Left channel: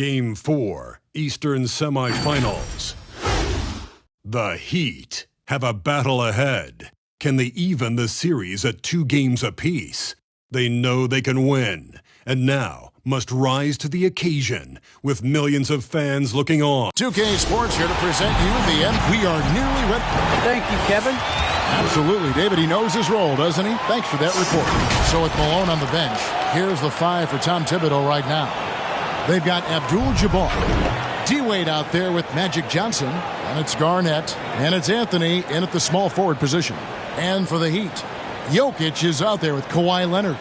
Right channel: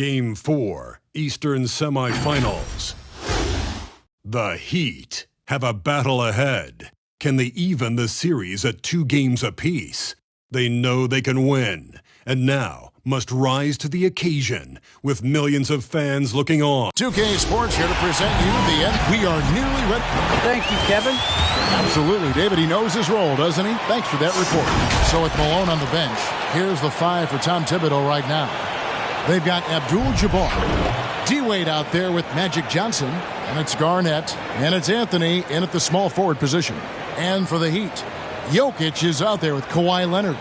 Game 4, Eastern Semifinals. The Heat have a battle ahead. Can they even the series at 2 games apiece? They know they can win, and now must rise to the occasion with millions of fans looking on. 2K Sports here to present you the end. We are nearly ready. Thank you, Kevin. Absolutely, David. He knows his role, doesn't he? Thanks for that report. So with Malone on the bench, here's the 5 for Tom Thibodeau right now. They've got Abdul-Jabbar, D-Wade out there with Magic Johnson, and it's Garnett, and it's Anthony in at the small forward position. And for the Heat, Jokic is out there with Kawhi Leonard.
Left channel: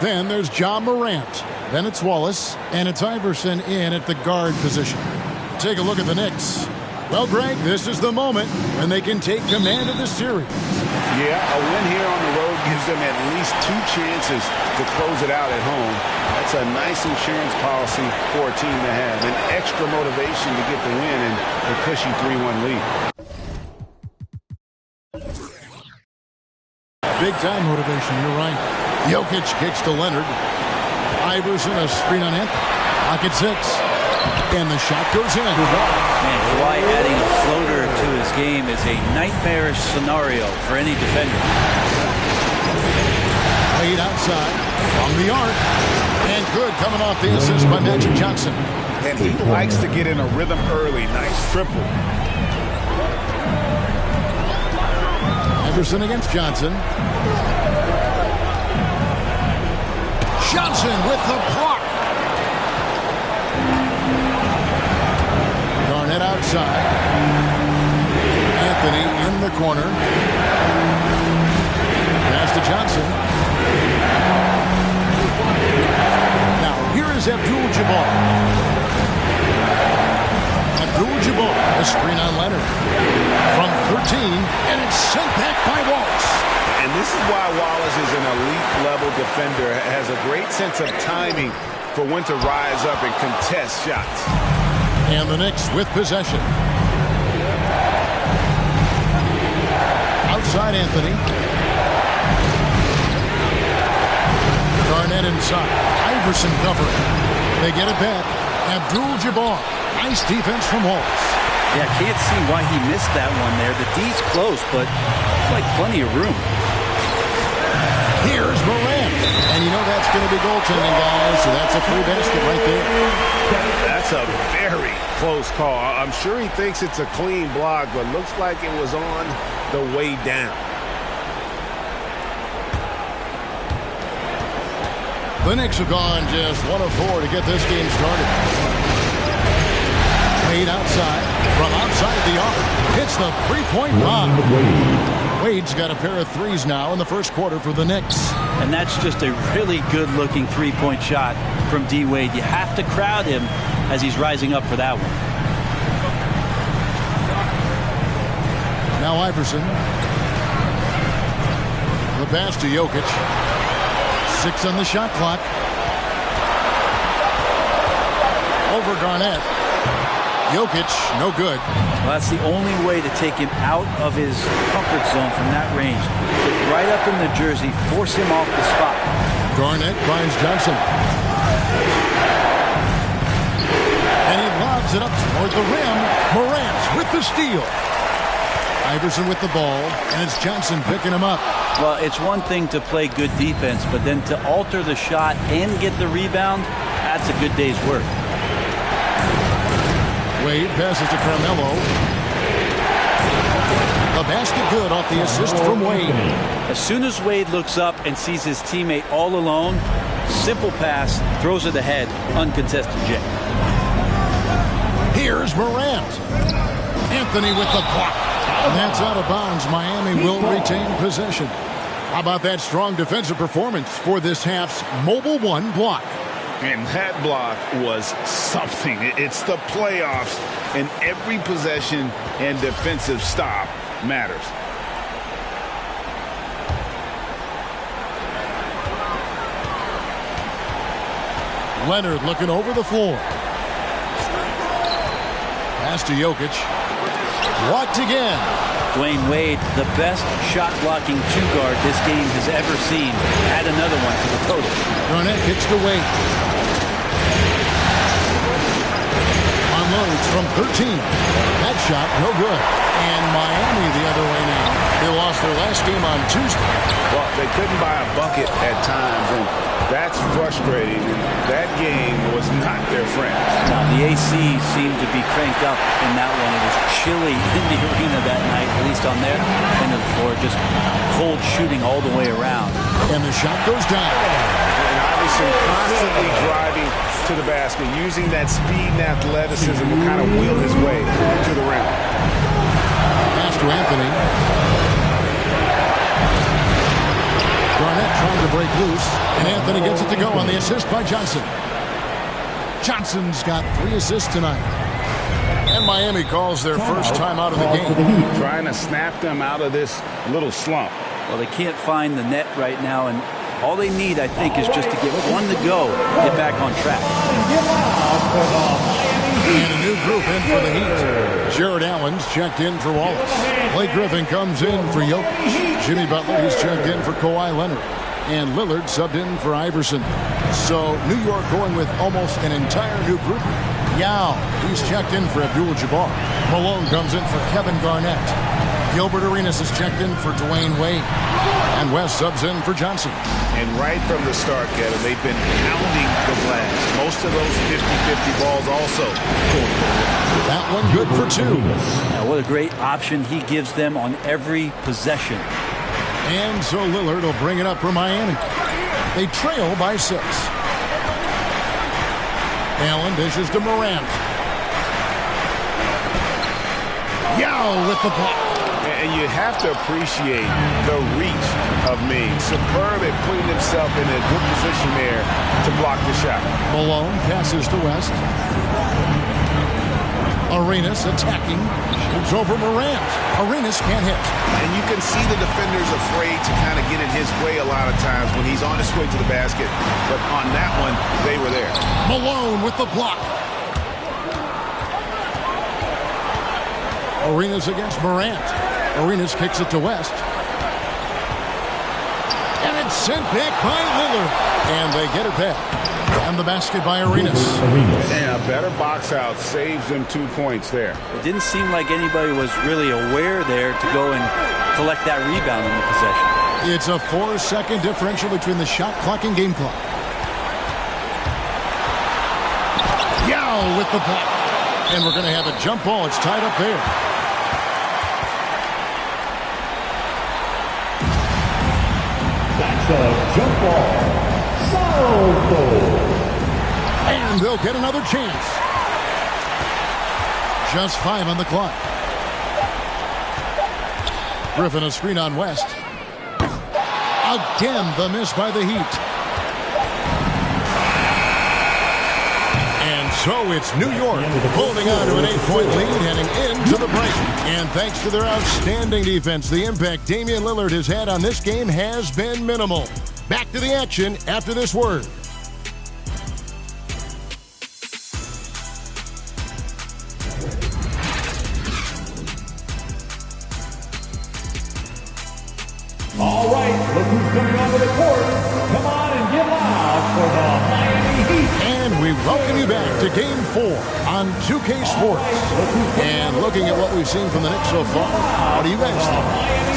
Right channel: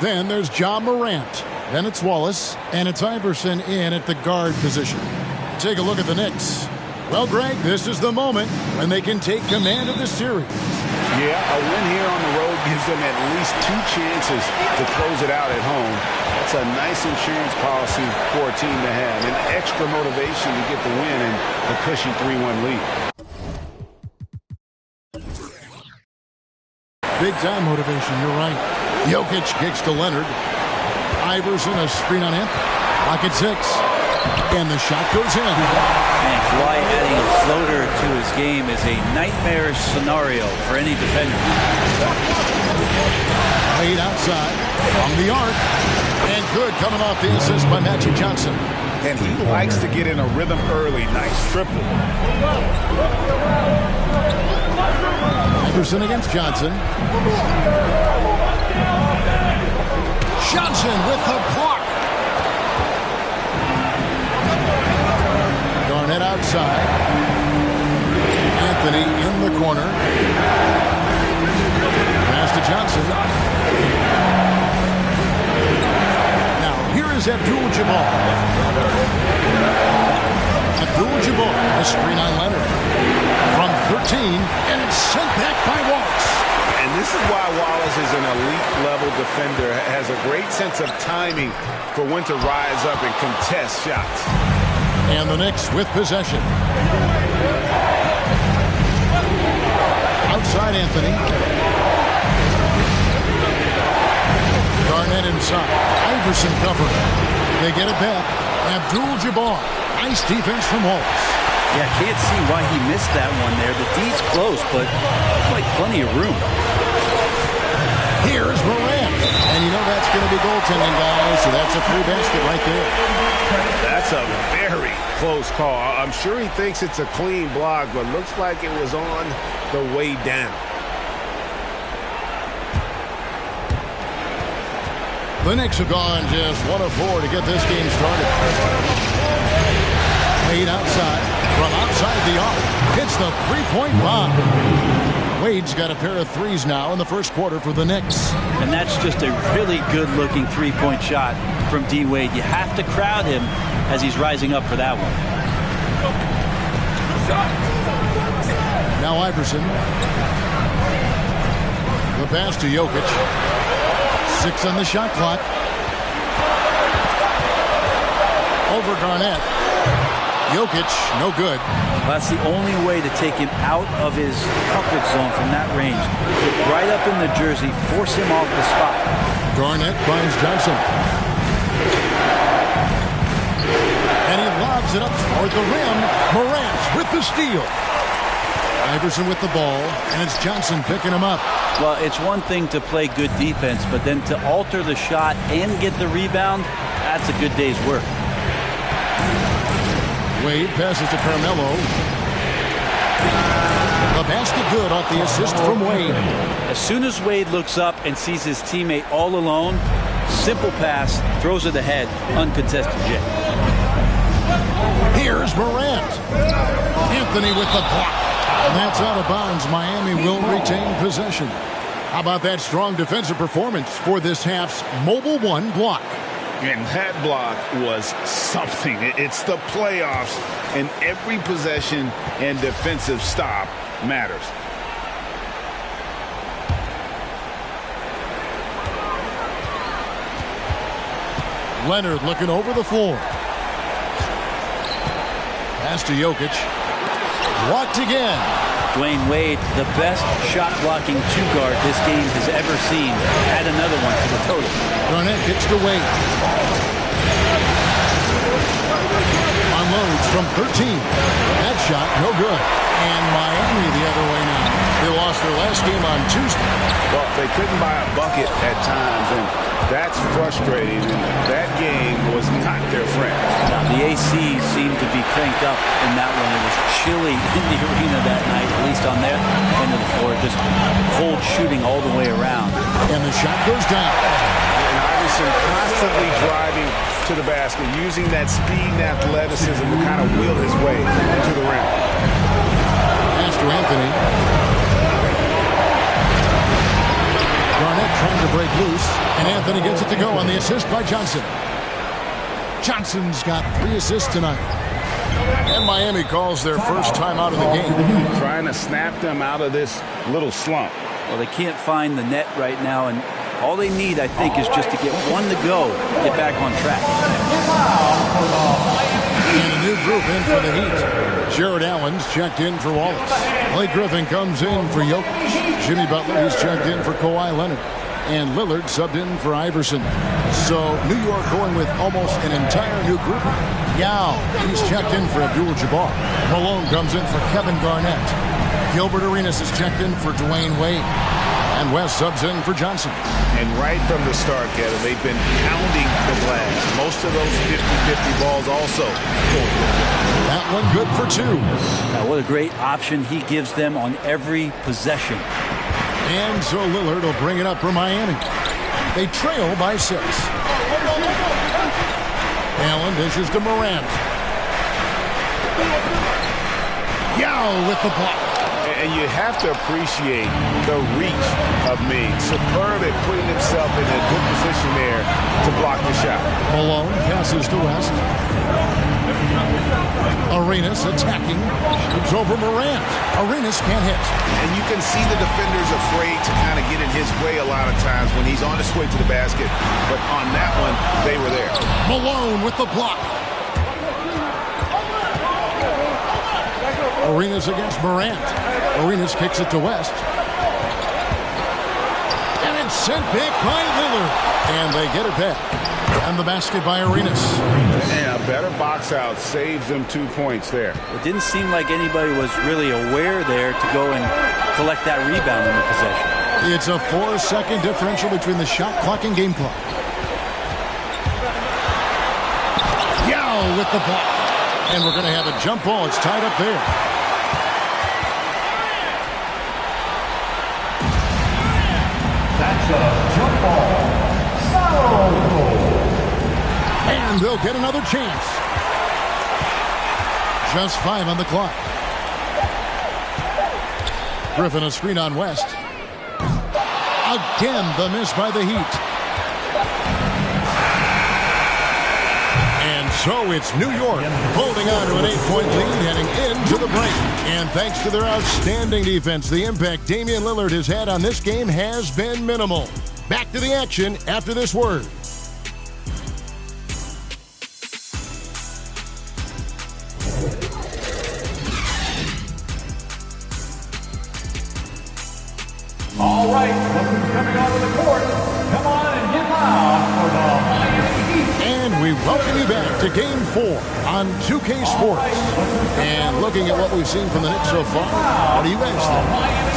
Then there's Ja Morant. Then it's Wallace, and it's Iverson in at the guard position. Take a look at the Knicks. Well, Greg, this is the moment when they can take command of the series. Yeah, a win here on the road gives them at least 2 chances to close it out at home. That's a nice insurance policy for a team to have. An extra motivation to get the win and the cushy 3-1 lead. Big-time motivation, you're right. Jokic kicks to Leonard. Iverson, a screen on Anthony. Clock at 6. And the shot goes in. Man, Kawhi adding a floater to his game is a nightmarish scenario for any defender. Played outside from the arc. And good coming off the assist by Magic Johnson. And he likes to get in a rhythm early. Nice triple. Iverson against Johnson. Johnson with the block. Garnett outside. Anthony in the corner. Pass to Johnson. Now here is Abdul-Jabbar. Abdul-Jabbar, a screen on Leonard. From 13, and it's sent back by Wallace. And this is why Wallace is an elite-level defender. Has a great sense of timing for when to rise up and contest shots. And the Knicks with possession. Outside Anthony. Garnett inside. Iverson covered. They get it back. Abdul-Jabbar. Nice defense from Wallace. Yeah, can't see why he missed that one there. The D's close, but like plenty of room. Here's Morant. And you know that's going to be goaltending, guys, so that's a free basket right there. That's a very close call. I'm sure he thinks it's a clean block, but looks like it was on the way down. The Knicks have gone just 1 of 4 to get this game started. Wade outside. From outside the arc. Hits the three-point bomb. Wade's got a pair of threes now in the first quarter for the Knicks. And that's just a really good-looking three-point shot from D-Wade. You have to crowd him as he's rising up for that one. Now Iverson. The pass to Jokic. 6 on the shot clock. Over Garnett. Jokic, no good. Well, that's the only way to take him out of his comfort zone from that range. Get right up in the jersey, force him off the spot. Garnett finds Johnson. And he lobs it up toward the rim. Morant with the steal. Iverson with the ball, and it's Johnson picking him up. Well, it's one thing to play good defense, but then to alter the shot and get the rebound, that's a good day's work. Wade passes to Carmelo. The basket good off the assist from Wade. As soon as Wade looks up and sees his teammate all alone, simple pass, throws it ahead, uncontested J. Here's Morant. Anthony with the block. And that's out of bounds. Miami will retain possession. How about that strong defensive performance for this half's Mobile One block? And that block was something. It's the playoffs, and every possession and defensive stop matters. Leonard looking over the floor. Pass to Jokic. Blocked again. Dwayne Wade, the best shot-blocking two-guard this game has ever seen. Add another one to the total. Garnett gets to Wade. unloads from 13. That shot, no good. And Miami the other way now. They lost their last game on Tuesday. Well, they couldn't buy a bucket at times, and that's frustrating. And that game was not their friend. Now, the AC seemed to be cranked up in that one. It was chilly in the arena that night, at least on their end of the floor. Just cold shooting all the way around. And the shot goes down. And Iverson constantly driving to the basket, using that speed and athleticism to kind of wheel his way to the rim. Pass to Anthony. Garnett trying to break loose, and Anthony gets it to go on the assist by Johnson. Johnson's got 3 assists tonight. And Miami calls their first time out of the game. Trying to snap them out of this little slump. Well, they can't find the net right now, and all they need, I think, is just to get one to go, get back on track. And a new group in for the Heat. Jared Allen's checked in for Wallace. Blake Griffin comes in for Jokic. Jimmy Butler, he's checked in for Kawhi Leonard. And Lillard subbed in for Iverson. So New York going with almost an entire new group. Yao, he's checked in for Abdul-Jabbar. Malone comes in for Kevin Garnett. Gilbert Arenas is checked in for Dwayne Wade. And West subs in for Johnson. And right from the start, Kevin, they've been pounding the glass. Most of those 50-50 balls also going their way. That one good for 2. Now, what a great option he gives them on every possession. And so Lillard will bring it up for Miami. They trail by 6. Allen dishes to Morant. Yao with the block. And you have to appreciate the reach of Ming. Superb at putting himself in a good position there to block the shot. Malone passes to West. Arenas attacking. Shoots over Morant. Arenas can't hit. And you can see the defenders afraid to kind of get in his way a lot of times when he's on his way to the basket. But on that one, they were there. Malone with the block. Arenas against Morant. Arenas kicks it to West. And it's sent back by Lillard. And they get it back. And the basket by Arenas. And a better box out saves them 2 points there. It didn't seem like anybody was really aware there to go and collect that rebound in the possession. It's a 4-second differential between the shot clock and game clock. Yao with the block. And we're going to have a jump ball. It's tied up there. That's a jump ball. Salvo. And they'll get another chance. Just 5 on the clock. Griffin a screen on West. Again, the miss by the Heat. And so it's New York holding on to an 8-point lead heading into the break. And thanks to their outstanding defense, the impact Damian Lillard has had on this game has been minimal. Back to the action after this word. All right, look who's coming onto the court. Come on and get loud for the Miami Heat. And we welcome you back to Game 4 on 2K Sports. And looking at what we've seen from the Knicks so far, what do you guys think?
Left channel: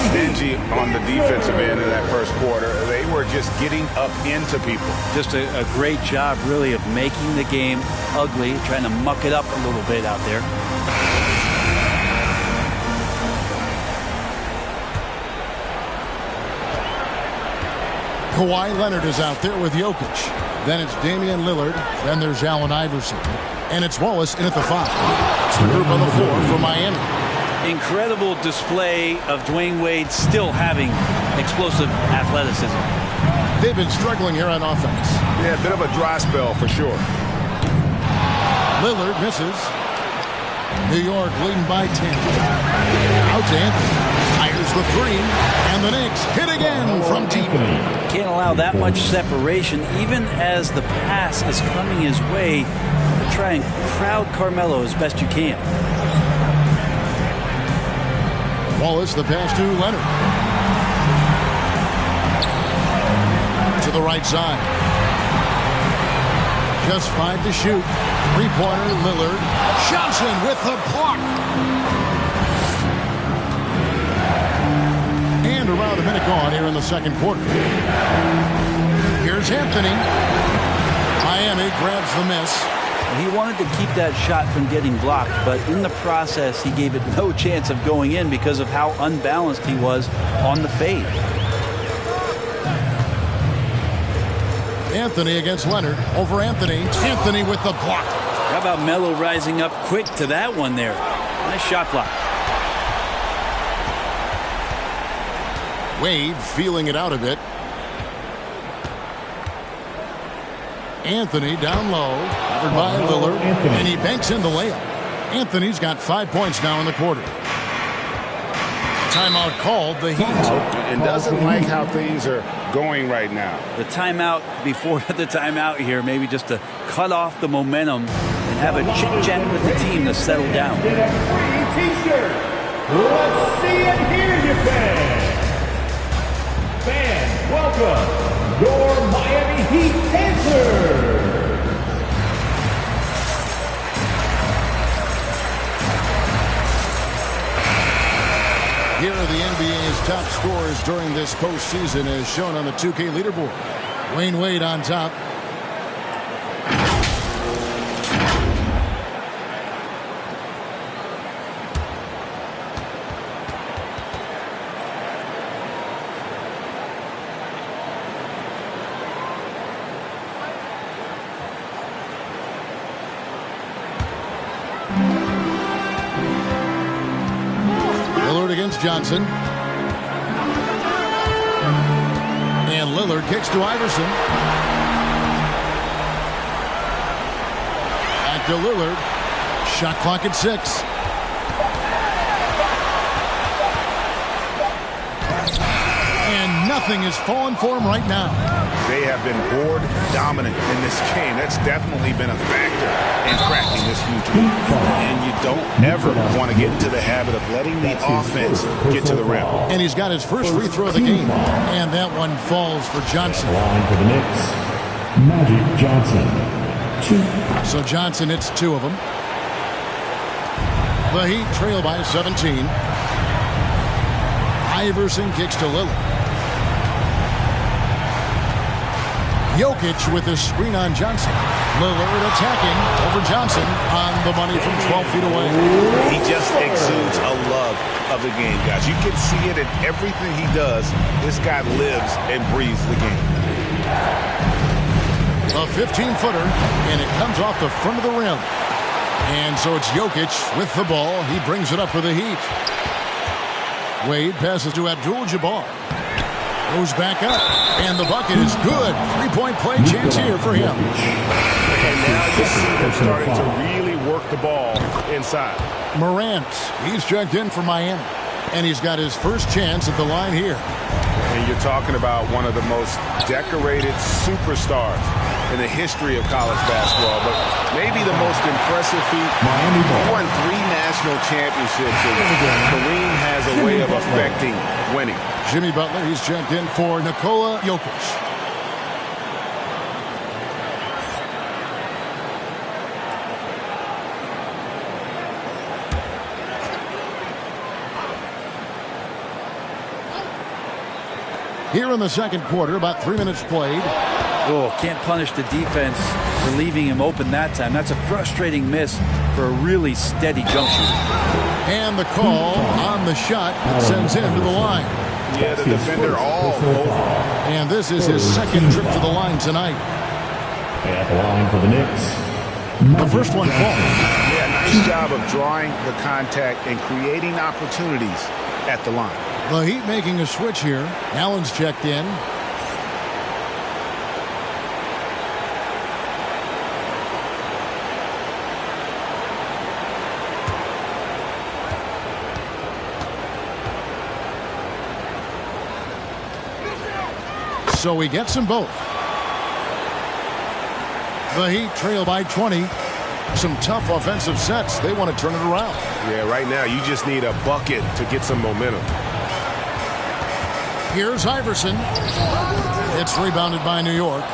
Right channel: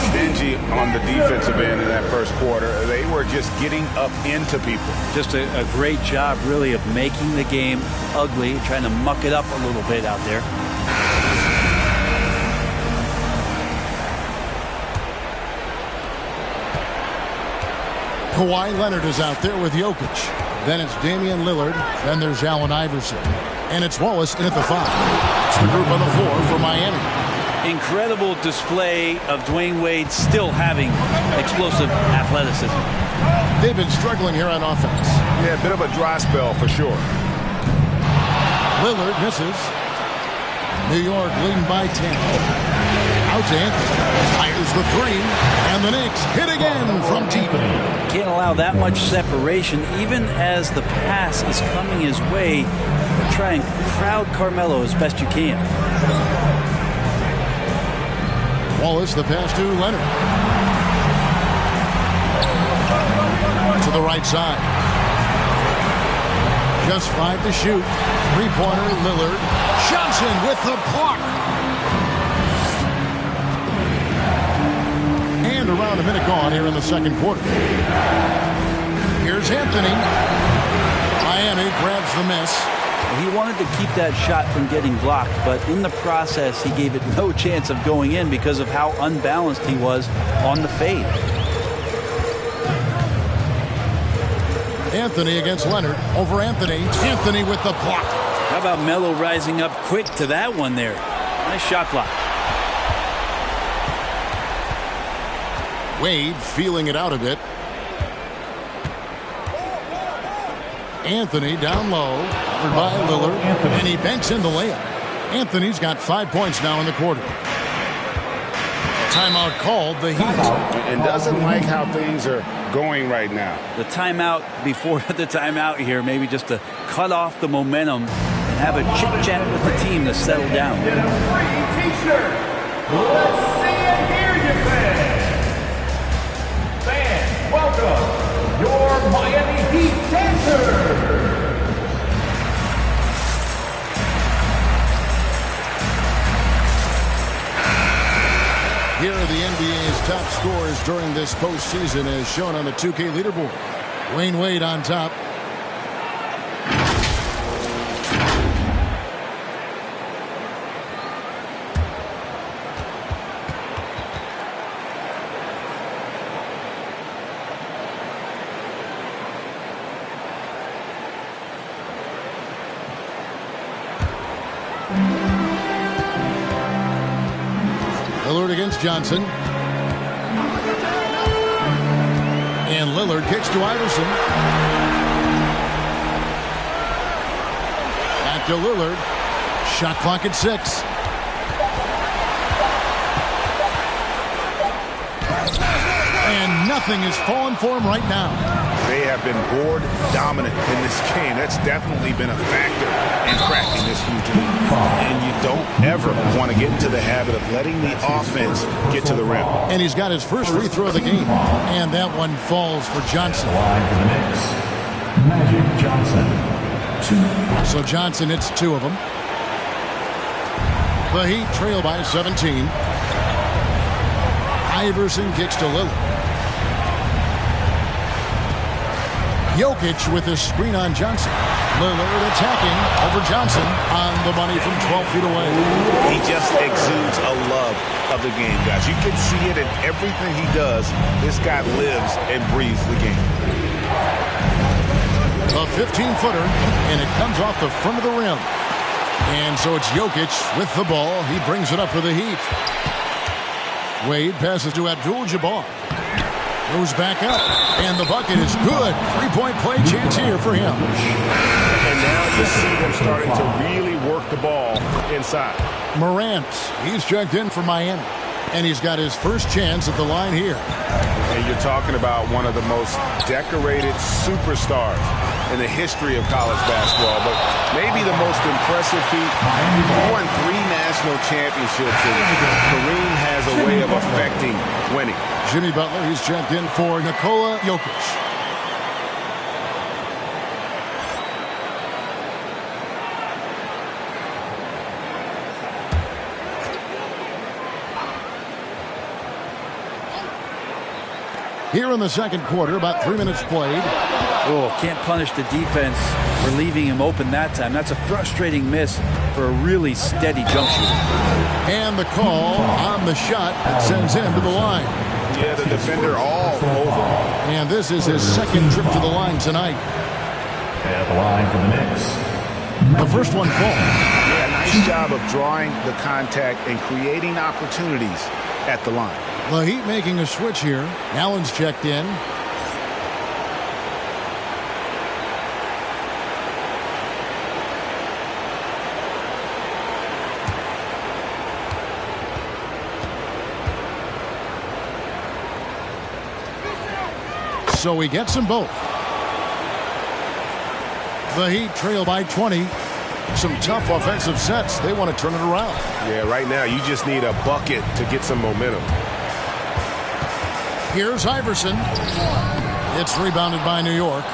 Stingy on the defensive end in that first quarter. They were just getting up into people. Just a great job, really, of making the game ugly, trying to muck it up a little bit out there. Kawhi Leonard is out there with Jokic. Then it's Damian Lillard. Then there's Allen Iverson. And it's Wallace in at the 5. It's the group on the floor for Miami. Incredible display of Dwayne Wade still having explosive athleticism. They've been struggling here on offense. Yeah, a bit of a dry spell for sure. Lillard misses. New York leading by 10. Out to Anthony. Fires the 3. And the Knicks hit again from deep. Can't allow that much separation, even as the pass is coming his way. Try and crowd Carmelo as best you can. Wallace, the pass to Leonard. To the right side. Just 5 to shoot. Three-pointer, Lillard. Johnson with the block. And around a minute gone here in the second quarter. Here's Anthony. Miami grabs the miss. He wanted to keep that shot from getting blocked, but in the process, he gave it no chance of going in because of how unbalanced he was on the fade. Anthony against Leonard. Over Anthony. Anthony with the block. How about Melo rising up quick to that one there? Nice shot block. Wade feeling it out a bit. Anthony down low, covered by Lillard, and he banks in the layup. Anthony's got 5 points now in the quarter. Timeout called, the Heat. And doesn't like how things are going right now. The timeout before the timeout here, maybe just to cut off the momentum and have a chit-chat with the team to settle down. Get a free T-shirt. Let's see and hear you, fans. Fans, welcome your Miami Heat dancers. Here are the NBA's top scorers during this postseason as shown on the 2K leaderboard. Wayne Wade on top. Lillard against Johnson. And Lillard kicks to Iverson. Back to Lillard. Shot clock at 6. And nothing is falling for him right now. They have been board dominant in this game. That's definitely been a factor in cracking this huge lead. And you don't ever want to get into the habit of letting the offense get to the rim. And he's got his first free throw of the game. And that one falls for Johnson. Line for the Knicks, Magic Johnson. 2. So Johnson hits 2 of them. The Heat trail by 17. Iverson kicks to Lillard. Jokic with his screen on Johnson. Lillard attacking over Johnson on the money from 12 feet away. He just exudes a love of the game, guys. You can see it in everything he does. This guy lives and breathes the game. A 15-footer, and it comes off the front of the rim. And so it's Jokic with the ball. He brings it up for the Heat. Wade passes to Abdul-Jabbar. Goes back up, and the bucket is good. Three-point play chance here for him. And now you see them starting to really work the ball inside. Morant, he's checked in for Miami, and he's got his first chance at the line here. And you're talking about one of the most decorated superstars in the history of college basketball, but maybe the most impressive feat. He won 3 national championships, and Kareem has a way of affecting winning. Jimmy Butler, he's checked in for Nikola Jokic. Here in the second quarter, about 3 minutes played. Oh, can't punish the defense for leaving him open that time. That's a frustrating miss for a really steady jump shooter. And the call on the shot that sends him to the line. Yeah, the defender all over. And this is his second trip to the line tonight. At the line for the Knicks, The first one falls. Yeah, nice job of drawing the contact and creating opportunities at the line. The Heat making a switch here. Allen's checked in. So he gets them both. The Heat trail by 20. Some tough offensive sets. They want to turn it around. Yeah, right now you just need a bucket to get some momentum. Here's Iverson. It's rebounded by New York.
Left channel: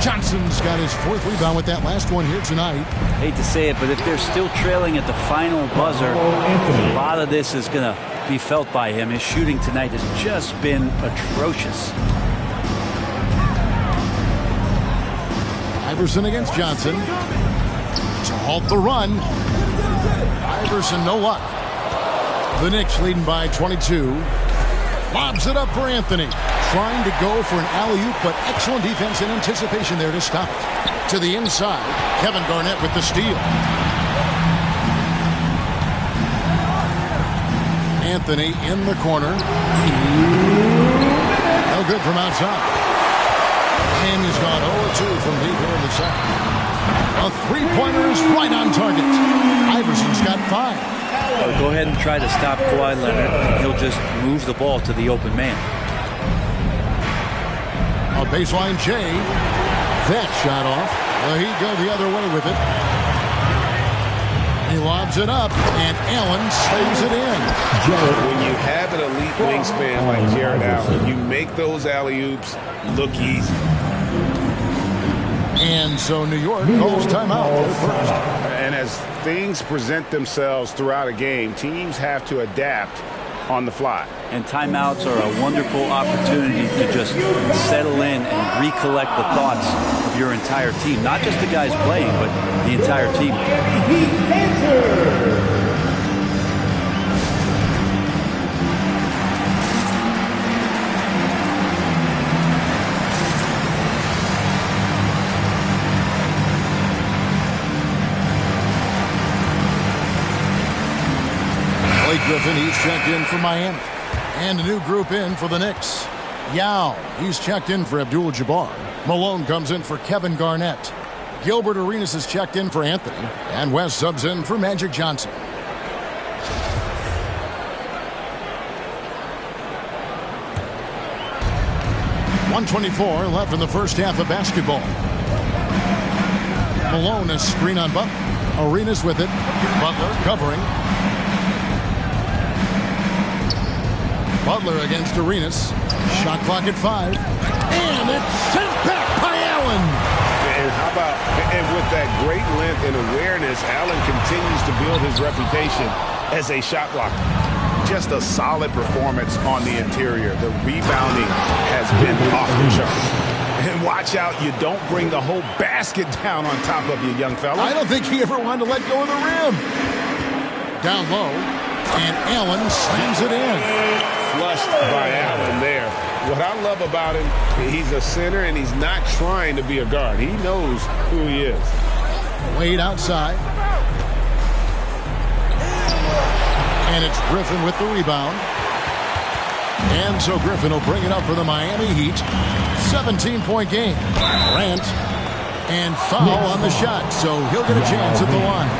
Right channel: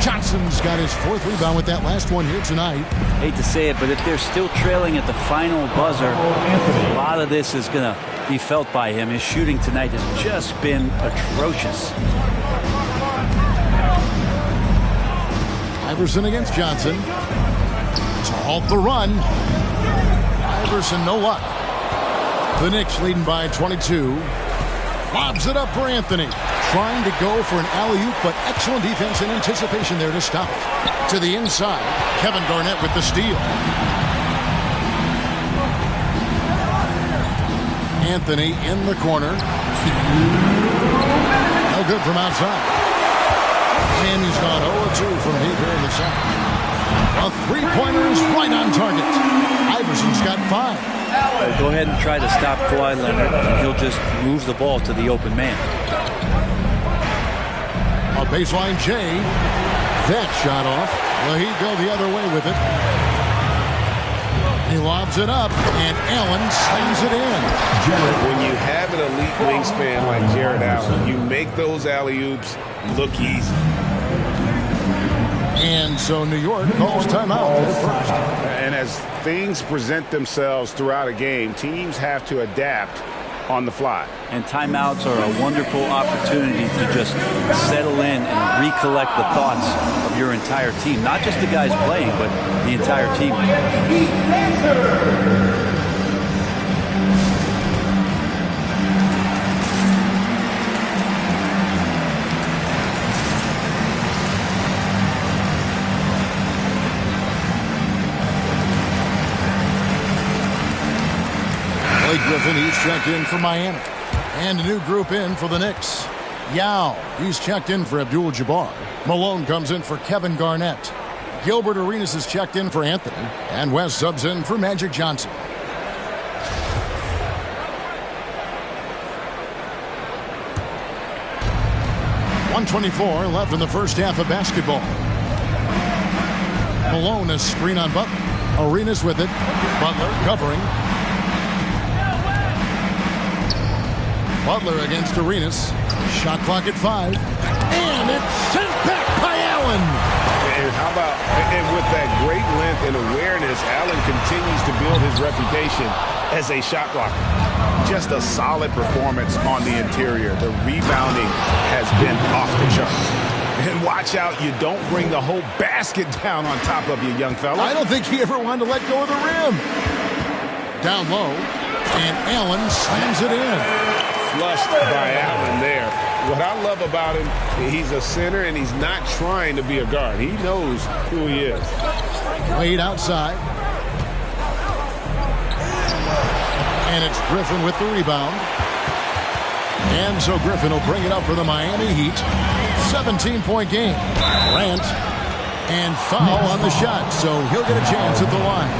Johnson's got his 4th rebound with that last one here tonight. Hate to say it, but if they're still trailing at the final buzzer, a lot of this is going to be felt by him. His shooting tonight has just been atrocious. Iverson against Johnson to halt the run. Iverson, no luck. The Knicks leading by 22. Lobs it up for Anthony. Trying to go for an alley-oop, but excellent defense and anticipation there to stop it. To the inside, Kevin Garnett with the steal. Anthony in the corner. No good from outside. And he's gone 0-2 from deep here in the second. A three-pointer is right on target. Iverson's got 5. Go ahead and try to stop Kawhi Leonard, and he'll just move the ball to the open man. A baseline J. That shot off. Well, he'd go the other way with it. He lobs it up, and Allen slams it in. When you have an elite wingspan like Jarrett Allen, you make those alley-oops look easy. And so New York calls timeout at first. And as things present themselves throughout a game, teams have to adapt on the fly. And timeouts are a wonderful opportunity to just settle in and recollect the thoughts of your entire team. Not just the guys playing, but the entire team. Blake Griffin, he's checked in for Miami. And a new group in for the Knicks. Yao, he's checked in for Abdul-Jabbar. Malone comes in for Kevin Garnett. Gilbert Arenas is checked in for Anthony. And West subs in for Magic Johnson. .124 left in the first half of basketball. Malone, a screen on Butler. Arenas with it. Butler covering. Butler against Arenas. Shot clock at 5. And it's sent back by Allen. And how about, and with that great length and awareness, Allen continues to build his reputation as a shot blocker. Just a solid performance on the interior. The rebounding has been off the charts. And watch out, you don't bring the whole basket down on top of you, young fella. I don't think he ever wanted to let go of the rim. Down low, and Allen slams it in. Flushed by Allen there. What I love about him, he's a center and he's not trying to be a guard. He knows who he is. Wade outside. And it's Griffin with the rebound. And so Griffin will bring it up for the Miami Heat. 17-point game. Grant. And foul on the shot. So he'll get a chance at the line.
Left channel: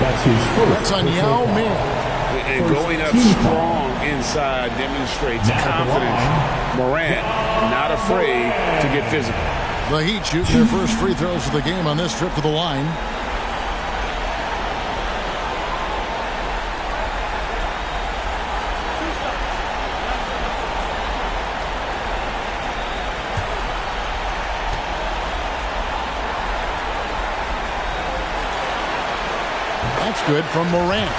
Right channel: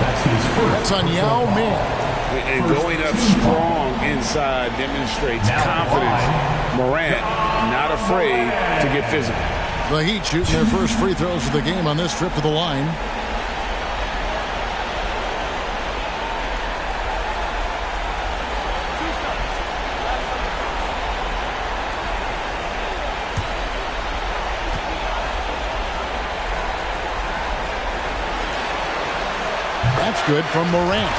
That's on Yao Ming. And going up strong inside demonstrates confidence. Morant not afraid to get physical. The Heat shooting their first free throws of the game on this trip to the line. That's good from Morant.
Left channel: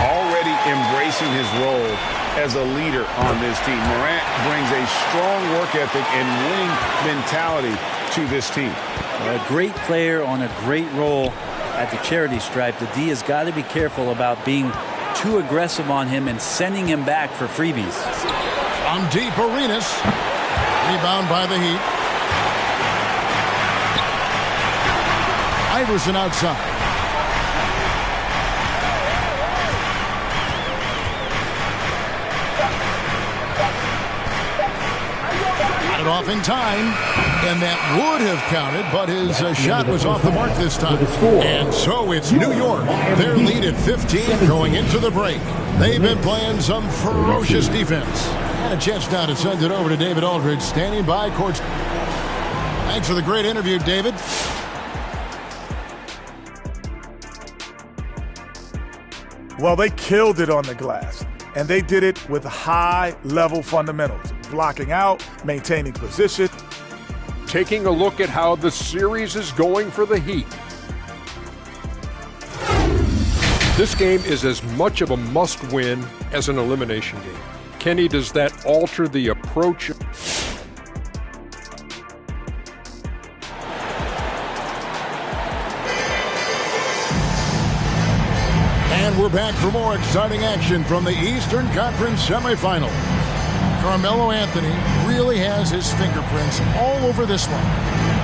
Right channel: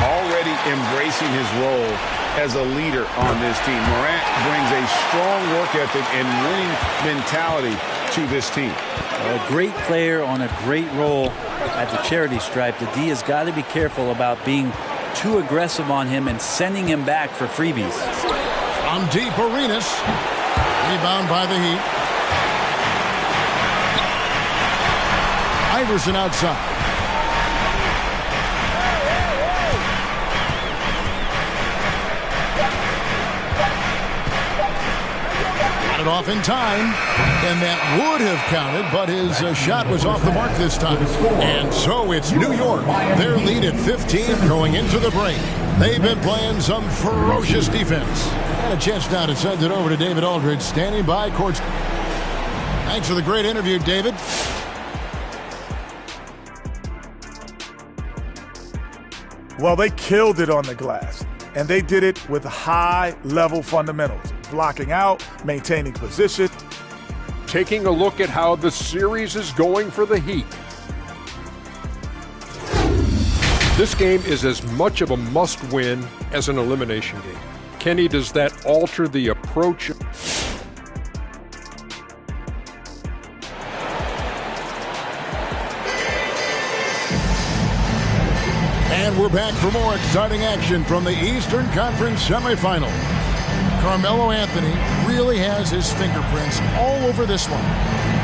Already embracing his role as a leader on this team. Morant brings a strong work ethic and winning mentality to this team. A great player on a great role at the charity stripe. The D has got to be careful about being too aggressive on him and sending him back for freebies. From deep, Arenas. Rebound by the Heat. Iverson outside. It off in time, and that would have counted, but his shot was off the mark this time. And so it's New York. Their lead at 15 going into the break. They've been playing some ferocious defense. And a chance now to send it over to David Aldridge, standing by court. Thanks for the great interview, David. Well, they killed it on the glass, and they did it with high-level fundamentals. Blocking out, maintaining position. taking a look at how the series is going for the Heat. This game is as much of a must-win as an elimination game. Kenny, does that alter the approach? And we're back for more exciting action from the Eastern Conference semifinals. Carmelo Anthony really has his fingerprints all over this one.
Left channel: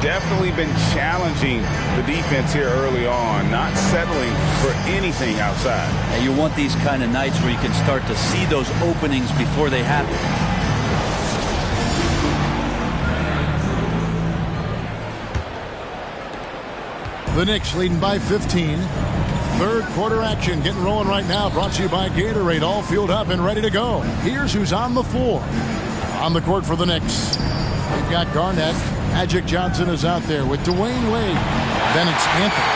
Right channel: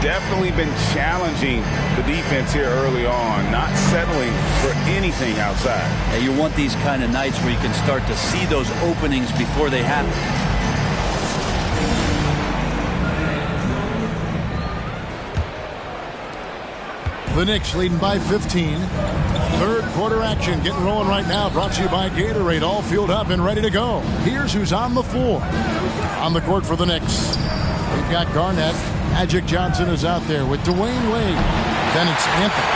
Definitely been challenging the defense here early on, not settling for anything outside. Yeah, you want these kind of nights where you can start to see those openings before they happen. The Knicks leading by 15. Third quarter action getting rolling right now. Brought to you by Gatorade. All fueled up and ready to go. Here's who's on the floor. On the court for the Knicks, we've got Garnett. Magic Johnson is out there with Dwayne Wade. Then it's Anthony.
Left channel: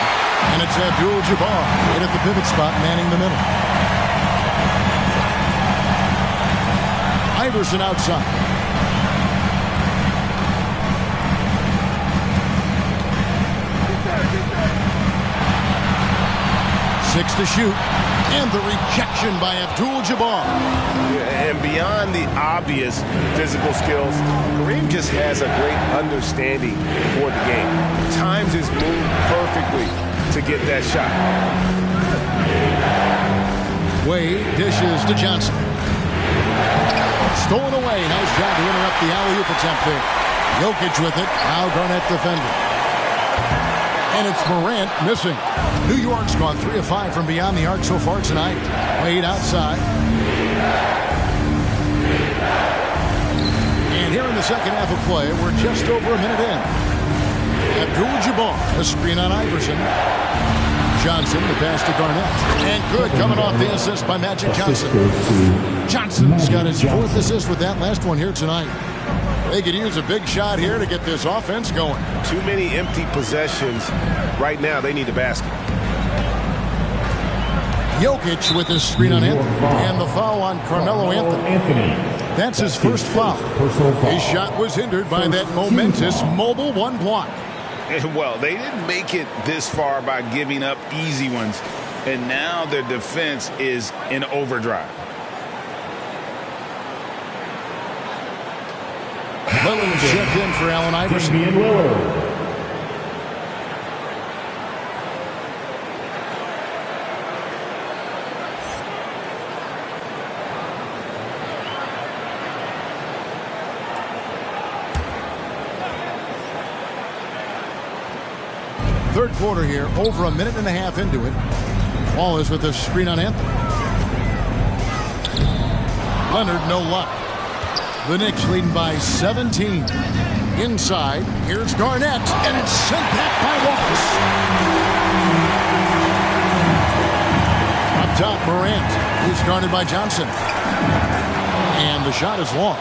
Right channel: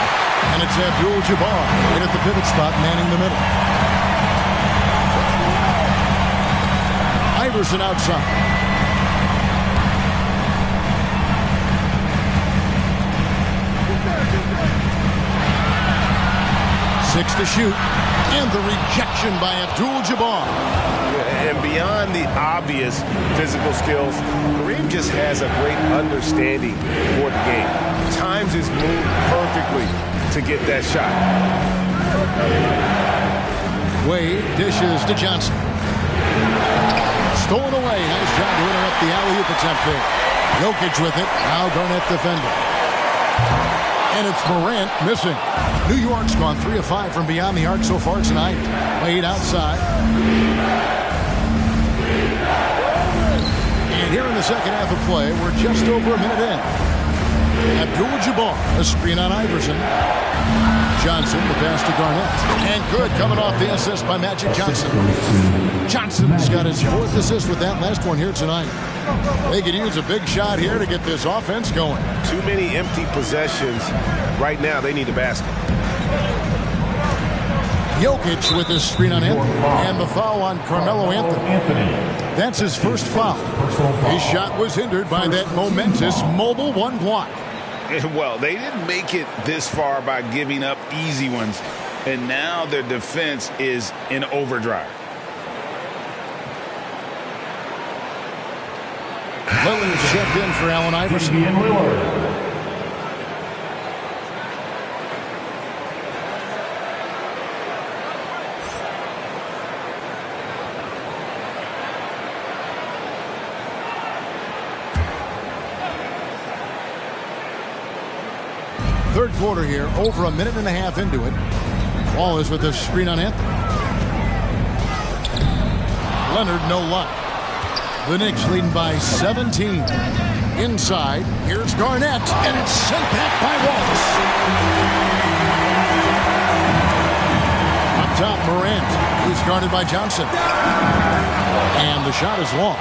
And it's Abdul-Jabbar right at the pivot spot, manning the middle. Iverson outside. Six to shoot. And the rejection by Abdul-Jabbar. And beyond the obvious physical skills, Kareem just has a great understanding for the game. Times his move perfectly to get that shot. Wade dishes to Johnson. Stolen away. Nice job to interrupt the alley-oop attempt there. Jokic with it. Now Garnett defending. And it's Morant missing. New York's gone 3 of 5 from beyond the arc so far tonight. Wade outside. And here in the second half of play, we're just over a minute in. Abdul-Jabbar, a screen on Iverson. Johnson, the pass to Garnett. And good, coming off the assist by Magic Johnson. Johnson's got his 4th assist with that last one here tonight. They could use a big shot here to get this offense going. Too many empty possessions. Right now, they need a basket. Jokic with his screen on Anthony. And the foul on Carmelo Anthony. That's his first foul. His shot was hindered by that momentous mobile one block. Well, they didn't make it this far by giving up easy ones. And now their defense is in overdrive. Lillard checked in for Allen Iverson. Damian Lillard. Third quarter here, over a minute and a half into it. Wallace with a screen on Anthony. Leonard, no luck. The Knicks leading by 17. Inside, here's Garnett, and it's sent back by Wallace. Up top, Morant. He's guarded by Johnson. And the shot is long.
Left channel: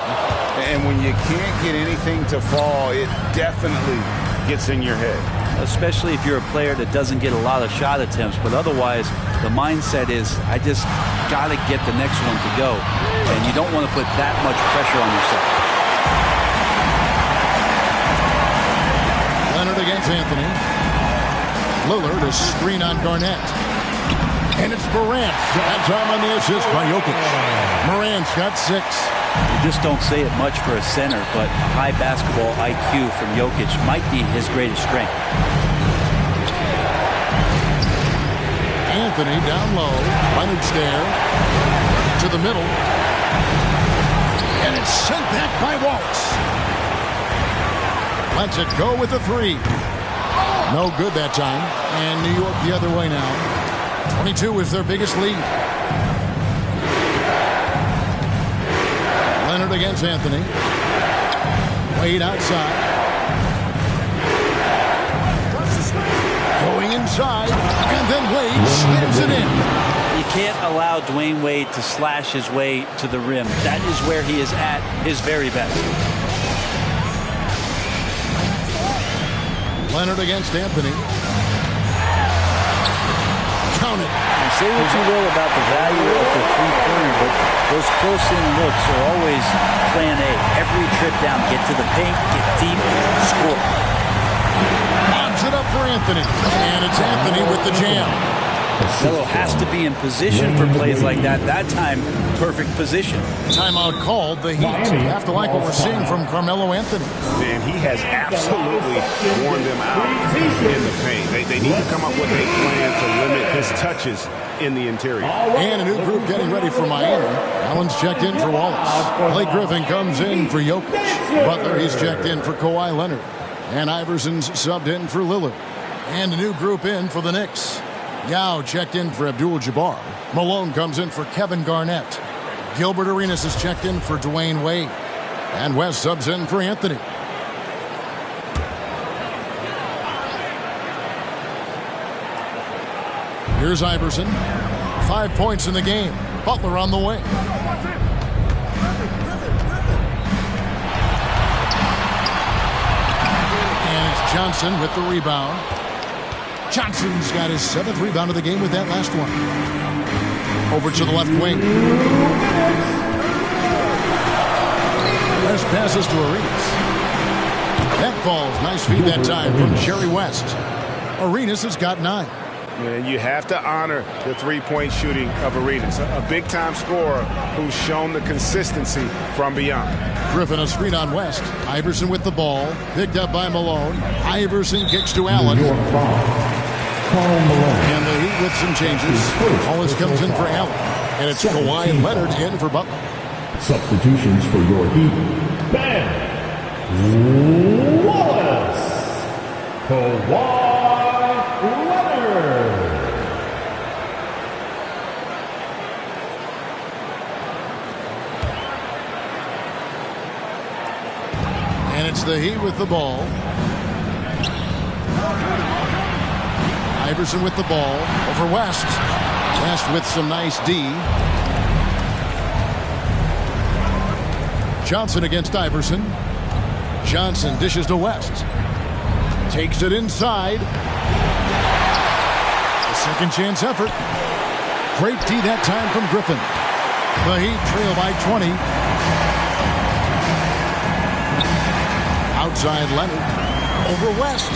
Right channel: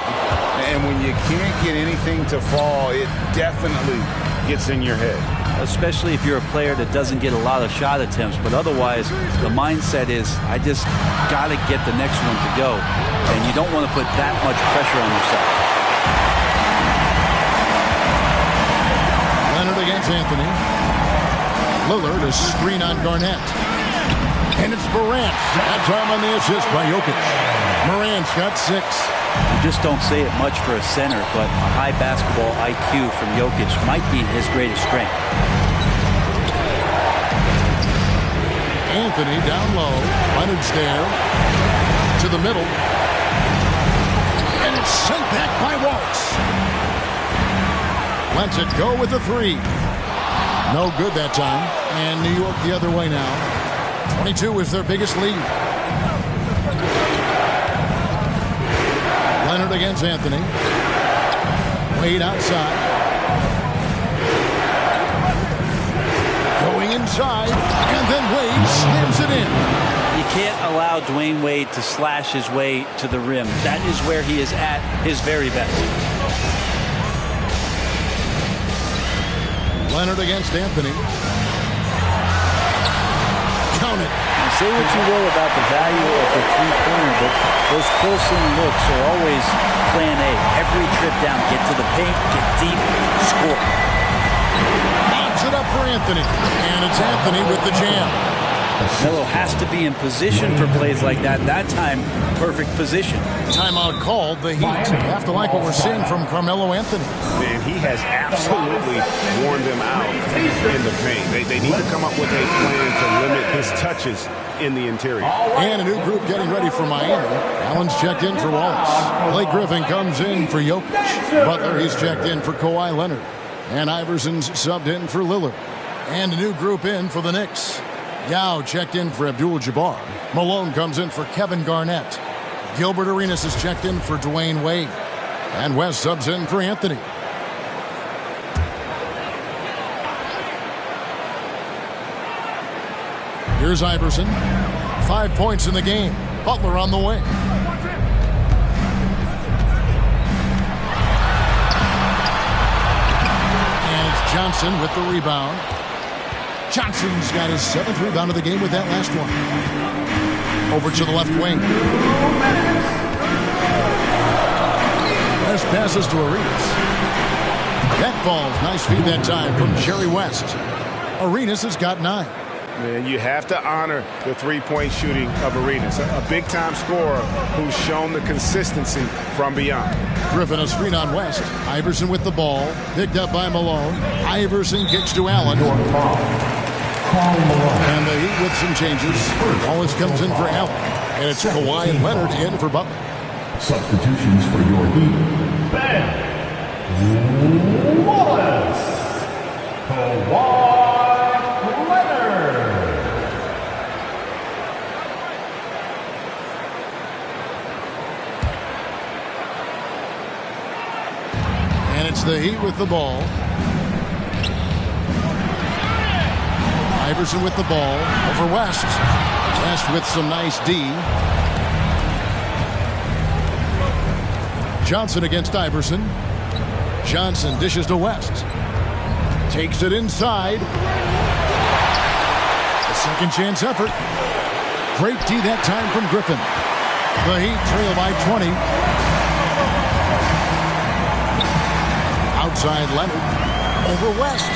And when you can't get anything to fall, it definitely gets in your head. Especially if you're a player that doesn't get a lot of shot attempts. But otherwise, the mindset is, I just got to get the next one to go. And you don't want to put that much pressure on yourself. Leonard against Anthony. Lillard, a screen on Garnett. And it's Morant. That time on the assist by Jokic. Morant's got 6. We just don't say it much for a center, but a high basketball IQ from Jokic might be his greatest strength. Anthony down low. Leonard's there. To the middle. And it's sent back by Wallace. Lets it go with a 3. No good that time. And New York the other way now. 22 is their biggest lead. Leonard against Anthony. Wade outside. Going inside. And then Wade slams it in. You can't allow Dwayne Wade to slash his way to the rim. That is where he is at his very best. Leonard against Anthony. Count it. Now, say what you will about the value of the three-pointer, but Those close-in looks are always plan A. Every trip down, get to the paint, get deep, score. Lobs it up for Anthony. And it's Anthony with the jam. Melo has to be in position for plays like that. That time, perfect position. Timeout called. The Heat have to like what we're seeing from Carmelo Anthony. Man, he has absolutely worn them out in the paint. They need to come up with a plan to limit his touches in the interior. And a new group getting ready for Miami. Allen's checked in for Wallace. Blake Griffin comes in for Jokic. Butler, he's checked in for Kawhi Leonard. And Iverson's subbed in for Lillard. And a new group in for the Knicks. Yao checked in for Abdul-Jabbar. Malone comes in for Kevin Garnett. Gilbert Arenas is checked in for Dwayne Wade. And West subs in for Anthony. Here's Iverson. 5 points in the game. Butler on the wing. And it's Johnson with the rebound. Johnson's got his 7th rebound of the game with that last one. Over to the left wing. West passes to Arenas. That falls. Nice feed that time from Jerry West. Arenas has got 9. Man, you have to honor the three-point shooting of Arenas. A big-time scorer who's shown the consistency from beyond. Griffin a screen on West. Iverson with the ball. Picked up by Malone. Iverson kicks to Allen. And the Heat with some changes. Wallace comes in for Allen. And it's Kawhi and Leonard in for Butler. Substitutions for your Heat. Ben Wallace. Kawhi Leonard. And it's the Heat with the ball. Iverson with the ball over West. West with some nice D. Johnson against Iverson. Johnson dishes to West. Takes it inside. A second chance effort. Great D that time from Griffin. The Heat trail by 20. Outside Leonard. Over West.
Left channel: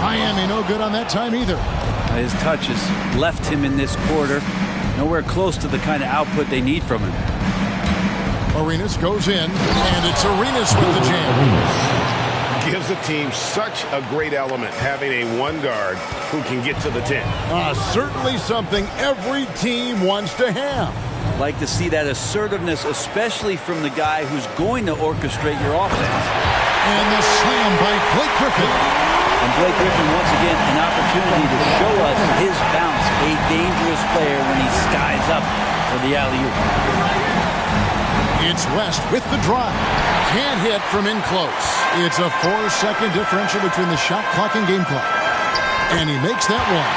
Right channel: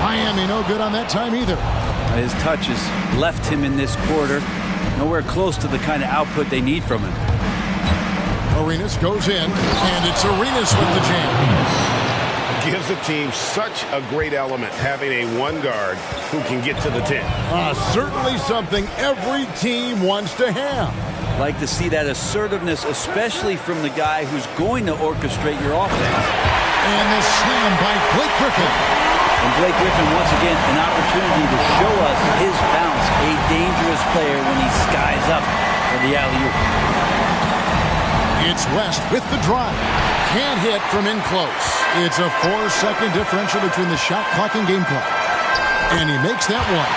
Miami no good on that time either. His touches left him in this quarter. Nowhere close to the kind of output they need from him. Arenas goes in, and it's Arenas with the jam. Gives the team such a great element having a one guard who can get to the 10. Certainly something every team wants to have. Like to see that assertiveness, especially from the guy who's going to orchestrate your offense. And the slam by Blake Griffin. And Blake Griffin, once again, an opportunity to show us his bounce. A dangerous player when he skies up for the alley-oop. It's West with the drive. Can't hit from in close. It's a 4-second differential between the shot clock and game clock. And he makes that one.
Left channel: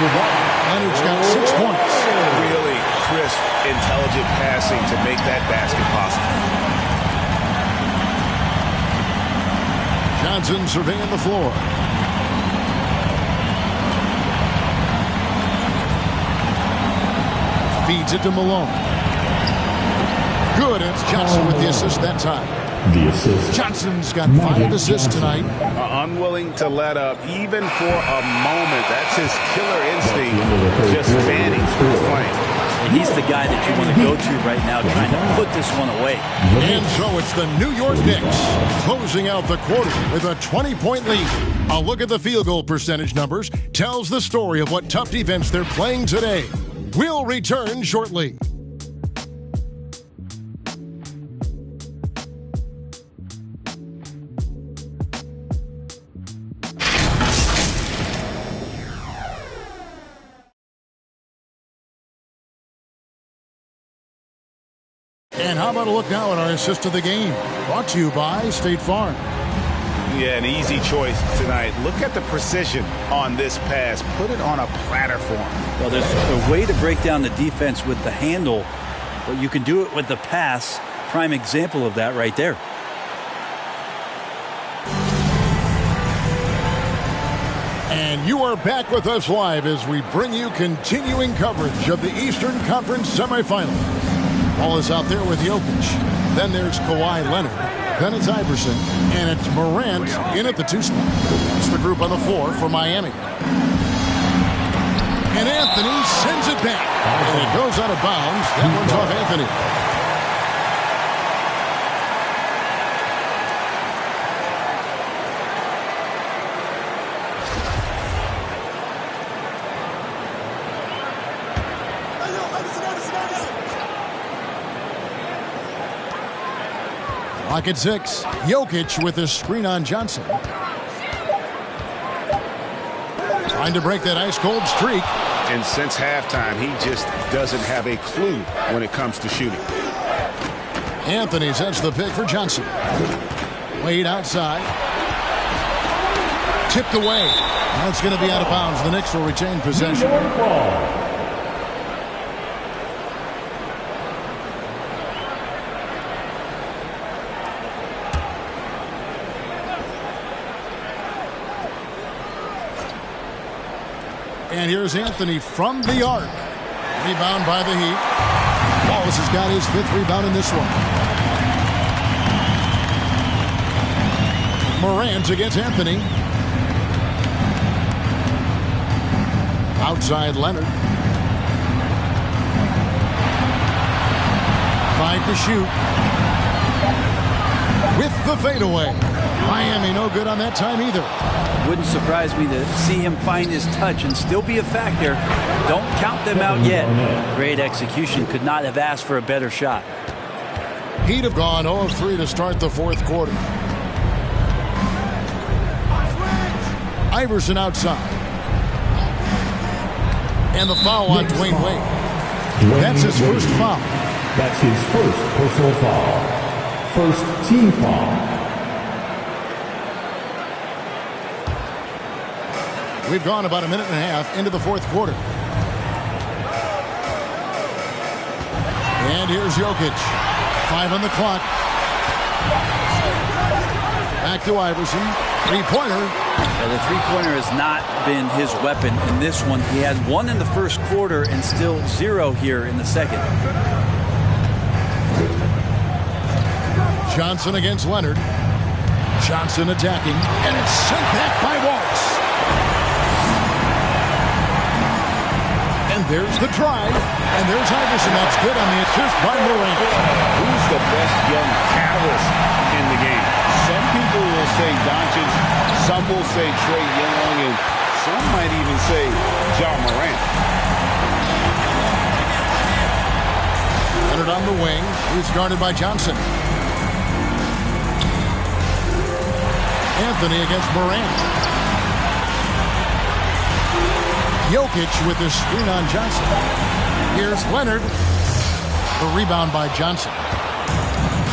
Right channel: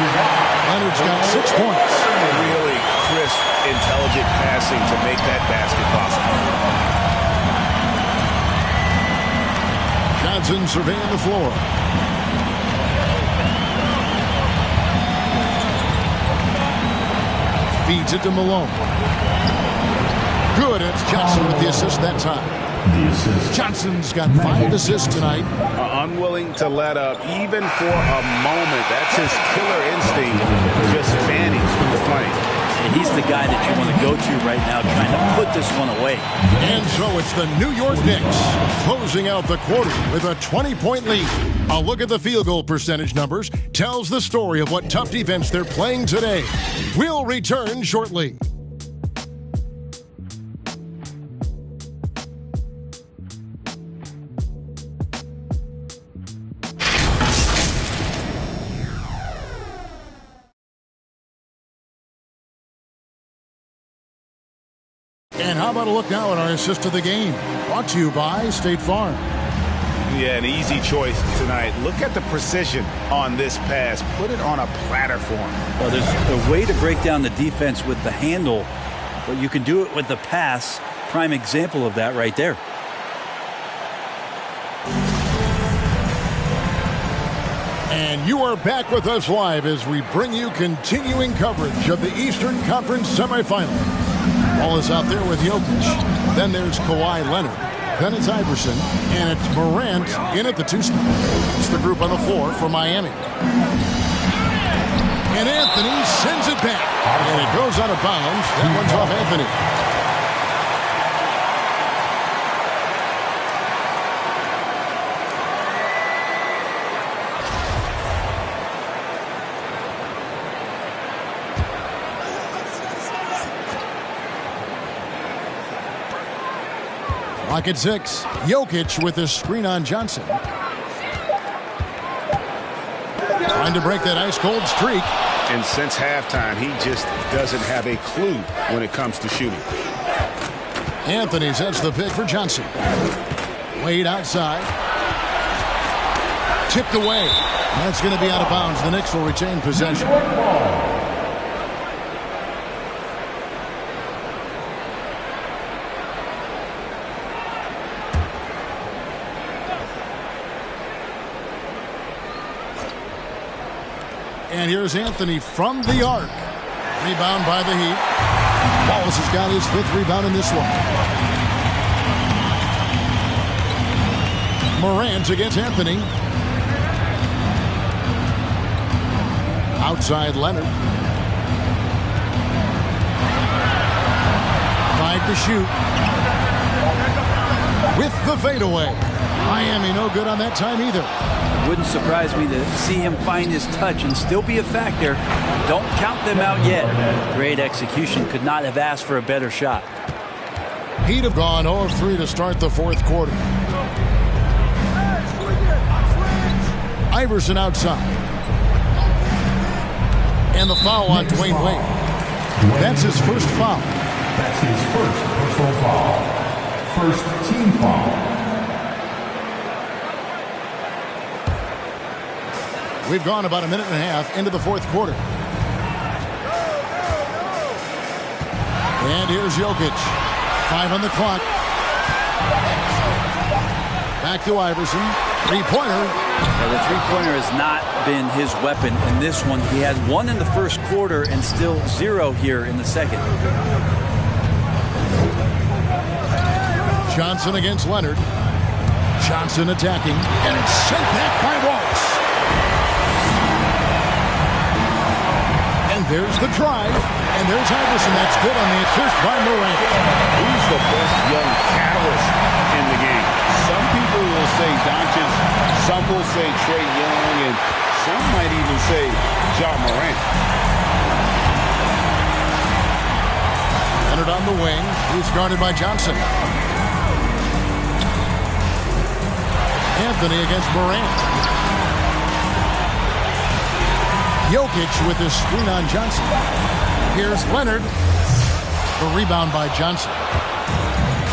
Leonard's got 6 points. Really crisp, intelligent passing to make that basket possible. Johnson surveying the floor. Feeds it to Malone. Good, and it's Johnson with the assist that time. The assist. Johnson's got 5 assists tonight. Unwilling to let up, even for a moment. That's his killer instinct, just fanning through the flame. And he's the guy that you want to go to right now, trying to put this one away. And so it's the New York Knicks closing out the quarter with a 20-point lead. A look at the field goal percentage numbers tells the story of what tough defense they're playing today. We'll return shortly. And how about a look now at our assist of the game? Brought to you by State Farm. Yeah, an easy choice tonight. Look at the precision on this pass. Put it on a platter form. Well, there's a way to break down the defense with the handle, but you can do it with the pass. Prime example of that right there. And you are back with us live as we bring you continuing coverage of the Eastern Conference semifinals. Ball is out there with Jokic. Then there's Kawhi Leonard. Then it's Iverson. And it's Morant in at the 2 spot. It's the group on the floor for Miami. And Anthony sends it back. And it goes out of bounds. That one's off Anthony. Clock at 6. Jokic with a screen on Johnson. Trying to break that ice-cold streak. And since halftime, he just doesn't have a clue when it comes to shooting. Anthony sets the pick for Johnson. Wade outside. Tipped away. That's going to be out of bounds. The Knicks will retain possession. And here's Anthony from the arc. Rebound by the Heat. Wallace has got his 5th rebound in this one. Morant against Anthony. Outside Leonard. 5 to shoot. With the fadeaway. Miami no good on that time either. Wouldn't surprise me to see him find his touch and still be a factor. Don't count them out yet. Great execution. Could not have asked for a better shot. He'd have gone 0 of 3 to start the 4th quarter. Iverson outside. And the foul on Dwayne Wade. That's his first foul. That's his first personal foul. First team foul. We've gone about a minute and a half into the 4th quarter. And here's Jokic. 5 on the clock. Back to Iverson. 3-pointer. Yeah, the 3-pointer has not been his weapon in this one. He had 1 in the first quarter and still 0 here in the second. Johnson against Leonard. Johnson attacking. And it's sent back by Wallace. And there's the drive. And there's Iverson. That's good on the assist by Morant. Who's the best young catalyst in the game? Some people will say Doncic, some will say Trae Young, and some might even say Ja Morant. Leonard on the wing. He's guarded by Johnson. Anthony against Morant. Jokic with his screen on Johnson. Here's Leonard. The rebound by Johnson.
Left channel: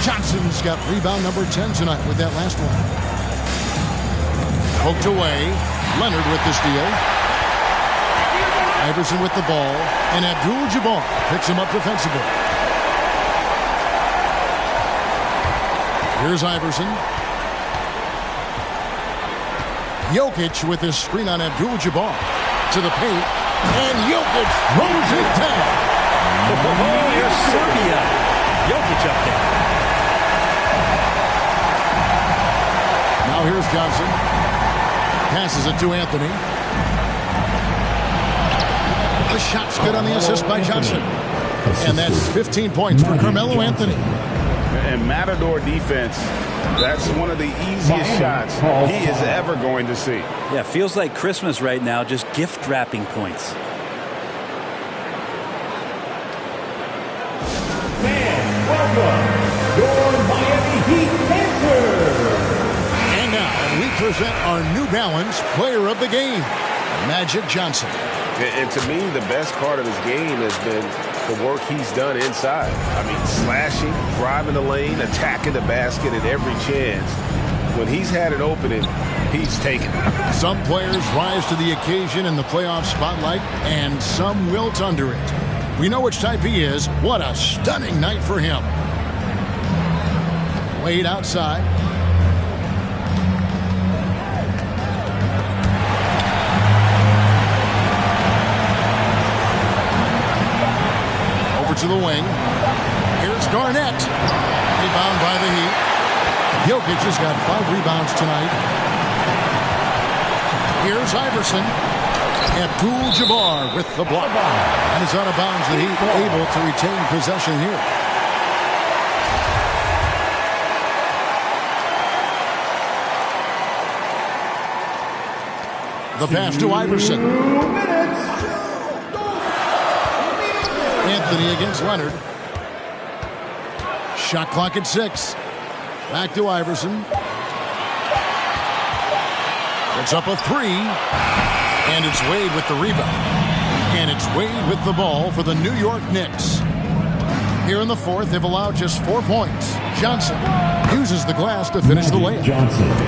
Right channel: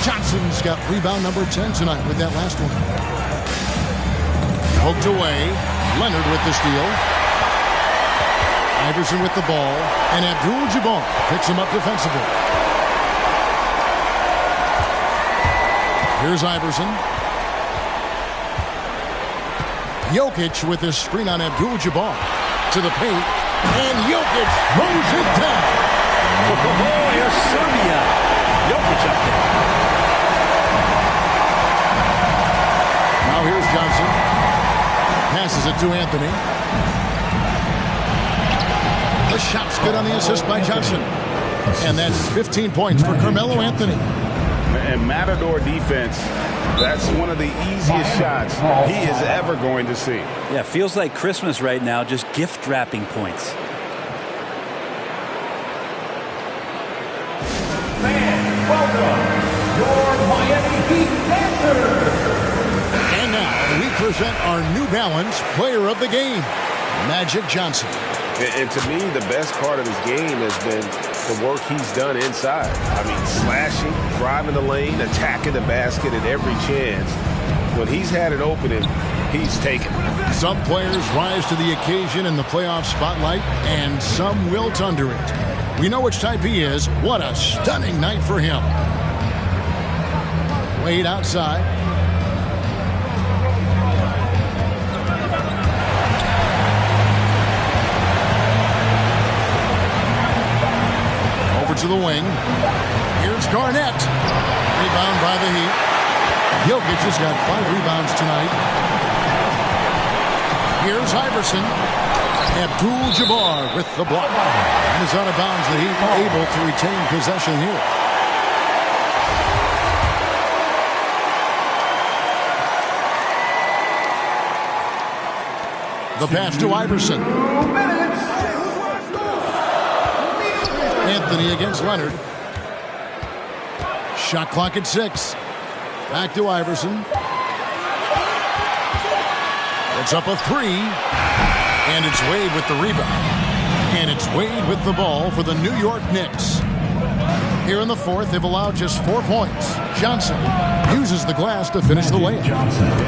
Johnson's got rebound number 10 tonight with that last one. Poked away. Leonard with the steal. Iverson with the ball. And Abdul-Jabbar picks him up defensively. Here's Iverson. Jokic with his screen on Abdul-Jabbar. To the paint. And Jokic throws it down. Oh, here's Serbia. Jokic up there. Now here's Johnson. Passes it to Anthony. The shot's good on the assist by Johnson. And that's 15 points for Carmelo Anthony. And Matador defense, that's one of the easiest shots he is ever going to see. Yeah, feels like Christmas right now, just gift wrapping points. Fans, welcome your Miami Heat Panthers. And now we present our New Balance Player of the Game, Magic Johnson. And to me, the best part of his game has been the work he's done inside. I mean, slashing, driving the lane, attacking the basket at every chance. When he's had an opening, he's taken it. Some players rise to the occasion in the playoff spotlight, and some wilt under it. We know which type he is. What a stunning night for him. Wade outside. Over to the wing. Here's Garnett. Rebound by the Heat. Jokic has got 5 rebounds tonight. Here's Iverson. Abdul-Jabbar with the block. And it's out of bounds. The Heat able to retain possession here. The pass to Iverson. Anthony against Leonard. Shot clock at 6. Back to Iverson. It's up a 3. And it's Wade with the rebound. And it's Wade with the ball for the New York Knicks. Here in the fourth, they've allowed just 4 points. Johnson uses the glass to finish the layup.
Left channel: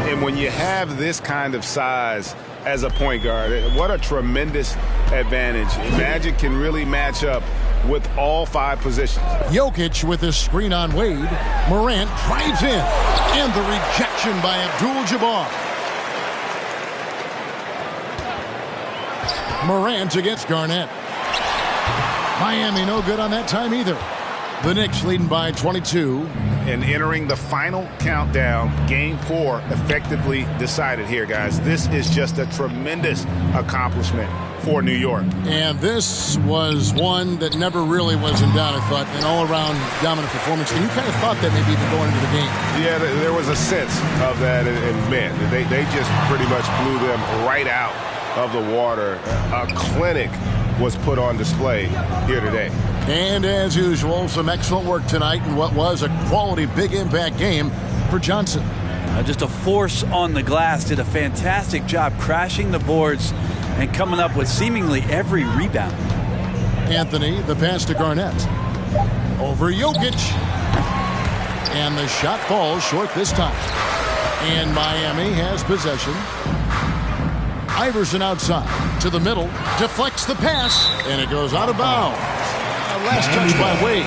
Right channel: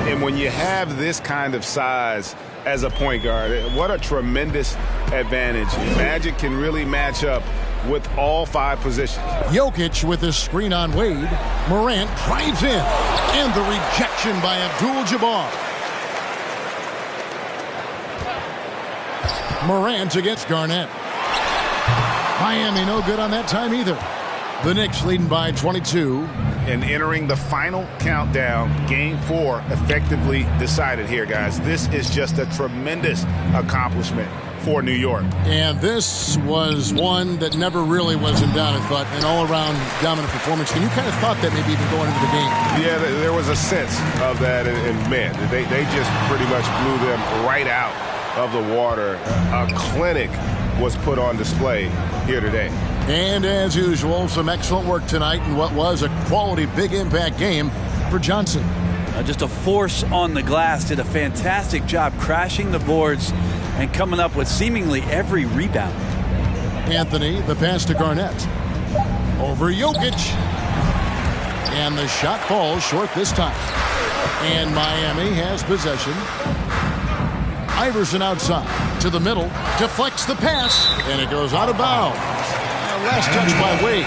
And when you have this kind of size as a point guard, what a tremendous advantage. Magic can really match up with all 5 positions. Jokic with his screen on Wade. Morant drives in. And the rejection by Abdul-Jabbar. Morant against Garnett. Miami no good on that time either. The Knicks leading by 22. And entering the final countdown, Game 4 effectively decided here, guys. This is just a tremendous accomplishment for New York. And this was one that never really was in doubt, I thought. An all-around dominant performance. And you kind of thought that maybe even going into the game. Yeah, there was a sense of that. And man, they just pretty much blew them right out of the water. A clinic was put on display here today. And as usual, some excellent work tonight in what was a quality big impact game for Johnson. Just a force on the glass. Did a fantastic job crashing the boards and coming up with seemingly every rebound. Anthony, the pass to Garnett. Over Jokic. And the shot falls short this time. And Miami has possession. Iverson outside to the middle. Deflects the pass. And it goes out of bounds. Last touch by Wade.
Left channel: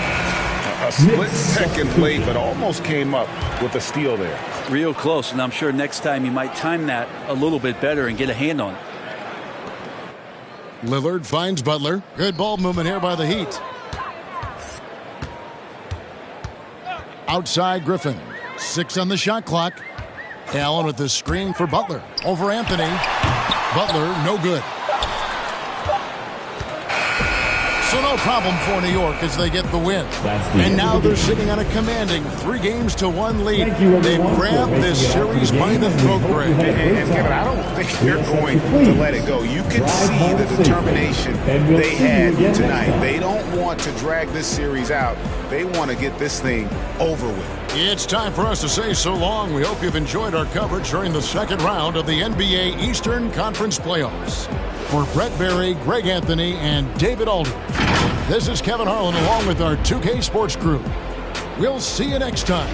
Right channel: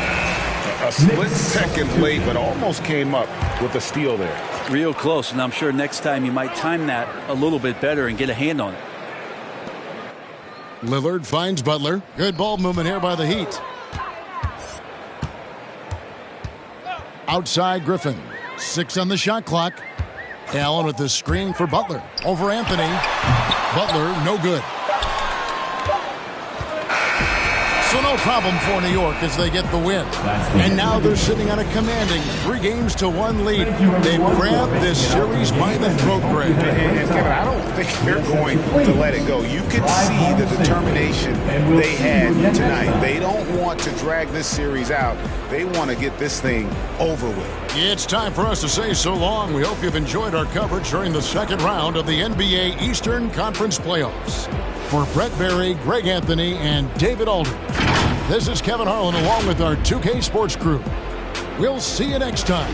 A split second late, but almost came up with a steal there. Real close, and I'm sure next time you might time that a little bit better and get a hand on it. Lillard finds Butler. Good ball movement here by the Heat. Outside Griffin. 6 on the shot clock. Allen with the screen for Butler. Over Anthony. Butler, no good. So no problem for New York as they get the win. And now they're sitting on a commanding 3-1 lead. They've grabbed this series by the throat, Greg. And Kevin, I don't think they're going to let it go. You can see the determination they had tonight. They don't want to drag this series out. They want to get this thing over with. It's time for us to say so long. We hope you've enjoyed our coverage during the second round of the NBA Eastern Conference Playoffs. For Brett Berry, Greg Anthony, and David Aldridge, this is Kevin Harlan along with our 2K Sports crew. We'll see you next time.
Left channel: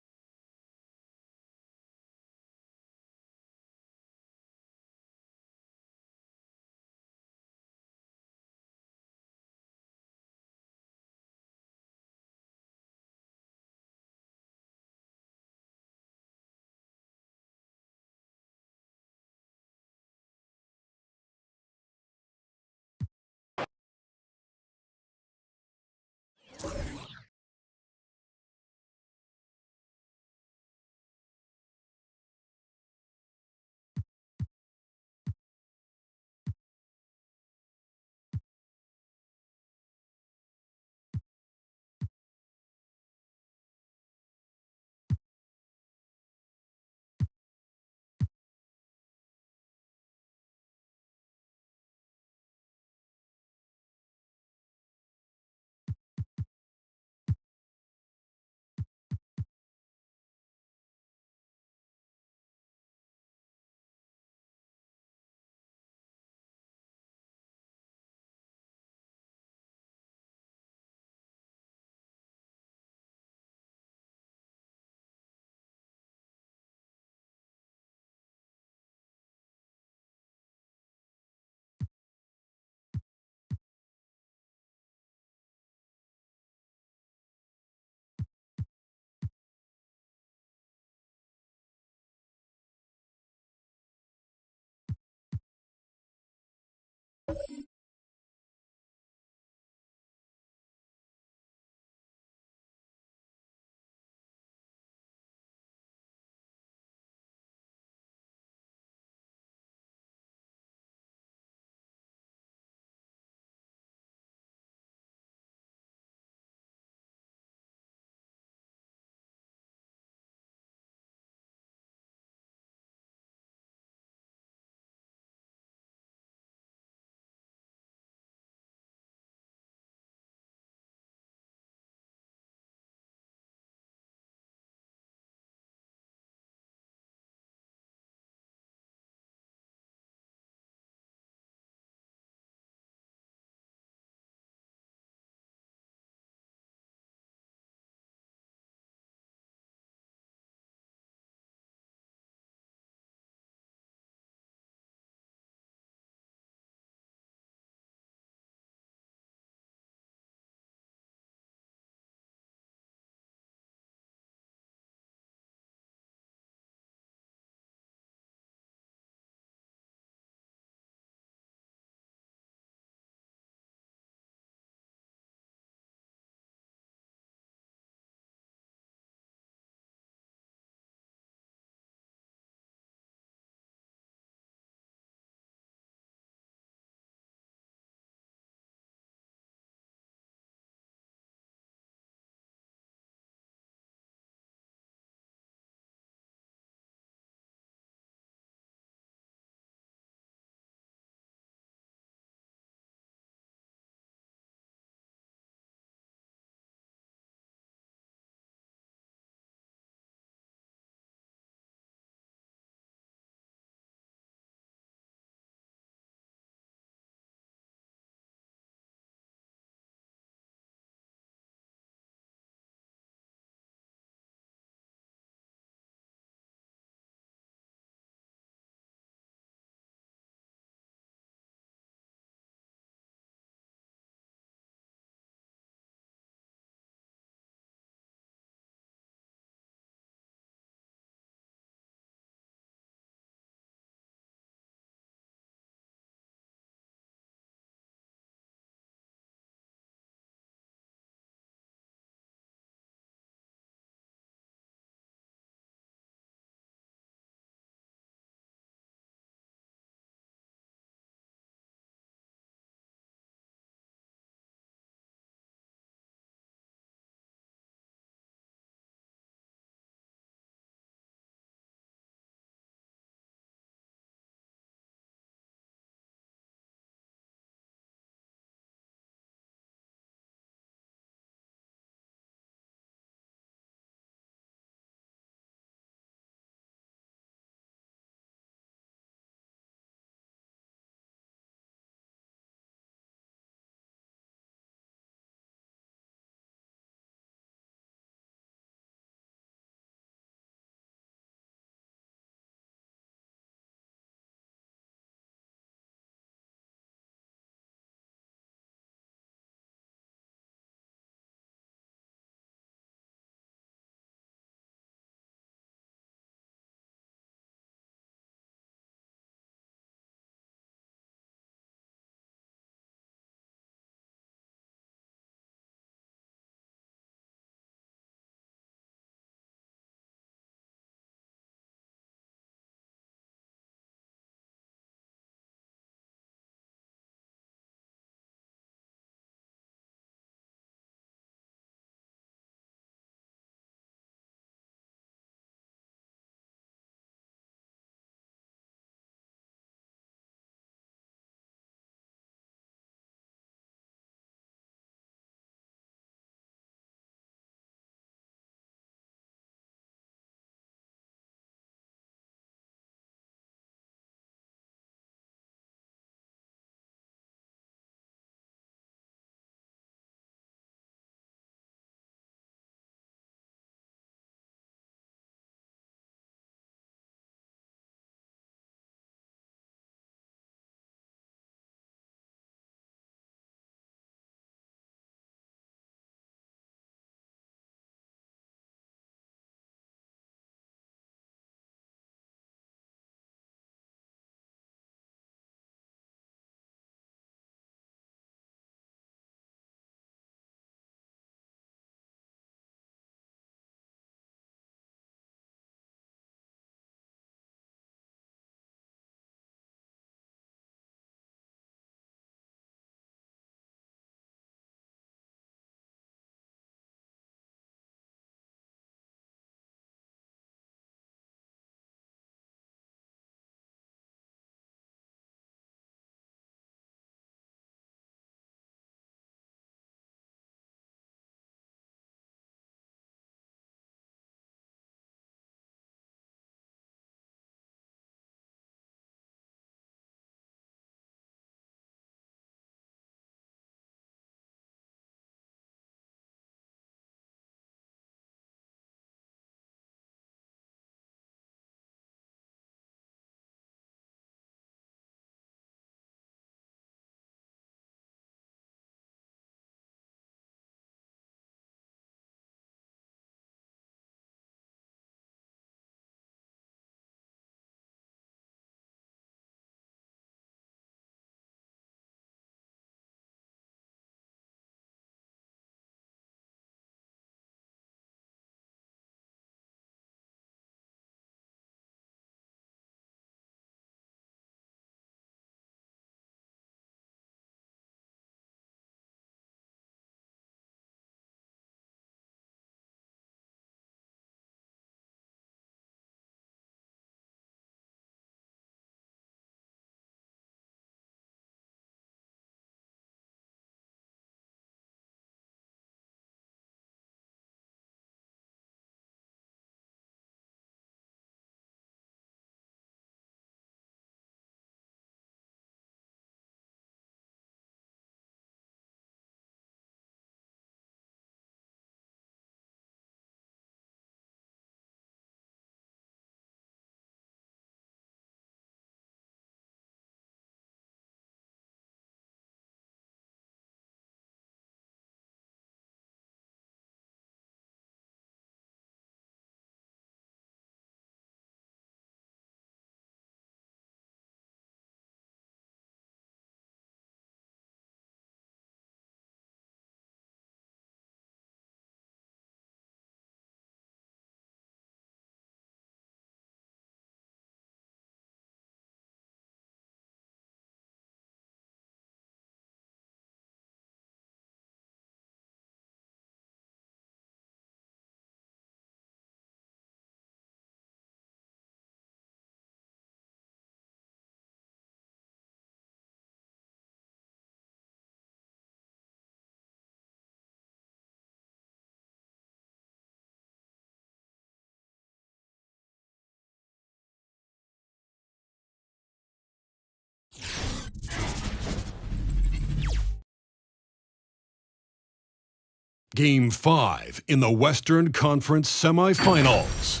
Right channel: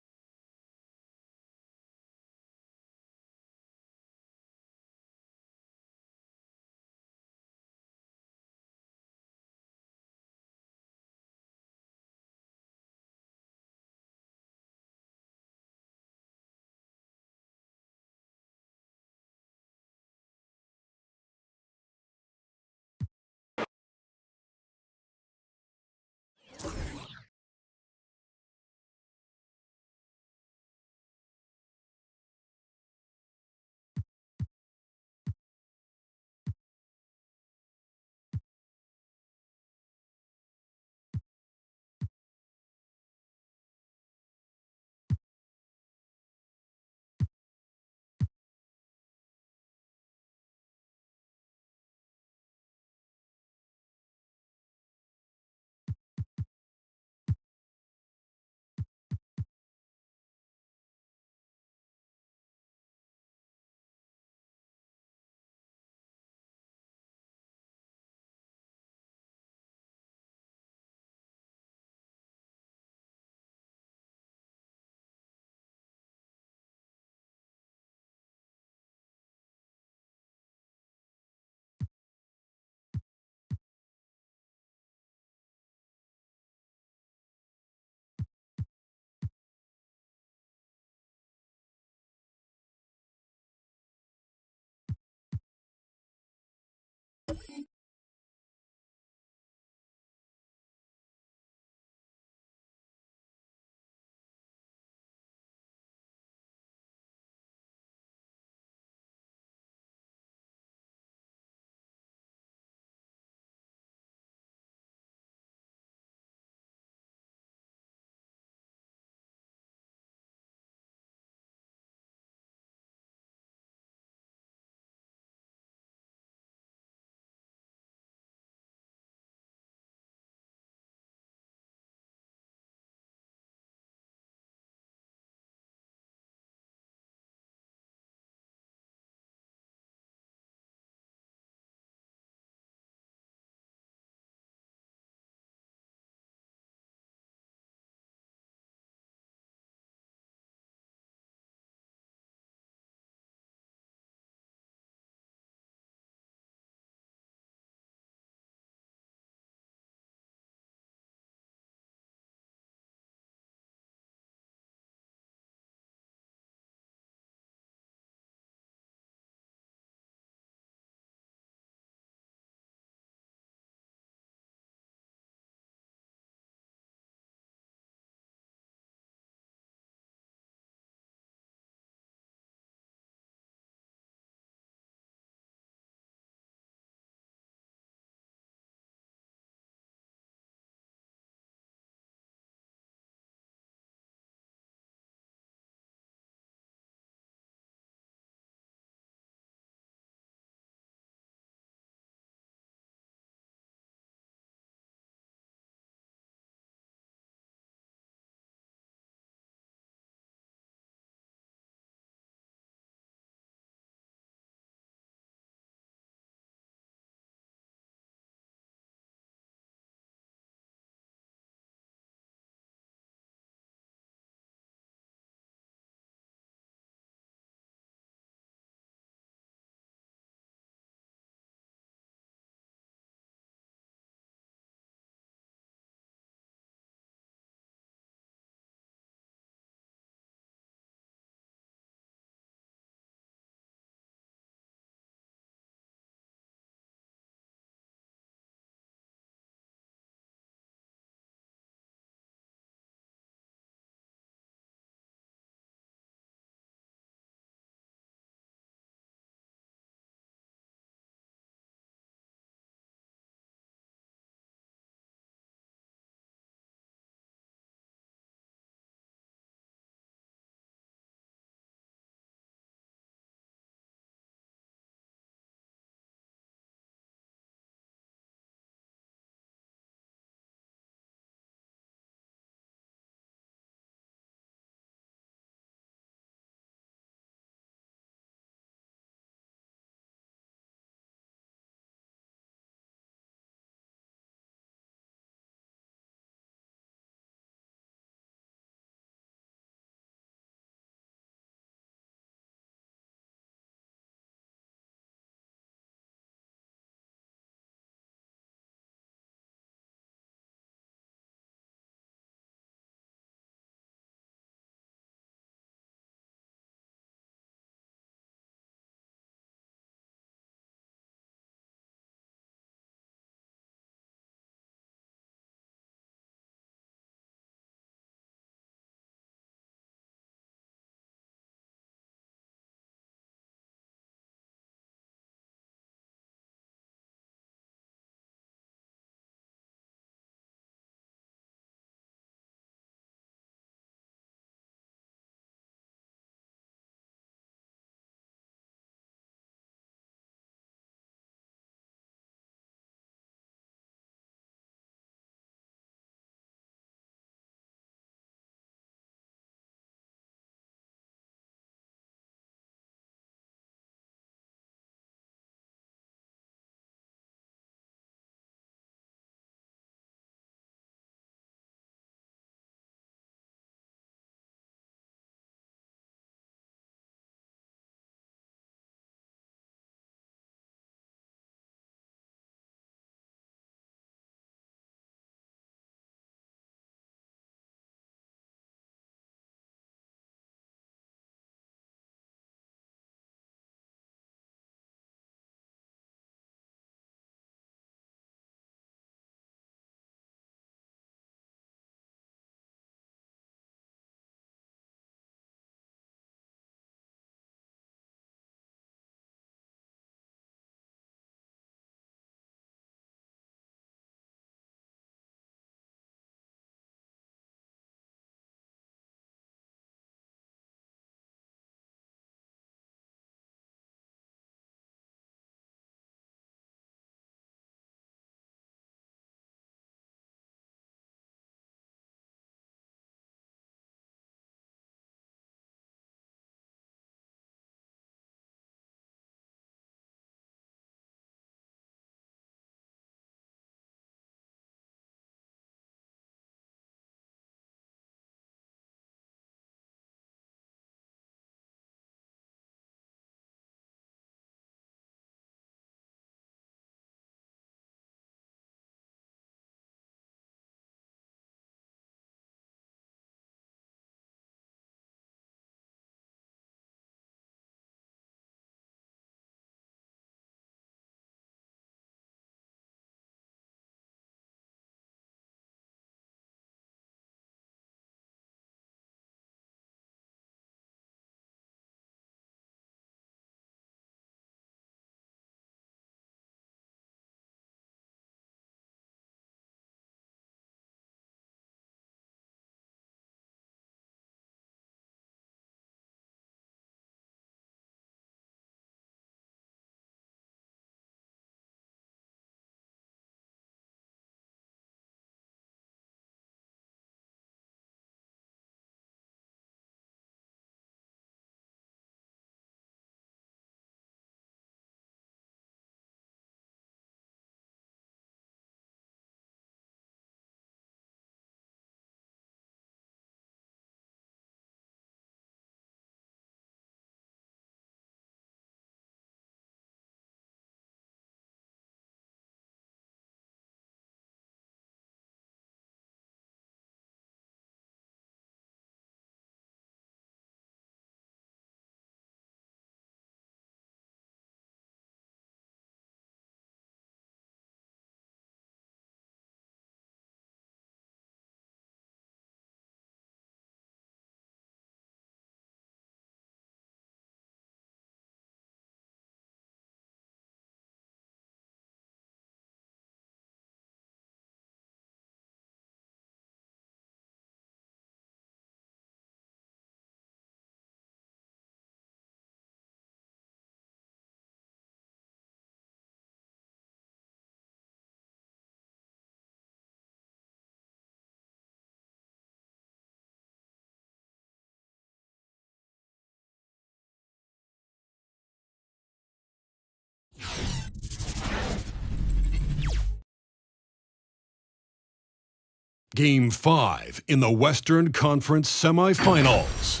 Game 5 in the Western Conference semifinals.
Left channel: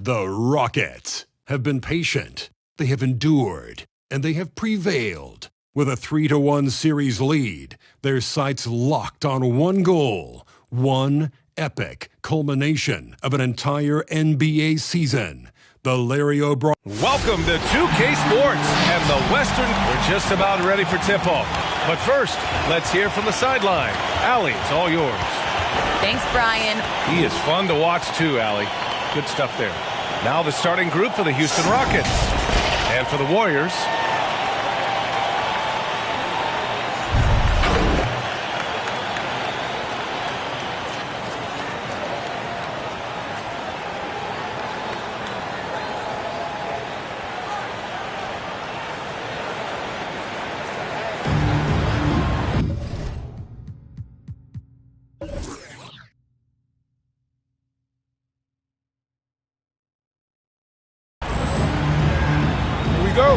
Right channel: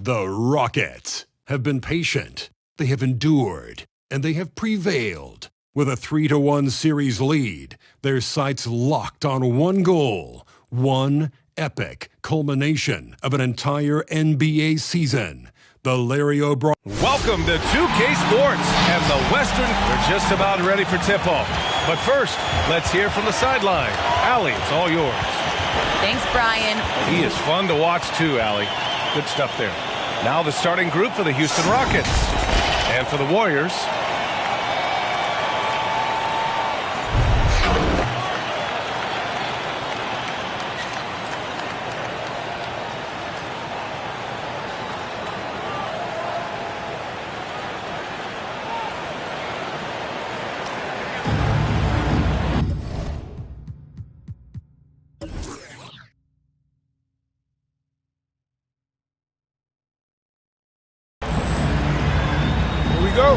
The Rockets have been patient, they have endured, and they have prevailed. With a 3-1 series lead, their sights locked on one goal, one epic culmination of an entire NBA season. The Larry O'Brien. Welcome to 2K Sports and the Western. We're just about ready for tip-off. But first, let's hear from the sideline. Allie, it's all yours. Thanks, Brian. He is fun to watch too, Allie. Good stuff there. Now the starting group for the Houston Rockets. And for the Warriors. Go.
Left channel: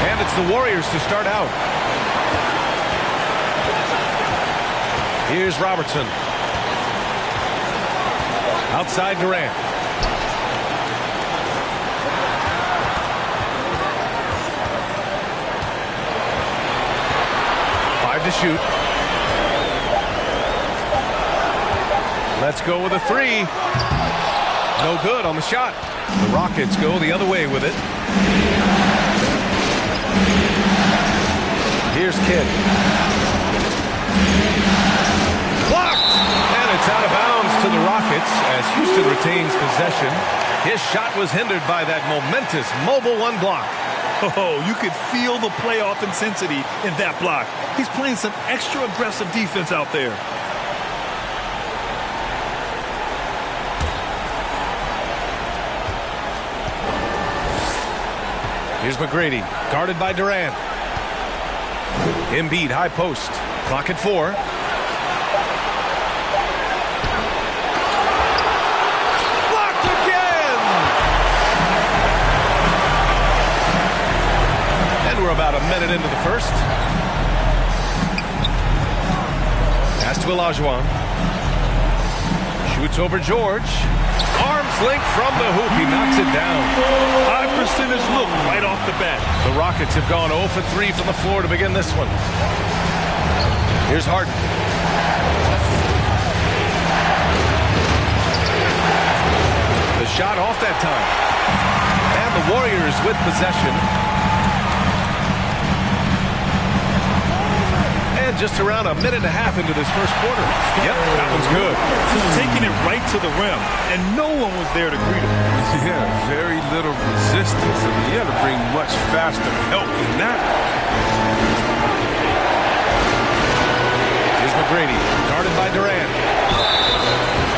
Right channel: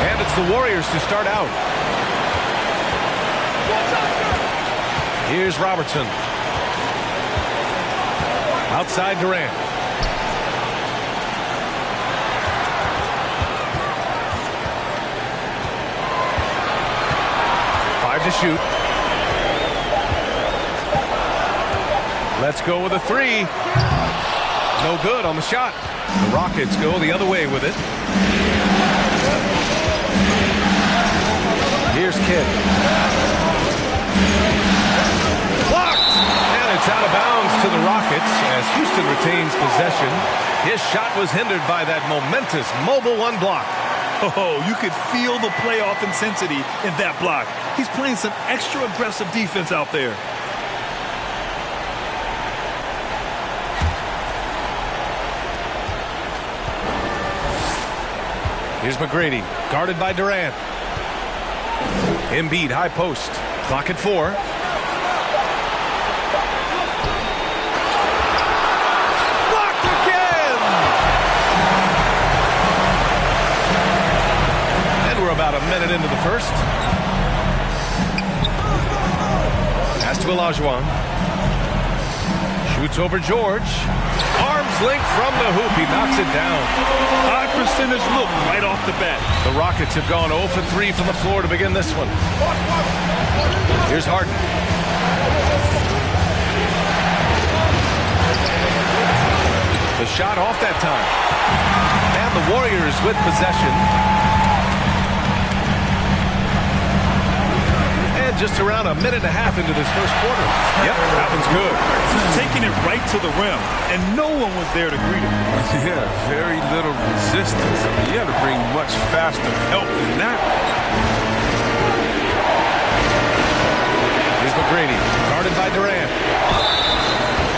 And it's the Warriors to start out. Here's Robertson. Outside Durant. Five to shoot. Let's go with a three. No good on the shot. The Rockets go the other way with it. Here's Kidd. Blocked! And it's out of bounds to the Rockets as Houston retains possession. His shot was hindered by that momentous mobile one block. Oh, you could feel the playoff intensity in that block. He's playing some extra aggressive defense out there. Here's McGrady, guarded by Durant. Embiid, high post. Clock at 4. Blocked again! And we're about a minute into the first. Pass to Olajuwon. Shoots over George. Arms length from the hoop. He knocks it down. High percentage look right off the bat. The Rockets have gone 0 for 3 from the floor to begin this one. Here's Harden. The shot off that time. And the Warriors with possession. And just around a minute and a half into this first quarter. Yep, that one's good. Just taking it right to the rim, and no one was there to greet him. Yeah, very little resistance. I mean, you had to bring much faster help than that. Here's McGrady, guarded by Durant.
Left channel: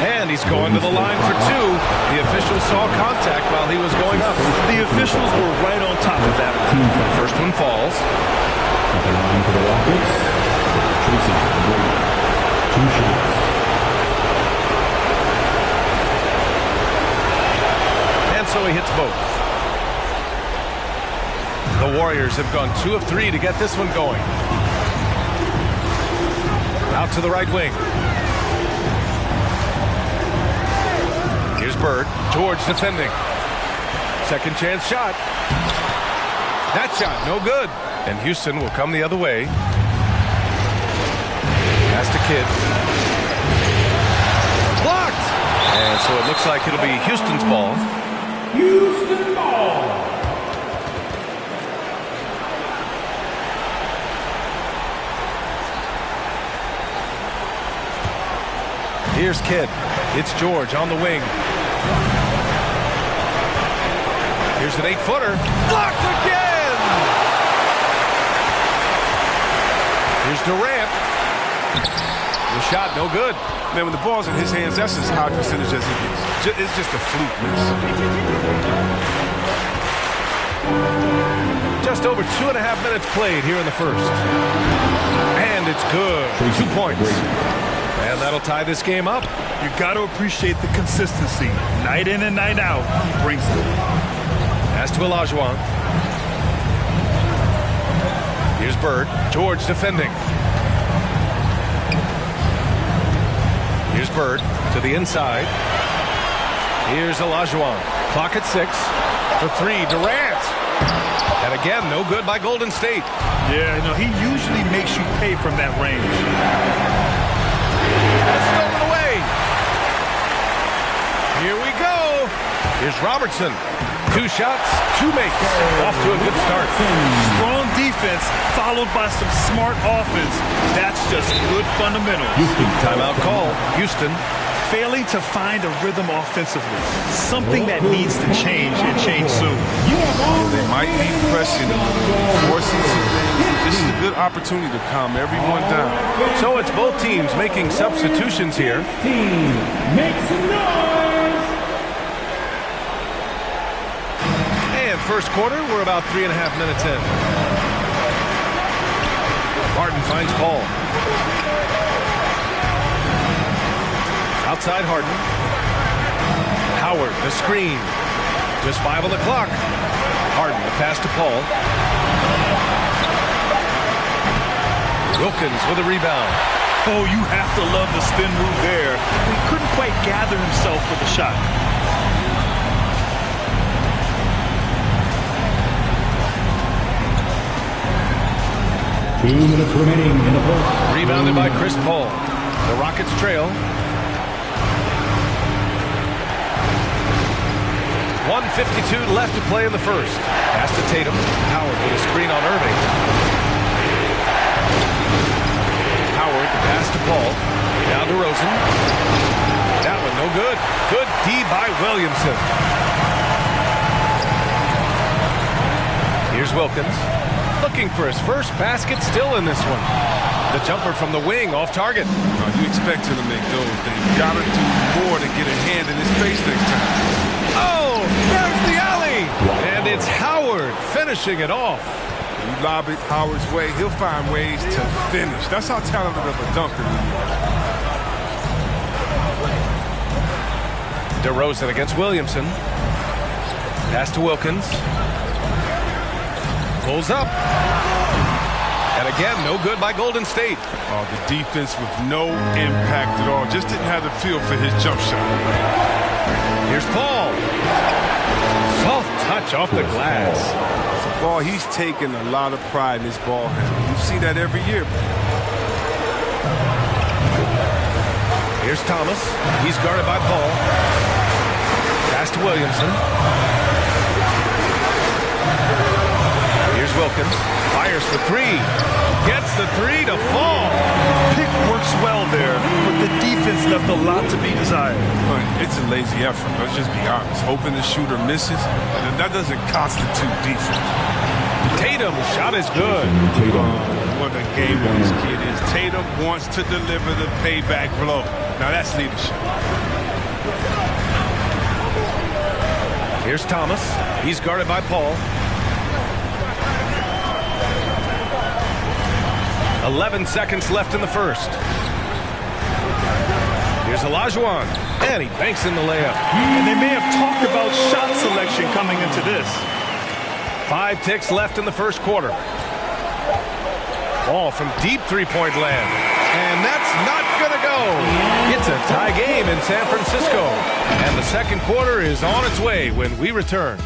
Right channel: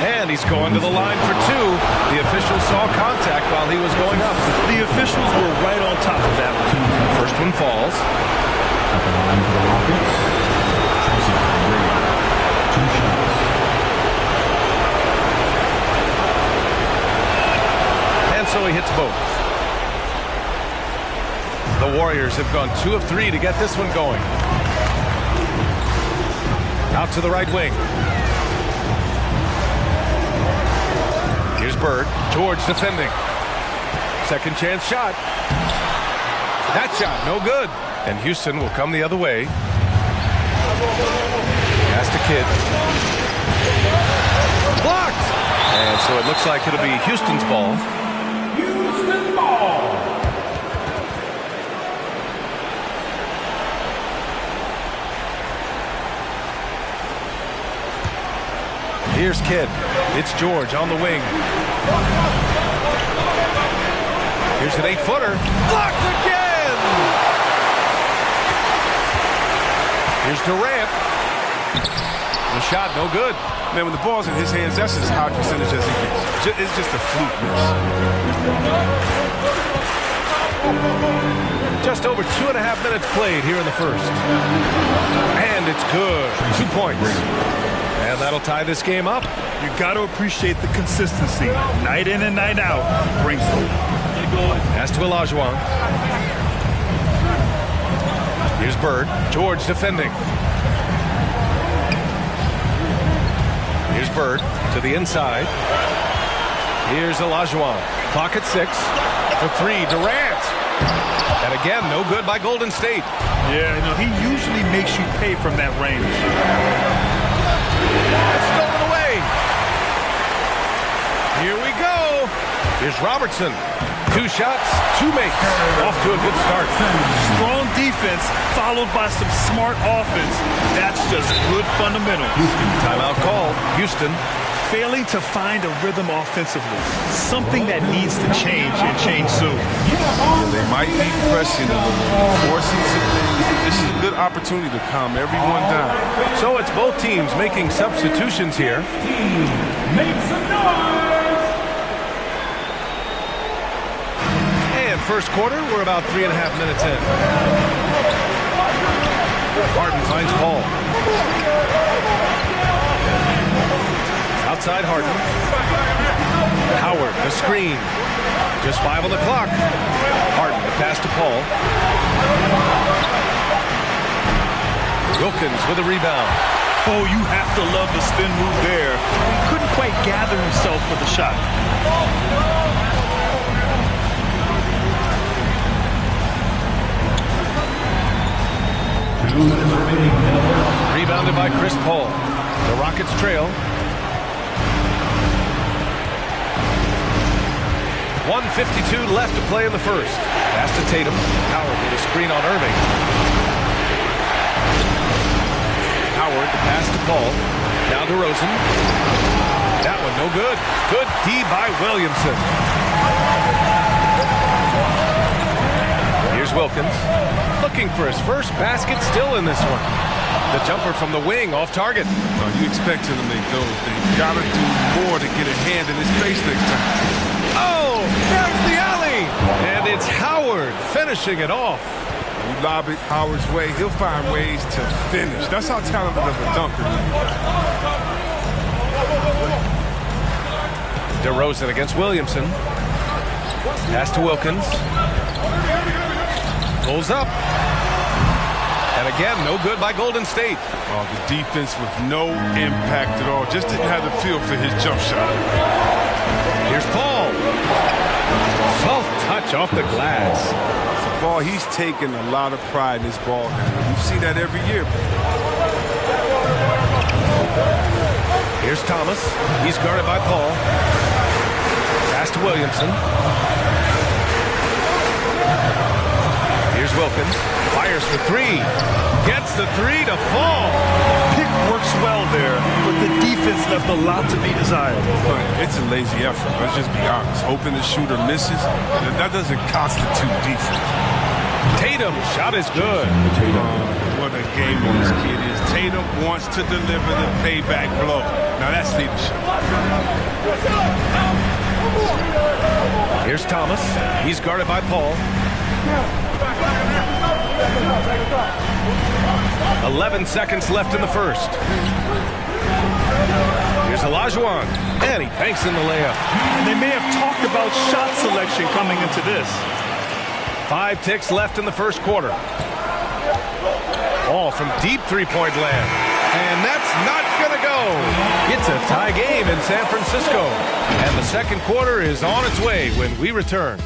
And he's going to the line for 2. The official saw contact while he was going up. The officials were right on top of that one. The first one falls. At the line for the Rockets. Tracy McGrady, 2 shots. And so he hits both. The Warriors have gone 2 of 3 to get this one going. Out to the right wing. Here's Bird. George defending. Second chance shot. That shot, no good. And Houston will come the other way. Pass to Kidd. Blocked! And so it looks like it'll be Houston's ball. Houston ball. Here's Kidd. It's George on the wing. Here's an 8-footer. Blocked again! Here's Durant. The shot, no good. Man, when the ball's in his hands, that's as high percentage as he gets. It's just a fluke miss. Just over 2.5 minutes played here in the first. And it's good. 2 points. And that'll tie this game up. You got to appreciate the consistency. Night in and night out, he brings it. Pass to Olajuwon. Here's Bird. George defending. Here's Bird to the inside. Here's Olajuwon. Clock at 6. For 3, Durant. And again, no good by Golden State. Yeah, no, he usually makes you pay from that range. It's stolen away. Here we go. Here's Robertson. 2 shots, 2 makes. Off to a good start. Strong defense followed by some smart offense. That's just good fundamentals. Timeout call. Houston. Failing to find a rhythm offensively. Something that needs to change and change soon. Yeah, they might be pressing a little, forcing some things. This is a good opportunity to calm everyone down. So it's both teams making substitutions here. Make some noise! And first quarter, we're about 3.5 minutes in. Harden finds Paul. Outside Harden. Howard, the screen. Just 5 on the clock. Harden, the pass to Paul. Wilkins with a rebound. Oh, you have to love the spin move there. He couldn't quite gather himself for the shot. Two minutes remaining in the first. Rebounded by Chris Paul. The Rockets trail. 1:52 left to play in the first. Pass to Tatum. Howard with a screen on Irving. Howard, the pass to Paul. Now DeRozan. That one no good. Good D by Williamson. Here's Wilkins. Looking for his first basket, still in this one. The jumper from the wing, off target. You expect him to make those. They've got to do more to get a hand in his face next time. Oh, there's the alley. And it's Howard finishing it off. When you lob it Howard's way, he'll find ways to finish. That's how talented of a dunker he is. DeRozan against Williamson. Pass to Wilkins. Pulls up. And again, no good by Golden State. Oh, the defense with no impact at all. Just didn't have the feel for his jump shot. Here's Paul. Soft touch off the glass. For Paul, he's taken a lot of pride in his ball handling. You see that every year. Here's Thomas. He's guarded by Paul. Pass to Williamson. Here's Wilkins. Fires for 3. Gets the 3 to fall. Pick works well there, but the defense left a lot to be desired. It's a lazy effort. Let's just be honest. Hoping the shooter misses, that doesn't constitute defense. Tatum, shot is good. What a gamer this kid is. Tatum wants to deliver the payback blow. Now that's leadership. Here's Thomas. He's guarded by Paul. 11 seconds left in the first. Here's Olajuwon. And he banks in the layup. And they may have talked about shot selection coming into this. 5 ticks left in the first quarter. Ball from deep three-point land. And that's not going to go. It's a tie game in San Francisco. And the second quarter is on its way when we return.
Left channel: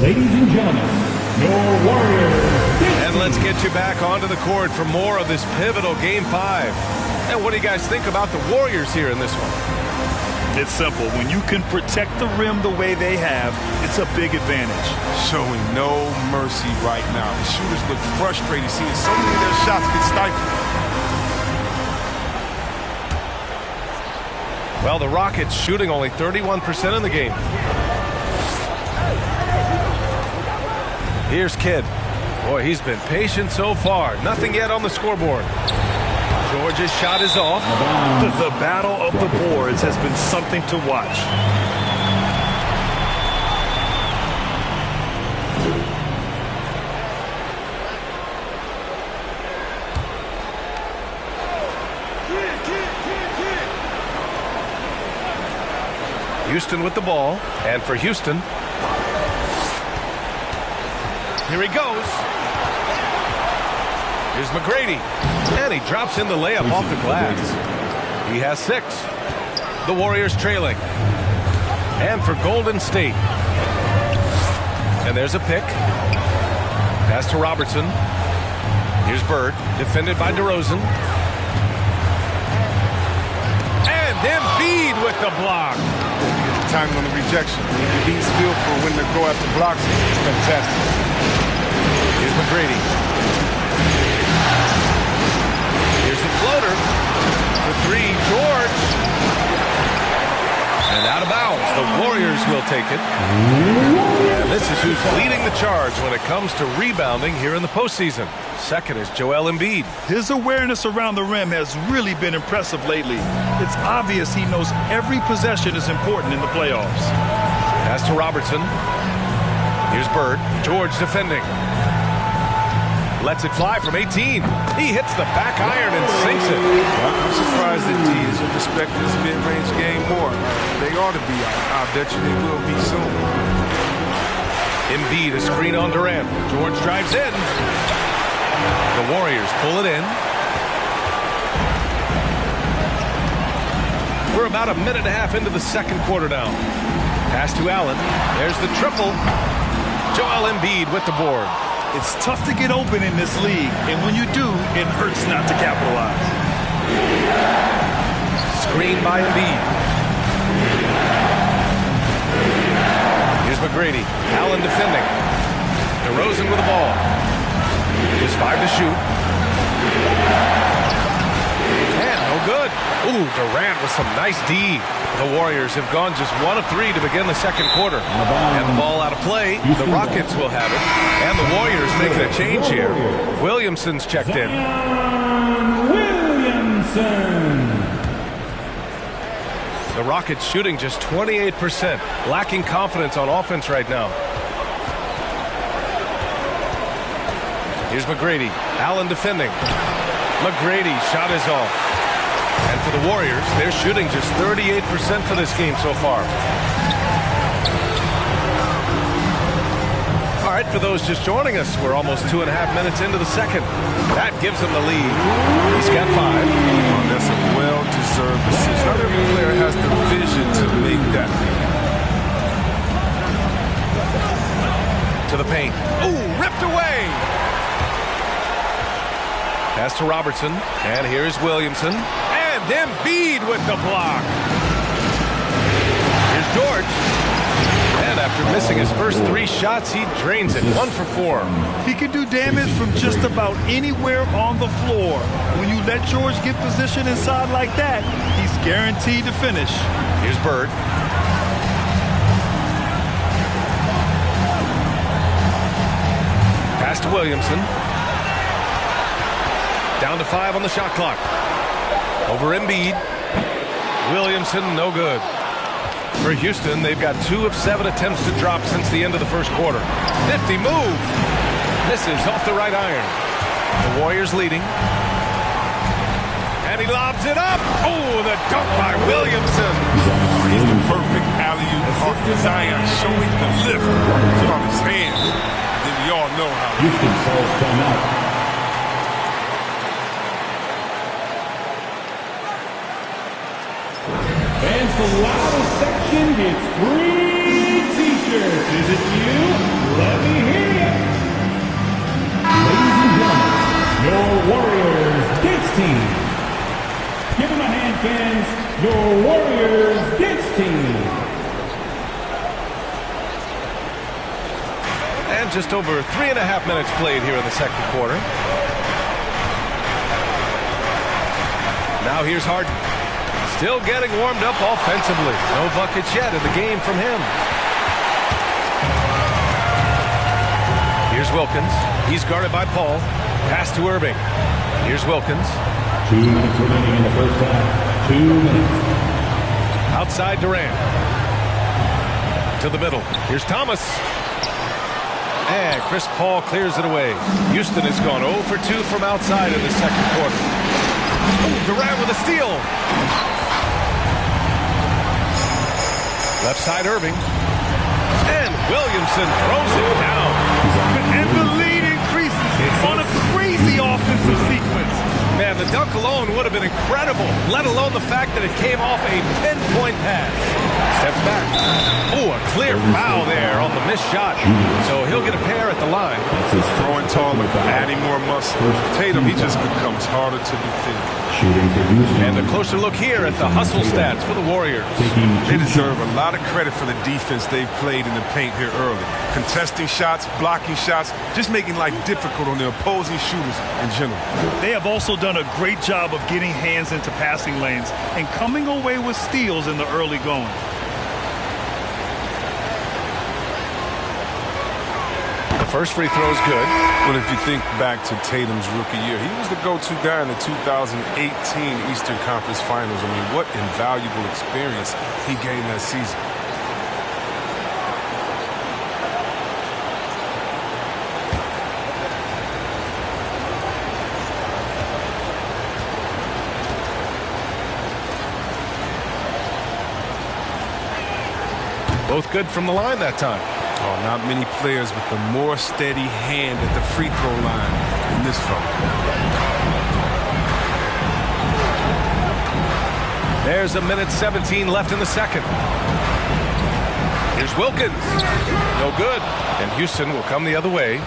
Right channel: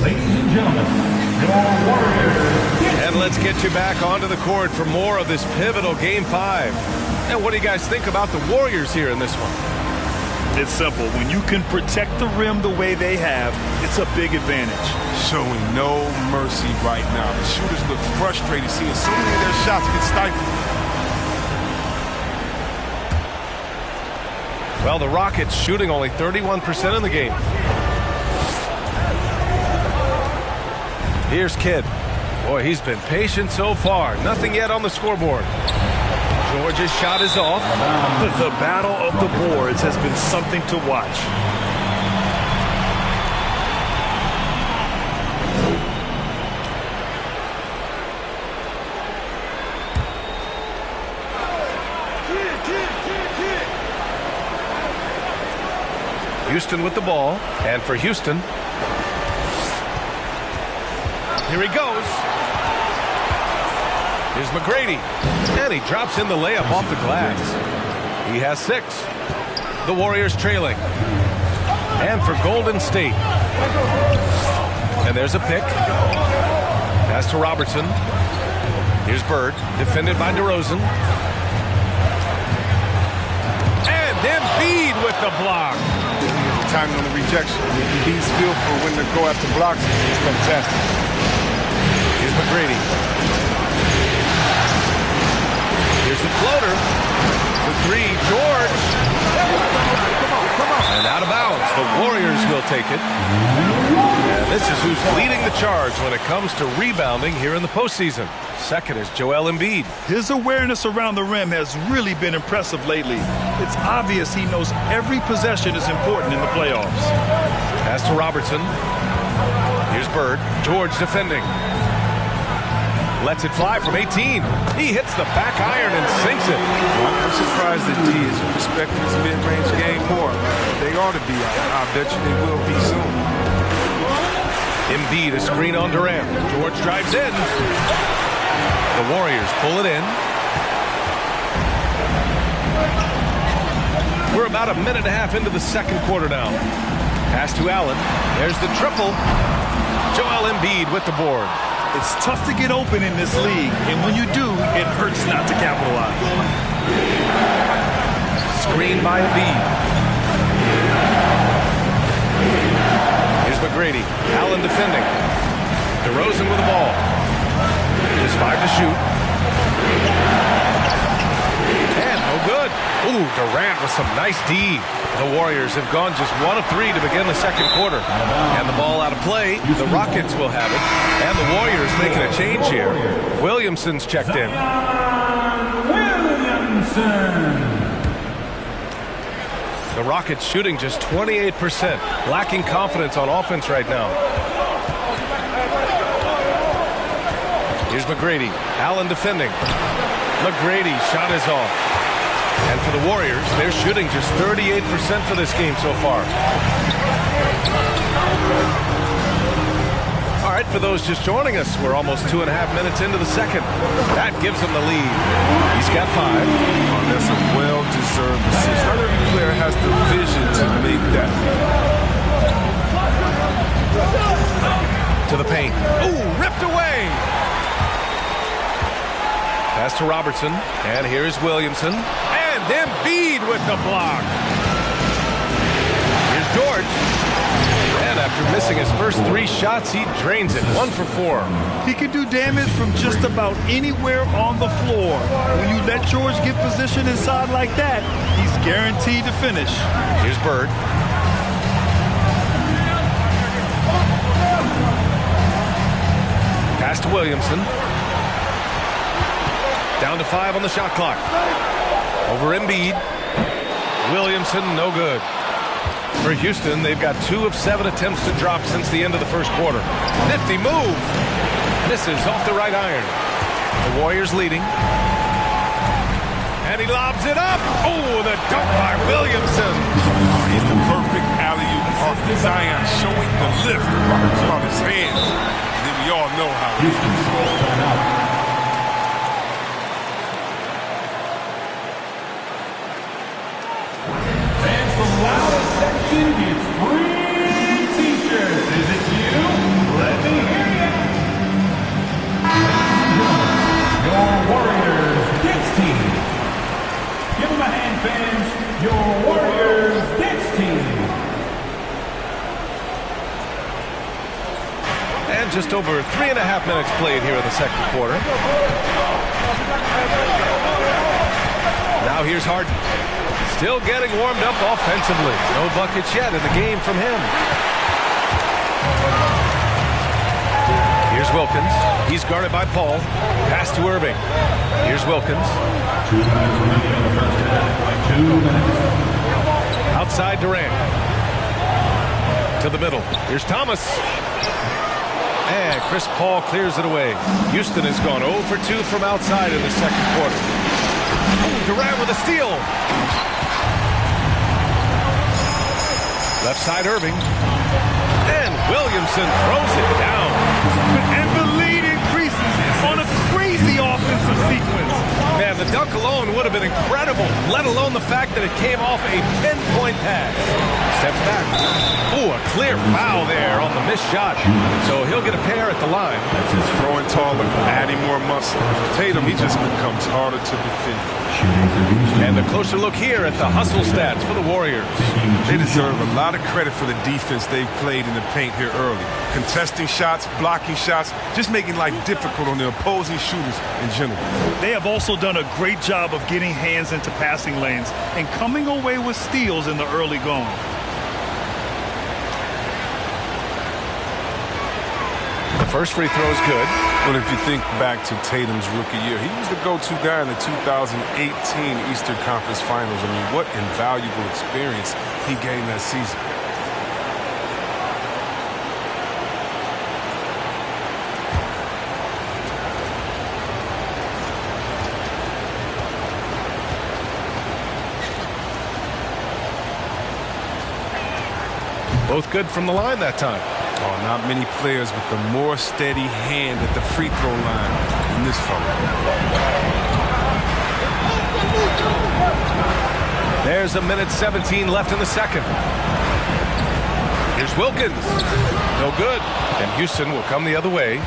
Ladies and gentlemen, your Warriors. And let's get you back onto the court for more of this pivotal Game 5. And what do you guys think about the Warriors here in this one? It's simple. When you can protect the rim the way they have, it's a big advantage. Showing no mercy right now. The shooters look frustrated, seeing so many of their shots get stifled. Well, the Rockets shooting only 31% in the game. Here's Kidd. Boy, he's been patient so far. Nothing yet on the scoreboard. Georgia's shot is off. The battle of the boards has been something to watch. Houston with the ball. And for Houston, here he goes. Here's McGrady. And he drops in the layup off the glass. He has 6. The Warriors trailing. And for Golden State. And there's a pick. Pass to Robertson. Here's Bird. Defended by DeRozan. And Embiid with the block. Timing on the rejection. Embiid's feel for when to go after blocks is fantastic. Here's McGrady. Here's the floater. For 3, George. And out of bounds. The Warriors will take it. And this is who's leading the charge when it comes to rebounding here in the postseason. Second is Joel Embiid. His awareness around the rim has really been impressive lately. It's obvious he knows every possession is important in the playoffs. Pass to Robertson. Here's Bird. George defending. Lets it fly from 18. He hits the back iron and sinks it. Well, I'm surprised that D isn't respecting this mid-range game more. They ought to be. I bet you they will be soon. Embiid, a screen on Durant. George drives in. The Warriors pull it in. We're about a minute and a half into the second quarter now. Pass to Allen. There's the triple. Joel Embiid with the board. It's tough to get open in this league, and when you do, it hurts not to capitalize. Screen by Embiid. Here's McGrady. Allen defending. DeRozan with the ball. Just 5 to shoot. And no good. Ooh, Durant with some nice D. The Warriors have gone just 1 of 3 to begin the second quarter. And the ball out of play. The Rockets will have it. And the Warriors making a change here. Williamson's checked in. Williamson. The Rockets shooting just 28%. Lacking confidence on offense right now. Here's McGrady. Allen defending. McGrady shot is off. And for the Warriors, they're shooting just 38% for this game so far. All right, for those just joining us, we're almost 2.5 minutes into the second. That gives them the lead. He's got 5. Oh, that's a well-deserved assist. Not every player has the vision to make that feed. To the paint. Ooh, ripped away. Pass to Robertson. And here's Williamson. And Embiid with the block. Here's George. And after missing his first 3 shots, he drains it. 1 for 4. He can do damage from just about anywhere on the floor. When you let George get position inside like that, he's guaranteed to finish. Here's Bird. Pass to Williamson. Down to 5 on the shot clock. Over Embiid. Williamson, no good. For Houston, they've got 2 of 7 attempts to drop since the end of the first quarter. Nifty move. Misses off the right iron. The Warriors leading. And he lobs it up. Oh, the dunk by Williamson. Oh, he's the perfect alley-oop target. Zion showing the lift on his hands. Then we all know how it Houston calls timeout. The loudest section gets free t-shirts. Is it you? Let me hear you. Ladies and gentlemen, your Warriors Gets team. Give them a hand, fans. Your Warriors Gets team. And just over 3.5 minutes played here in the second quarter. Now here's Harden. Still getting warmed up offensively. No buckets yet in the game from him. Here's Wilkins. He's guarded by Paul. Pass to Irving. Here's Wilkins. 2 minutes remaining in the first half. 2 minutes. Outside Durant. To the middle. Here's Thomas. And Chris Paul clears it away. Houston has gone 0 for 2 from outside in the second quarter. Oh, Durant with a steal. Left side Irving. And Williamson throws it down. And the lead increases on a crazy offensive sequence. Man, the dunk alone would have been incredible, let alone the fact that it came off a pinpoint pass. Steps back. Oh, a clear foul there on the missed shot. So he'll get a pair at the line. Throwing taller, adding more muscle. Tatum, he just becomes harder to defend. And a closer look here at the hustle stats for the Warriors. They deserve a lot of credit for the defense they've played in the paint here early. Contesting shots, blocking shots, just making life difficult on the opposing shooters in general. They have also done a great job of getting hands into passing lanes and coming away with steals in the early going. The first free throw is good. But if you think back to Tatum's rookie year, he was the go-to guy in the 2018 Eastern Conference Finals. I mean, what invaluable experience he gained that season. Both good from the line that time. Oh, not many players with a more steady hand at the free throw line than this fella. There's a minute 17 left in the second. Here's Wilkins. No good. And Houston will come the other way.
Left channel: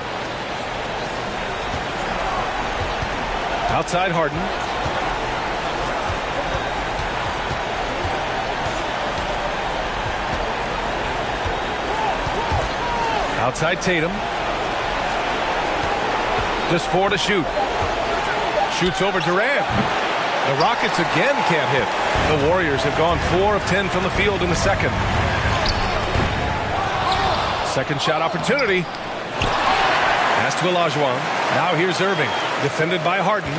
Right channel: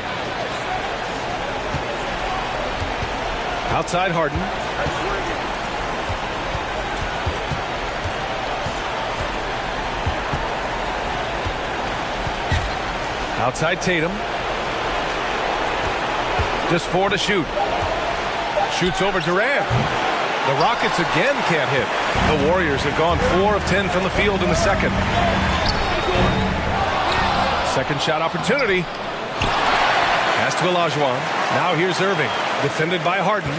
Outside Harden. Outside Tatum. Just 4 to shoot. Shoots over Durant. The Rockets again can't hit. The Warriors have gone 4 of 10 from the field in the second. Second shot opportunity. Pass to Olajuwon. Now here's Irving. Defended by Harden.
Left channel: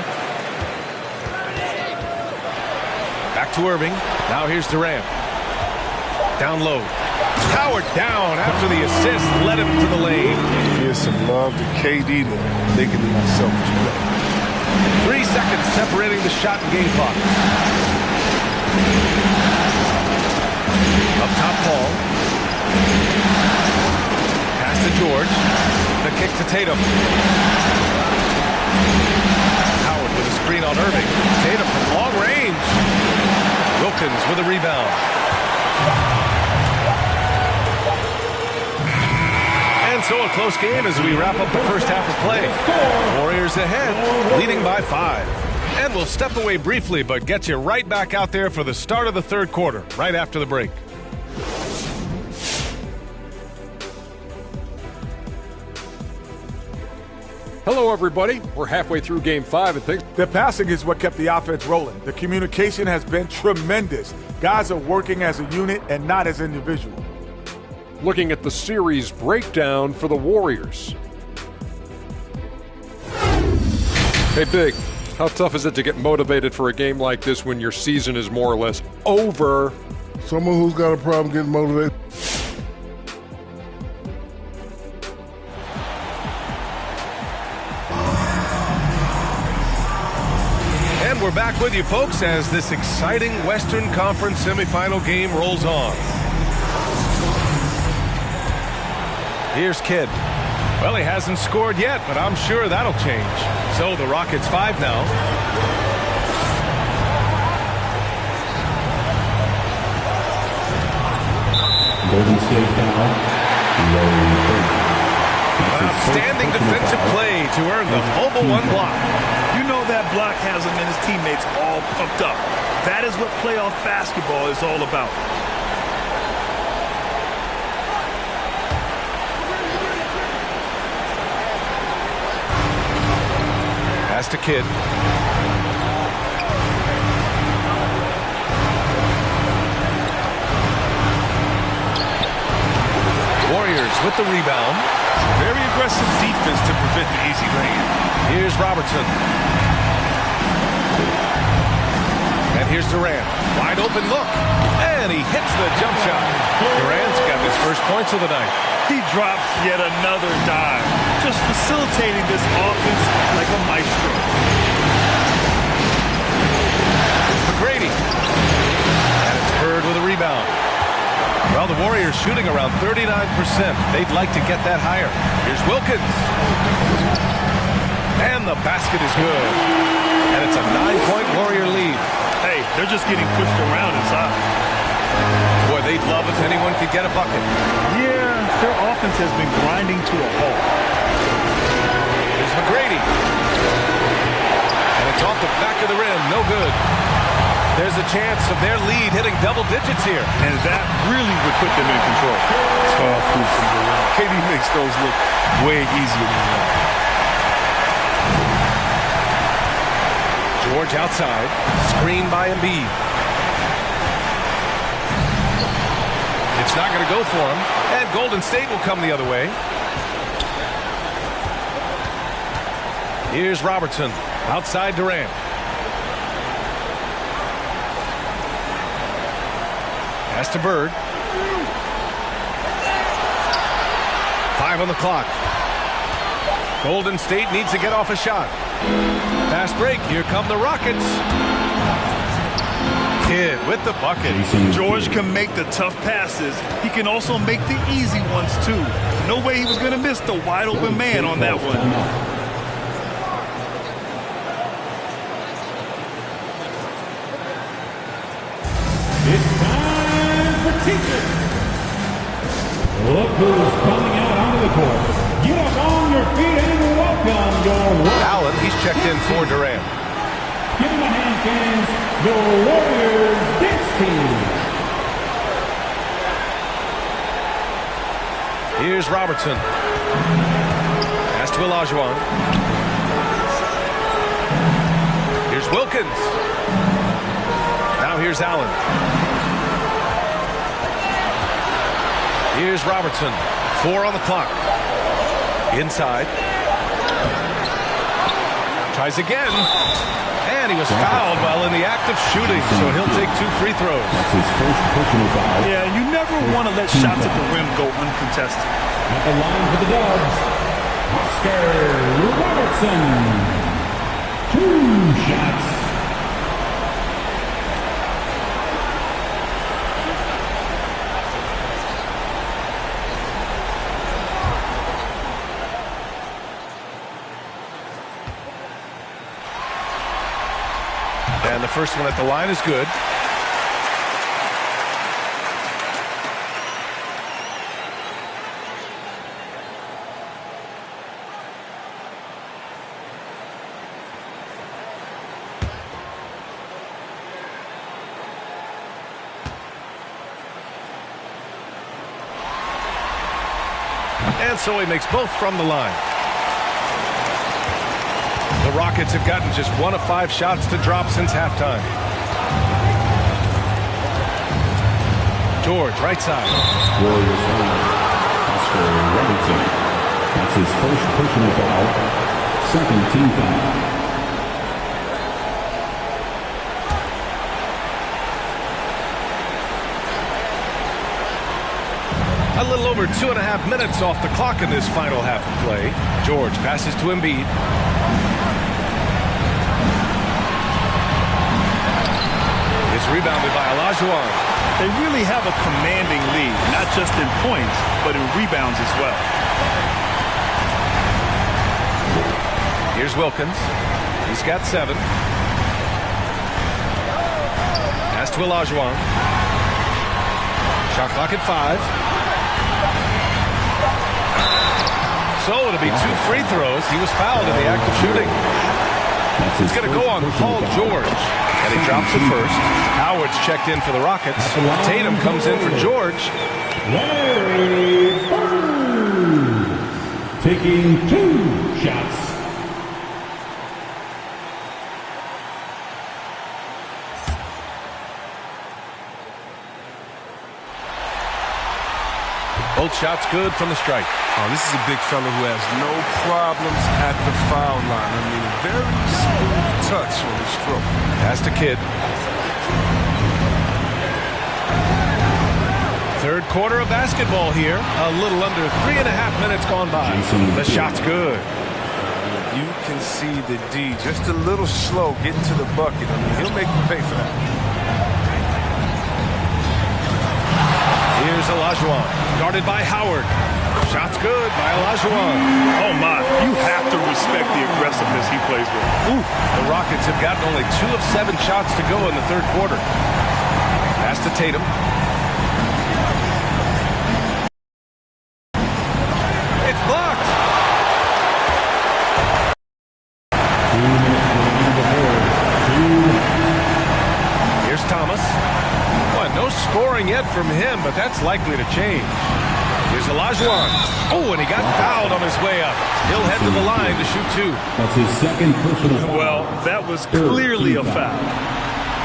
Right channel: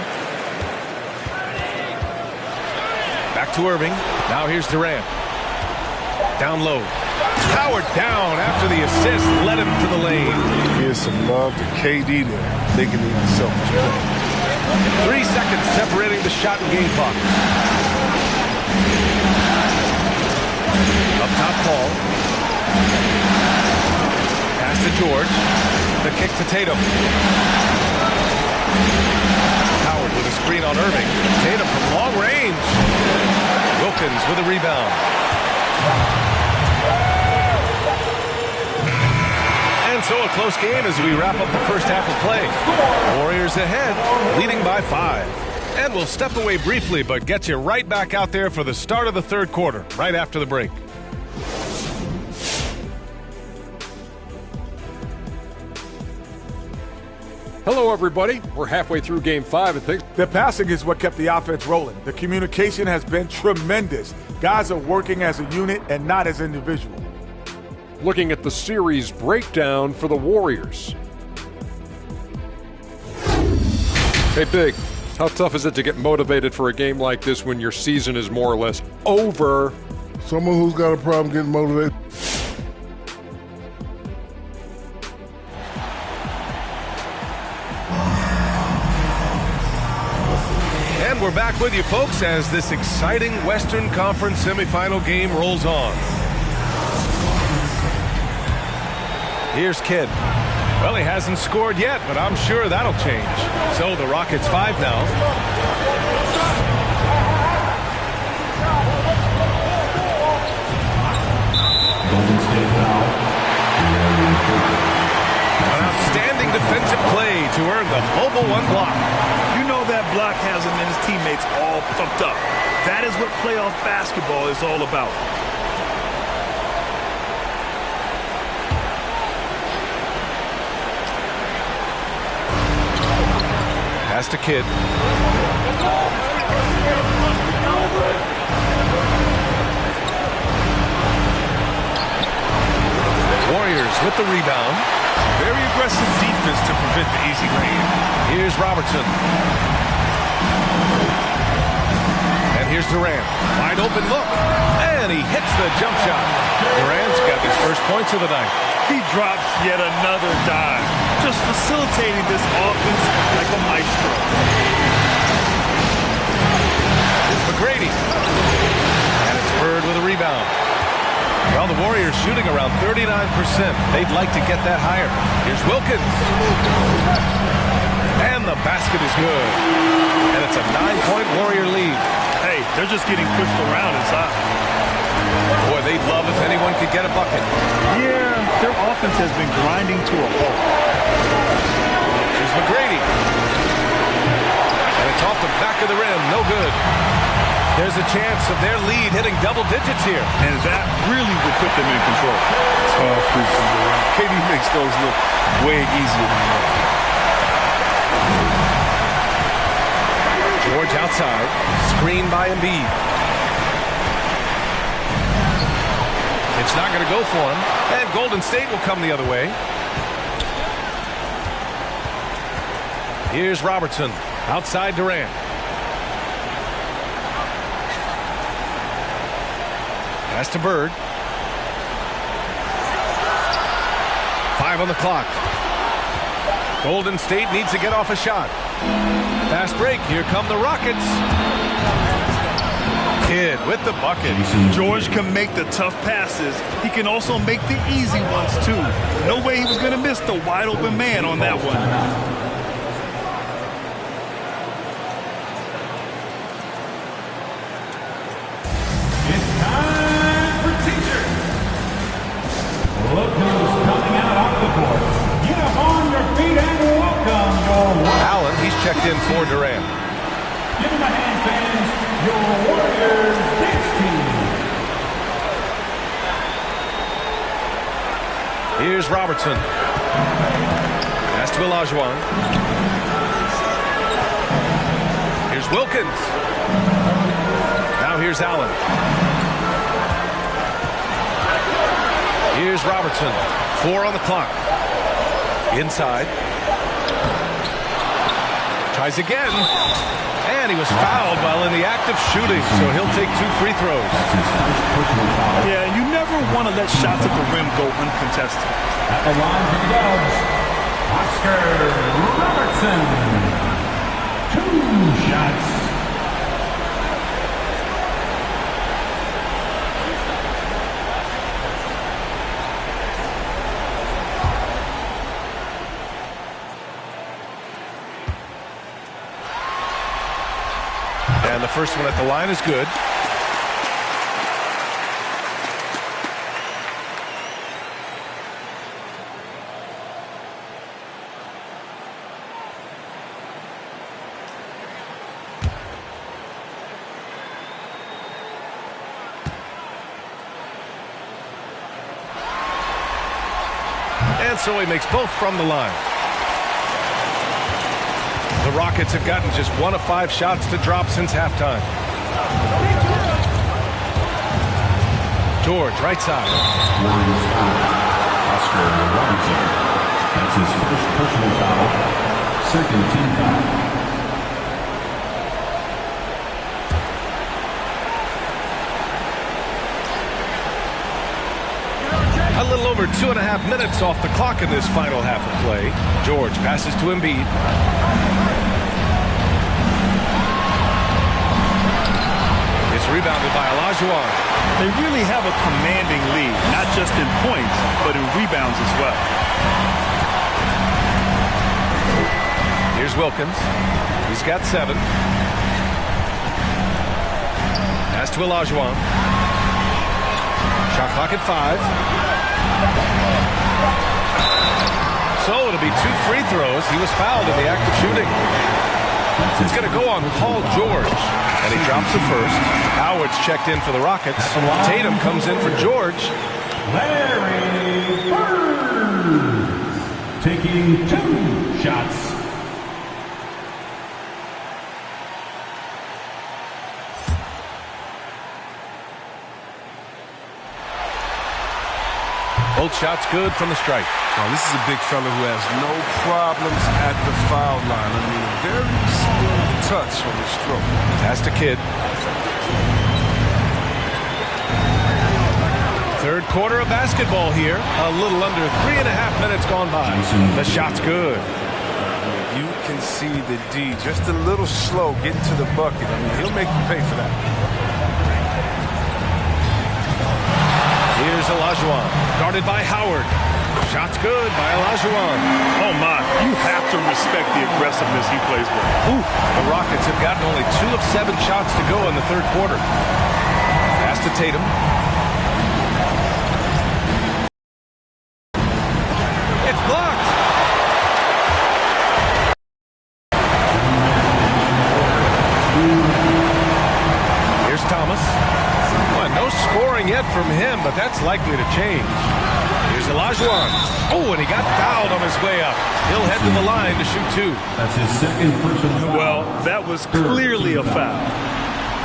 Back to Irving. Now here's Durant. Down low. Powered down after the assist led him to the lane. Here's some love to KD there, making the unselfish play. 3 seconds separating the shot and game clock. Up top, Paul. Pass to George. The kick to Tatum. Howard with a screen on Irving. Tatum from long range. Wilkins with a rebound. And so a close game as we wrap up the first half of play. Warriors ahead, leading by 5. And we'll step away briefly, but get you right back out there for the start of the third quarter, right after the break. Hello, everybody. We're halfway through Game 5 and things. The passing is what kept the offense rolling. The communication has been tremendous. Guys are working as a unit and not as individuals. Looking at the series breakdown for the Warriors. Hey, Big, how tough is it to get motivated for a game like this when your season is more or less over? Someone who's got a problem getting motivated. And we're back with you, folks, as this exciting Western Conference semifinal game rolls on. Here's Kidd. Well, he hasn't scored yet, but I'm sure that'll change. So the Rockets 5 now. Golden State foul. An outstanding defensive play to earn the mobile 1 block. You know that block has him and his teammates all pumped up. That is what playoff basketball is all about. Pass to Kidd. Warriors with the rebound. Very aggressive defense to prevent the easy lay-in. Here's Robertson. And here's Durant. Wide open look. And he hits the jump shot. Durant's got his first points of the night. He drops yet another dime, just facilitating this offense like a maestro. It's McGrady. And it's Bird with a rebound. Well, the Warriors shooting around 39%. They'd like to get that higher. Here's Wilkins. And the basket is good. And it's a 9-point Warrior lead. Hey, they're just getting pushed around inside. Boy, they'd love if anyone could get a bucket. Yeah, their offense has been grinding to a halt. Here's McGrady. And it's off the back of the rim. No good. There's a chance of their lead hitting double digits here. And that really would put them in control. Tough hoops from Durant. KD makes those look way easier than they are. George outside. Screened by Embiid. It's not going to go for him. And Golden State will come the other way. Here's Robertson. Outside Durant. Pass to Bird. 5 on the clock. Golden State needs to get off a shot. Fast break. Here come the Rockets. Kidd with the bucket. George can make the tough passes. He can also make the easy ones, too. No way he was going to miss the wide-open man on that one. It's time for teacher. Look who's coming out onto the court. Get up on your feet and welcome your Allen, he's checked in for Durant. Give him a hand, fans. Your Warriors dance team. Here's Robertson. Pass to Olajuwon. Here's Wilkins. Now here's Allen. Here's Robertson. 4 on the clock. Inside. Tries again. And he was fouled while in the act of shooting, so he'll take 2 free throws. That's his first personal foul. Yeah, and you never want to let shots at the rim go uncontested. At the line for the Dubs, Oscar Robertson. 2 shots. And the first one at the line is good. And so he makes both from the line. The Rockets have gotten just 1 of 5 shots to drop since halftime. George, right side. Warriors foul. Oscar Robertson. That's his first personal foul. Second team foul. A little over 2.5 minutes off the clock in this final half of play. George passes to Embiid. It's rebounded by Olajuwon. They really have a commanding lead, not just in points, but in rebounds as well. Here's Wilkins. He's got 7. Pass to Olajuwon. Shot clock at 5. So it'll be 2 free throws. He was fouled in the act of shooting. It's going to go on Paul George. And he drops it first. Howard's checked in for the Rockets. Tatum comes in for George. Larry Bird taking 2 shots. Both shots good from the strike. Oh, this is a big fella who has no problems at the foul line. I mean, a very smooth touch on his stroke. Pass to Kidd. Third quarter of basketball here. A little under 3.5 minutes gone by. The shot's good. You can see the D just a little slow getting to the bucket. I mean, he'll make you pay for that. Here's Olajuwon, guarded by Howard. Shot's good by Olajuwon. Oh, my. You have to respect the aggressiveness he plays with. Ooh, the Rockets have gotten only 2 of 7 shots to go in the third quarter. Pass to Tatum. It's blocked. Here's Thomas. Well, no scoring yet from him, but that's likely to change. Here's Olajuwon. Oh, and he got fouled on his way up. He'll head to the line to shoot 2. That's his second personal foul. Well, that was clearly a foul.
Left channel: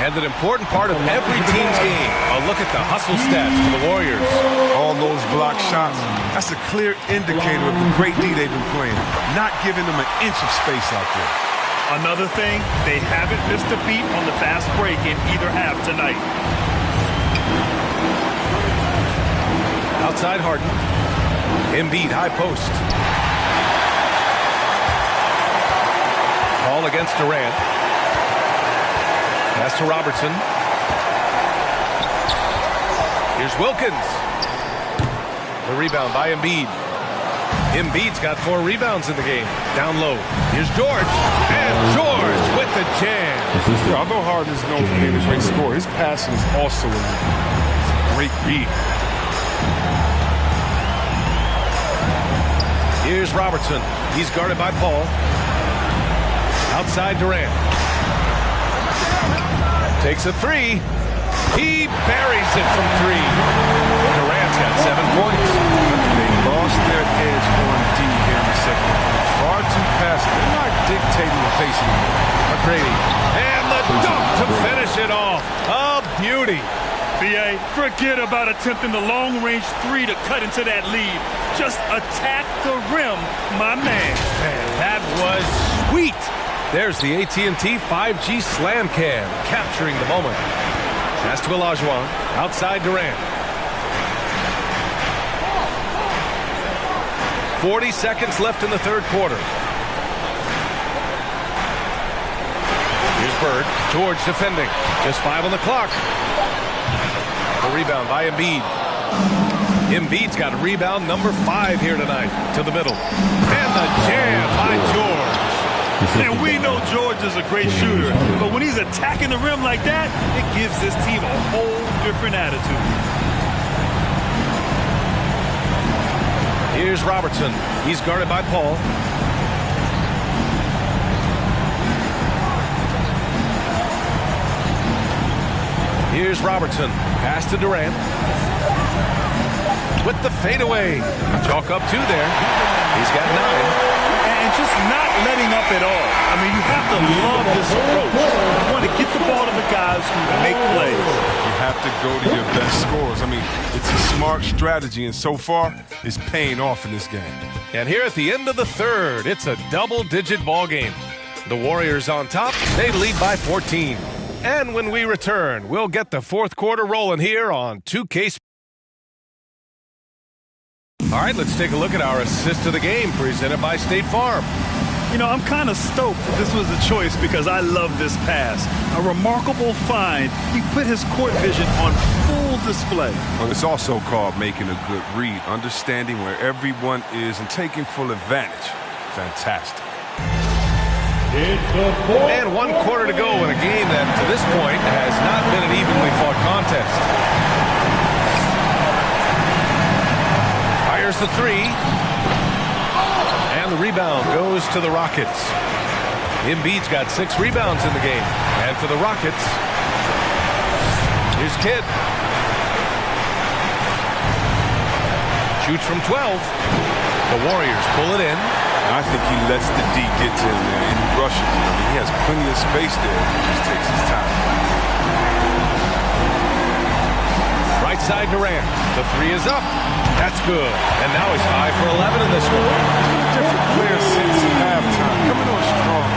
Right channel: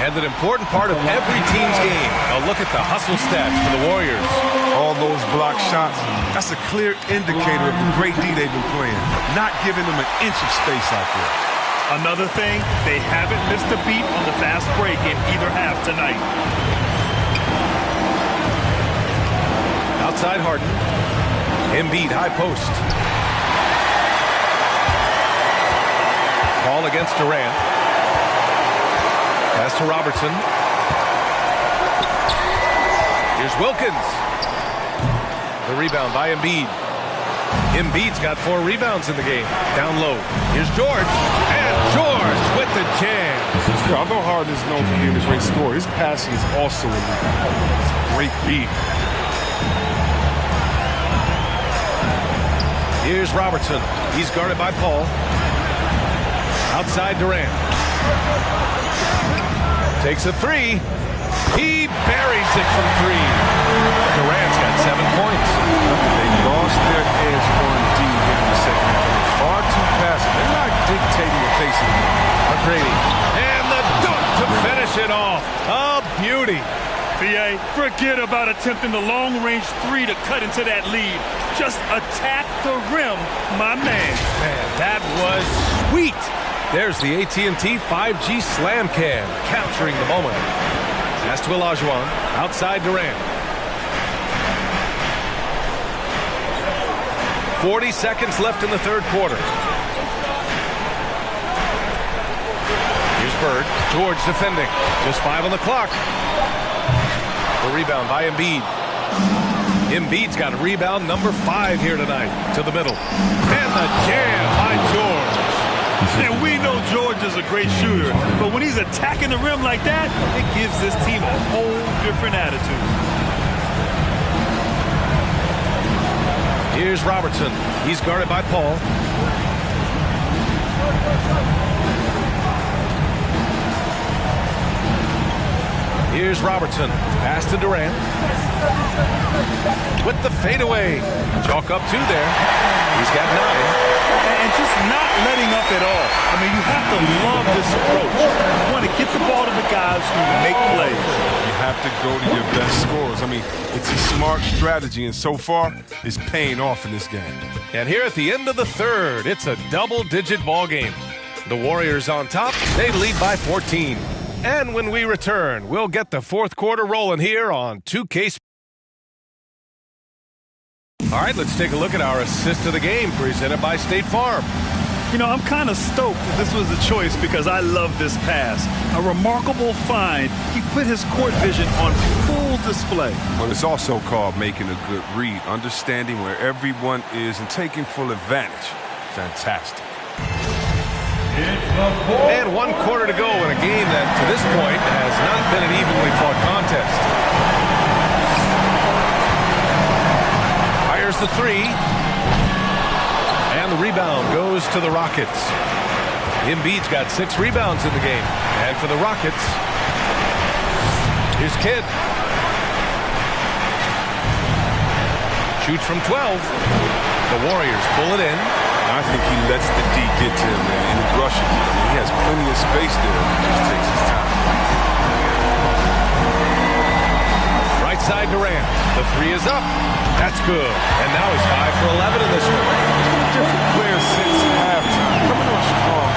And an important part of every team's game. A look at the hustle stats for the Warriors. All those block shots, that's a clear indicator of the great D they've been playing. Not giving them an inch of space out there. Another thing, they haven't missed a beat on the fast break in either half tonight. Outside Harden. Embiid, high post. Ball against Durant. Pass to Robertson. Here's Wilkins. The rebound by Embiid. Embiid's got 4 rebounds in the game. Down low. Here's George. And George with the jam. Yeah, although Harden is known for being a great scorer, his passing is also elite. It's a great read. Here's Robertson. He's guarded by Paul. Outside Durant. Takes a 3. He buries it from 3. Durant's got 7 points. They lost their edge on D here in the second half. They're far too passive. They're not dictating the pace anymore. McGrady. And the dunk to finish it off. A beauty. B.A., forget about attempting the long-range 3 to cut into that lead. Just attack the rim, my man. Man, that was sweet. There's the AT&T 5G Slam Cam, capturing the moment. Pass to Olajuwon, outside Durant. 40 seconds left in the third quarter. Here's Bird. George defending. Just 5 on the clock. The rebound by Embiid. Embiid's got a rebound number 5 here tonight. To the middle. And the jam by George. And we know George is a great shooter, but when he's attacking the rim like that, it gives this team a whole different attitude. Here's Robertson. He's guarded by Paul. Here's Robertson. Pass to Durant. With the fadeaway. Chalk up 2 there. He's got 9. And just not letting up at all. I mean, you have to love this approach. You want to get the ball to the guys who make plays. You have to go to your best scorers. I mean, it's a smart strategy, and so far, it's paying off in this game. And here at the end of the third, it's a double-digit ball game. The Warriors on top. They lead by 14. And when we return, we'll get the fourth quarter rolling here on 2K. All right, let's take a look at our assist of the game presented by State Farm. You know, I'm kind of stoked that this was a choice because I love this pass. A remarkable find. He put his court vision on full display. Well, it's also called making a good read, understanding where everyone is and taking full advantage. Fantastic. And 1 quarter to go in a game that, to this point, has not been an evenly fought contest. Fires the 3. And the rebound goes to the Rockets. Embiid's got 6 rebounds in the game. And for the Rockets, here's Kidd. Shoots from 12. The Warriors pull it in. I think he lets the D get to him there, and he rushes it. I mean, he has plenty of space there if he just takes his time. Right side Durant. The 3 is up. That's good. And now he's 5 for 11 in this one. He's been a different player since halftime. Coming on strong.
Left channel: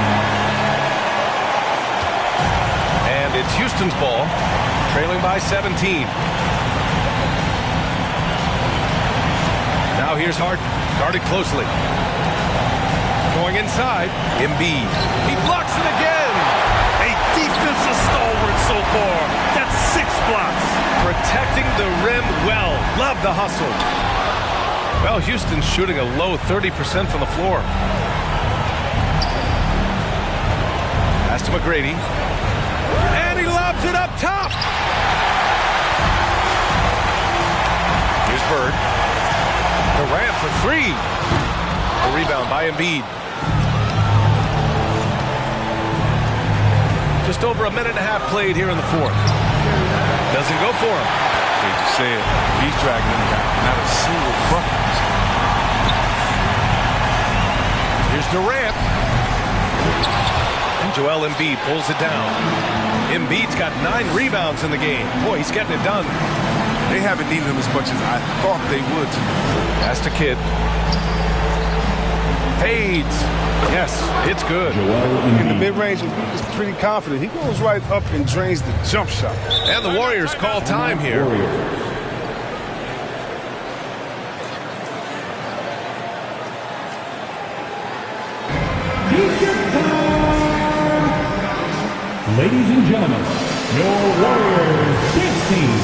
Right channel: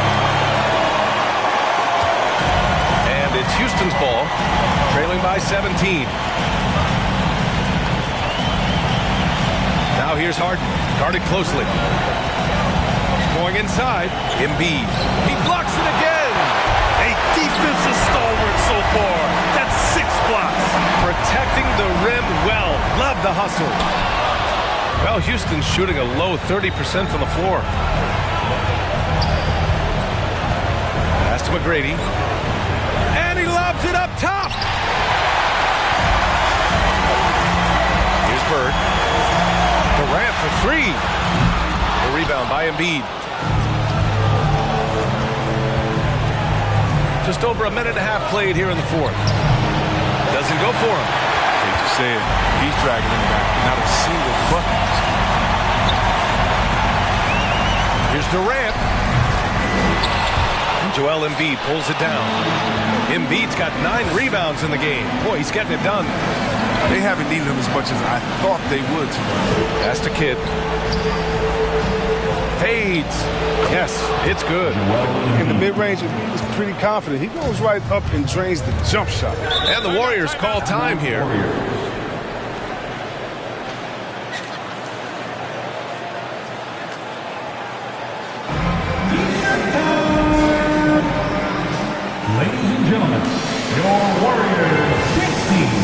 And it's Houston's ball, trailing by 17. Now here's Harden, guarded closely. Going inside, Embiid. He blocks it again. A defensive stalwart so far. That's 6 blocks. Protecting the rim well. Love the hustle. Well, Houston's shooting a low 30% from the floor. Pass to McGrady. And he lobs it up top. Here's Bird. Durant for 3. The rebound by Embiid. Just over a minute and a half played here in the fourth. Doesn't go for him. Hate to say it, he's dragging them down. Not a single bucket. Here's Durant. And Joel Embiid pulls it down. Embiid's got 9 rebounds in the game. Boy, he's getting it done. They haven't needed him as much as I thought they would tonight. Pass to Kidd. Fades. Yes, it's good. In the mid-range, he was pretty confident. He goes right up and drains the jump shot. And the Warriors call time here. Ladies and gentlemen, your Warriors dance team.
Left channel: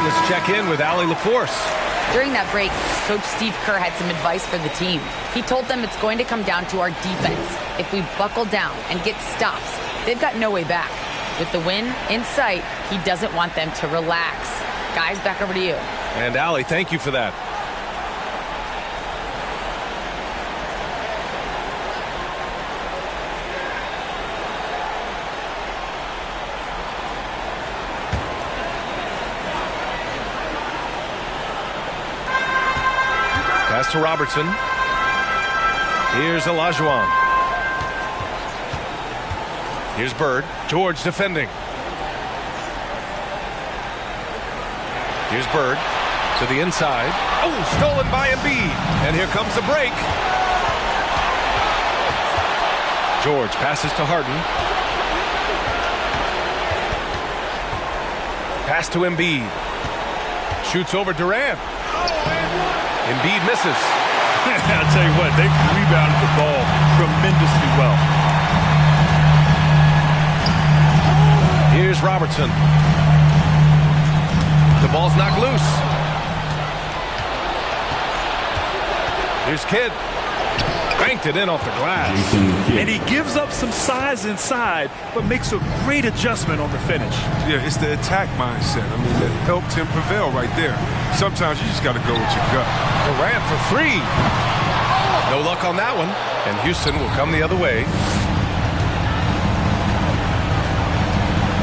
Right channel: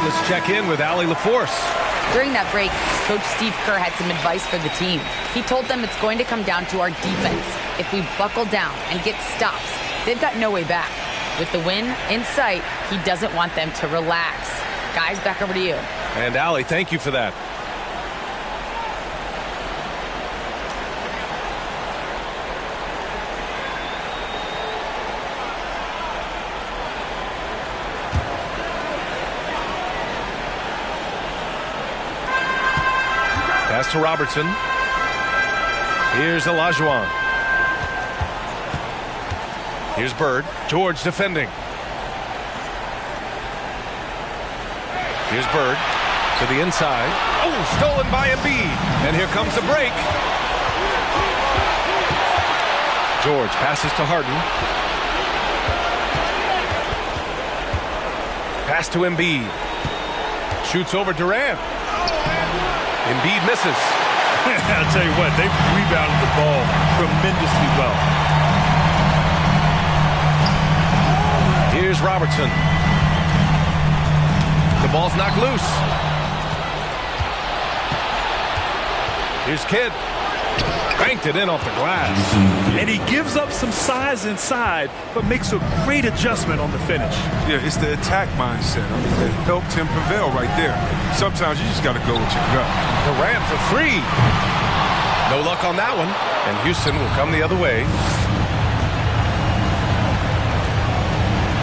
Let's check in with Allie LaForce. During that break, Coach Steve Kerr had some advice for the team. He told them it's going to come down to our defense. If we buckle down and get stops, they've got no way back. With the win in sight, he doesn't want them to relax. Guys, back over to you. And Allie, thank you for that. Pass to Robertson. Here's Olajuwon. Here's Bird. George defending. Here's Bird to the inside. Oh, stolen by Embiid. And here comes the break. George passes to Harden. Pass to Embiid. Shoots over Durant. Embiid misses. I'll tell you what, they rebounded the ball tremendously well. Here's Robertson. The ball's knocked loose. Here's Kidd. Banked it in off the glass. And he gives up some size inside, but makes a great adjustment on the finish. Yeah, it's the attack mindset. I mean, that helped him prevail right there. Sometimes you just got to go with your gut. Durant for 3. No luck on that one. And Houston will come the other way.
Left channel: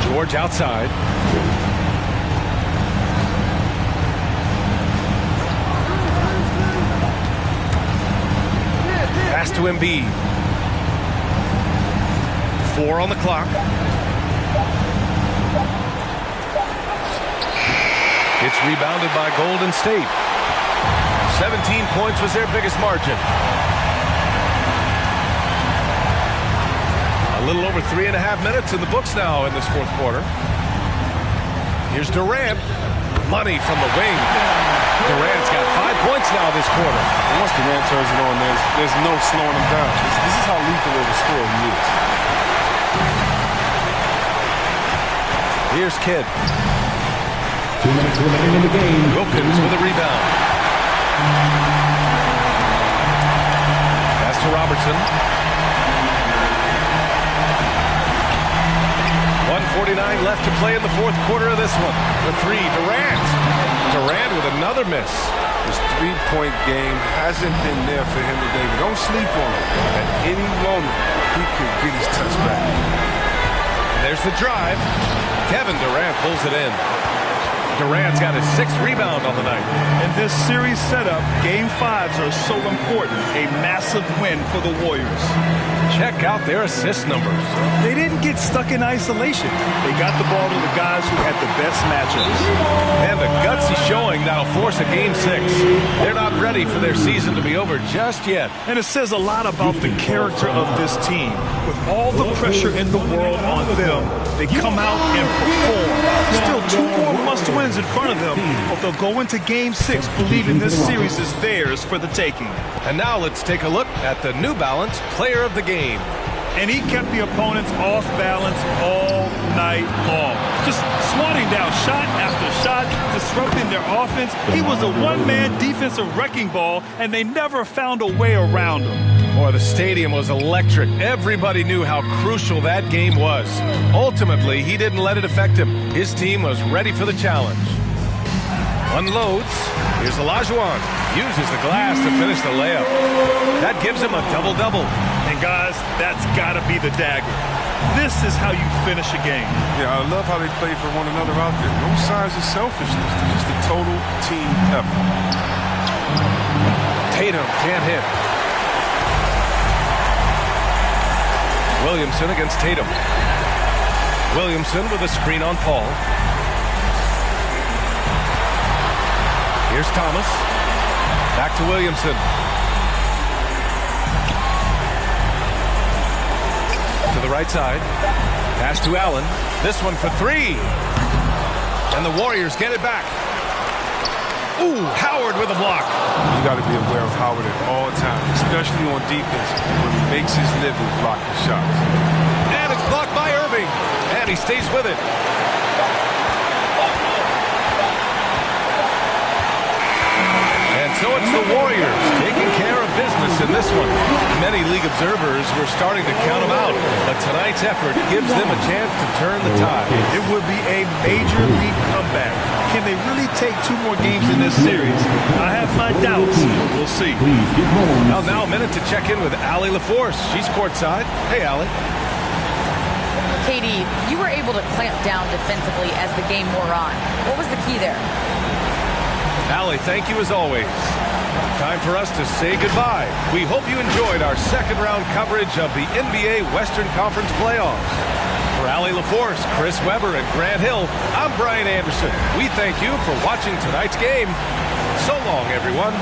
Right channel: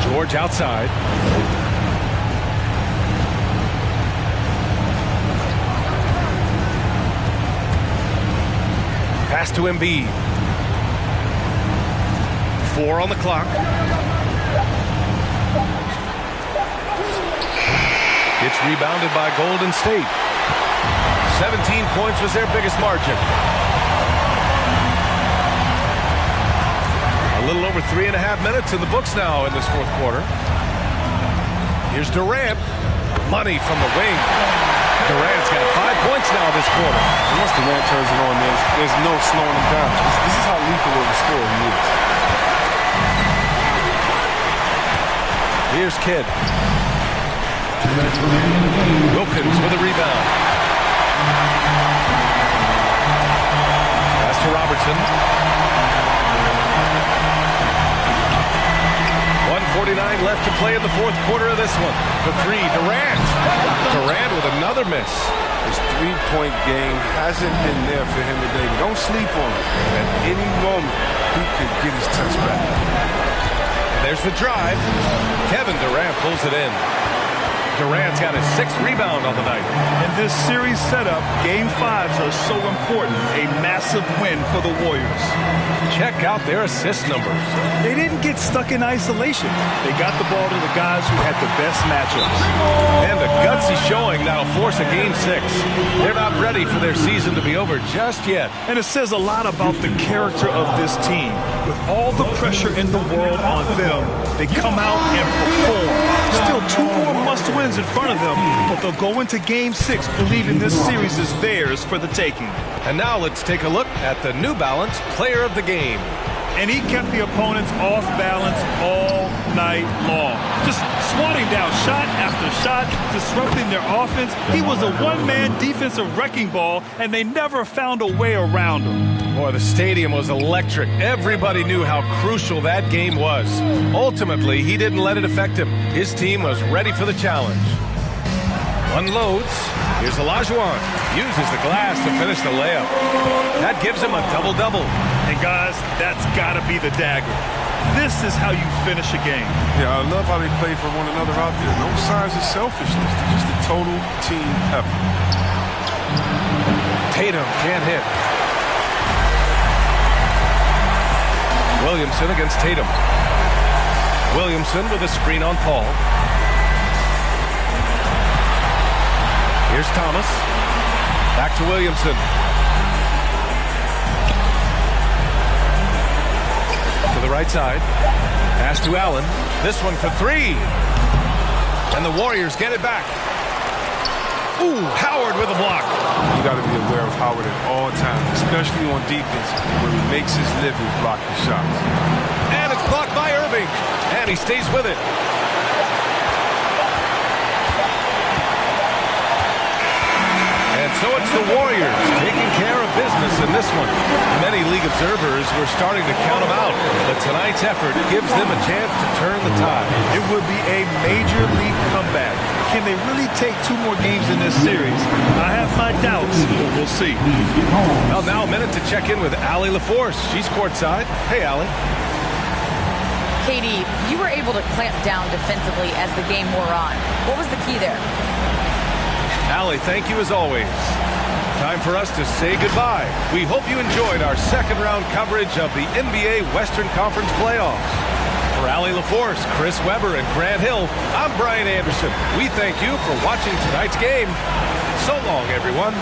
George outside. Pass to Embiid. 4 on the clock. It's rebounded by Golden State. 17 points was their biggest margin. A little over 3.5 minutes in the books now in this fourth quarter. Here's Durant. Money from the wing. Durant's got 5 points now this quarter. And once Durant turns it on, there's no slowing him down. This is how lethal of a scorer he is. Here's Kidd. 2 minutes remaining in the game. Wilkins with a rebound. Pass to Robertson. 1:49 left to play in the fourth quarter of this one. The 3, Durant. Durant with another miss. His three-point game hasn't been there for him today, but don't sleep on him. At any moment, he could get his touch back. And there's the drive. Kevin Durant pulls it in. Durant's got his 6th rebound on the night. In this series setup, Game 5s are so important. A massive win for the Warriors. Check out their assist numbers. They didn't get stuck in isolation. They got the ball to the guys who had the best matchups. And a gutsy showing that'll force a Game 6. They're not ready for their season to be over just yet. And it says a lot about the character of this team. With all the pressure in the world on them, they come out and perform. Still 2 more must-wins in front of them, but they'll go into Game 6 believing this series is theirs for the taking. And now let's take a look at the New Balance Player of the Game. And he kept the opponents off balance all night long. Just swatting down shot after shot, disrupting their offense. He was a one-man defensive wrecking ball, and they never found a way around him. Boy, the stadium was electric. Everybody knew how crucial that game was. Ultimately, he didn't let it affect him. His team was ready for the challenge. Unloads. Here's Olajuwon. Uses the glass to finish the layup. That gives him a double-double. And guys, that's got to be the dagger. This is how you finish a game. Yeah, I love how they play for one another out there. No signs of selfishness. Just a total team effort. Tatum can't hit. Williamson against Tatum. Williamson with a screen on Paul. Here's Thomas. Back to Williamson. To the right side. Pass to Allen. This one for 3. And the Warriors get it back. Ooh, Howard with a block. You got to be aware of Howard at all times, especially on defense, where he makes his living blocking shots. And it's blocked by Irving. And he stays with it. And so it's the Warriors taking care of business in this one. Many league observers were starting to count them out, but tonight's effort gives them a chance to turn the tide. It would be a major league comeback. Can they really take 2 more games in this series? I have my doubts, but we'll see. Well, now a minute to check in with Allie LaForce. She's courtside. Hey, Allie. Katie, you were able to clamp down defensively as the game wore on. What was the key there? Allie, thank you as always. Time for us to say goodbye. We hope you enjoyed our second-round coverage of the NBA Western Conference playoffs. For Allie LaForce, Chris Webber, and Grant Hill, I'm Brian Anderson. We thank you for watching tonight's game. So long, everyone.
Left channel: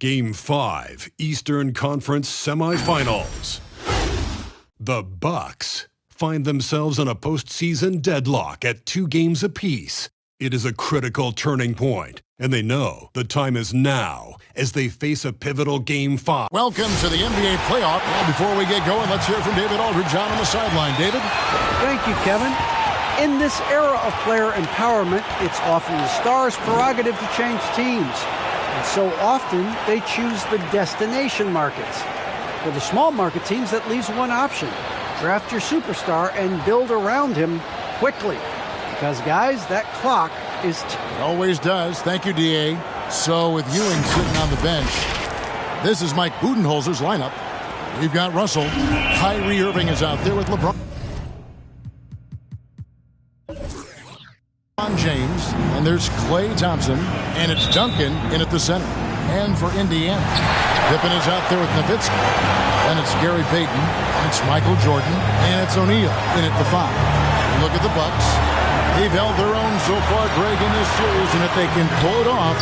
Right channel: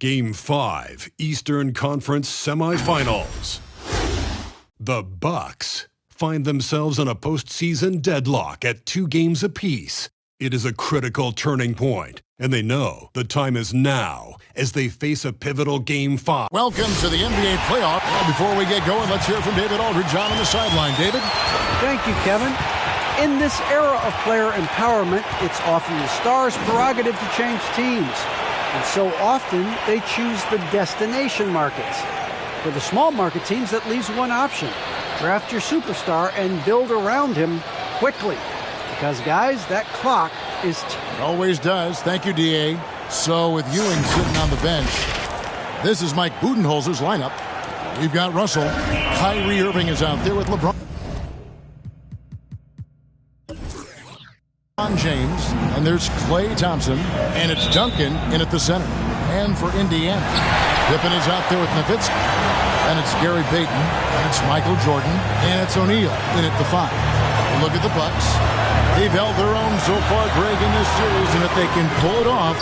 Game 5, Eastern Conference Semifinals. The Bucks find themselves in a postseason deadlock at 2 games apiece. It is a critical turning point, and they know the time is now as they face a pivotal Game 5. Welcome to the NBA playoff. Well, before we get going, let's hear from David Aldridge on the sideline. David? Thank you, Kevin. In this era of player empowerment, it's often the star's prerogative to change teams. And so often, they choose the destination markets. For the small market teams, that leaves one option. Draft your superstar and build around him quickly. Because, guys, that clock is... It always does. Thank you, D.A. So, with Ewing sitting on the bench, this is Mike Budenholzer's lineup. We've got Russell. Kyrie Irving is out there with LeBron James. And there's Klay Thompson. And it's Duncan in at the center. And for Indiana, Pippen is out there with Nowitzki. And it's Gary Payton. And it's Michael Jordan. And it's O'Neal in at the 5. Look at the Bucks. They've held their own so far, Greg, in this series. And if they can pull it off,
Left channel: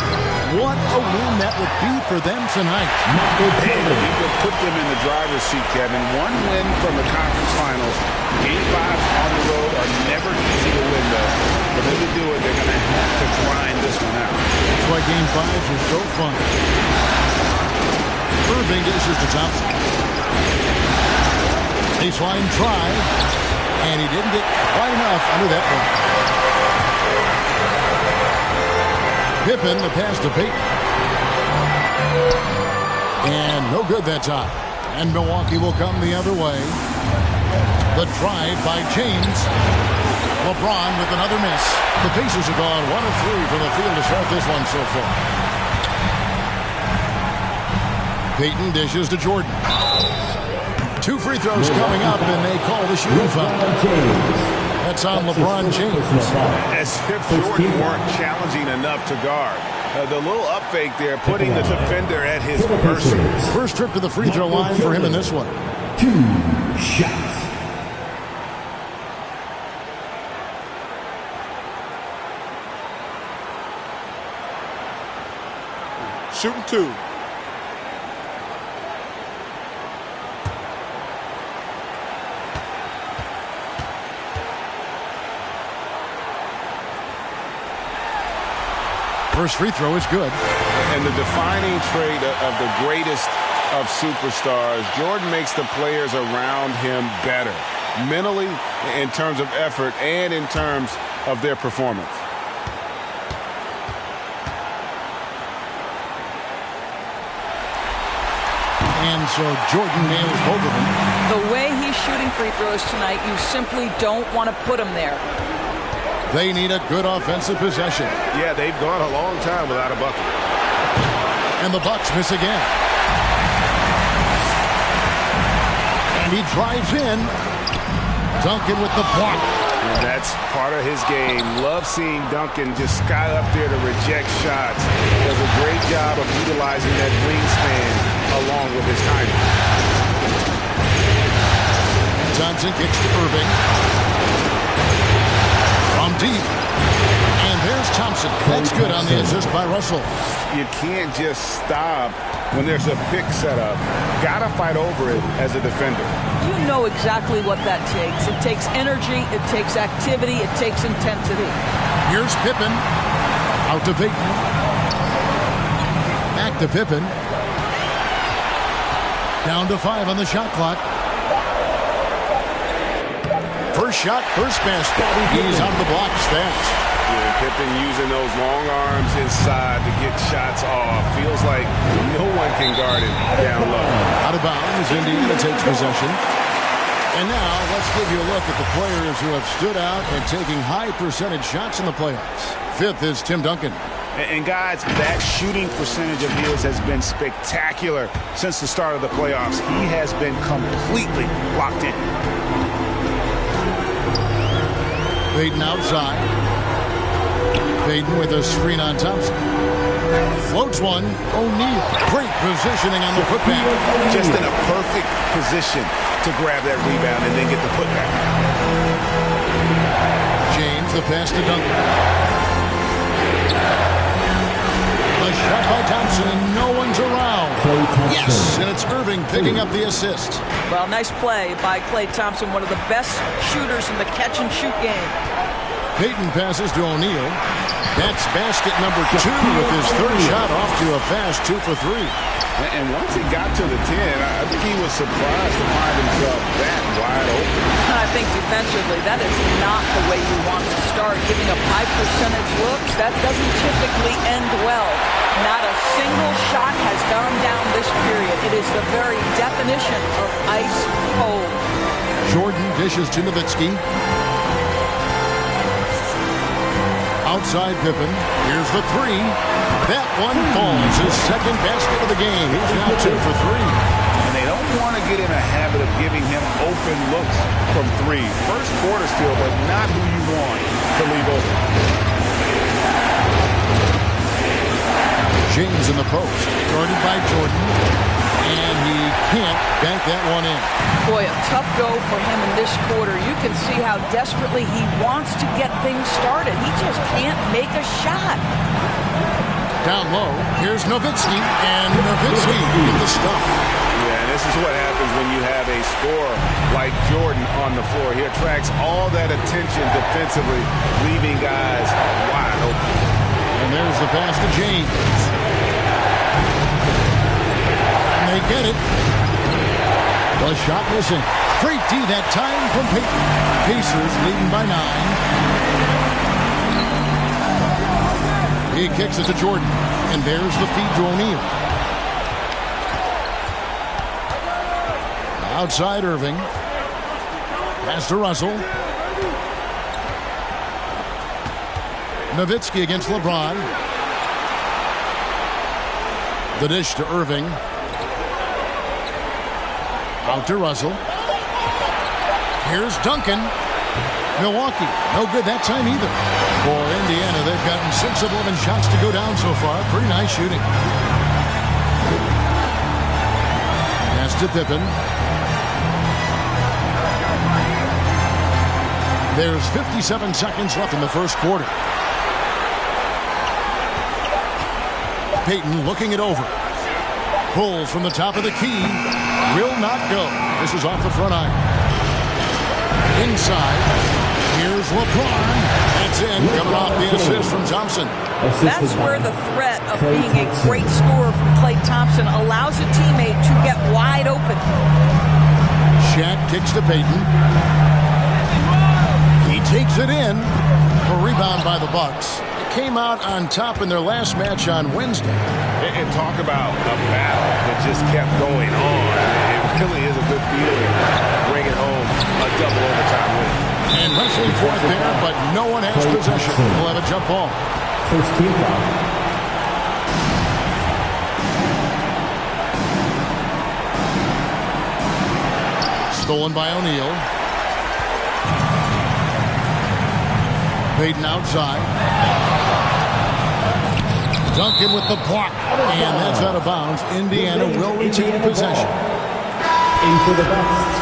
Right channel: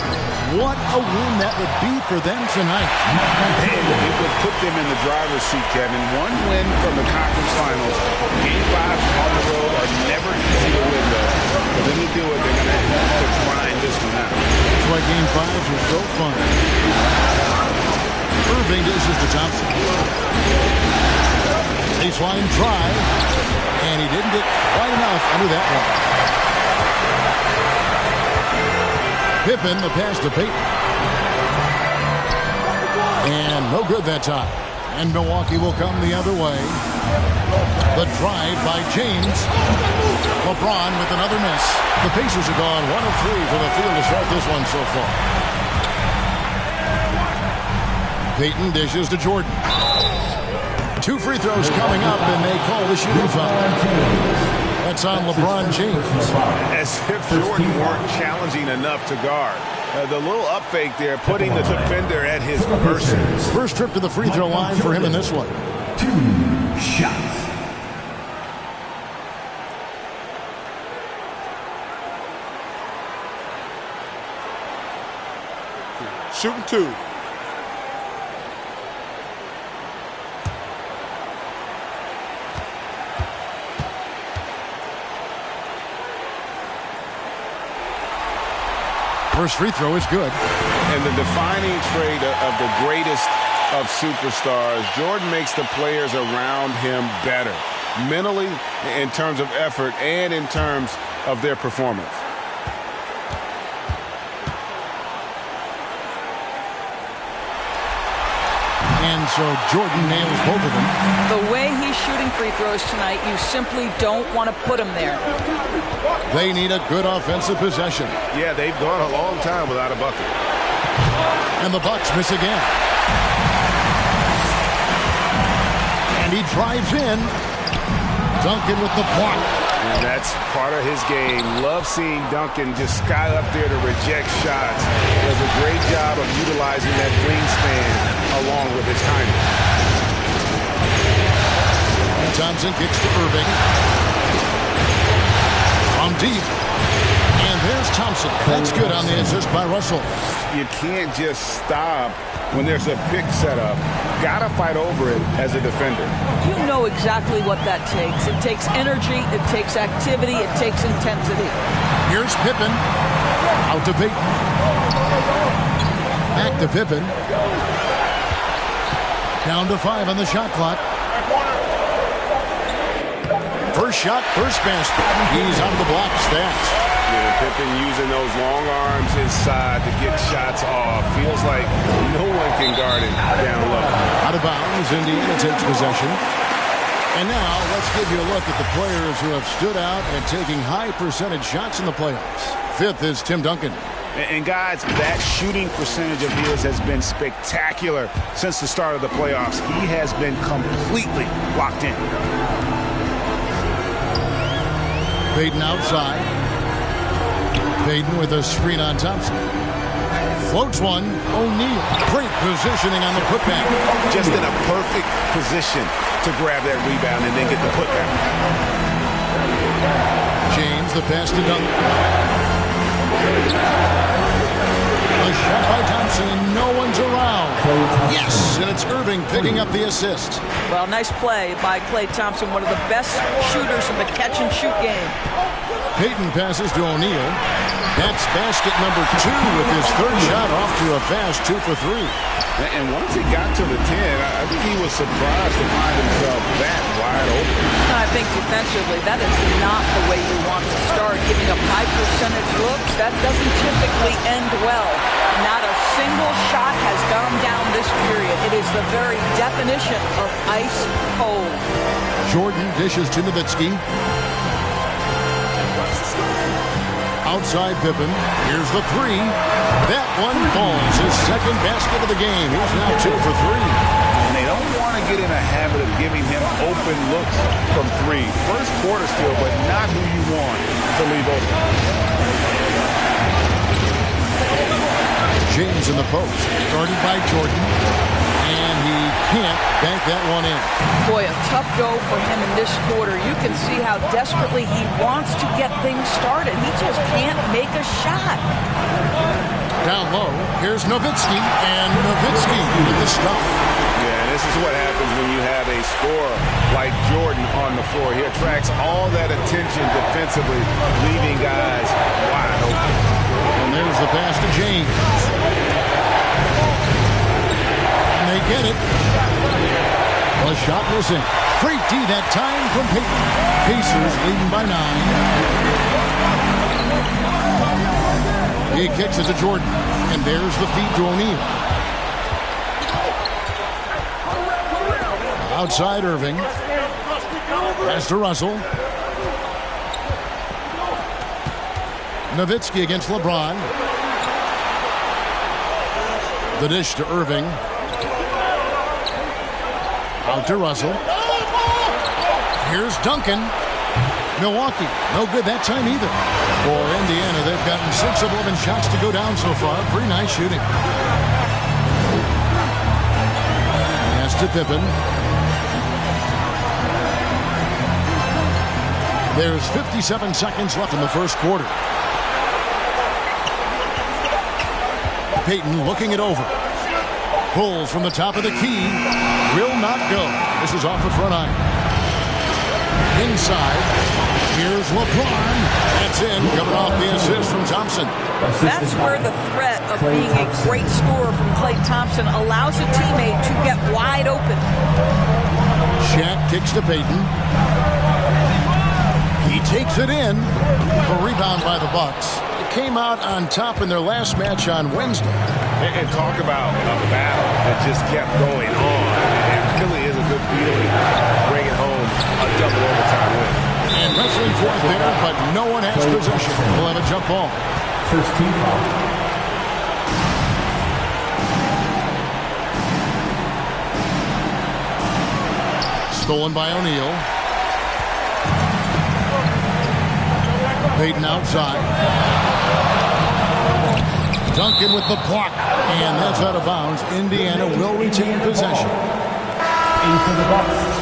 what a win that would be for them tonight. And it would put them in the driver's seat, Kevin. One win from the conference finals. Game 5 on the road are never easy to win, though. For them to do it, they're going to have to grind this one out. That's why Game 5s are so fun. Irving dishes to Thompson. Baseline try. And he didn't get quite enough under that one. Pippen, the pass to Payton. And no good that time. And Milwaukee will come the other way. The drive by James. LeBron with another miss. The Pacers are gone 1 of 3 from the field to start this one so far. Payton dishes to Jordan. 2 free throws coming up, and they call the shooting foul. That's on LeBron James. As if Jordan weren't challenging enough to guard. The little up fake there, putting the defender at his mercy. First trip to the free throw line for him in this one. 2 shots. Shooting 2. First free throw is good. And the defining trait of the greatest of superstars, Jordan makes the players around him better. Mentally, in terms of effort, and in terms of their performance. And so Jordan nails both of them. The way he's shooting free throws tonight, you simply don't want to put him there. They need a good offensive possession. Yeah, they've gone a long time without a bucket. And the Bucks miss again. And he drives in. Duncan with the block. And that's part of his game. Love seeing Duncan just sky up there to reject shots. Does a great job of utilizing that wingspan along with his timing. And Thompson kicks to Irving. From deep. And there's Thompson. That's good on the assist by Russell. You can't just stop when there's a pick set up. Gotta fight over it as a defender. You know exactly what that takes. It takes energy, it takes activity, it takes intensity. Here's Pippen. Out to Payton. Back to Pippen. Down to 5 on the shot clock. First shot, first basket. He's on the blocks. That's. Yeah, Pippen using those long arms inside to get shots off. Feels like no one can guard it down low. Out of bounds. Indiana takes possession. And now let's give you a look at the players who have stood out and taking high percentage shots in the playoffs. 5th is Tim Duncan. And guys, that shooting percentage of his has been spectacular since the start of the playoffs. He has been completely locked in. Payton outside. Payton with a screen on Thompson. Floats one. O'Neal. Great positioning on the putback. Just in a perfect position to grab that rebound and then get the putback. James, the pass to Duncan. A shot by Thompson, and no one's around. Yes, and it's Irving picking up the assist. Well, nice play by Klay Thompson, one of the best shooters in the catch-and-shoot game. Payton passes to O'Neal. That's basket number 2 with his 3rd shot off to a fast 2 for 3. And once he got to the 10, I think he was surprised to find himself that wide open. I I think defensively, that is not the way you want to start. Giving up high percentage looks, that doesn't typically end well. Not a single shot has gone down this period. It is the very definition of ice cold. Jordan dishes to Nowitzki. Outside Pippen. Here's the three. That one falls. His second basket of the game. He's now 2 for 3. And they don't want to get in a habit of giving him open looks from 3. First quarter still, but not who you want to leave open. James in the post. Guarded by Jordan. And he can't bank that one in. Boy, a tough go for him in this quarter. You can see how desperately he wants to get things started. He just can't make a shot. Down low, here's Nowitzki, and Nowitzki with the stuff. Yeah, and this is what happens when you have a scorer like Jordan on the floor. He attracts all that attention defensively, leaving guys wide open. And there's the pass to James. They get it. The shot missing. Great D that time from Payton. Pacers leading by 9. He kicks it to Jordan. And there's the feed to O'Neal. Outside Irving. Pass to Russell. Nowitzki against LeBron. The dish to Irving. Out to Russell. Here's Duncan. Milwaukee, no good that time either. For Indiana, they've gotten 6 of 11 shots to go down so far. Pretty nice shooting. Pass to Pippen. There's 57 seconds left in the first quarter. Payton looking it over. Pulls from the top of the key. Will not go. This is off the front iron. Inside. Here's LeBron. That's in. Coming off the assist from Thompson. That's where the threat of being a great scorer from Klay Thompson allows a teammate to get wide open. Shaq kicks to Payton. He takes it in. A rebound by the Bucks. It came out on top in their last match on Wednesday. And talk about a battle that just kept going on. It really is a good feeling bringing home a double overtime win. And wrestling for it there, but no one has possession. We'll have a jump ball. First team foul. Stolen by O'Neal. Payton outside. Duncan with the block. And that's out of bounds. Indiana will retain possession. 8 for the Bucks.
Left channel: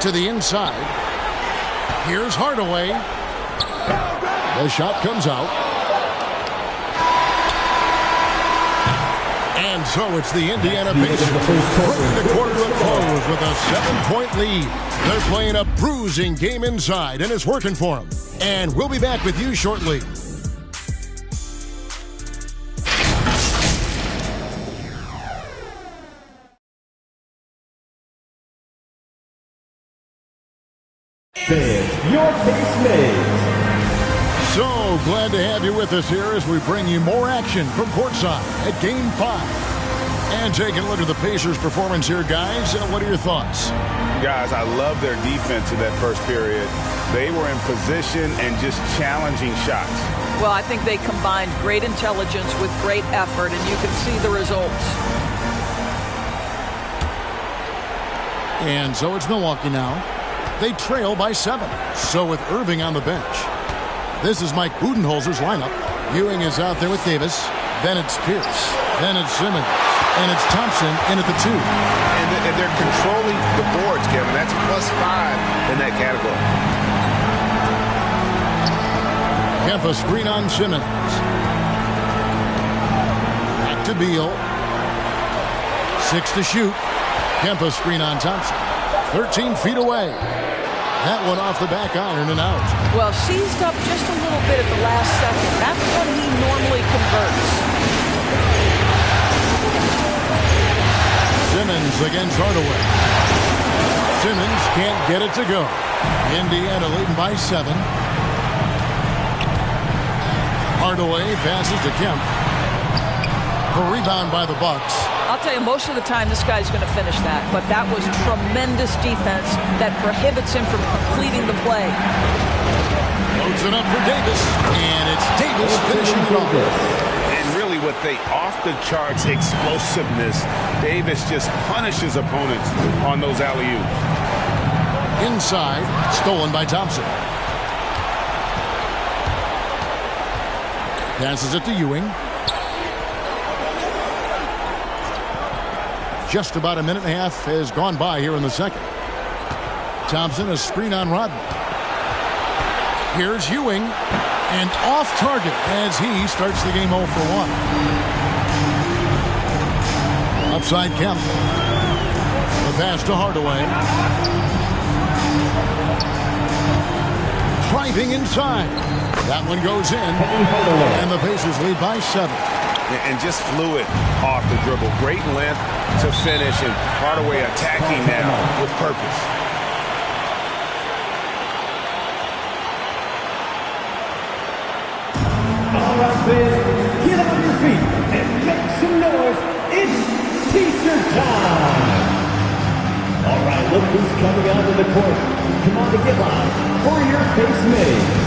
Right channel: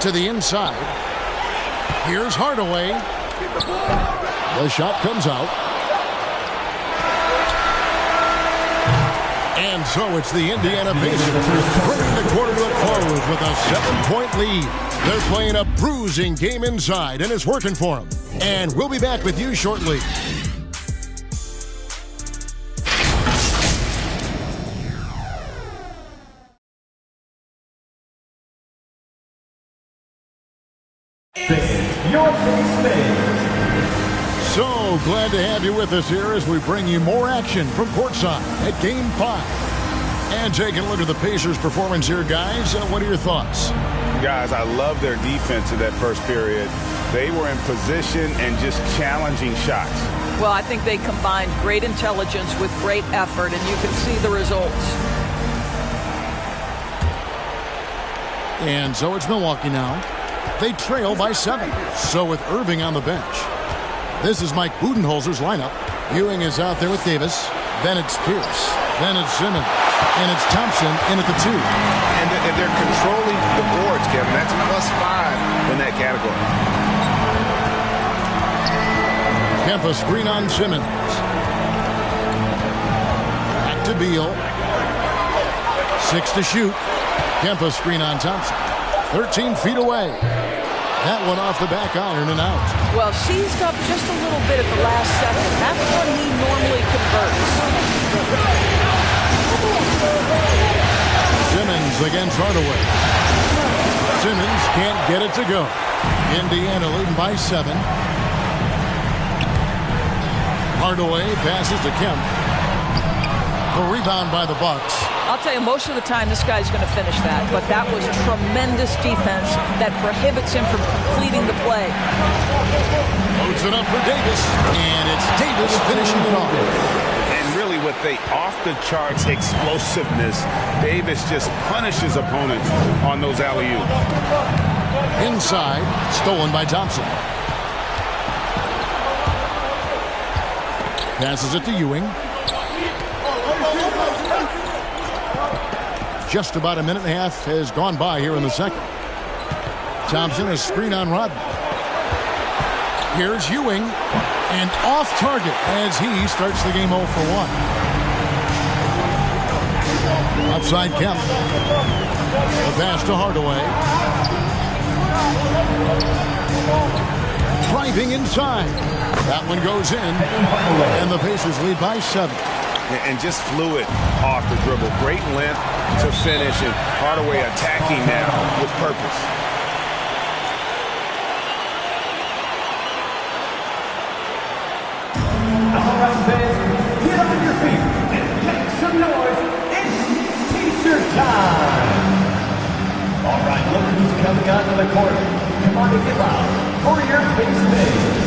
To the inside. Here's Hardaway. The shot comes out. And so it's the Indiana Pacers bringing the quarter to a close with a 7-point lead. They're playing a bruising game inside, and it's working for them. And we'll be back with you shortly. Fans, your basement. So glad to have you with us here as we bring you more action from courtside at Game 5. And taking a look at the Pacers' performance here, guys. What are your thoughts? Guys, I love their defense in that first period. They were in position and just challenging shots. Well, I think they combined great intelligence with great effort, and you can see the results. And so it's Milwaukee now. They trail by 7. So with Irving on the bench. This is Mike Budenholzer's lineup. Ewing is out there with Davis. Then it's Pierce. Then it's Simmons. And it's Thompson in at the 2. And they're controlling the boards, Kevin. That's +5 in that category. Kempa screen on Simmons. Back to Beal. 6 to shoot. Kempa screen on Thompson. 13 feet away. That one off the back iron and out. Well, seized up just a little bit at the last second. That's when he normally converts. Simmons against Hardaway. Simmons can't get it to go. Indiana leading by 7. Hardaway passes to Kemp. The rebound by the Bucks. I'll tell you, most of the time this guy's going to finish that, but that was tremendous defense that prohibits him from completing the play. Loads it up for Davis, and it's Davis finishing it off. And really with the off-the-charts explosiveness, Davis just punishes opponents on those alley-oops. Inside, stolen by Thompson. Passes it to Ewing. Just about a minute and a half has gone by here in the second. Thompson, a screen on Rodman. Here's Ewing, and off target as he starts the game 0 for 1. Upside Kemp. The pass to Hardaway. Driving inside. That one goes in, and the Pacers lead by 7. And just fluid off the dribble. Great length to finish, and Hardaway attacking now with purpose. All right, fans, get on your feet and make some noise. It's T-shirt time. All right, look who's coming onto the court. Come on to get loud for your face mates.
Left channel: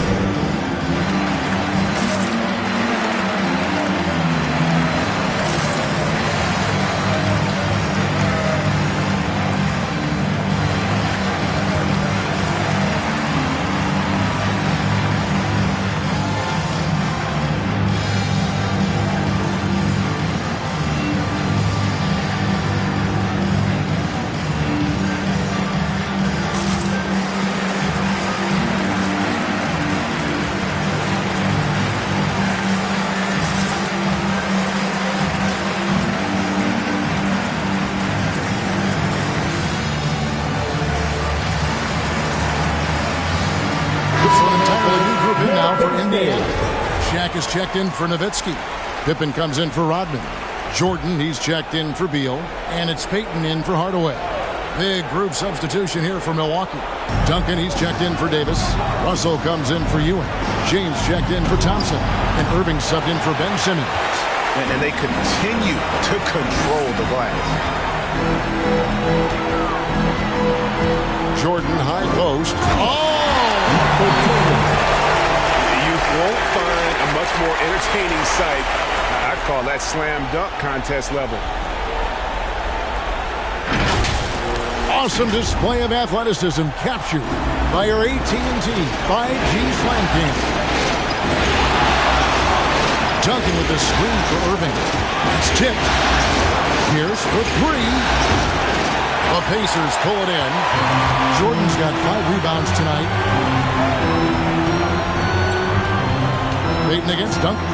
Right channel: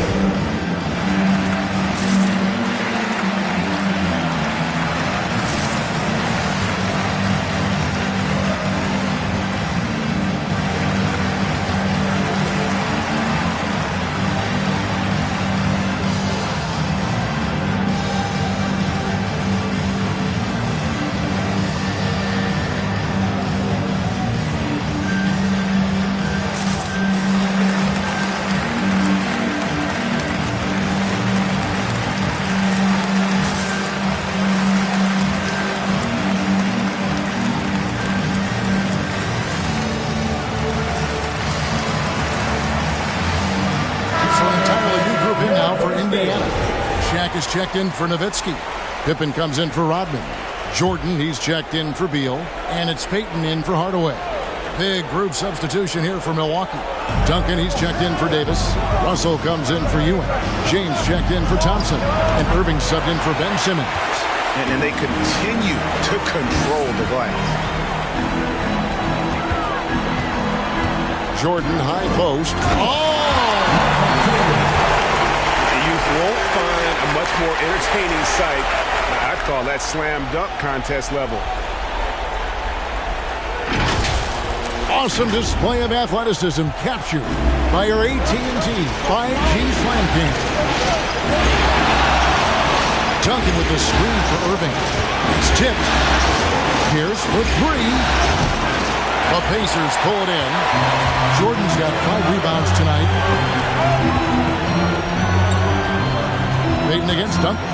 Indiana. Shaq is checked in for Nowitzki. Pippen comes in for Rodman. Jordan, he's checked in for Beal. And it's Payton in for Hardaway. Big group substitution here for Milwaukee. Duncan, he's checked in for Davis. Russell comes in for Ewing. James checked in for Thompson. And Irving subbed in for Ben Simmons. And they continue to control the glass. Jordan, high post. Oh! Won't find a much more entertaining sight. I'd call that slam dunk contest level. Awesome display of athleticism captured by your AT&T 5G Slam Cam. Duncan with the screen for Irving. It's tipped. Pierce for 3. The Pacers pull it in. Jordan's got 5 rebounds tonight. Payton against Duncan.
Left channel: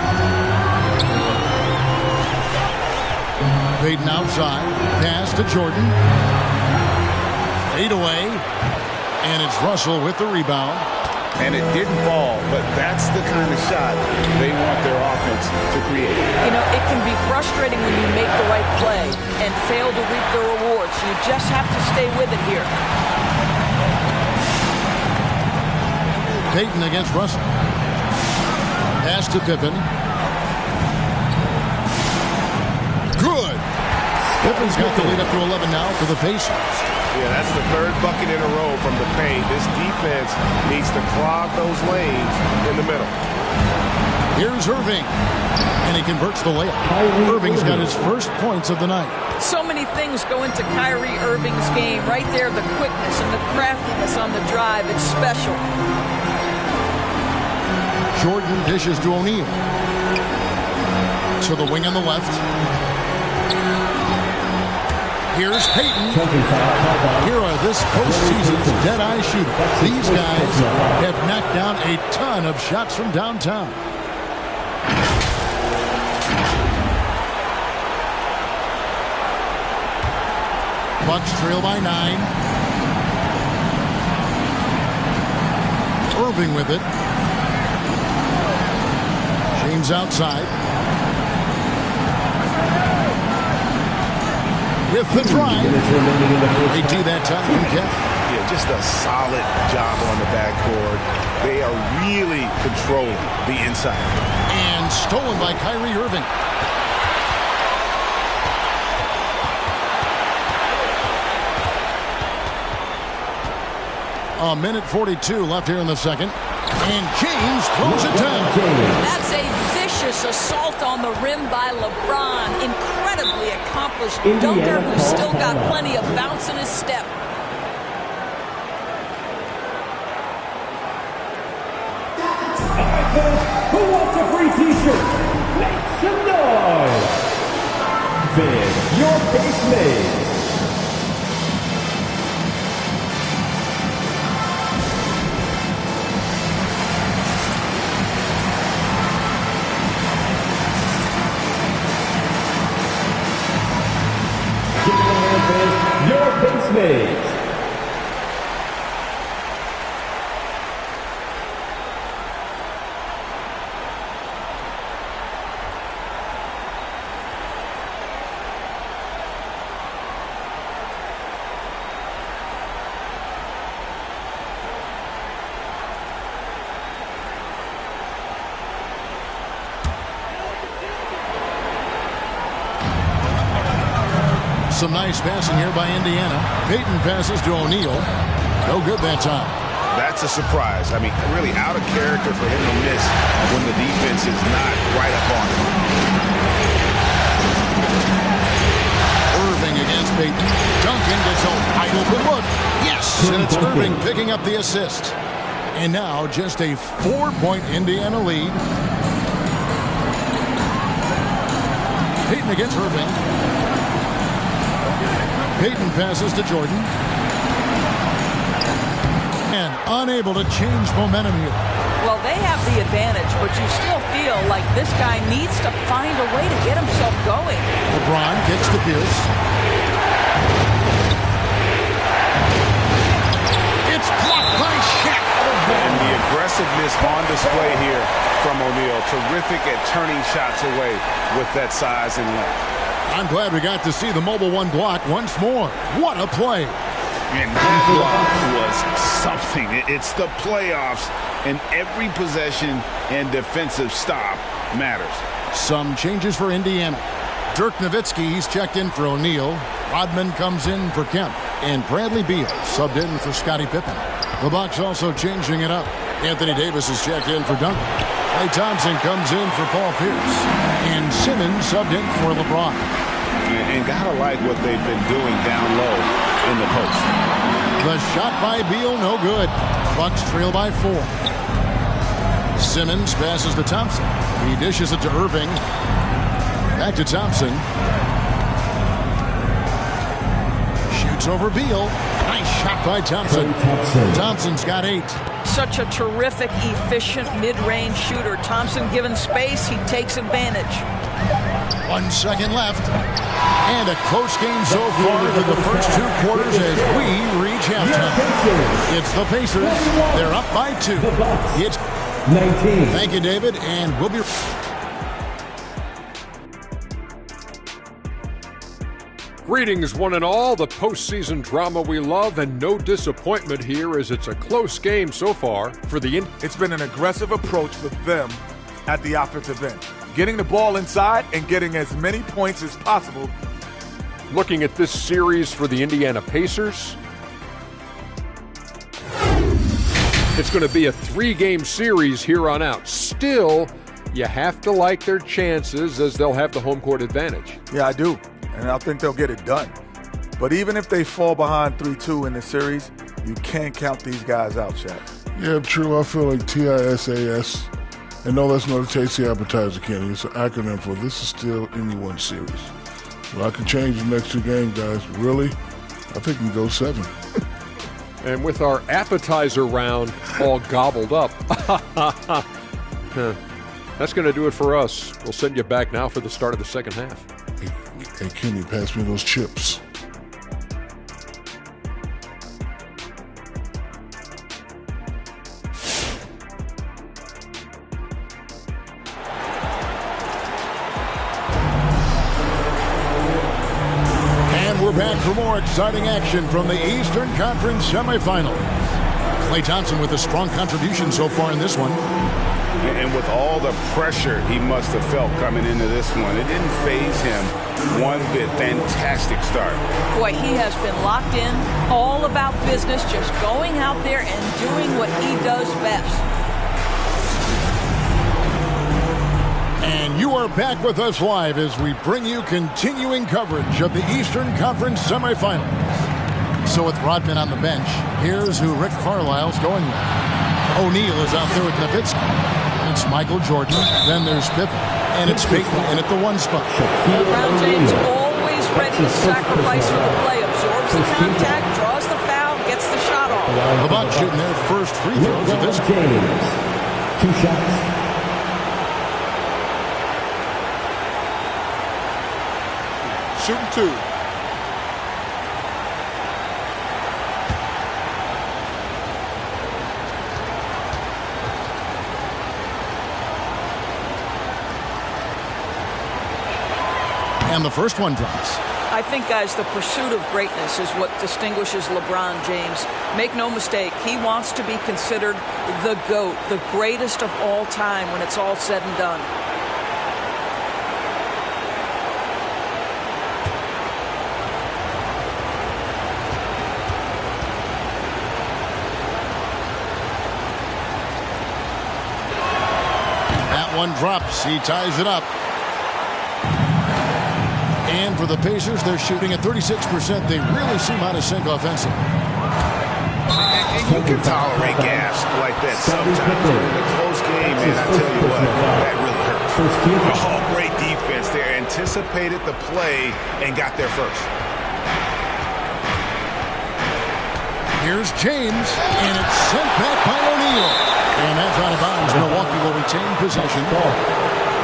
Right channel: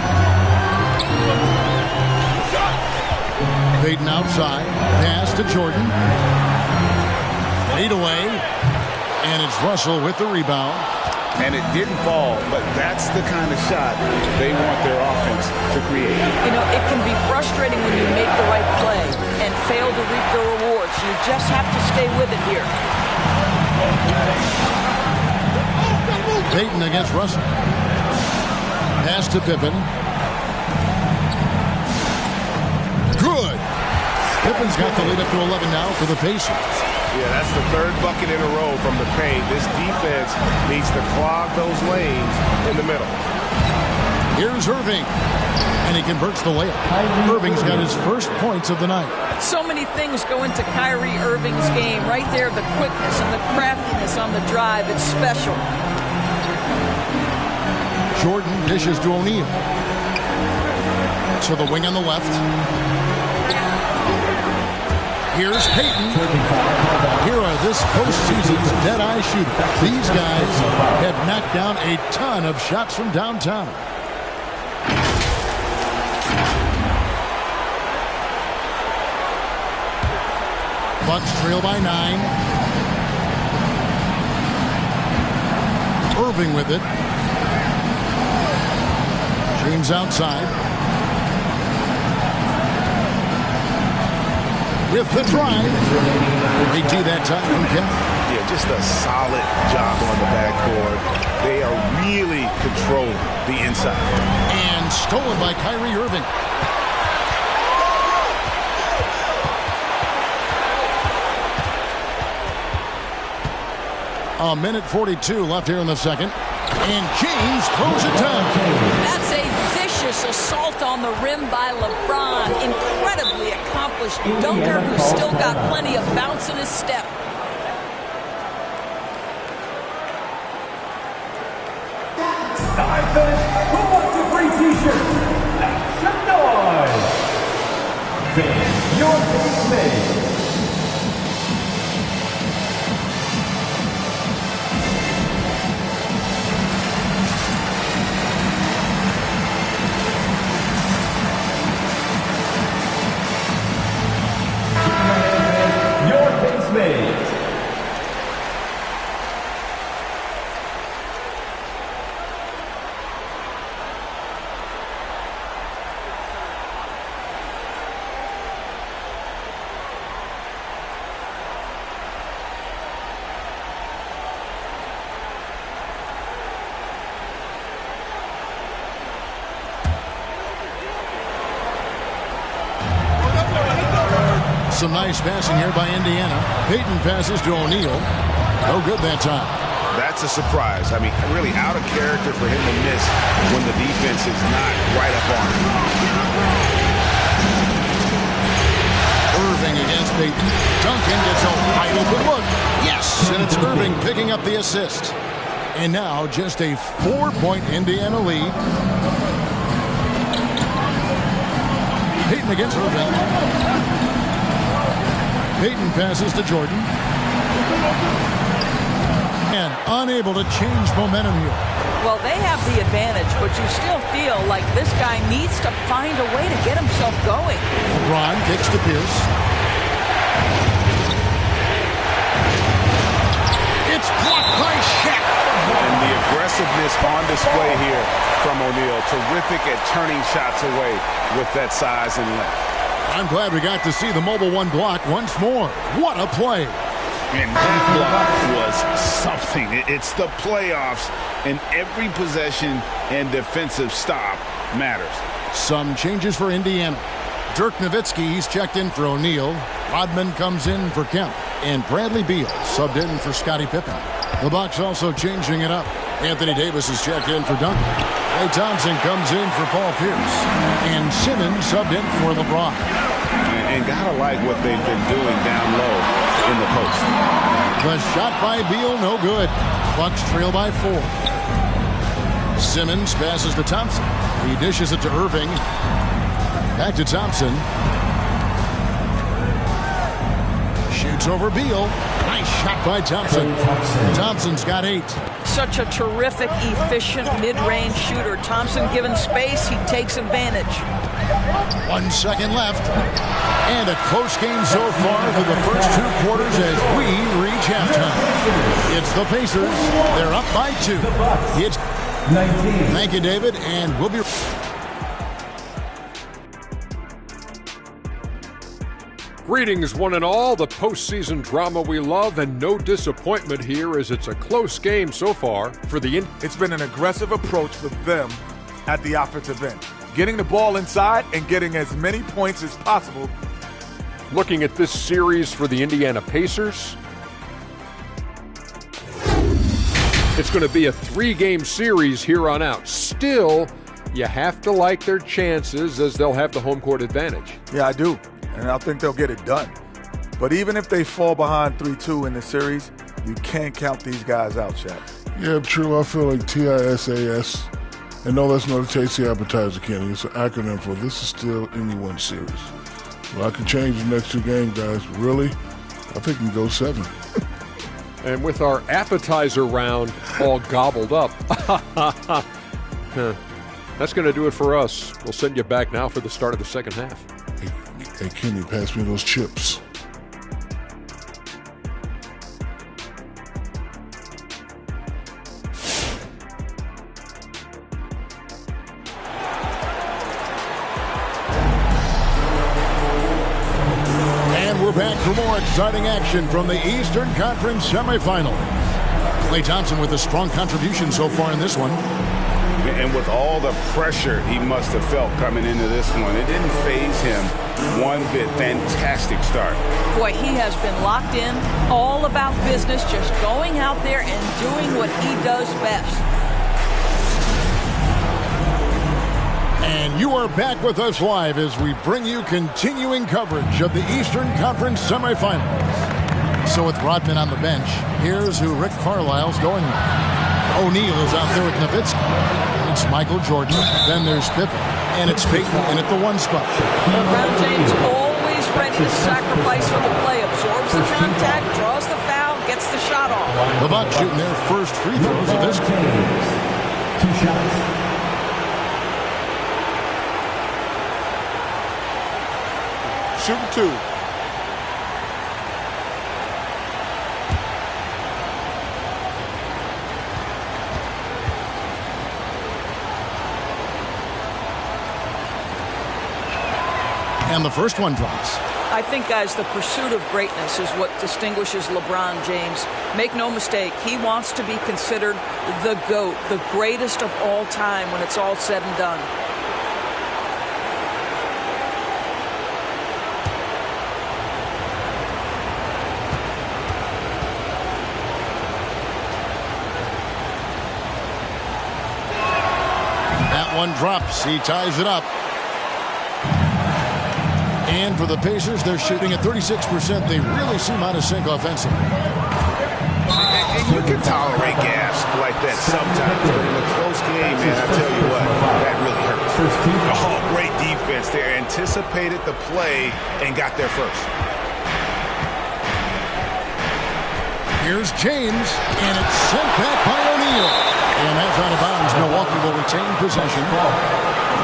Payton outside. Pass to Jordan. Fade away. And it's Russell with the rebound. And it didn't fall, but that's the kind of shot they want their offense to create. You know, it can be frustrating when you make the right play and fail to reap the rewards. You just have to stay with it here. Payton against Russell. Pass to Pippen. Good. Pippen's got the lead up to 11 now for the Pacers. Yeah, that's the 3rd bucket in a row from the paint. This defense needs to clog those lanes in the middle. Here's Irving. And he converts the layup. Irving's got his first points of the night. So many things go into Kyrie Irving's game. Right there, the quickness and the craftiness on the drive. It's special. Jordan dishes to O'Neal. To the wing on the left. Here's Payton. Here are this postseason's dead-eye shooters. These guys have knocked down a ton of shots from downtown. Bucks trail by 9. Irving with it. James outside. With the drive. Great D that time from Kemp. Yeah, just a solid job on the backboard. They are really controlling the inside. And stolen by Kyrie Irving. A minute 42 left here in the second. And James throws it down. That's a vicious assault on the rim by LeBron. Incredibly accomplished dunker who's still got plenty of bounce in his step. Who wants a free t-shirt? Make some noise. Finish your base made. Your base made. Some nice passing here by Indiana. Payton passes to O'Neal. No good that time. That's a surprise. I mean, really out of character for him to miss when the defense is not right up on him. Irving against Payton. Duncan gets a wide open look. Yes, and it's Irving picking up the assist. And now just a 4-point Indiana lead. Payton against Irving. Payton passes to Jordan. And unable to change momentum here. Well, they have the advantage, but you still feel like this guy needs to find a way to get himself going. LeBron kicks to Pierce. It's blocked by Shaq. And the aggressiveness on display here from O'Neal. Terrific at turning shots away with that size and length. I'm glad we got to see the Mobile One block once more. What a play. And that block was something. It's the playoffs, and every possession and defensive stop matters. Some changes for Indiana. Dirk Nowitzki, he's checked in for O'Neal. Rodman comes in for Kemp. And Bradley Beal subbed in for Scottie Pippen. The Bucks also changing it up. Anthony Davis is checked in for Duncan. Klay Thompson comes in for Paul Pierce. And Simmons subbed in for LeBron. And gotta like what they've been doing down low in the post. The shot by Beal, no good. Bucks trail by 4. Simmons passes to Thompson. He dishes it to Irving. Back to Thompson. Shoots over Beal. Nice shot by Thompson. Thompson's got 8. Such a terrific, efficient mid-range shooter. Thompson given space, he takes advantage. 1 second left. And a close game so far through the first 2 quarters as we reach halftime. It's the Pacers. They're up by 2. It's 19. Thank you, David, and we'll be... Greetings, one and all. The postseason drama we love, and no disappointment here as it's a close game so far for the... It's been an aggressive approach for them at the offensive end. Getting the ball inside and getting as many points as possible. Looking at this series for the Indiana Pacers, it's going to be a 3-game series here on out. Still, you have to like their chances as they'll have the home court advantage. Yeah, I do. And I think they'll get it done. But even if they fall behind 3-2 in the series, you can't count these guys out, Shaq. Yeah, true. I feel like TISAS. And no, that's not a tasty appetizer, Kenny. It's an acronym for this is still anyone series. Well, I can change the next 2 games, guys. Really? I think we can go 7. And with our appetizer round all gobbled up, that's going to do it for us. We'll send you back now for the start of the second half. Hey, Kenny, pass me those chips. And we're back for more exciting action from the Eastern Conference semifinals. Klay Thompson with a strong contribution so far in this one. And with all the pressure he must have felt coming into this one, it didn't faze him one bit. Fantastic start. Boy, he has been locked in, all about business, just going out there and doing what he does best. And you are back with us live as we bring you continuing coverage of the Eastern Conference semifinals. So with Rodman on the bench, here's who Rick Carlisle's going with. O'Neal is out there with Nowitzki. And it's Michael Jordan. Then there's Pippen. And it's Peyton in at the 1 spot. LeBron James always ready to sacrifice for the play. Absorbs the contact, draws the foul, gets the shot off. The Bucks shooting their first free throws of this game. 2 shots. Shooting 2. And the first one drops. I think, guys, the pursuit of greatness is what distinguishes LeBron James. Make no mistake, he wants to be considered the GOAT, the greatest of all time when it's all said and done. That one drops. He ties it up. And for the Pacers, they're shooting at 36%. They really seem out of sync offensively. And you can tolerate gas like that sometimes, but in a close game, man, I tell you what, that really hurts. Oh, great defense there. Anticipated the play and got there first. Here's James, and it's sent back by O'Neal. And that's out of bounds. Milwaukee will retain possession.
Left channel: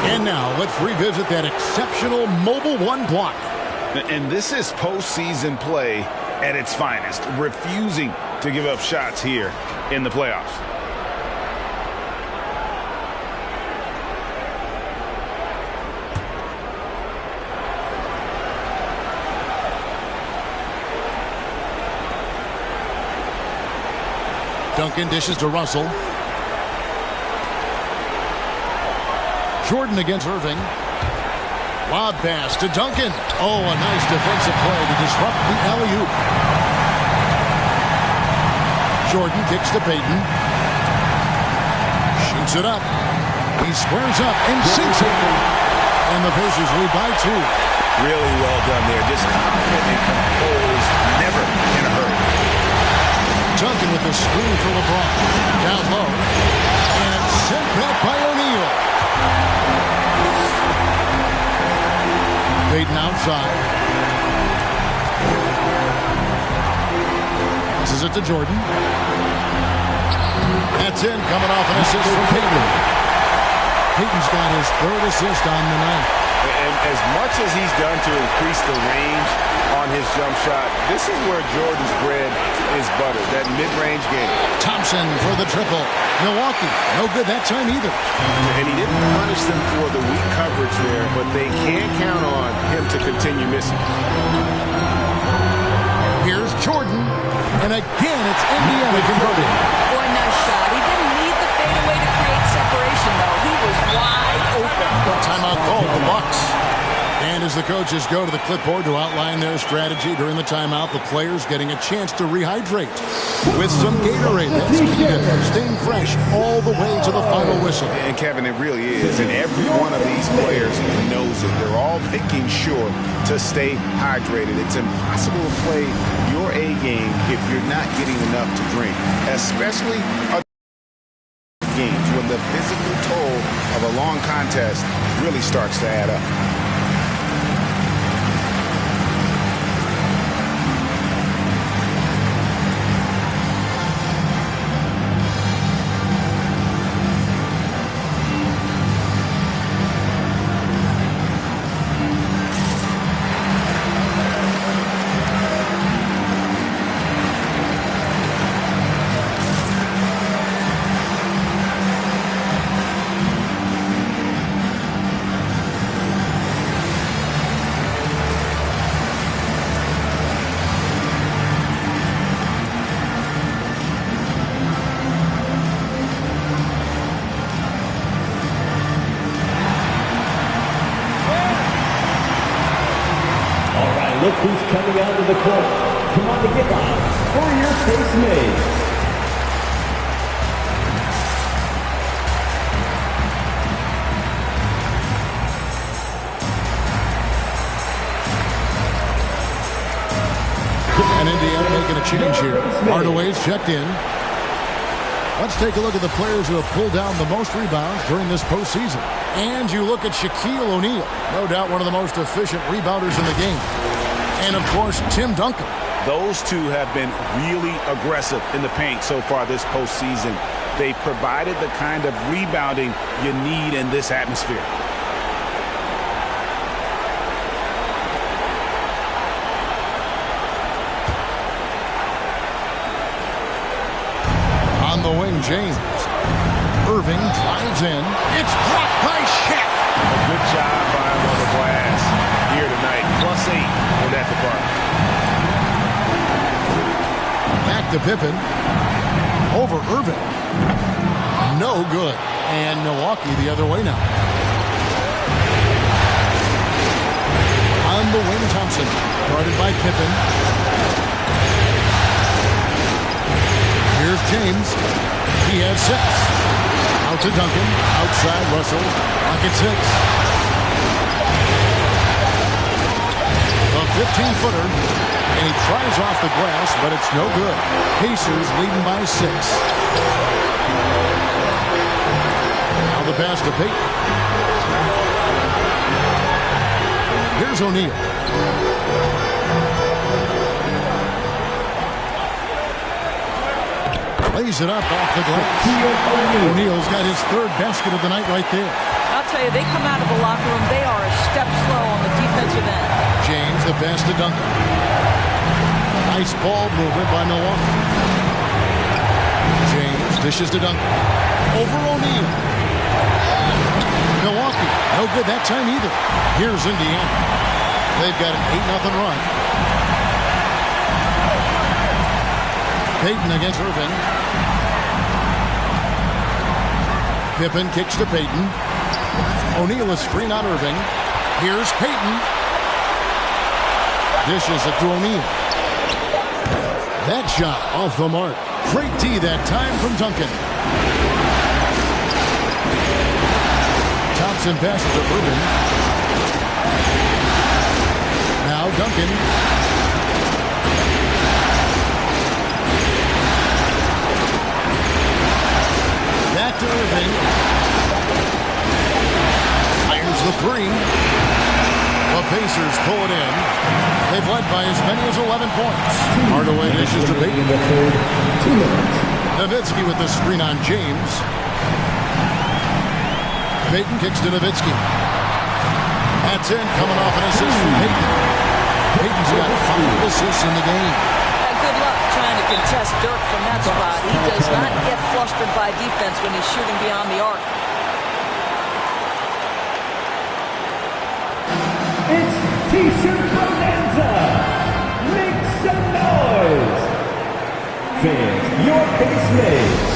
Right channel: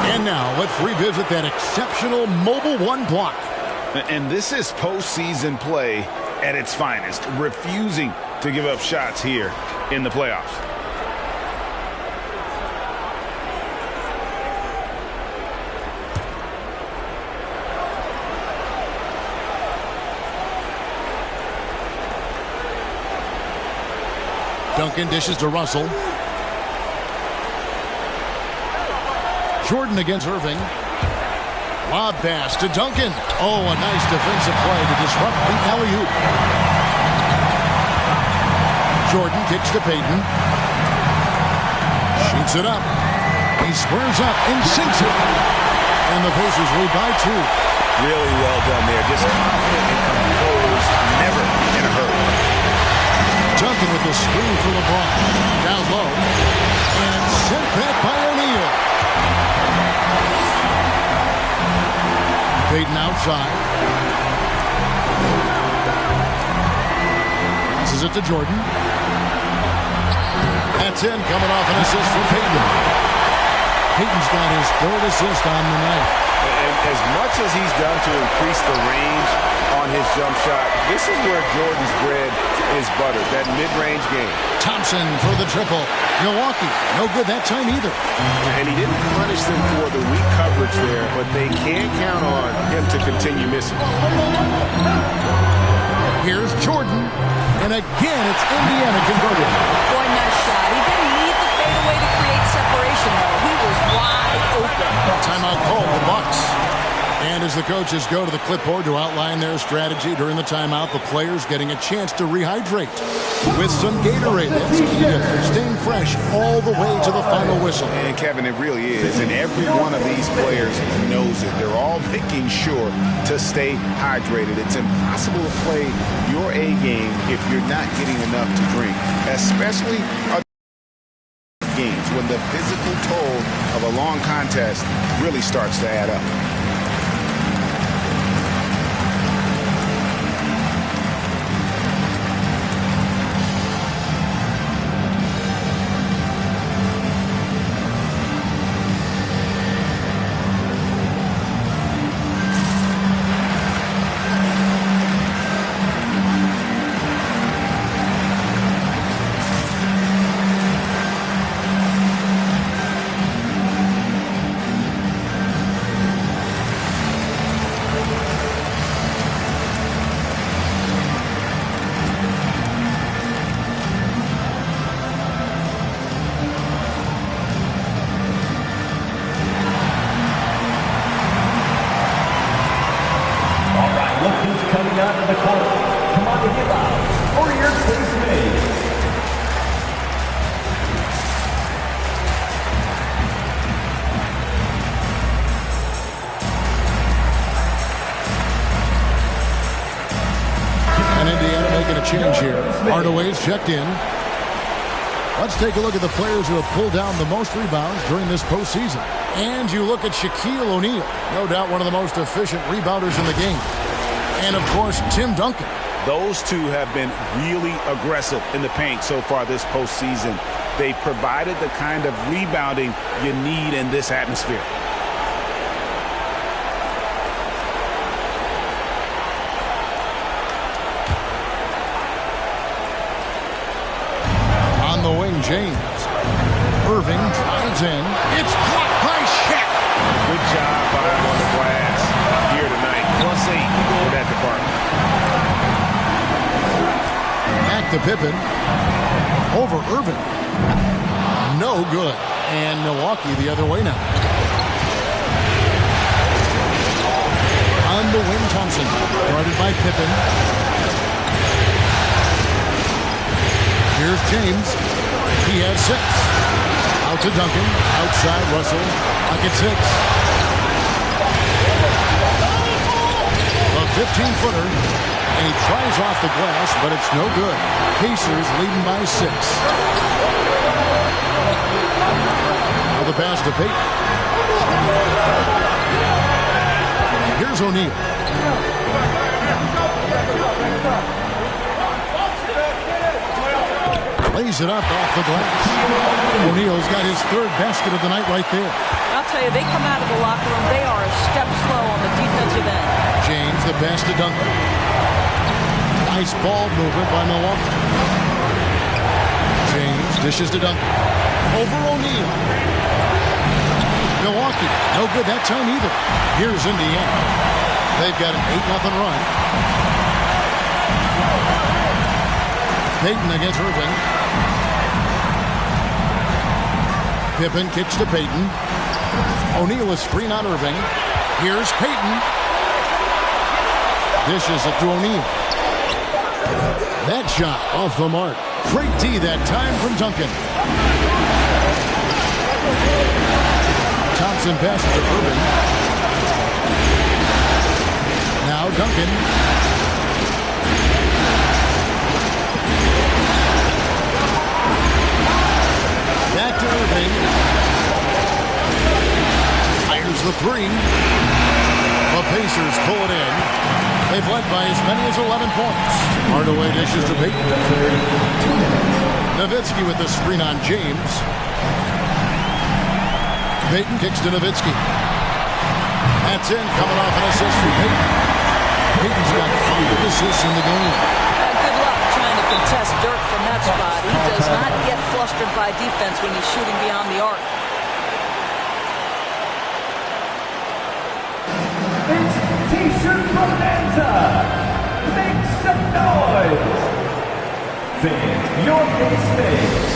And now let's revisit that exceptional Mobile One block. And this is postseason play at its finest, refusing to give up shots here in the playoffs. Duncan dishes to Russell. Jordan against Irving. Lob pass to Duncan. Oh, a nice defensive play to disrupt the alley-oop. Jordan kicks to Peyton. Shoots it up. He squares up and sinks it. And the Pacers lead by 2. Really well done there. Just confident and composed. Never in a hurry. Duncan with the screen for LeBron. Down low. And sent back by O'Neal. Peyton outside. Passes it to Jordan. That's in, coming off an assist from Peyton. Peyton's got his 3rd assist on the night. And as much as he's done to increase the range on his jump shot, this is where Jordan's bread is buttered, that mid-range game. Thompson for the triple. Milwaukee, no good that time either. And he didn't punish them for the weak coverage there, but they can't count on him to continue missing. Here's Jordan, and again it's Indiana converting. Boy, nice shot. He didn't need the fadeaway to create separation, though. He was wide open. Timeout called, the Bucks. And as the coaches go to the clipboard to outline their strategy during the timeout, the players getting a chance to rehydrate with some Gatorade. That's key to staying fresh all the way to the final whistle. And Kevin, it really is. And every one of these players knows it. They're all making sure to stay hydrated. It's impossible to play your A game if you're not getting enough to drink, especially games when the physical toll of a long contest really starts to add up. right, look who's coming onto the court. Come on to get loud for your face mates. And Indiana making a change here. Hardaway's checked in. Let's take a look at the players who have pulled down the most rebounds during this postseason. And you look at Shaquille O'Neal, no doubt one of the most efficient rebounders in the game. And, of course, Tim Duncan. Those two have been really aggressive in the paint so far this postseason. They've provided the kind of rebounding you need in this atmosphere. On the wing, James. Irving drives in. It's blocked by Shaq. A good job by him on the glass here tonight. +8 in that department. Back to Pippen. Over Irving. No good. And Milwaukee the other way now. On the wing, Thompson. Guarded by Pippen. Here's James. He has 6. Out to Duncan. Outside Russell. Pocket 6. A 15-footer. And he tries off the glass, but it's no good. Pacers leading by 6. Now the pass to Payton. Here's O'Neal. Lays it up off the glass. O'Neal's got his 3rd basket of the night right there. I'll tell you, they come out of the locker room, they are a step slow on the defensive end. James, the pass to Duncan. Nice ball movement by Milwaukee. James dishes to Duncan. Over O'Neal. Milwaukee, no good that time either. Here's Indiana. They've got an 8-0 run. Payton against Irving. Pippen kicks to Payton. O'Neal a screen on Irving. Here's Payton. Dishes it to O'Neal. That shot off the mark. Great D that time from Duncan. Thompson passes to Irving. Now Duncan. Back to Irving. Fires the 3. The Pacers pull it in. They've led by as many as 11 points. Hardaway dishes to Payton. 2 minutes. Nowitzki with the screen on James. Payton kicks to Nowitzki. That's in, coming off an assist from Payton. Payton's got 5 assists in the game. Good luck trying to contest Dirk from that spot. He does not get flustered by defense when he's shooting beyond the arc. It's T-shirt bonanza. Make some noise. Fans, your base mates.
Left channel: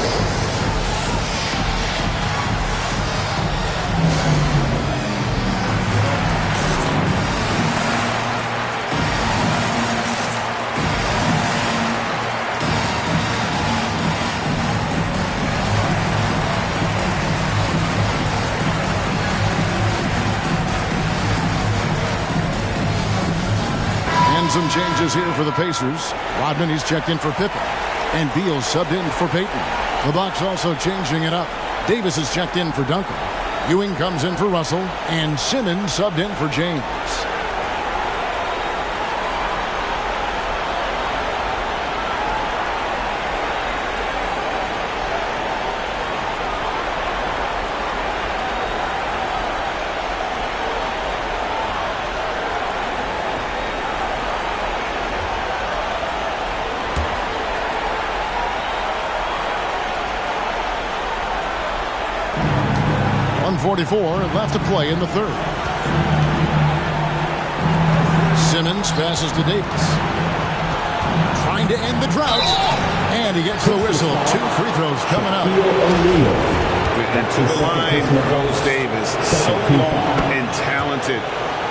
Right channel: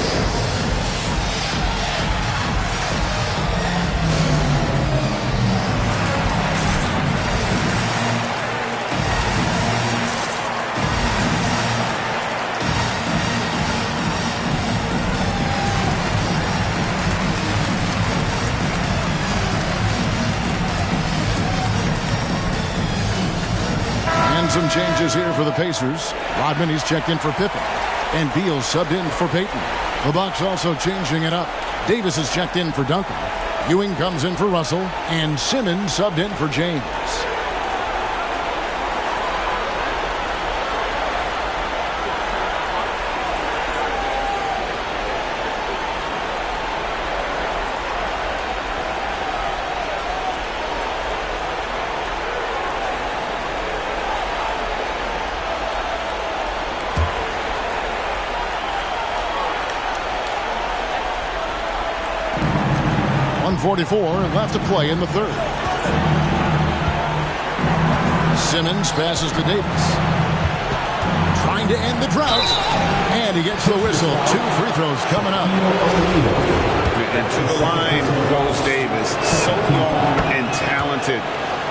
Some changes here for the Pacers. Rodman, he's checked in for Pippen. And Beal subbed in for Payton. The Bucks also changing it up. Davis is checked in for Duncan. Ewing comes in for Russell. And Simmons subbed in for James. .144 left to play in the 3rd. Simmons passes to Davis. Trying to end the drought. And he gets the whistle. 2 free throws coming up. And to the line goes Davis. So long and talented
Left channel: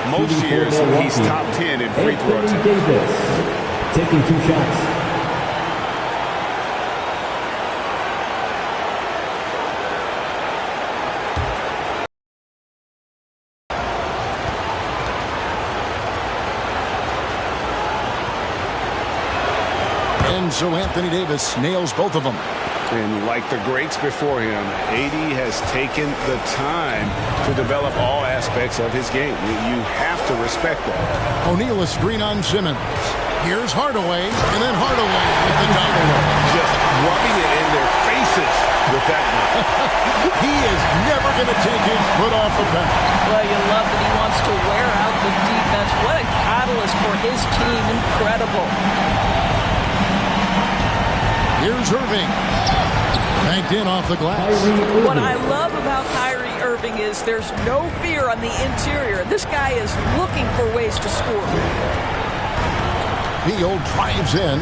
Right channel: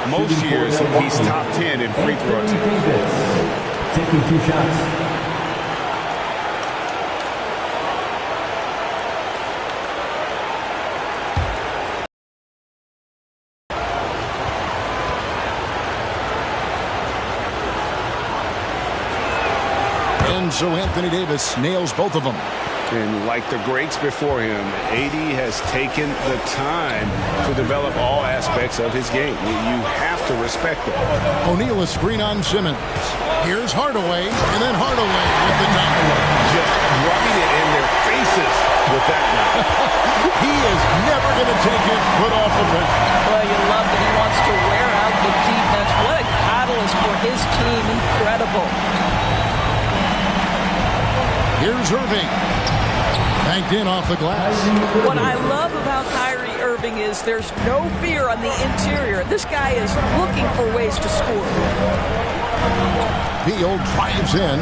Most years, he's top 10 in free throw attempts. Davis, taking 2 shots. And so Anthony Davis nails both of them. And like the greats before him, AD has taken the time to develop all aspects of his game. You have to respect that. O'Neal a screen on Simmons. Here's Hardaway, and then Hardaway with the dunk. Just rubbing it in their faces with that dunk. He is never going to take his foot off the pedal. Well, you love that he wants to wear out the defense. What a catalyst for his team. Incredible. Here's Irving. Banked in off the glass. What I love about Kyrie Irving is there's no fear on the interior. This guy is looking for ways to score. Beal drives in.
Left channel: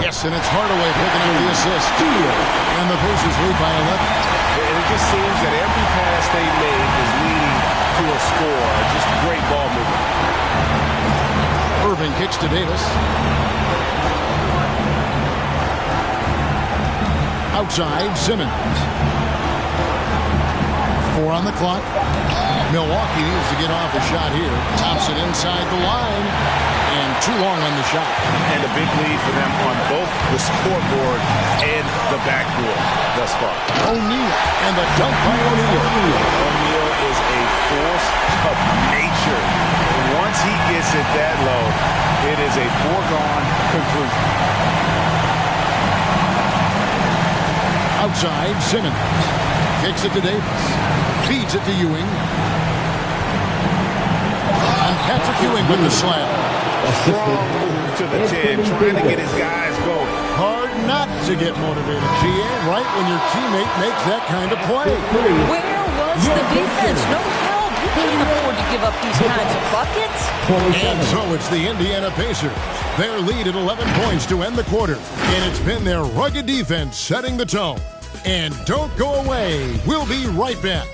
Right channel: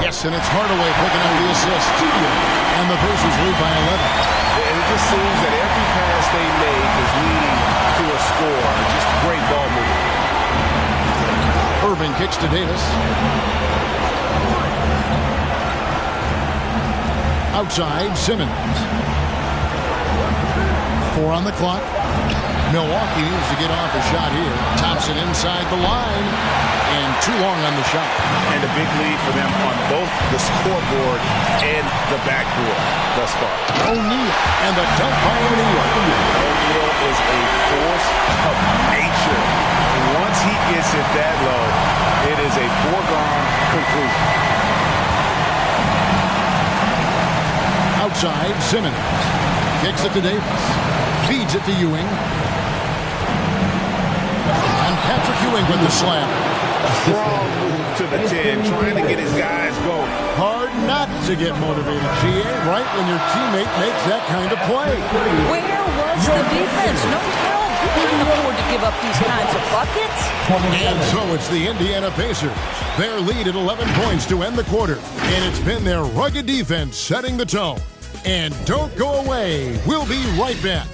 Yes, and it's Hardaway picking up the assist. And the Pacers lead by 11. And it just seems that every pass they make is leading to a score. Just great ball movement. Irving kicks to Davis. Outside, Simmons. 4 on the clock. Milwaukee needs to get off a shot here. Thompson inside the line. And too long on the shot. And a big lead for them on both the scoreboard and the backboard thus far. O'Neal. And the dunk by O'Neal. O'Neal is a force of nature. Once he gets it that low, it is a foregone conclusion. Outside, Simmons. Kicks it to Davis. Feeds it to Ewing. And Patrick Ewing with the slam. A strong move to the 10, trying to get his guys going. Hard not to get motivated, GA, right when your teammate makes that kind of play. Where was the defense? No help. You can't afford to give up these kinds of buckets. And so it's the Indiana Pacers. Their lead at 11 points to end the quarter. And it's been their rugged defense setting the tone. And don't go away. We'll be right back.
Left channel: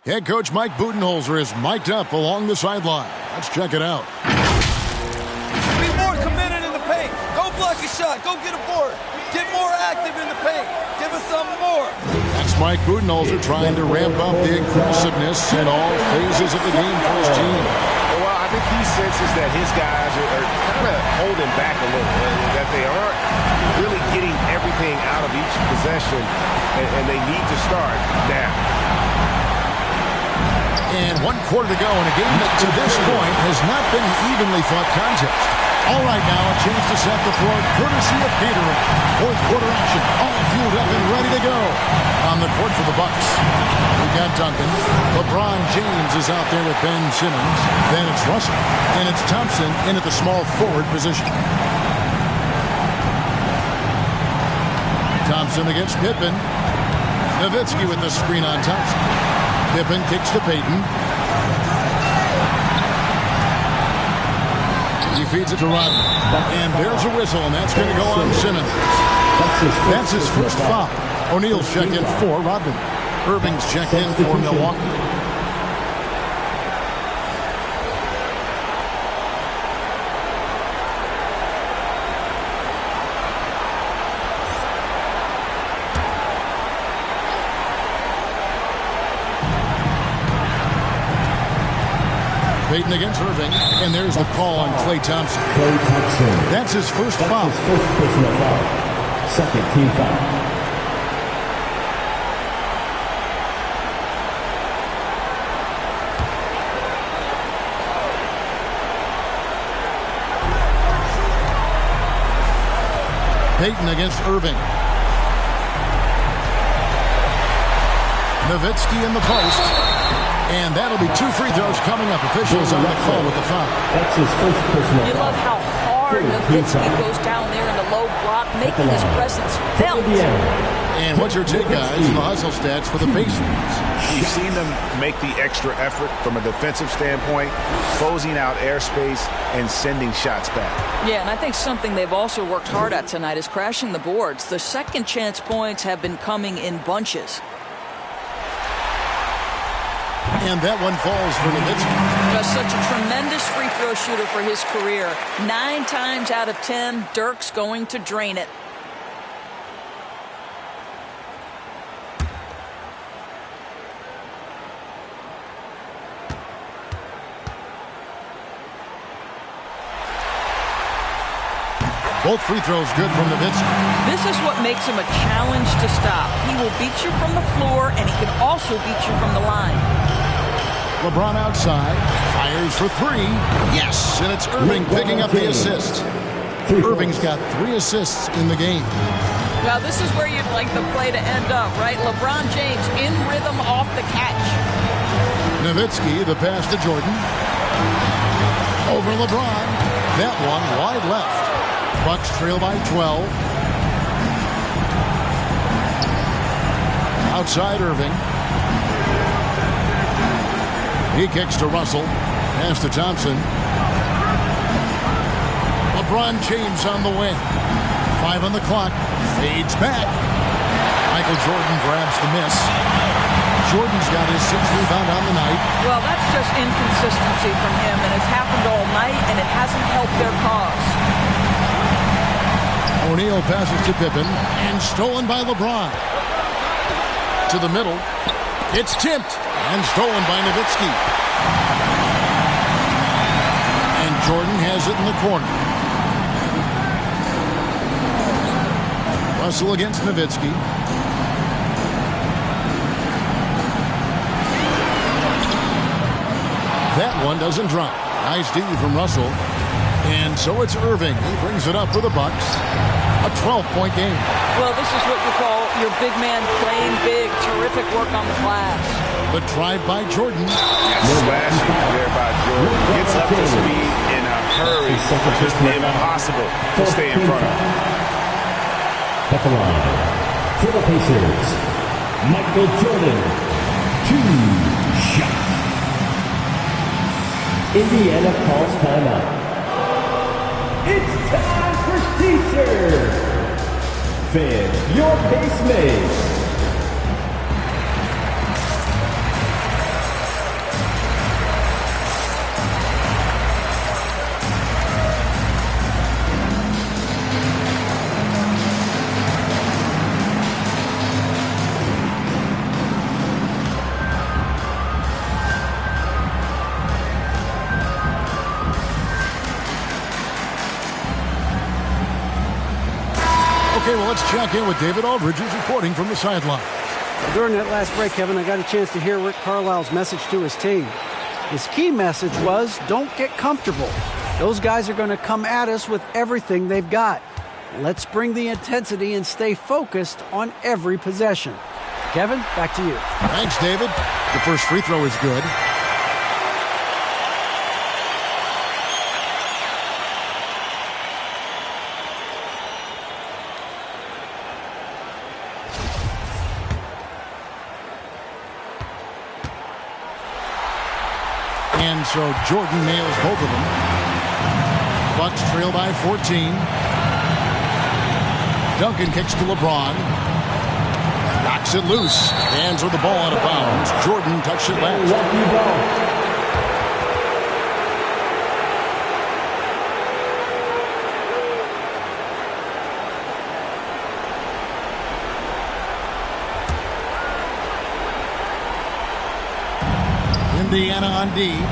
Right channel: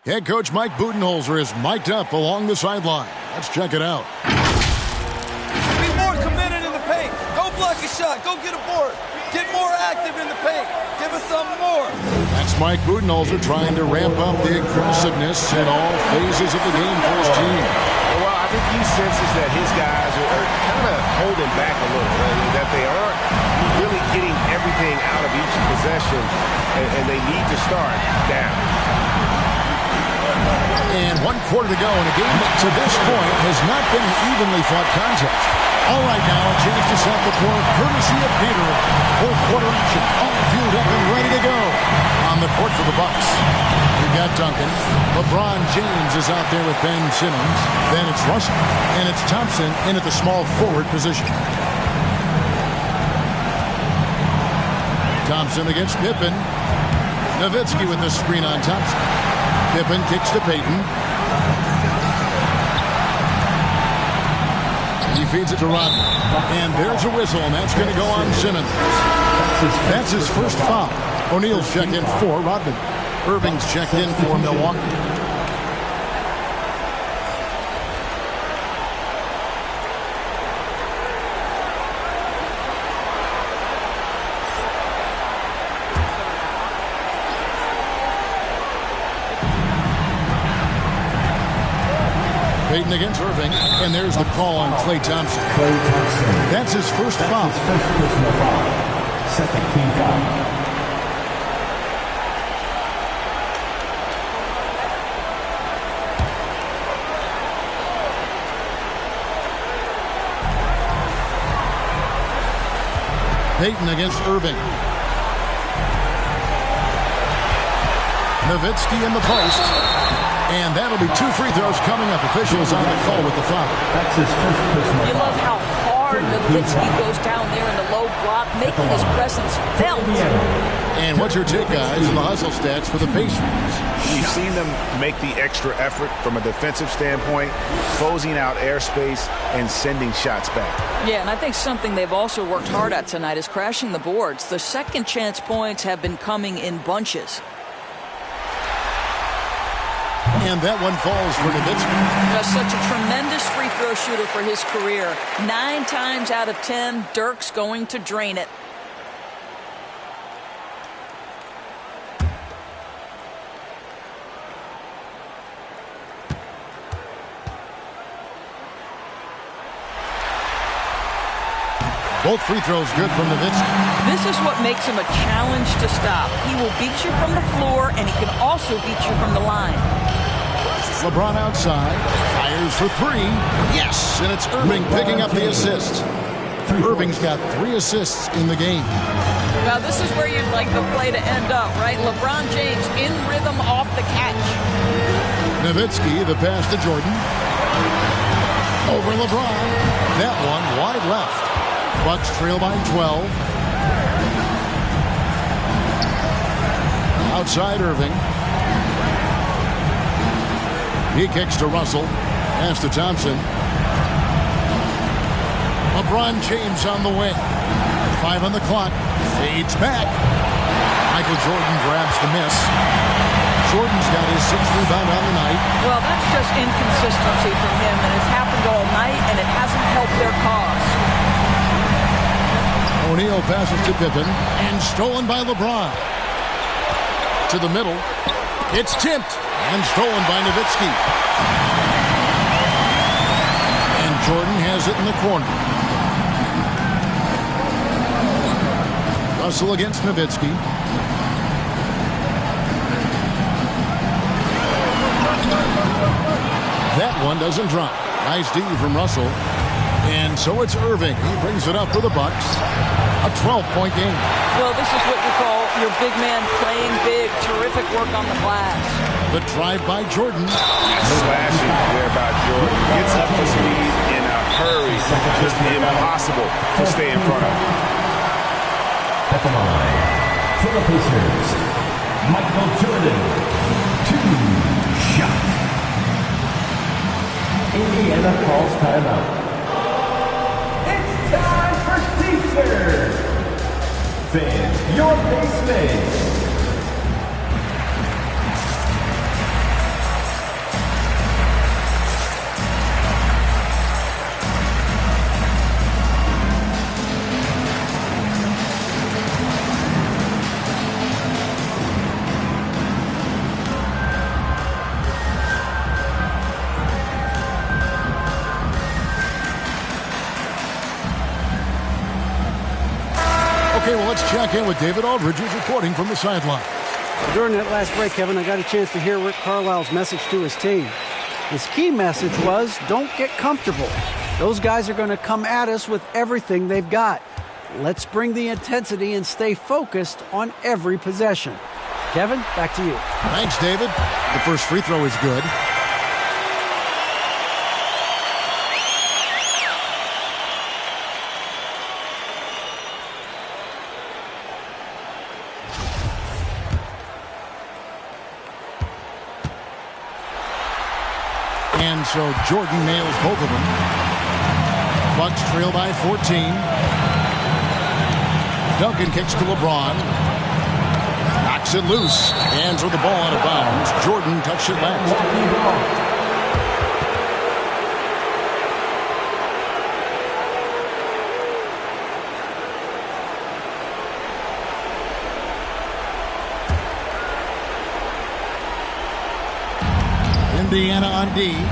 Head coach Mike Budenholzer is mic'd up along the sideline. Let's check it out. Be more committed in the paint. Go block a shot. Go get a board. Get more active in the paint. Give us some more. That's Mike Budenholzer trying to ramp up the aggressiveness in all phases of the game for his team. Well, I think he senses that his guys are kind of holding back a little, that they aren't really getting everything out of each possession, and they need to start now. And 1 quarter to go in a game that to this point has not been an evenly fought contest. All right, now a chance to set the floor courtesy of Peterman. 4th quarter action, all fueled up and ready to go. On the court for the Bucks, we've got Duncan. LeBron James is out there with Ben Simmons. Then it's Russell. And it's Thompson in at the small forward position. Thompson against Pippen. Nowitzki with the screen on Thompson. Pippen kicks to Payton. He feeds it to Rodman. And there's a whistle, and that's going to go on Simmons. That's his first foul. O'Neal's checked in for Rodman. Irving's checked in for Milwaukee. Payton against Irving, and there's the call on Klay Thompson. Klay Thompson. That's his first foul. His first personal foul. Second team foul. Payton against Irving. Nowitzki in the post. And that'll be 2 free throws coming up. Officials on the call with the foul. That's his first personal foul. You love how hard guard. Nowitzki goes down there in the low block, making his presence felt. And what's your take, guys, on the hustle stats for the Pacers? You've seen them make the extra effort from a defensive standpoint, closing out airspace and sending shots back. Yeah, and I think something they've also worked hard at tonight is crashing the boards. The second chance points have been coming in bunches. And that one falls for Nowitzki. Just such a tremendous free throw shooter for his career. 9 times out of 10, Dirk's going to drain it. Both free throws good from Nowitzki. This is what makes him a challenge to stop. He will beat you from the floor, and he can also beat you from the line. LeBron outside, fires for 3. Yes, and it's Irving picking up the assist. Irving's got 3 assists in the game. Now, this is where you'd like the play to end up, right? LeBron James in rhythm off the catch. Nowitzki, the pass to Jordan. Over LeBron. That one wide left. Bucks trail by 12. Outside Irving. He kicks to Russell. Pass to Thompson. LeBron James on the wing. 5 on the clock. Fades back. Michael Jordan grabs the miss. Jordan's got his 6th rebound on the night. Well, that's just inconsistency from him, and it's happened all night, and it hasn't helped their cause. O'Neal passes to Pippen, and stolen by LeBron. To the middle. It's tipped, and stolen by Nowitzki. And Jordan has it in the corner. Russell against Nowitzki. That one doesn't drop. Nice D from Russell. And so it's Irving. He brings it up for the Bucks. A 12-point game. Well, this is what you call your big man playing big. Terrific work on the glass. The drive by Jordan. Slashing there by Jordan. Gets up to speed in a hurry. Just impossible to stay in front of. At the line, for the Pacers, Michael Jordan. 2 shots. Indiana calls timeout. It's time for T-shirt. Fan your base mate. Okay, well, let's check in with David Aldridge, who's reporting from the sideline. During that last break, Kevin, I got a chance to hear Rick Carlisle's message to his team. His key message was, don't get comfortable. Those guys are going to come at us with everything they've got. Let's bring the intensity and stay focused on every possession. Kevin, back to you. Thanks, David. The first free throw is good. And so Jordan nails both of them. Bucks trail by 14. Duncan kicks to LeBron. Knocks it loose. Hands with the ball out of bounds. Jordan touched it last. Indiana on D.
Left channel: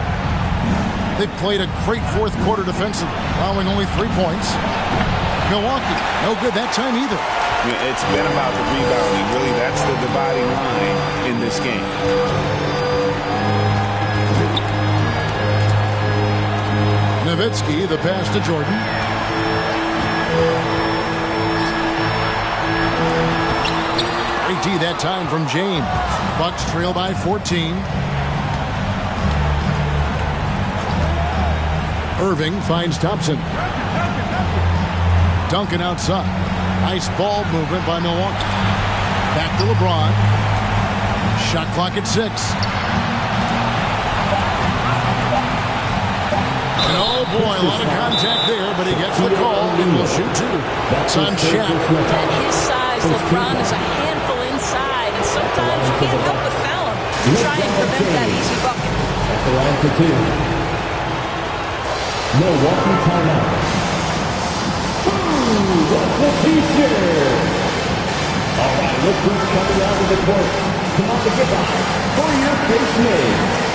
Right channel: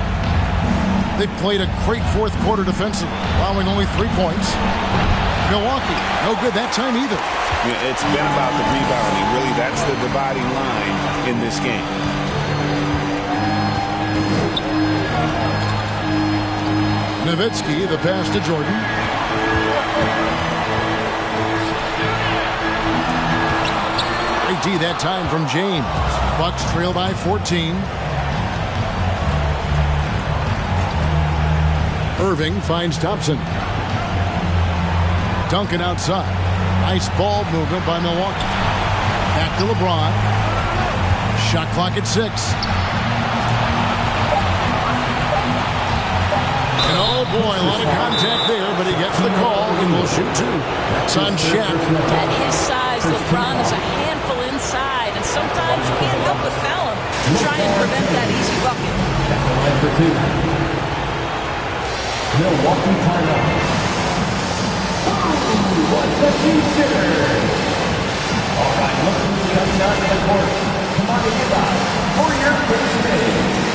They played a great fourth quarter defensively, allowing only 3 points. Milwaukee, no good that time either. Yeah, it's been about the rebounding. Really, that's the dividing line in this game. Nowitzki, the pass to Jordan. Great D that time from James. Bucks trail by 14. Irving finds Thompson. Duncan outside. Nice ball movement by Milwaukee. Back to LeBron. Shot clock at 6. And oh boy, a lot of contact there, but he gets the call and will shoot 2. That's on Shaq. At his size, LeBron is a handful inside, and sometimes you can't help but foul him to try and prevent that easy bucket. At the line for 2. Milwaukee timeout. Ooh, what's the T-shirt? All right, look who's coming out of the court. Come on to get by for your first made.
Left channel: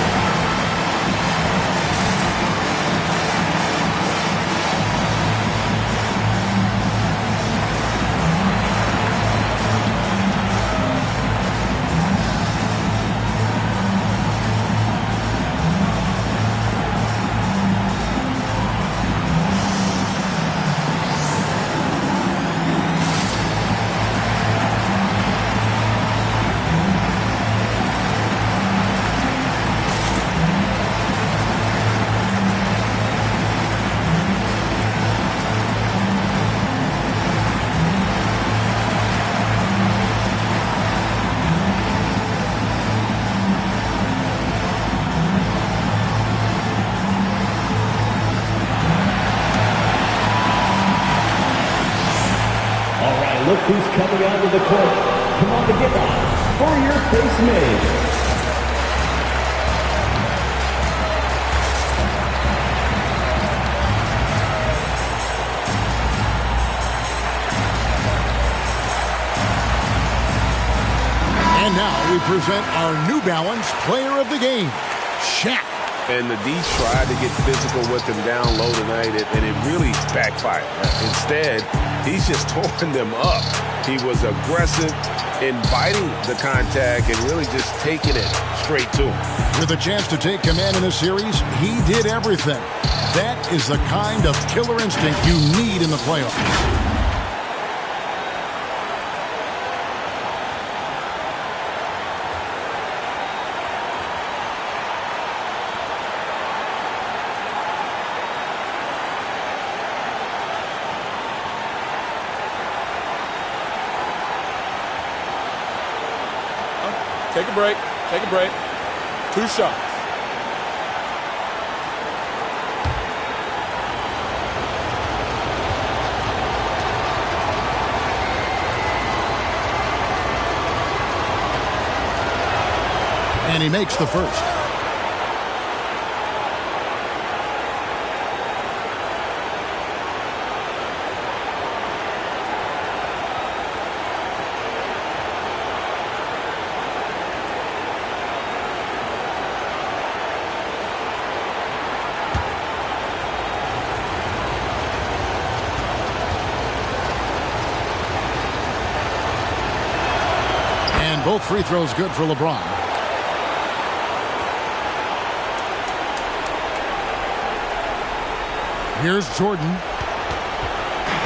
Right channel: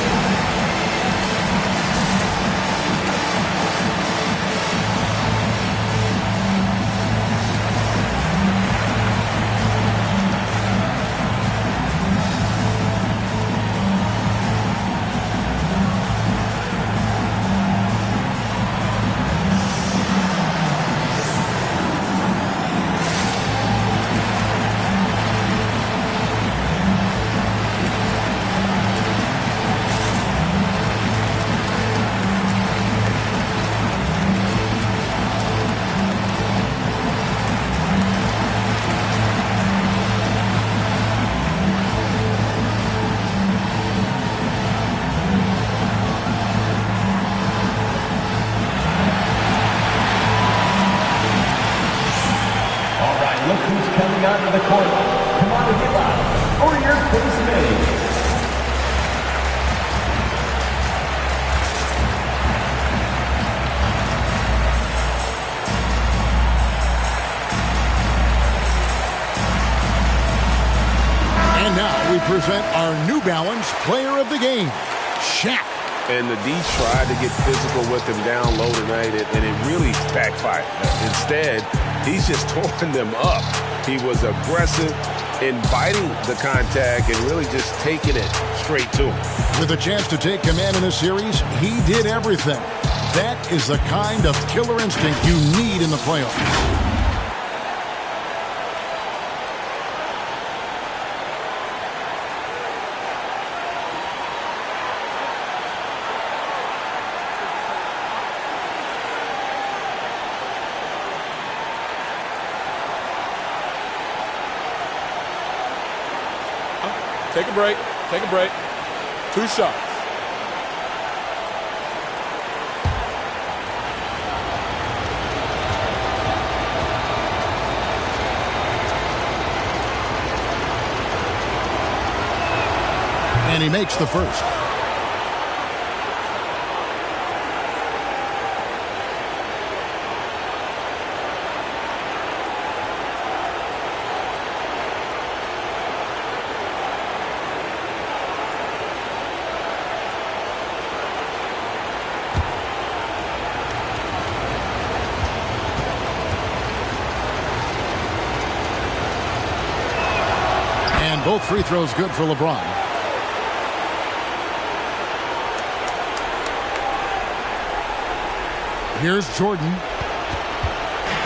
Look who's coming out of the court. Come on to get out for your face made. And now we present our New Balance Player of the Game, Shaq. And the D tried to get physical with him down low tonight, and it really backfired. Instead, he's just tore them up. He was aggressive, inviting the contact, and really just taking it straight to him. With a chance to take command in a series, he did everything. That is the kind of killer instinct you need in the playoffs. Take a break. Take a break. 2 shots. And he makes the first. Both free throws good for LeBron. Here's Jordan.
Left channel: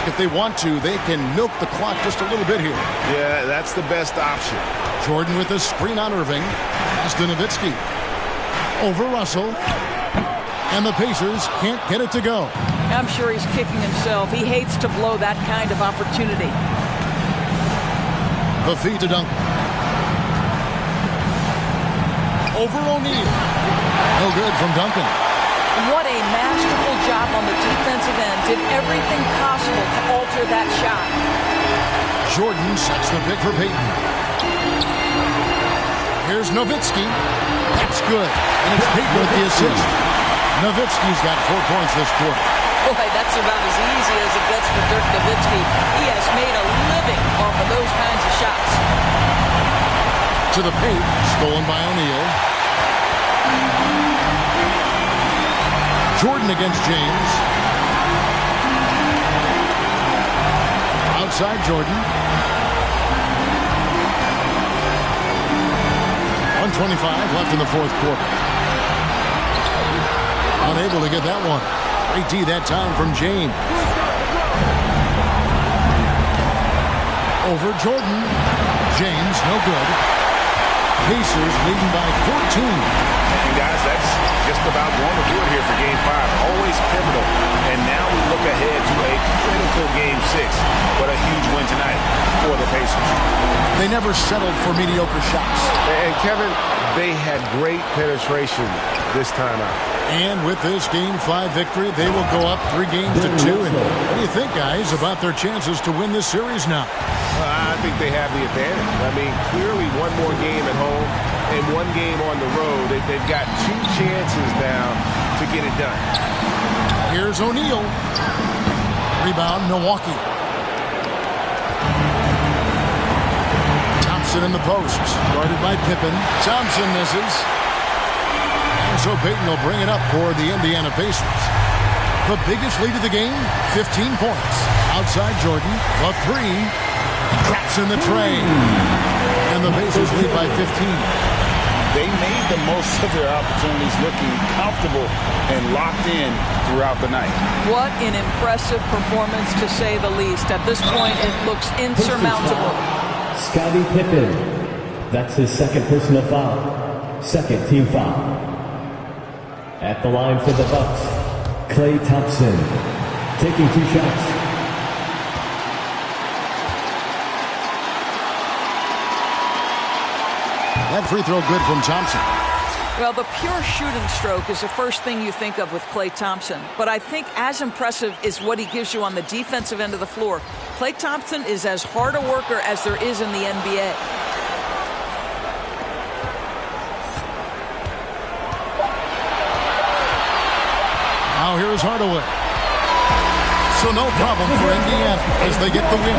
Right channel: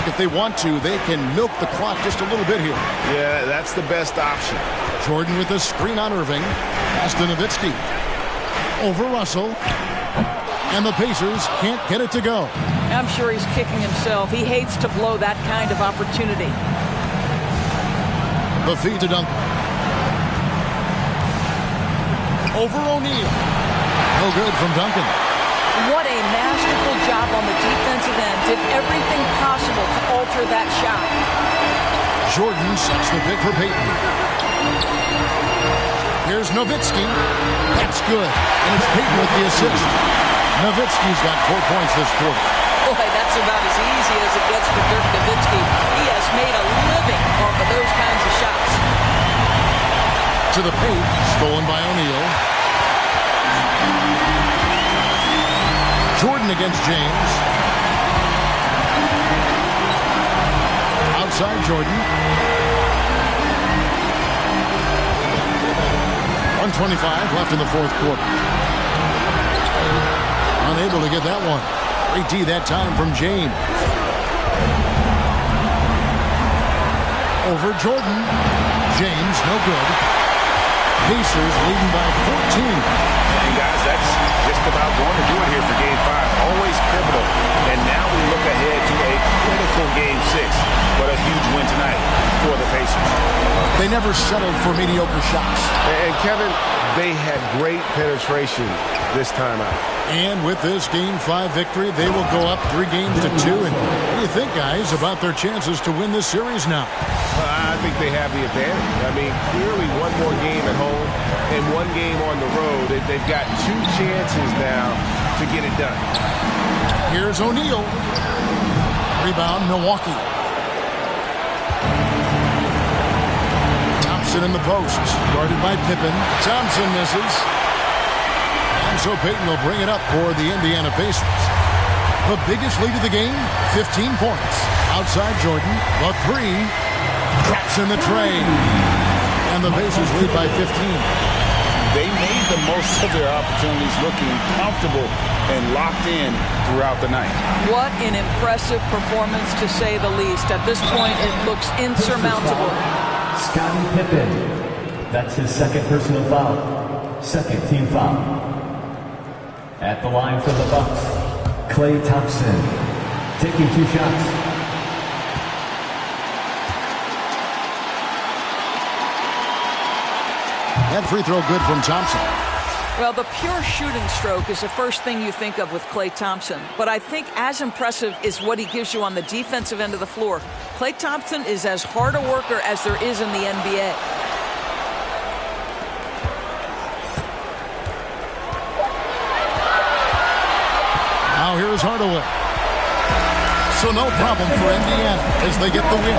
If they want to, they can milk the clock just a little bit here. Yeah, that's the best option. Jordan with the screen on Irving. Pass to Nowitzki. Over Russell. And the Pacers can't get it to go. I'm sure he's kicking himself. He hates to blow that kind of opportunity. The feed to Duncan. Over O'Neal. No good from Duncan. What a masterful job on the defensive end. Did everything possible to alter that shot. Jordan sets the pick for Payton. Here's Nowitzki. That's good. And it's Payton with the assist. Nowitzki's got 4 points this quarter. Boy, that's about as easy as it gets for Dirk Nowitzki. He has made a living off of those kinds of shots. To the paint, stolen by O'Neal. Jordan against James. Outside Jordan. 1:25 left in the fourth quarter. Unable to get that one. Great D that time from James. Over Jordan. James, no good. Pacers leading by 14. And guys, that's just about going to do it here for Game 5. Always pivotal. And now we look ahead to a critical Game 6. But a huge win tonight for the Pacers. They never settled for mediocre shots. And Kevin, they had great penetration this time out. And with this Game 5 victory, they will go up 3 games to 2. And what do you think, guys, about their chances to win this series now? Well, I think they have the advantage. I mean, clearly one more game at home and one game on the road. They've got 2 chances now to get it done. Here's O'Neal. Rebound, Milwaukee. Thompson in the post, guarded by Pippen. Thompson misses. And so Payton will bring it up for the Indiana Pacers. The biggest lead of the game, 15 points. Outside Jordan, the 3. Traps in the tray. And the Pacers lead by 15. They made the most of their opportunities, looking comfortable and locked in throughout the night. What an impressive performance, to say the least. At this point, it looks insurmountable. Scottie Pippen. That's his second personal foul. Second team foul. At the line for the Bucks, Klay Thompson taking 2 shots. That free throw good from Thompson. Well, the pure shooting stroke is the first thing you think of with Klay Thompson. But I think as impressive is what he gives you on the defensive end of the floor. Klay Thompson is as hard a worker as there is in the NBA. Now here's Hardaway. So no problem for Indiana as they get the win.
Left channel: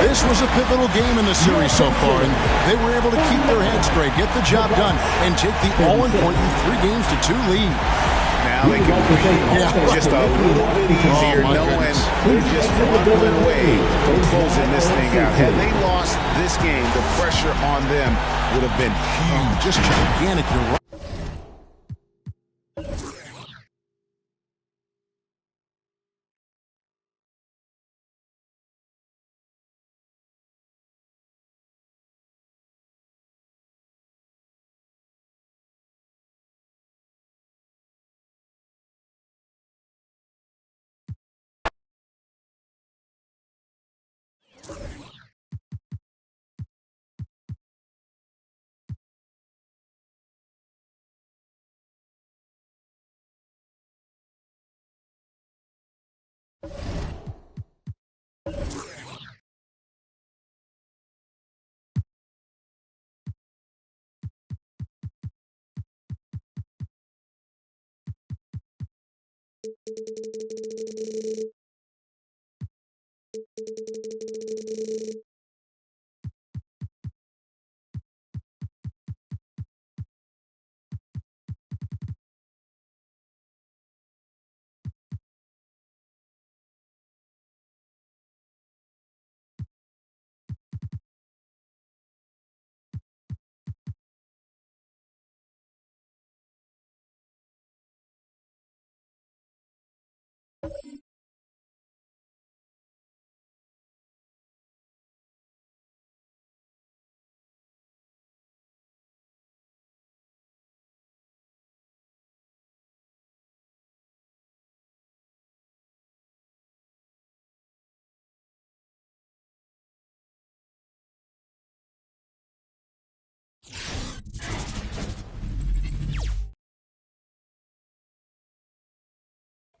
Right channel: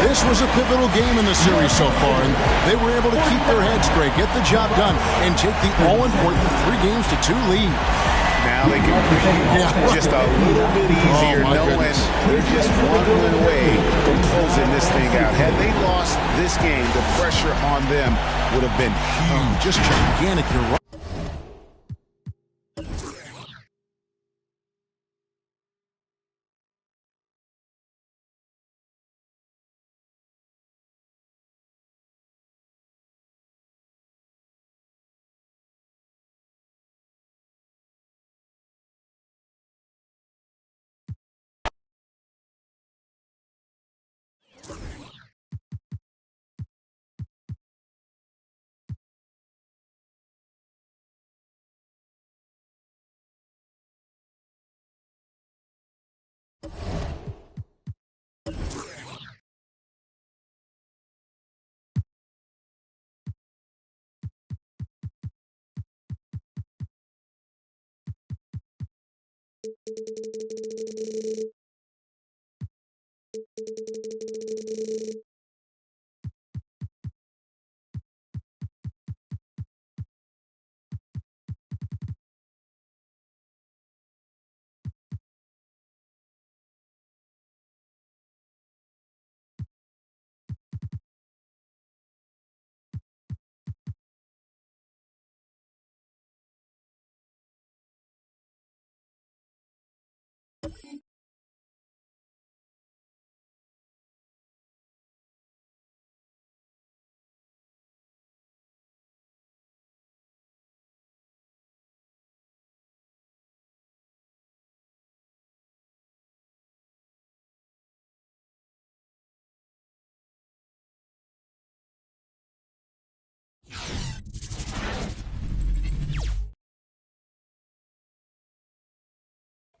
This was a pivotal game in the series so far, and they were able to keep their heads straight, get the job done, and take the all-important 3 games to 2 lead. Now they can breathe just a little bit easier, knowing they're just 1 win away from closing this thing out. Had they lost this game, the pressure on them would have been huge. Just gigantic. You're right.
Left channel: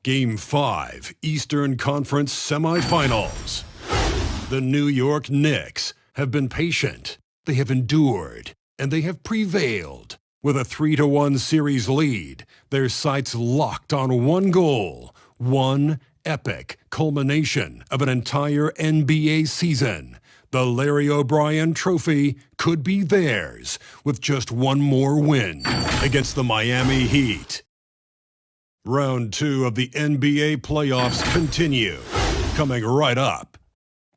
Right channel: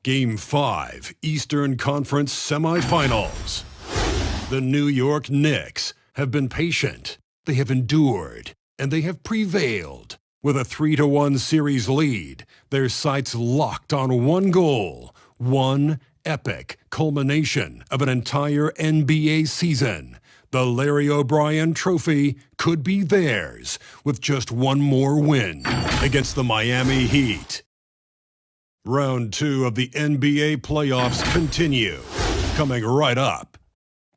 Game 5, Eastern Conference Semifinals. The New York Knicks have been patient, they have endured, and they have prevailed. With a 3-1 series lead, their sights locked on one goal, one epic culmination of an entire NBA season. The Larry O'Brien Trophy could be theirs with just one more win against the Miami Heat. Round 2 of the NBA playoffs continue, coming right up.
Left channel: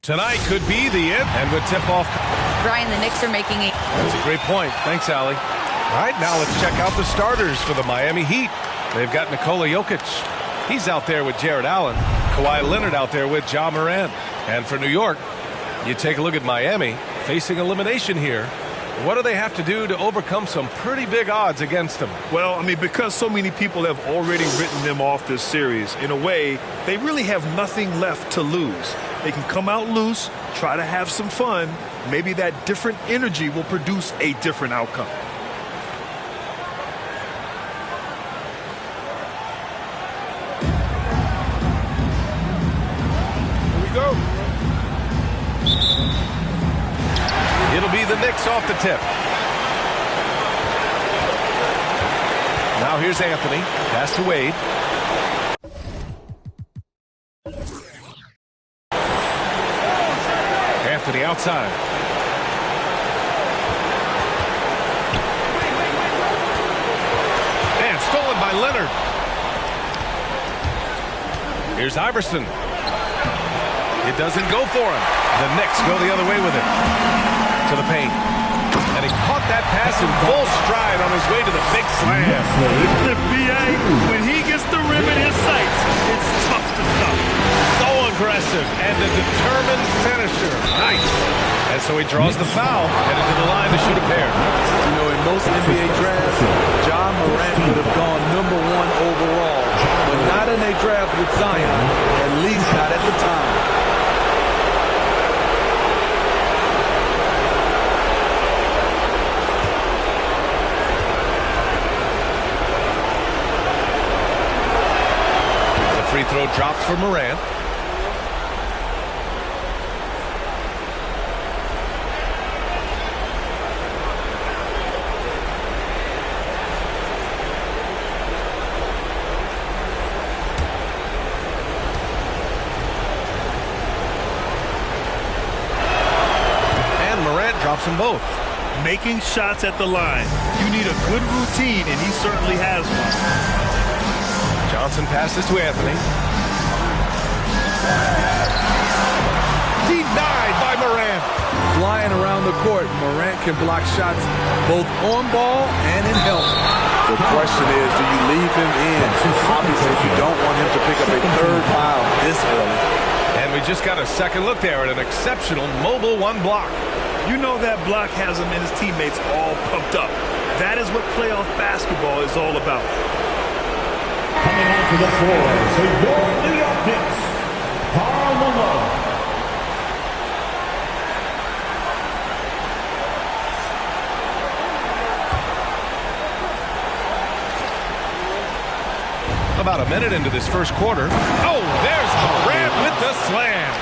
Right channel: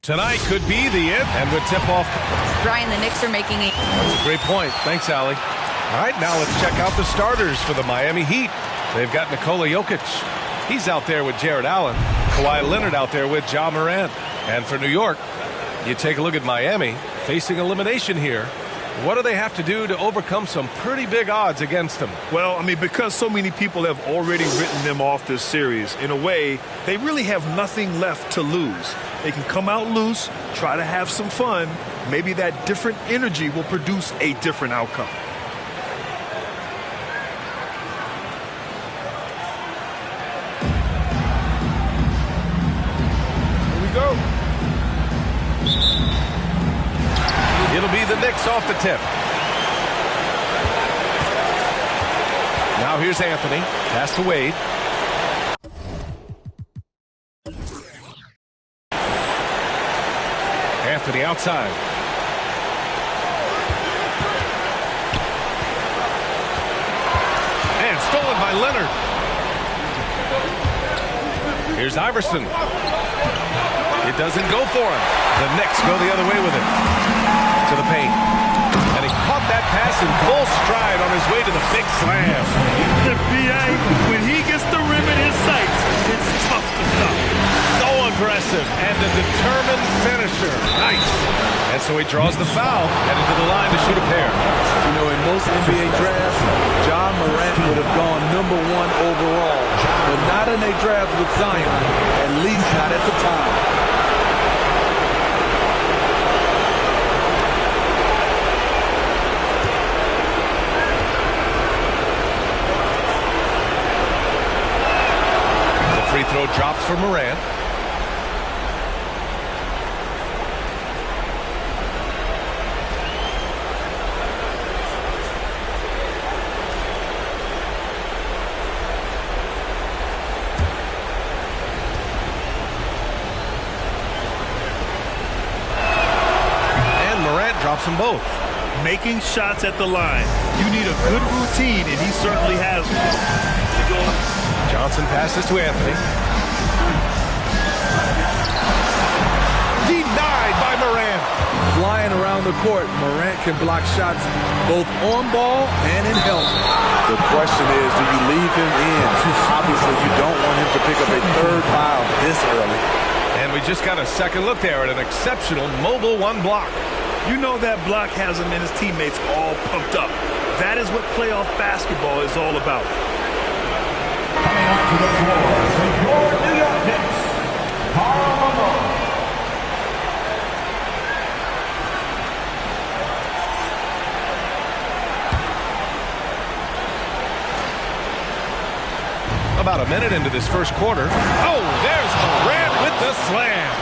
Tonight could be the end, and with tip-off. Brian, the Knicks are making a... That's a great point. Thanks, Allie. All right, now let's check out the starters for the Miami Heat. They've got Nikola Jokic. He's out there with Jared Allen. Kawhi Leonard out there with Ja Morant. And for New York, you take a look at Miami facing elimination here. What do they have to do to overcome some pretty big odds against them? Well, I mean, because so many people have already written them off this series, in a way, they really have nothing left to lose. They can come out loose, try to have some fun. Maybe that different energy will produce a different outcome. Here we go. It'll be the Knicks off the tip. Now here's Anthony. Pass to Wade. Anthony outside. And stolen by Leonard. Here's Iverson. It doesn't go for him. The Knicks go the other way with it. To the paint. And he caught that pass in full stride on his way to the big slam. The BA, when he gets the rim in his sights, it's tough to stop. So aggressive and a determined finisher. Nice. And so he draws the foul, headed to the line to shoot a pair. You know, in most NBA drafts, John Morant would have gone #1 overall, but not in a draft with Zion, at least not at the time. Free throw drops for Morant. And Morant drops them both. Making shots at the line. You need a good routine, and he certainly has one. Johnson passes to Anthony. Denied by Morant. Flying around the court, Morant can block shots both on ball and in help. The question is, do you leave him in? Obviously, you don't want him to pick up a third foul this early. And we just got a second look there at an exceptional mobile one block. You know that block has him and his teammates all pumped up. That is what playoff basketball is all about. Coming onto the floor for your New York Knicks, Karl Malone. About a minute into this first quarter. Oh, there's Morant with the slam.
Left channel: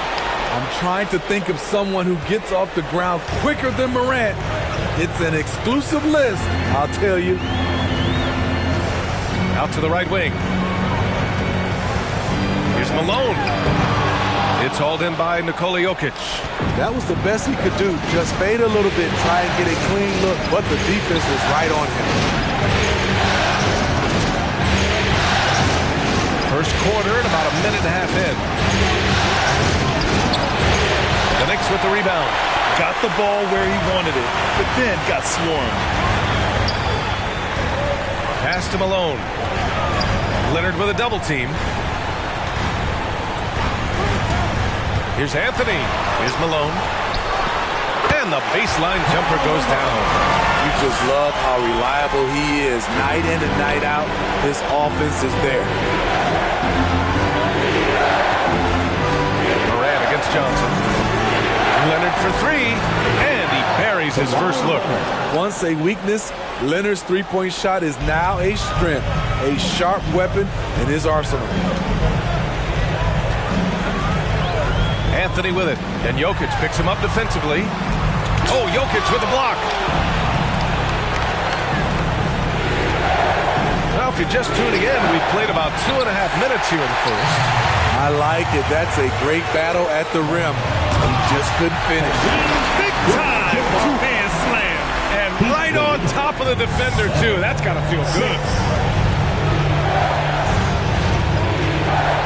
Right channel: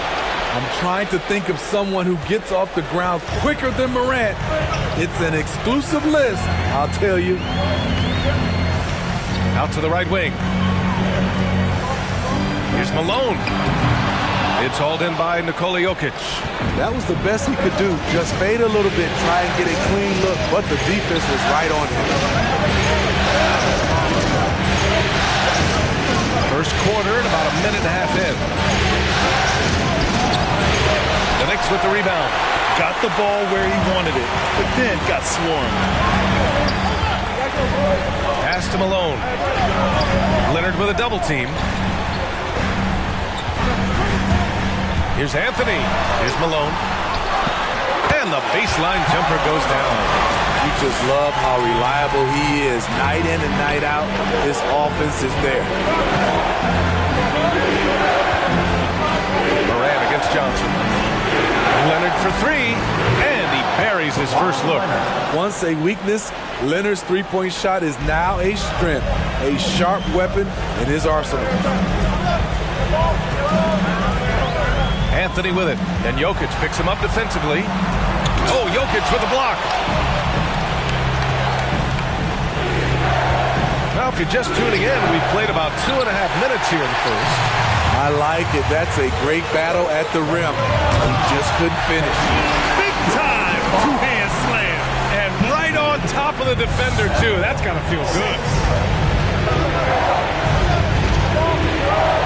I'm trying to think of someone who gets off the ground quicker than Morant. It's an exclusive list, I'll tell you. Out to the right wing. Here's Malone. It's hauled in by Nikola Jokic. That was the best he could do. Just fade a little bit, try and get a clean look, but the defense was right on him. First quarter and about a minute and a half in. The Knicks with the rebound. Got the ball where he wanted it, but then got swarmed. Pass to Malone. Leonard with a double team. Here's Anthony. Here's Malone. And the baseline jumper goes down. You just love how reliable he is. Night in and night out, his offense is there. Morant against Johnson. Leonard for three, and he buries his first look. Once a weakness, Leonard's three-point shot is now a strength, a sharp weapon in his arsenal. Anthony with it, and Jokic picks him up defensively. Oh, Jokic with a block. Well, if you're just tuning in, we've played about 2.5 minutes here in the first. I like it. That's a great battle at the rim. He just couldn't finish. Big time two-hand slam. And right on top of the defender, too. That's got to feel good.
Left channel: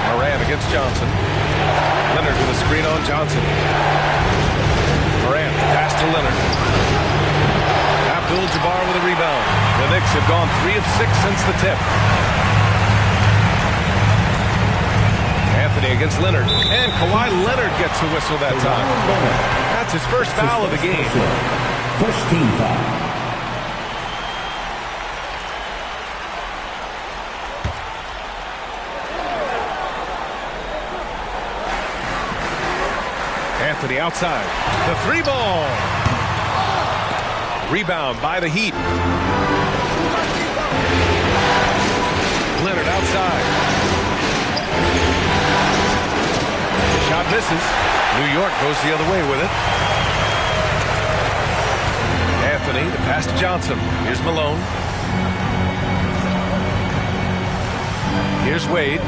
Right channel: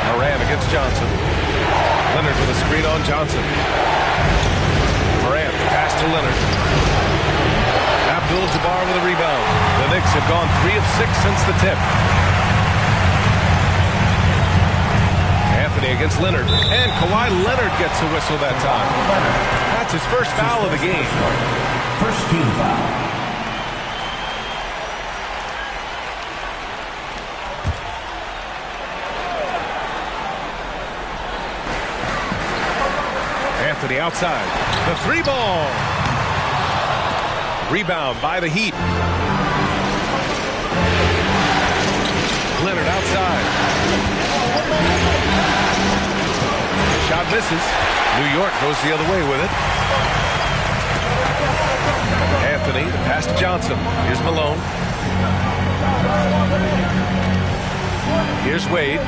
Morant against Johnson. Leonard with a screen on Johnson. Morant, pass to Leonard. Abdul-Jabbar with a rebound. The Knicks have gone 3 of 6 since the tip. Anthony against Leonard. And Kawhi Leonard gets a whistle that time. That's his first foul of the game. First team foul. Anthony outside. The three ball. Rebound by the Heat. Leonard outside. Shot misses. New York goes the other way with it. Anthony, the pass to Johnson. Here's Malone. Here's Wade.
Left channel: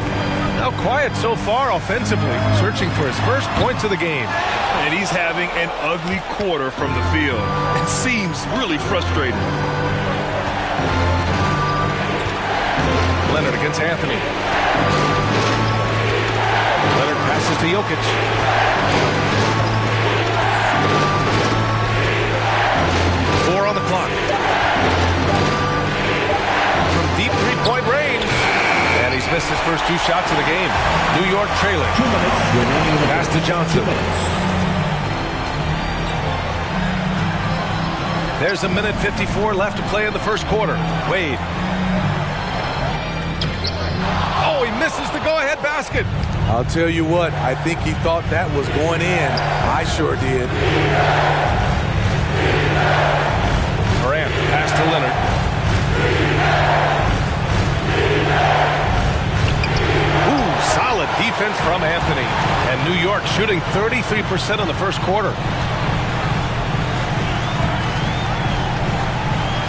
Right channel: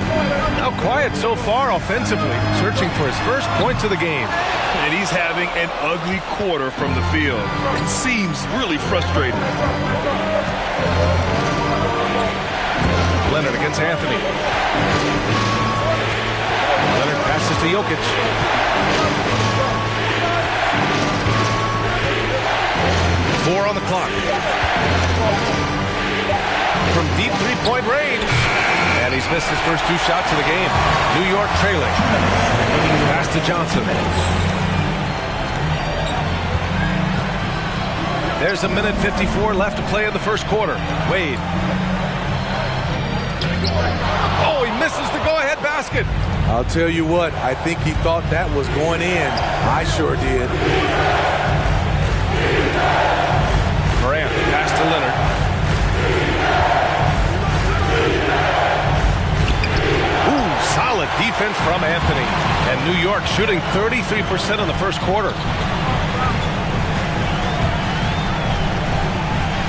Now quiet so far offensively, searching for his first points of the game. And he's having an ugly quarter from the field. It seems really frustrated. Leonard against Anthony. Leonard passes to Jokic. Four on the clock. From deep three-point range. And he's missed his first two shots of the game. New York trailing. Pass to Johnson. There's a minute 54 left to play in the first quarter. Wade. Oh, he misses the go-ahead basket. I'll tell you what, I think he thought that was going in. I sure did. Morant, pass to Leonard. Ooh, solid defense from Anthony. And New York shooting 33% in the first quarter.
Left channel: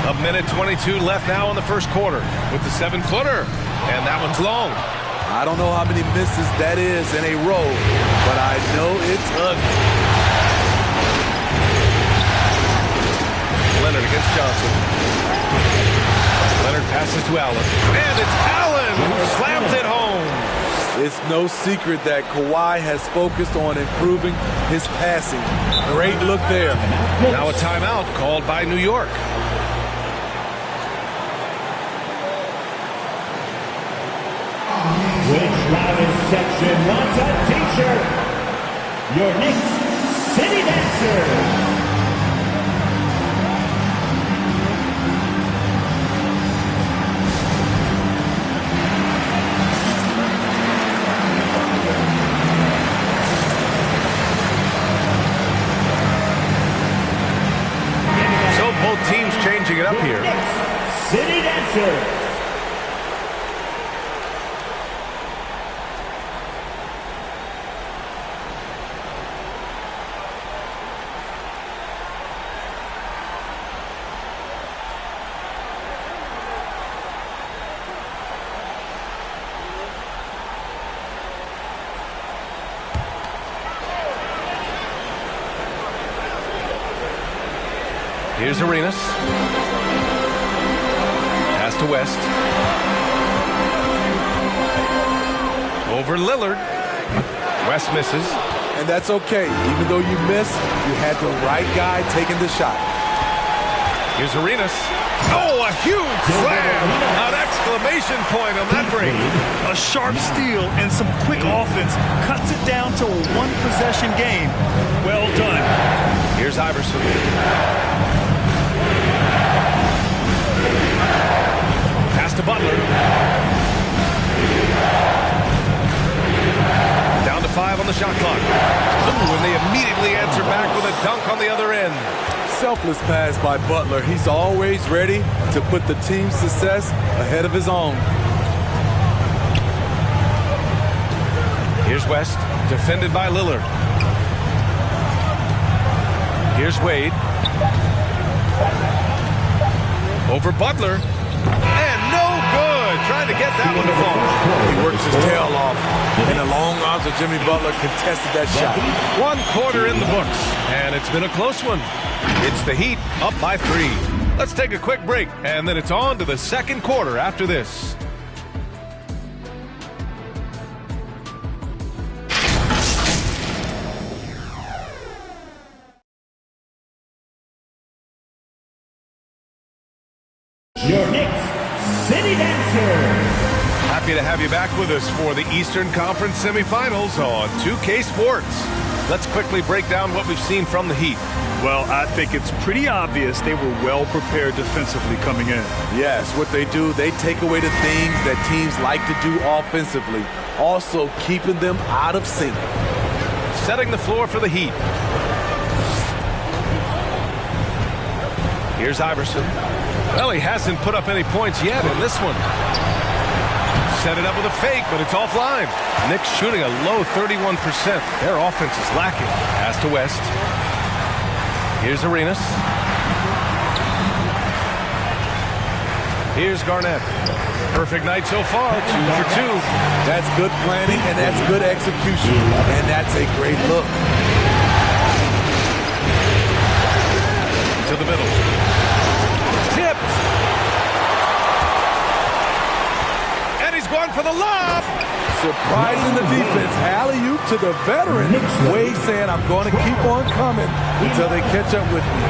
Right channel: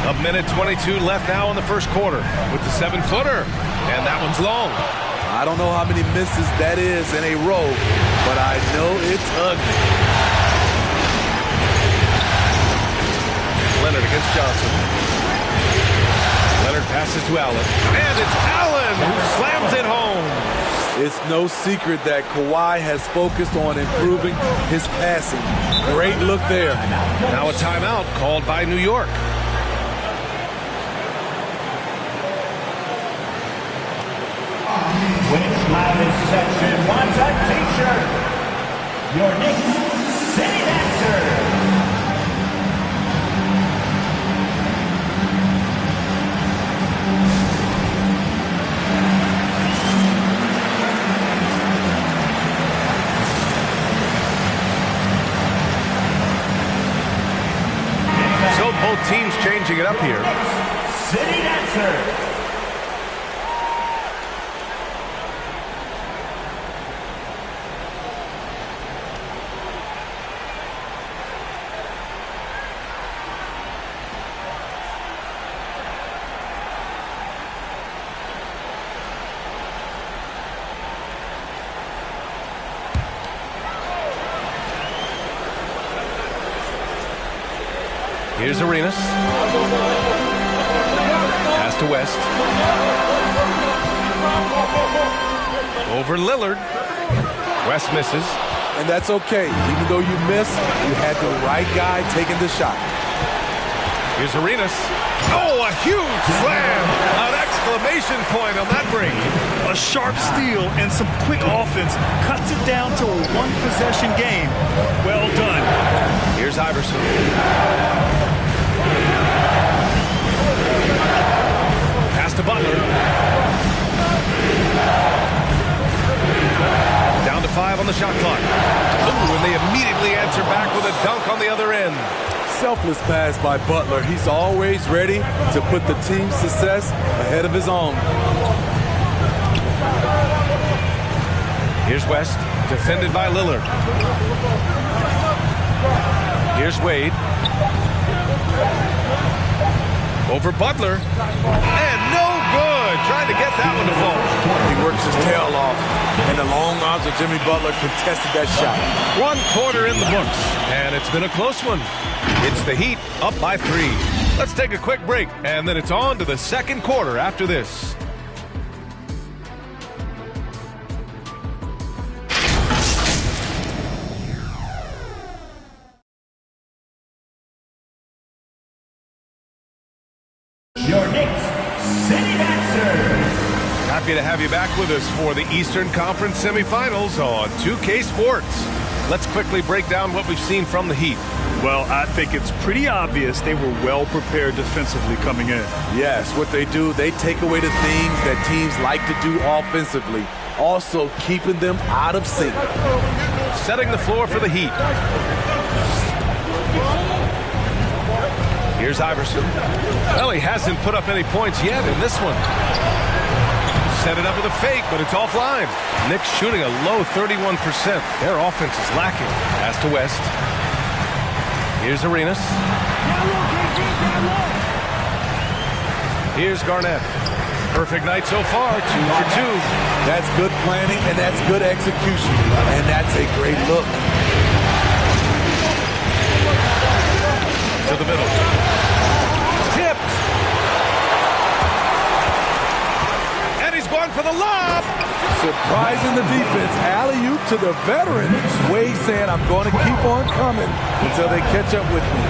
A minute 22 left now in the first quarter with the 7-footer. And that one's long. I don't know how many misses that is in a row, but I know it's ugly. Leonard against Johnson. Leonard passes to Allen. And it's Allen who slams it home. It's no secret that Kawhi has focused on improving his passing. Great look there. Now a timeout called by New York. Which Loudest section wants a t-shirt? Your Knicks City Dancer. So both teams changing it up here. City Dancer. Here's Arenas. Pass to West. Over Lillard. West misses. And that's okay. Even though you miss, you had the right guy taking the shot. Here's Arenas. Oh, a huge slam! An exclamation point on that break. A sharp steal and some quick offense cuts it down to a one-possession game. Well done. Here's Iverson. Pass to Butler. Down to 5 on the shot clock. Ooh, and they immediately answer back with a dunk on the other end. Selfless pass by Butler. He's always ready to put the team's success ahead of his own. Here's West, defended by Lillard. Here's Wade. Over Butler. And no good. Trying to get that one to fall. He works his tail off, and the long arms of Jimmy Butler contested that shot. 1 quarter in the books, and it's been a close one. It's the Heat up by 3. Let's take a quick break, and then it's on to the second quarter after this. Your Knicks City Dancer. Happy to have you back with us for the Eastern Conference semifinals on 2K Sports. Let's quickly break down what we've seen from the Heat. Well, I think it's pretty obvious they were well prepared defensively coming in. Yes, what they do, they take away the things that teams like to do offensively, also keeping them out of sync. Setting the floor for the Heat. Here's Iverson. Well, he hasn't put up any points yet in this one. Set it up with a fake, but it's offline. Knicks shooting a low 31%. Their offense is lacking. Pass to West. Here's Arenas. Here's Garnett. Perfect night so far, 2 for 2. That's good planning, and that's good execution. And that's a great look. To the middle. Tipped. And he's going for the lob. Surprising the defense. Alley-oop to the veteran. Wade saying, I'm going to keep on coming until they catch up with me.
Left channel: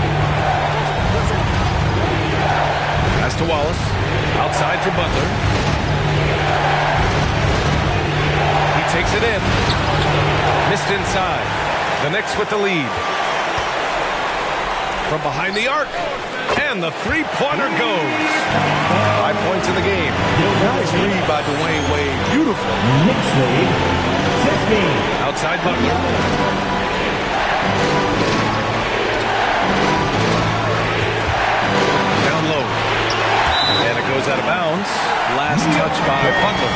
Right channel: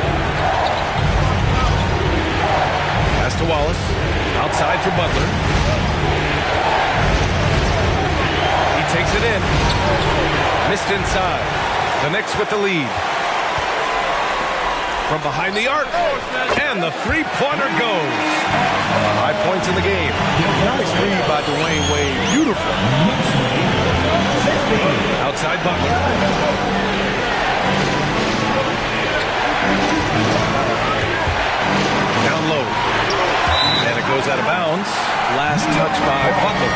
Pass to Wallace. Outside for Butler. He takes it in. Missed inside. The Knicks with the lead. From behind the arc. And the three-pointer goes. 5 points in the game. Nice read by Dwayne Wade. Beautiful. Knicks lead 15. Outside Butler. Down low. And it goes out of bounds. Last touch by Butler.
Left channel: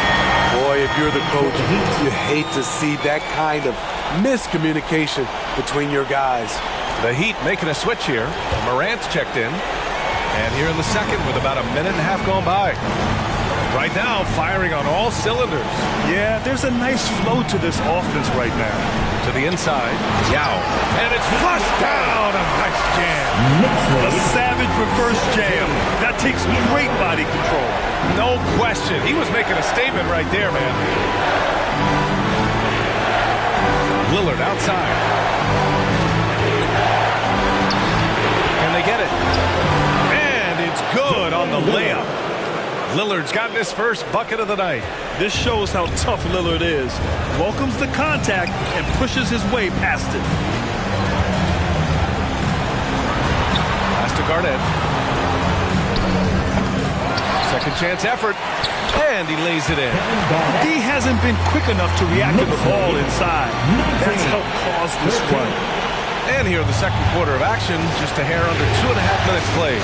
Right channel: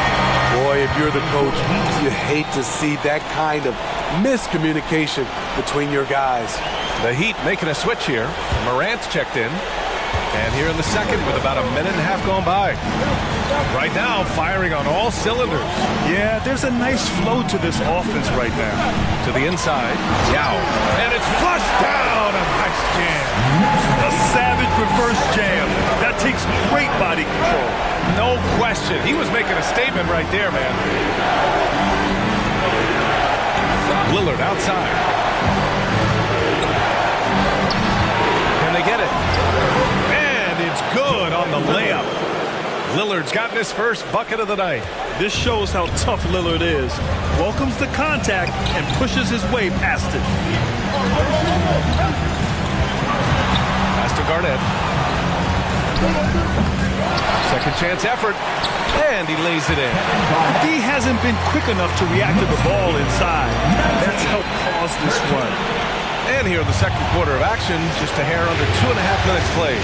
Boy, if you're the coach, you hate to see that kind of miscommunication between your guys. The Heat making a switch here. Morant's checked in. And here in the second with about a minute and a half gone by. Right now, firing on all cylinders. Yeah, there's a nice flow to this offense right now. To the inside. Yao. And it's flushed down. A nice jam. A savage reverse jam. That takes great body control. No question. He was making a statement right there, man. Lillard outside. Can they get it? And it's good on the layup. Lillard's gotten his first bucket of the night. This shows how tough Lillard is. Welcomes the contact and pushes his way past it. Pass to Garnett. Second chance effort. And he lays it in. D hasn't been quick enough to react to the ball inside. That's helped cause this run. And here in the second quarter of action, just a hair under 2.5 minutes played.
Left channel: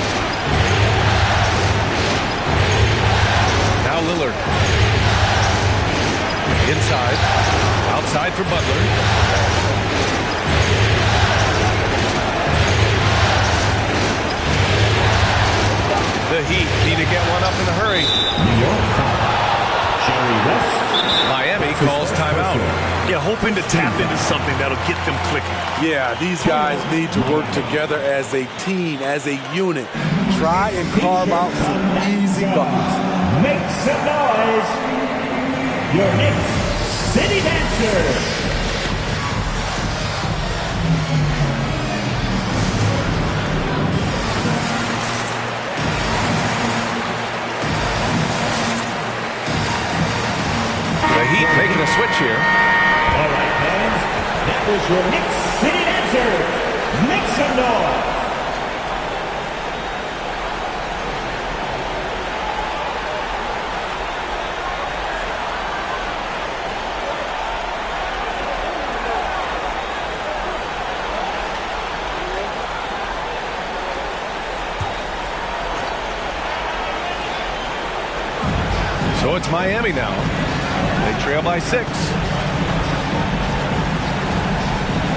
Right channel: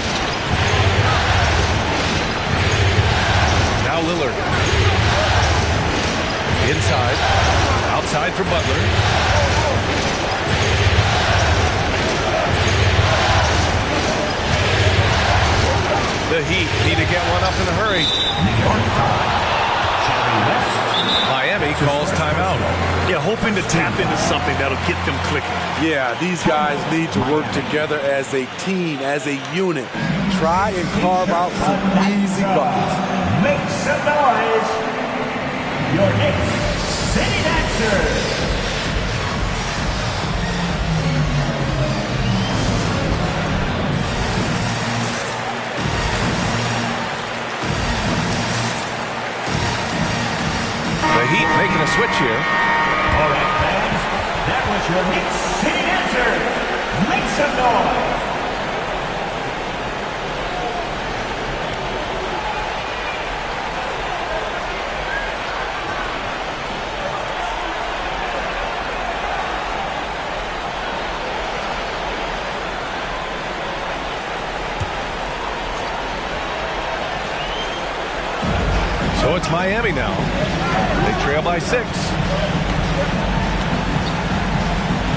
Now Lillard. Inside. Outside for Butler. The Heat need to get one up in a hurry. New York foul. Jerry West. Miami calls timeout. Yeah, hoping to tap into something that'll get them clicking. Yeah, these guys need to work together as a team, as a unit. Try and carve out some easy buckets. Make some noise. Your Knicks City Dancers. The Heat making a switch here. All right, fans. That was your Knicks City Dancers. Make some noise. So it's Miami now. They trail by 6.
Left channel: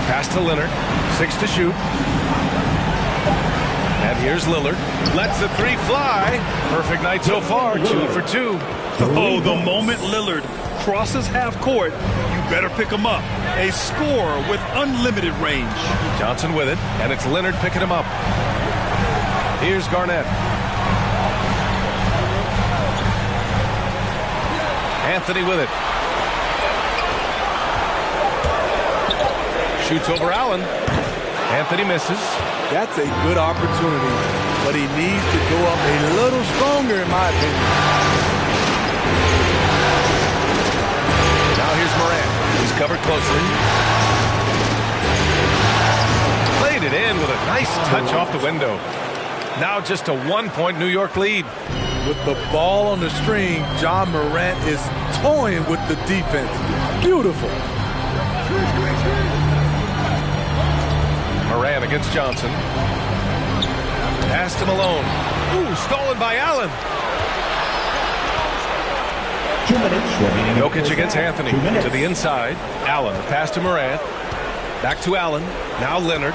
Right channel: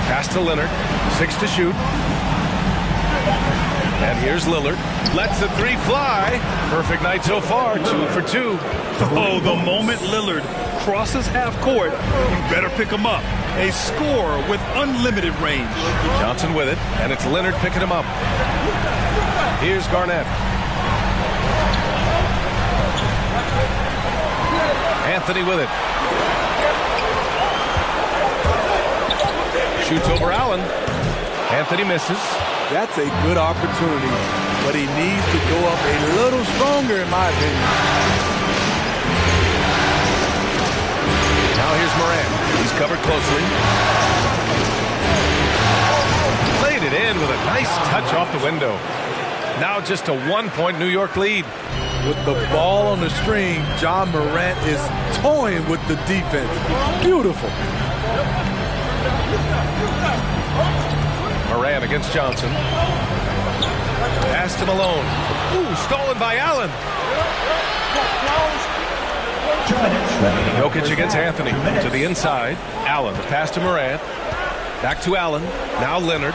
Pass to Leonard. 6 to shoot. And here's Lillard. Lets the three fly. Perfect night so far. 2 for 2. Oh, the moment Lillard crosses half court, you better pick him up. A scorer with unlimited range. Johnson with it. And it's Leonard picking him up. Here's Garnett. Anthony with it. Shoots over Allen. Anthony misses. That's a good opportunity, but he needs to go up a little stronger, in my opinion. Now here's Morant. He's covered closely. Played it in with a nice touch off the window. Now just a 1-point New York lead. With the ball on the string, John Morant is toying with the defense. Beautiful. Morant against Johnson. Pass to Malone. Ooh, stolen by Allen. 2 minutes remaining. Jokic against Anthony. To the inside. Allen, the pass to Morant. Back to Allen. Now Leonard.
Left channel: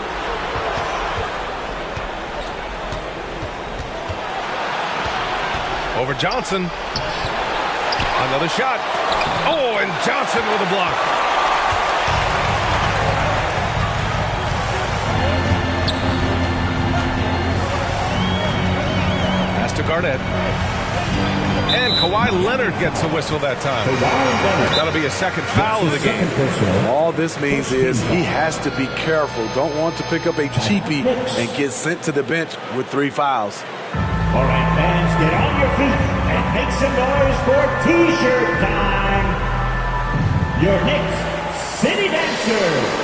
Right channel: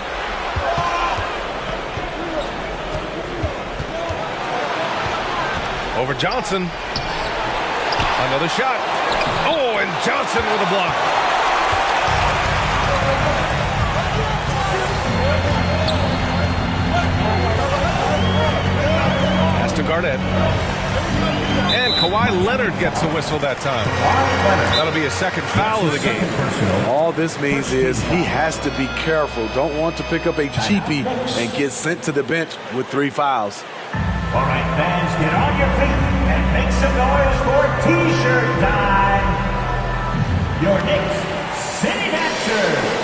Over Johnson. Another shot. Oh, and Johnson with a block. Pass to Garnett. And Kawhi Leonard gets a whistle that time. That'll be a second foul of the game. All this means is he has to be careful. Don't want to pick up a cheapie and get sent to the bench with 3 fouls. All right, fans, get on your feet and make some noise for T-shirt time. Your Knicks City Dancers.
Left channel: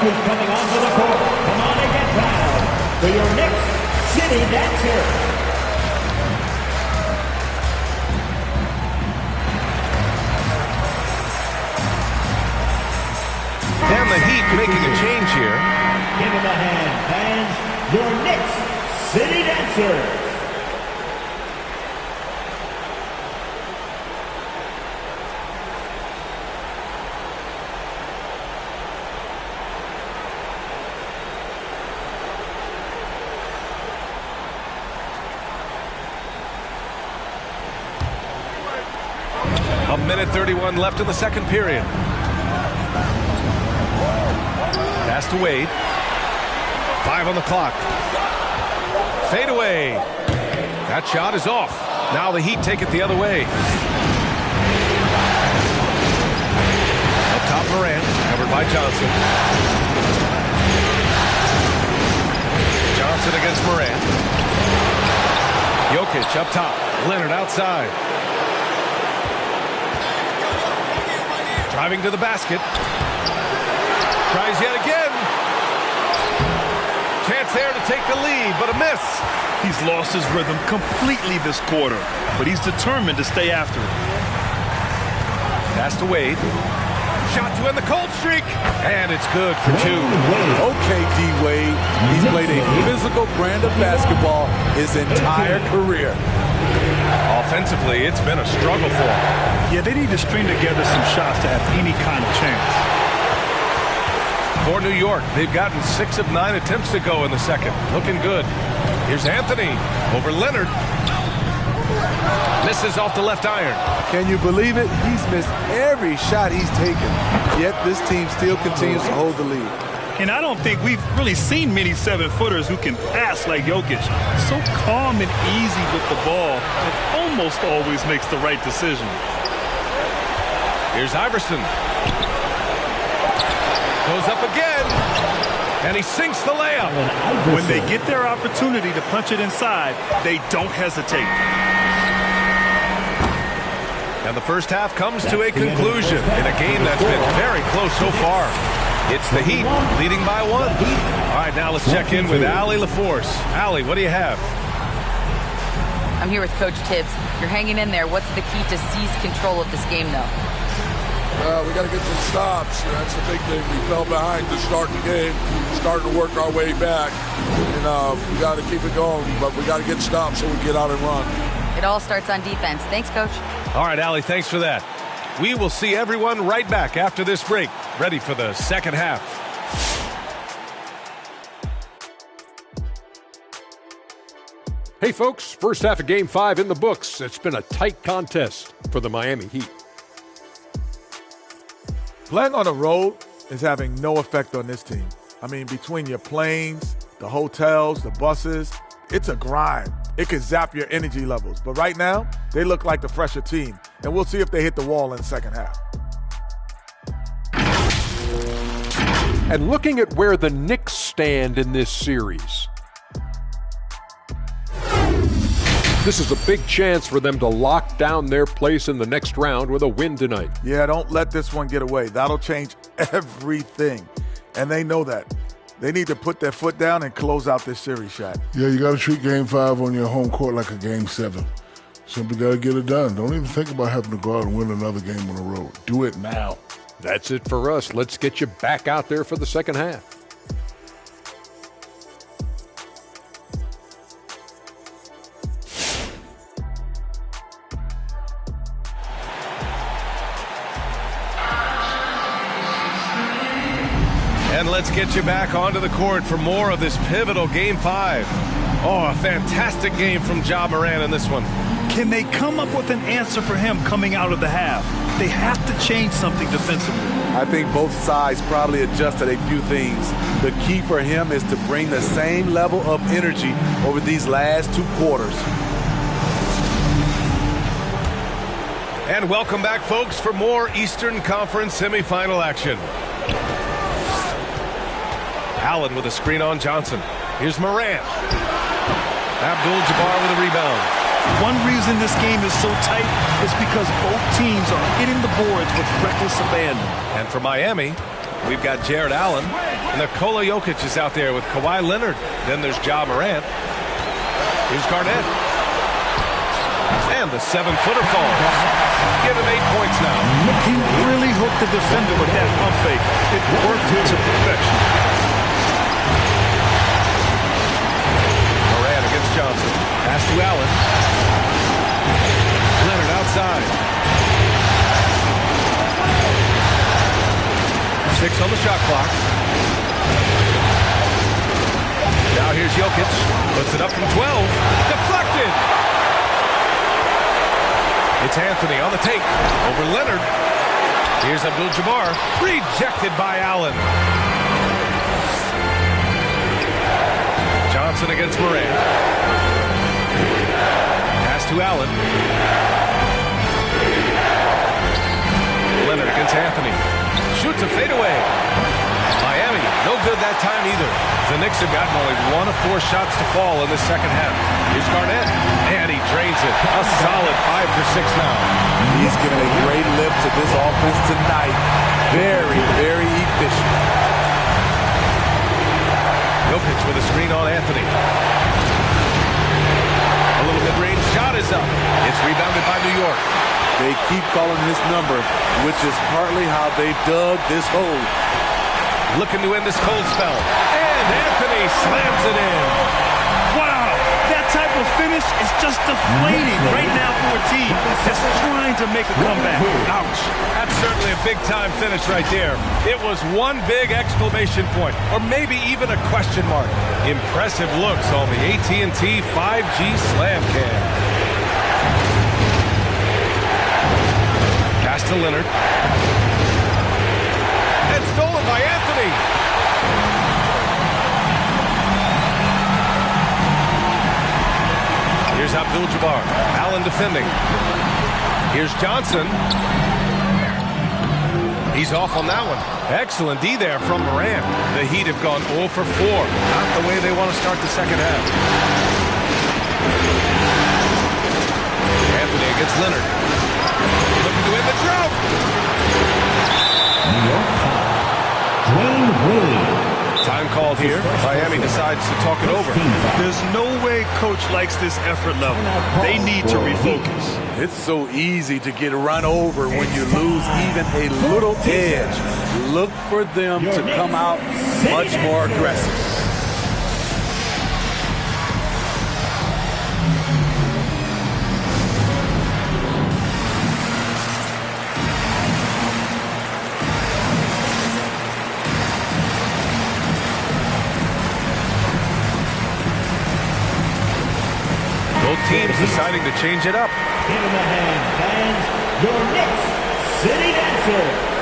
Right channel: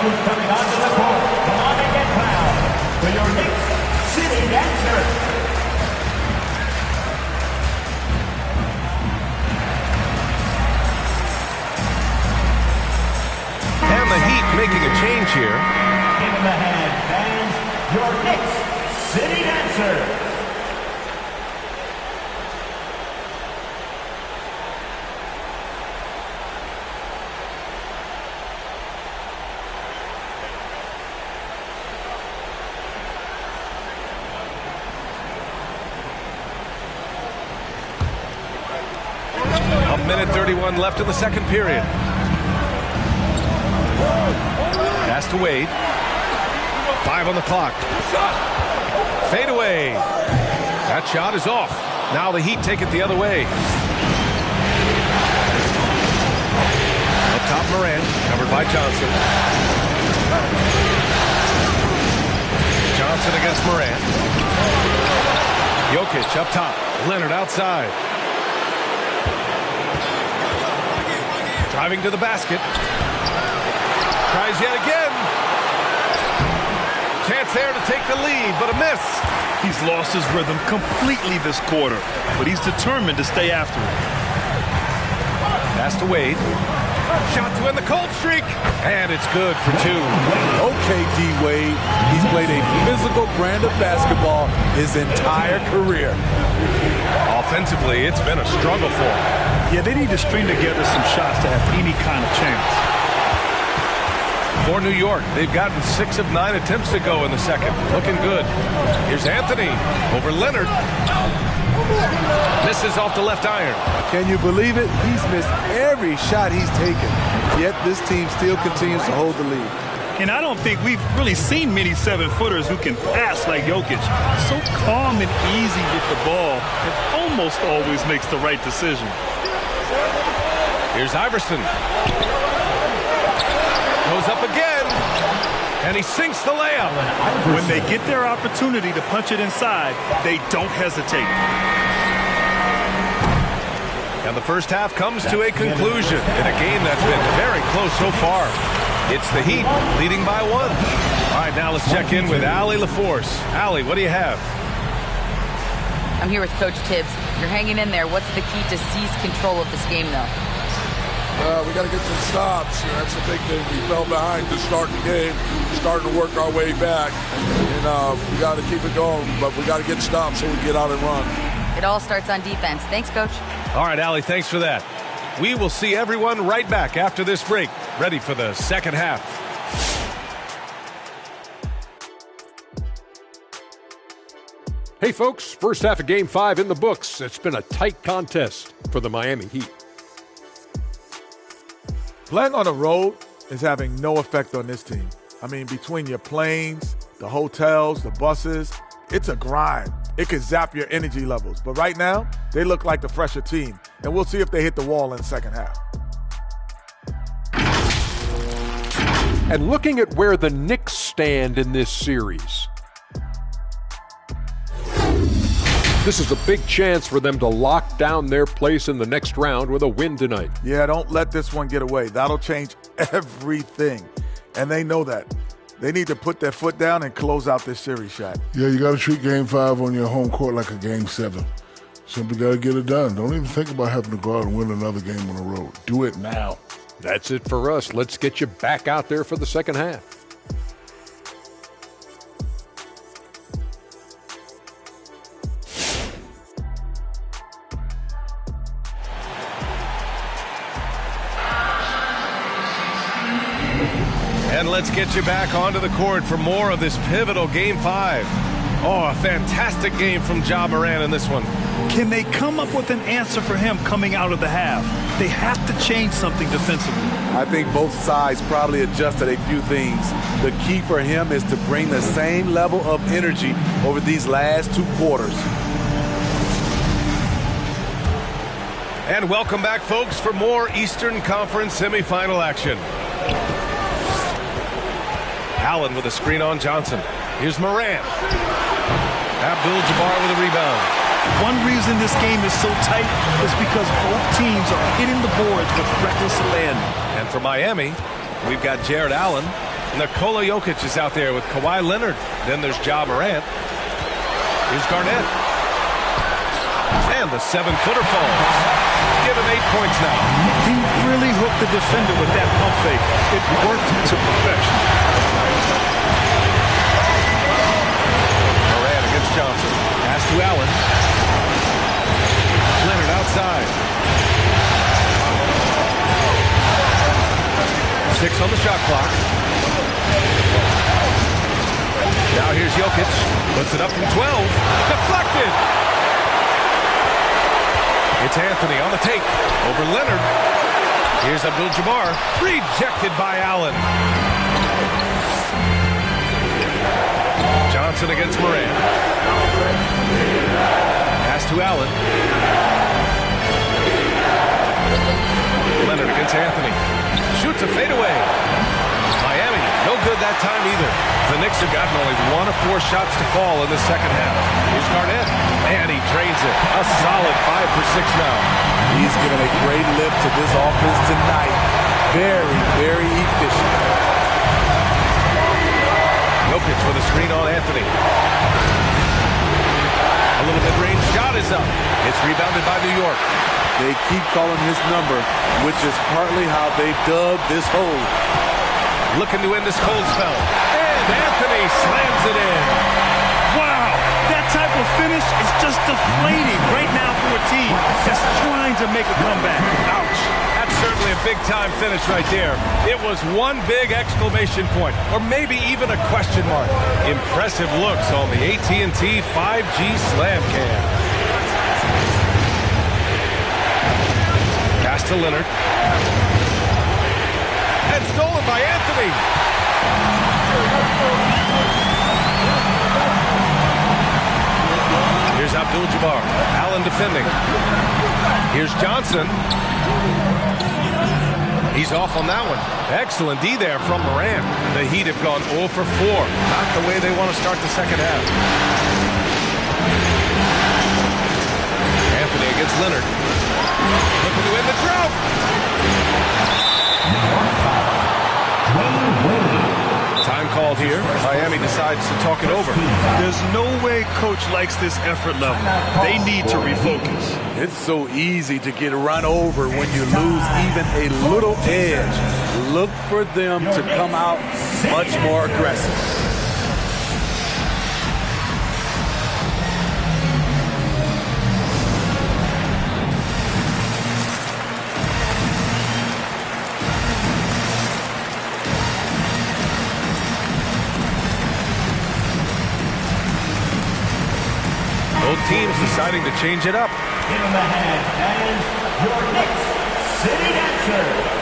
Who's coming onto the court. Come on and get proud for your Knicks City Dancer. And the Heat making a change here. Give him a hand, fans. Your Knicks City Dancer. A minute 31 left in the second period. Pass to Wade. 5 on the clock. Fade away. That shot is off. Now the Heat take it the other way. Up top, Morant, covered by Johnson. Johnson against Morant. Jokic up top. Leonard outside. Driving to the basket. Tries yet again. Chance there to take the lead, but a miss. He's lost his rhythm completely this quarter, but he's determined to stay after it. Pass to Wade. Shot to end the cold streak. And it's good for 2. Okay, D-Wade. He's played a physical brand of basketball his entire career. Offensively, it's been a struggle for him. Yeah, they need to string together some shots to have any kind of chance. For New York, they've gotten 6 of 9 attempts to go in the second. Looking good. Here's Anthony over Leonard. Misses off the left iron. Can you believe it? He's missed every shot he's taken. Yet this team still continues to hold the lead. And I don't think we've really seen many 7-footers who can pass like Jokic. So calm and easy with the ball and almost always makes the right decision. Here's Iverson. Goes up again. And he sinks the layup. When they get their opportunity to punch it inside, they don't hesitate. And the first half comes to a conclusion in a game that's been very close so far. It's the Heat leading by 1. All right, now let's check in with Allie LaForce. Allie, what do you have? I'm here with Coach Tibbs. You're hanging in there. What's the key to seize control of this game, though? We got to get some stops. That's the big thing. We fell behind to start the game, starting to work our way back. And we got to keep it going, but we got to get stops so we get out and run. It all starts on defense. Thanks, Coach. All right, Allie, thanks for that. We will see everyone right back after this break, ready for the second half. Hey, folks, first half of Game 5 in the books. It's been a tight contest for the Miami Heat. Playing on the road is having no effect on this team. I mean, between your planes, the hotels, the buses, it's a grind. It can zap your energy levels. But right now, they look like the fresher team. And we'll see if they hit the wall in the second half. And looking at where the Knicks stand in this series, this is a big chance for them to lock down their place in the next round with a win tonight. Yeah, don't let this one get away. That'll change everything. And they know that. They need to put their foot down and close out this series, Shaq. Yeah, you got to treat Game 5 on your home court like a Game 7. Simply got to get it done. Don't even think about having to go out and win another game on the road. Do it now. That's it for us. Let's get you back out there for the second half. And let's get you back onto the court for more of this pivotal Game 5. Oh, a fantastic game from Ja Morant in this one. Can they come up with an answer for him coming out of the half? They have to change something defensively. I think both sides probably adjusted a few things. The key for him is to bring the same level of energy over these last 2 quarters. And welcome back, folks, for more Eastern Conference semifinal action. Allen with a screen on Johnson. Here's Morant. Abdul-Jabbar with a rebound. One reason this game is so tight is because both teams are hitting the boards with reckless abandon. And for Miami, we've got Jared Allen. Nikola Jokic is out there with Kawhi Leonard. Then there's Ja Morant. Here's Garnett. And the 7-footer falls. Give him 8 points now. He really hooked the defender with that pump fake. It worked to perfection. Morant against Johnson. Pass to Allen. Leonard outside. 6 on the shot clock. Now here's Jokic. Puts it up from 12. Deflected. It's Anthony on the take. Over Leonard. Here's Abdul-Jabbar. Rejected by Allen. Johnson against Morant. Pass to Allen. Leonard against Anthony. Shoots a fadeaway. Miami, no good that time either. The Knicks have gotten only 1 of 4 shots to fall in the second half. Here's Garnett, and he drains it. A solid 5 for 6 now. He's given a great lift to this offense tonight. Very, very efficient. Jokic with a screen on Anthony. A little mid-range shot is up. It's rebounded by New York. They keep calling his number, which is partly how they've dug this hole. Looking to end this cold spell. And Anthony slams it in. Wow, that type of finish is just deflating right now for a team that's trying to make a comeback. Ouch. That's certainly a big-time finish right there. It was one big exclamation point, or maybe even a question mark. Impressive looks on the AT&T 5G Slam Cam. Pass to Leonard. And stolen by Anthony. Here's Abdul-Jabbar. Allen defending. Here's Johnson. He's off on that one. Excellent D there from Morant. The Heat have gone 0 for 4. Not the way they want to start the second half. Anthony against Leonard. Looking to end the drought. New York foul. Dwayne Wade. Time called here. Miami decides to talk it over. There's no way coach likes this effort level. They need to refocus. It's so easy to get run over when you lose even a little edge. Look for them to come out much more aggressive. Both teams deciding to change it up. In the hand, fans, your next sitting answer.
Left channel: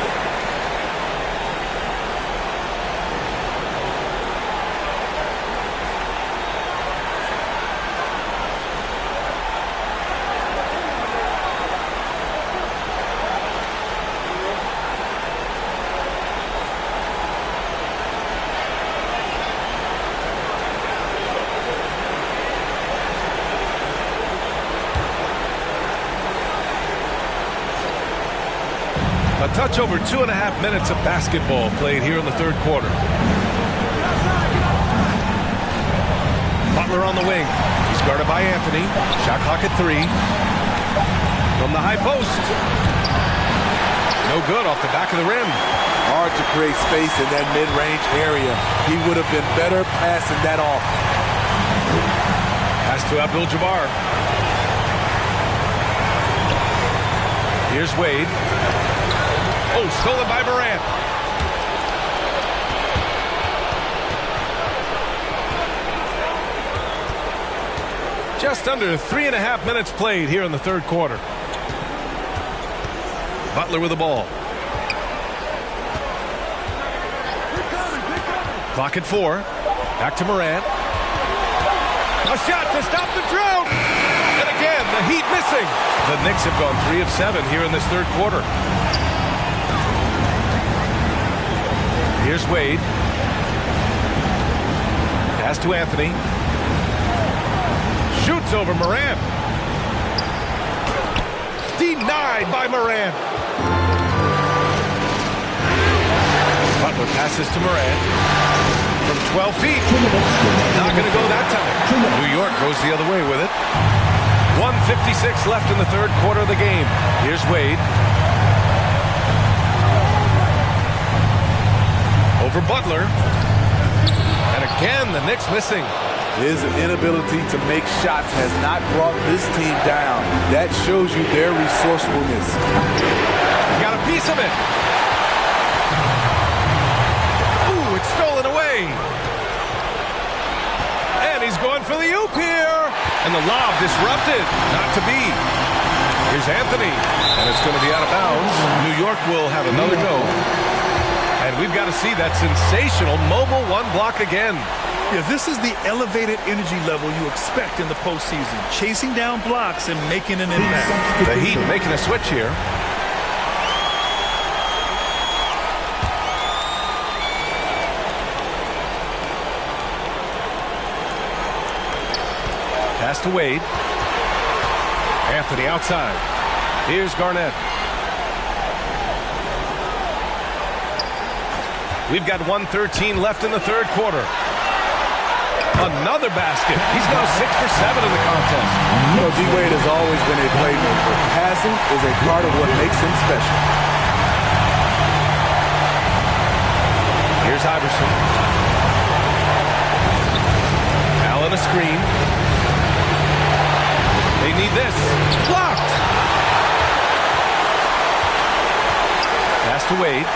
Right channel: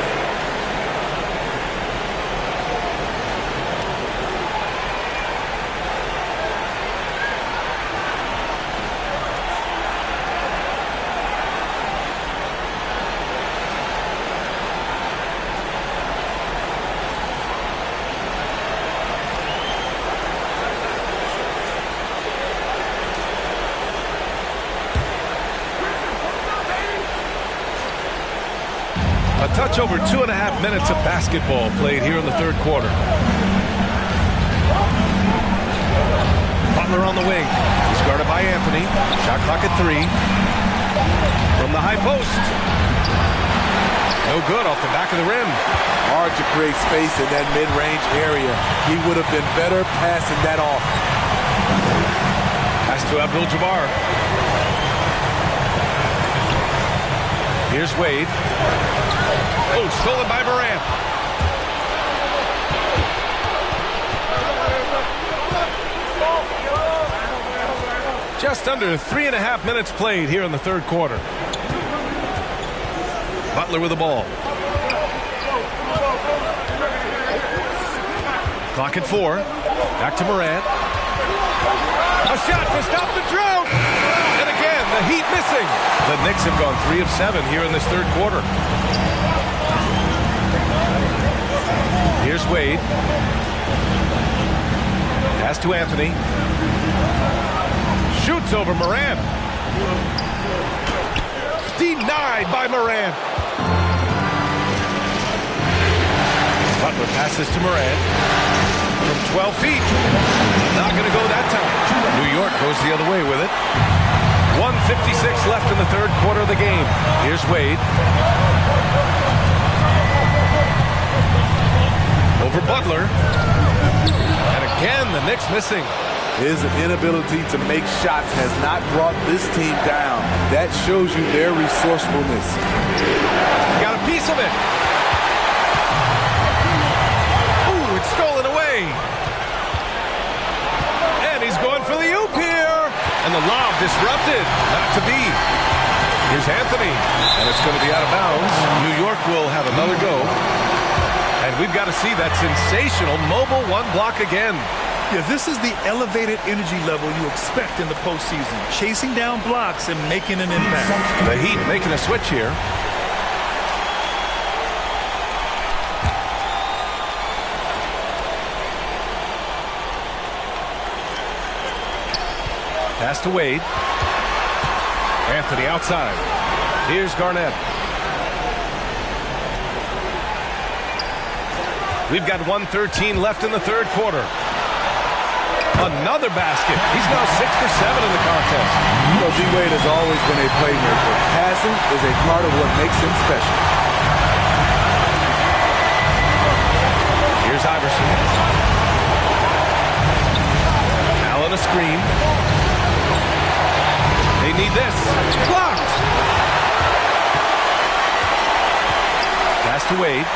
A touch over 2.5 minutes of basketball played here in the third quarter. Butler on the wing. He's guarded by Anthony. Shot clock at 3. From the high post. No good off the back of the rim. Hard to create space in that mid-range area. He would have been better passing that off. Pass to Abdul-Jabbar. Here's Wade. Oh, stolen by Morant. Just under 3.5 minutes played here in the third quarter. Butler with the ball. Clock at 4. Back to Morant. A shot to stop the drought. And again, the Heat missing. The Knicks have gone 3 of 7 here in this third quarter. Here's Wade. Pass to Anthony. Shoots over Morant. Denied by Morant. Butler passes to Morant. From 12 feet. Not going to go that time. New York goes the other way with it. 1:56 left in the third quarter of the game. Here's Wade. Over Butler. And again, the Knicks missing. His inability to make shots has not brought this team down. That shows you their resourcefulness. Got a piece of it. Ooh, it's stolen away. And he's going for the oop here. And the lob disrupted. Not to be. Here's Anthony. And it's going to be out of bounds. New York will have another go. And we've got to see that sensational mobile one block again. Yeah, this is the elevated energy level you expect in the postseason. Chasing down blocks and making an impact. The Heat making a switch here. Pass to Wade. Anthony outside. Here's Garnett. We've got 1:13 left in the third quarter. Another basket. He's now 6 for 7 in the contest. You know, D-Wade has always been a playmaker. Passing is a part of what makes him special. Here's Iverson. Allen a screen. They need this. Blocked. Pass to Wade.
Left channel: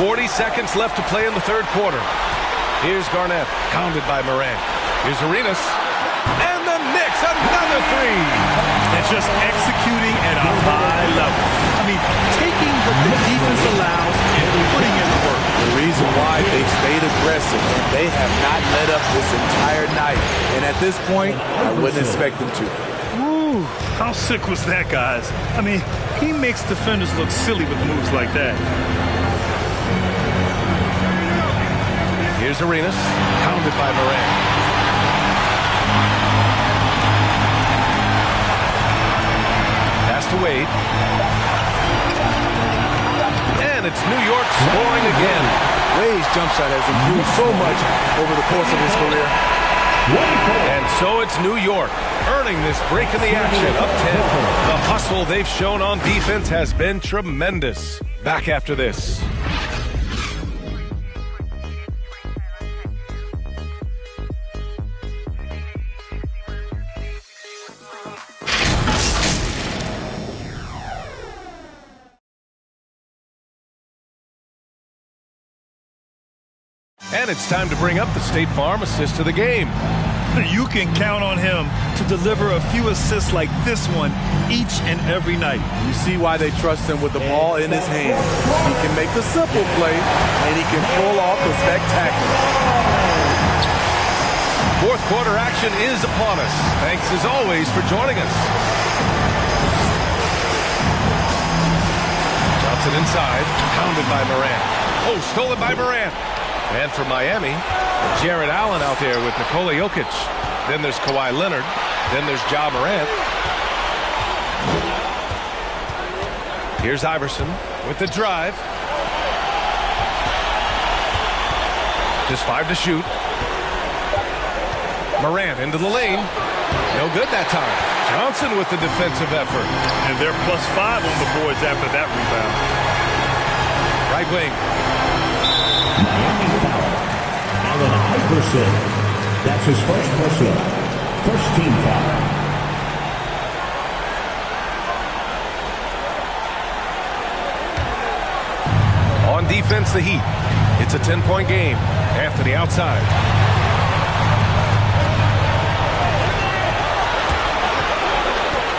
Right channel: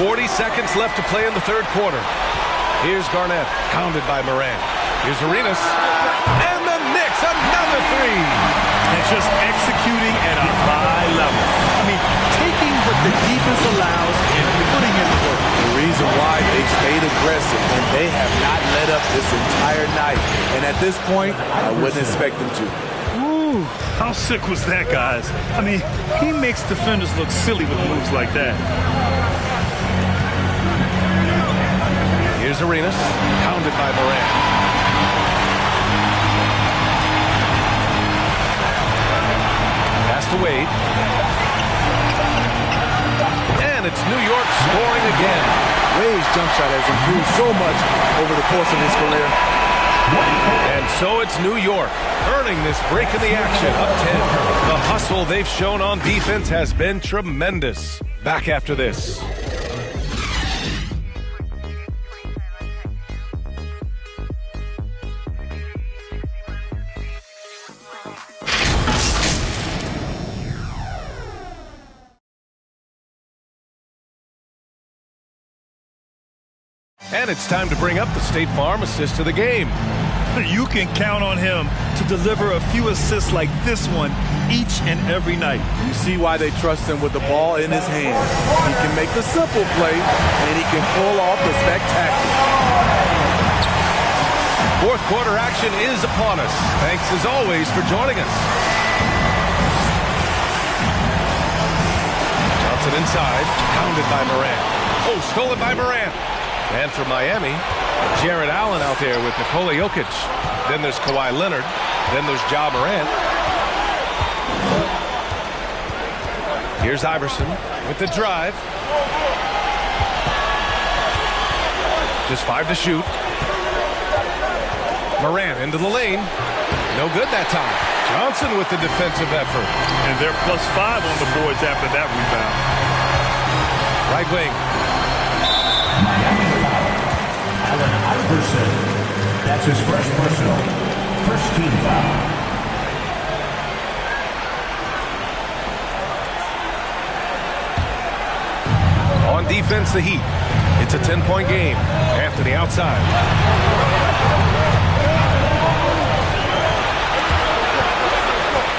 40 seconds left to play in the third quarter. Here's Garnett, hounded by Morant. Here's Arenas. And the Knicks, another 3. And just executing at a high level. I mean, taking what the defense allows and putting in the work. The reason why they stayed aggressive, and they have not let up this entire night. And at this point, I wouldn't expect them to. Ooh, how sick was that, guys? I mean, he makes defenders look silly with moves like that. Here's Arenas, hounded by Morant. Pass to Wade. And And it's New York scoring again. Wade's jump shot has improved so much over the course of his career. And so it's New York earning this break in the action, up 10. The hustle they've shown on defense has been tremendous. Back after this. And it's time to bring up the State Farm assist to the game. You can count on him to deliver a few assists like this one each and every night. You see why they trust him with the ball in his hand. He can make the simple play, and he can pull off the spectacular. Fourth quarter action is upon us. Thanks as always for joining us. Johnson inside, pounded by Morant. Oh, stolen by Morant. And for Miami, Jared Allen out there with Nikola Jokic. Then there's Kawhi Leonard. Then there's Ja Morant. Here's Iverson with the drive. Just 5 to shoot. Morant into the lane. No good that time. Johnson with the defensive effort. And they're +5 on the boards after that rebound. Right wing. Miami foul. Allen Iverson. That's his first personal. First team foul. On defense, the Heat. It's a 10-point game. Anthony outside.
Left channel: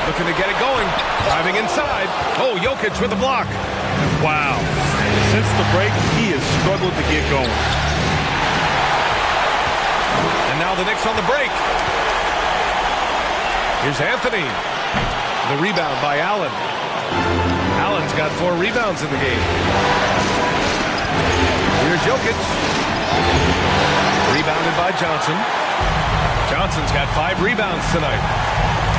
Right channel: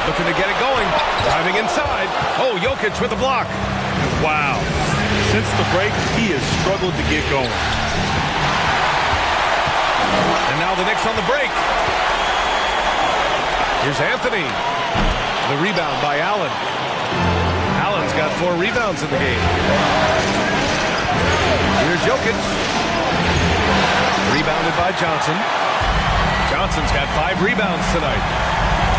Looking to get it going. Driving inside. Oh, Jokic with a block. Wow. Since the break, he has struggled to get going. And now the Knicks on the break. Here's Anthony. The rebound by Allen. Allen's got 4 rebounds in the game. Here's Jokic. Rebounded by Johnson. Johnson's got 5 rebounds tonight.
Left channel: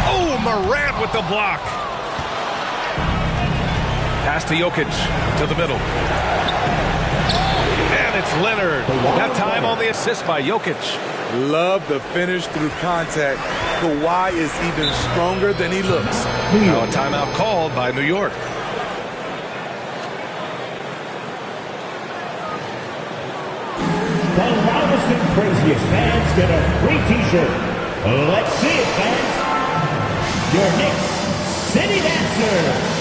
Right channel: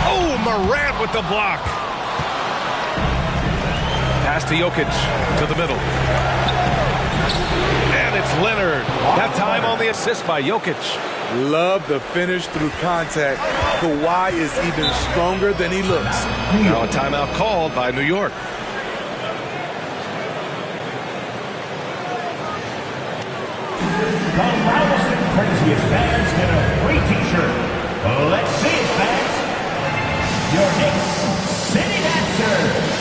Oh, Morant with the block. Pass to Jokic to the middle. And it's Leonard. That time on the assist by Jokic. Love the finish through contact. Kawhi is even stronger than he looks. Now a timeout called by New York. The loudest and craziest fans get a free t-shirt. Let's see it, fans. Your Knicks City Dancer.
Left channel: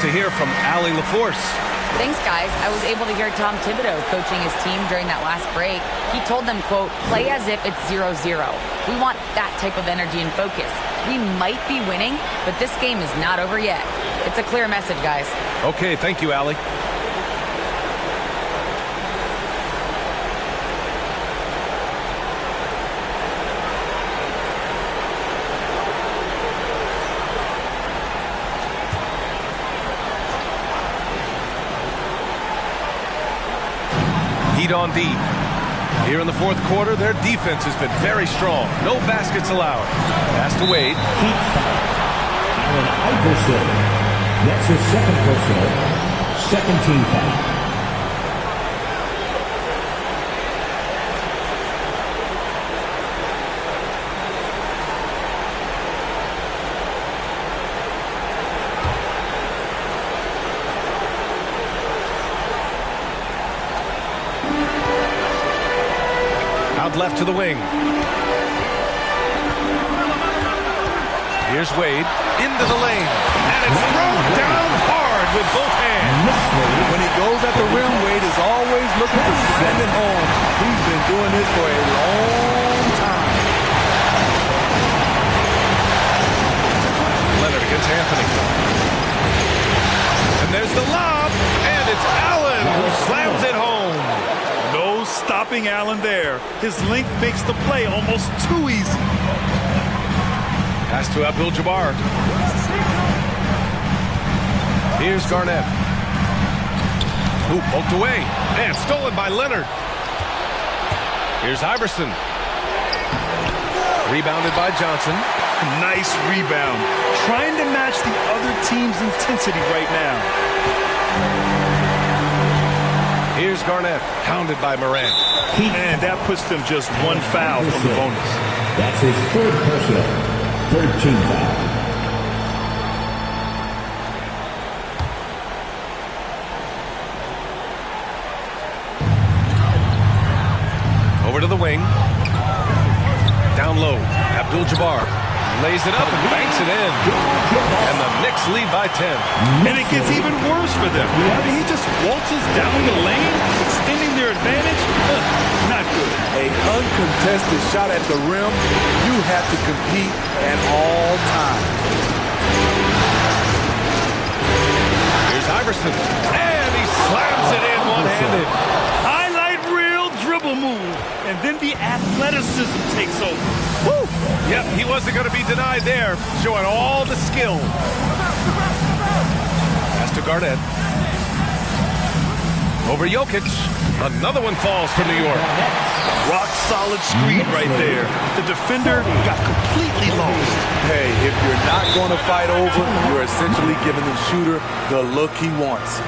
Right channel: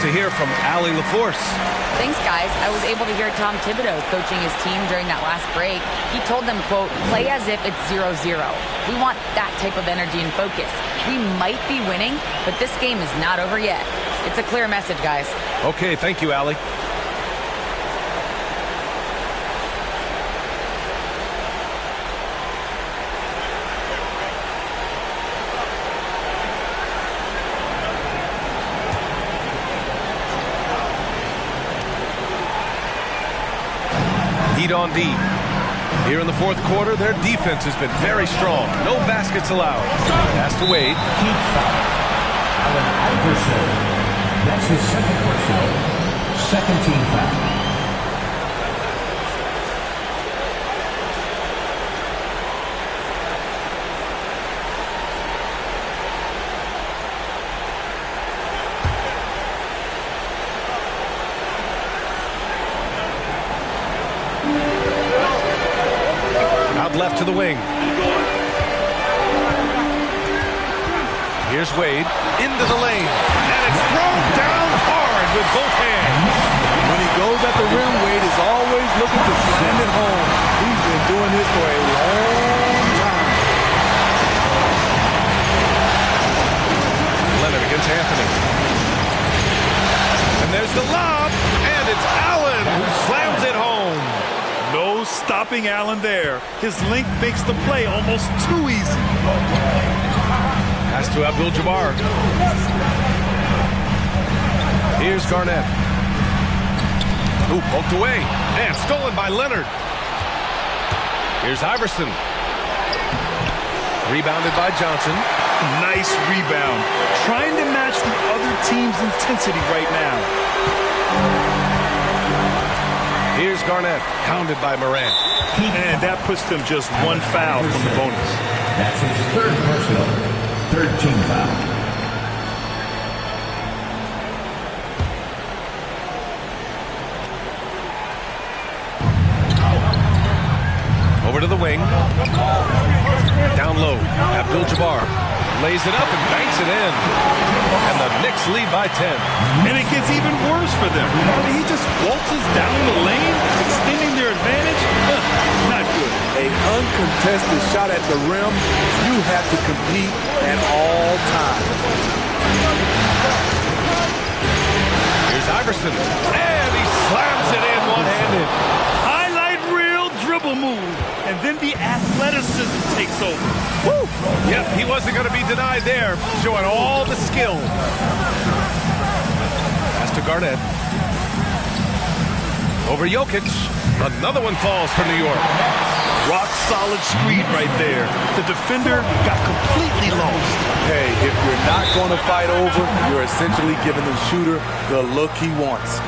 To hear from Allie LaForce. Thanks, guys. I was able to hear Tom Thibodeau coaching his team during that last break. He told them, quote, play as if it's 0-0. We want that type of energy and focus. We might be winning, but this game is not over yet. It's a clear message, guys. Okay, thank you, Allie. Heat on D. Here in the fourth quarter, their defense has been very strong. No baskets allowed. Pass to Wade. Heat foul. Allen Iverson. That's his second personal. Second team foul. Left to the wing. Here's Wade into the lane, and it's thrown down hard with both hands. When he goes at the rim, Wade is always looking to slam it home. He's been doing this for a long time. Leonard against Anthony. And there's the lob, and it's Allen who slams it home. No stopping Allen there. His length makes the play almost too easy. Pass to Abdul-Jabbar. Here's Garnett. Who poked away. And stolen by Leonard. Here's Iverson. Rebounded by Johnson. Nice rebound. Trying to match the other team's intensity right now. Here's Garnett. Hounded by Morant. And that puts them just one foul from the bonus. That's his third personal. Third team foul. Over to the wing. Down low. Abdul-Jabbar lays it up and banks it in. And the Knicks lead by 10. And it gets even worse for them. I mean, he just waltzes down the lane, extending their advantage. Not good. An uncontested shot at the rim. You have to compete at all times. Here's Iverson. And he slams it in one-handed. Highlight reel dribble move. And then the athleticism takes over. Woo! Yep, he wasn't going to be denied there. Showing all the skill. Pass to Garnett. Over Jokic. Another one falls for New York. Rock solid screen right there. The defender got completely lost. Hey, if you're not going to fight over, you're essentially giving the shooter the look he wants.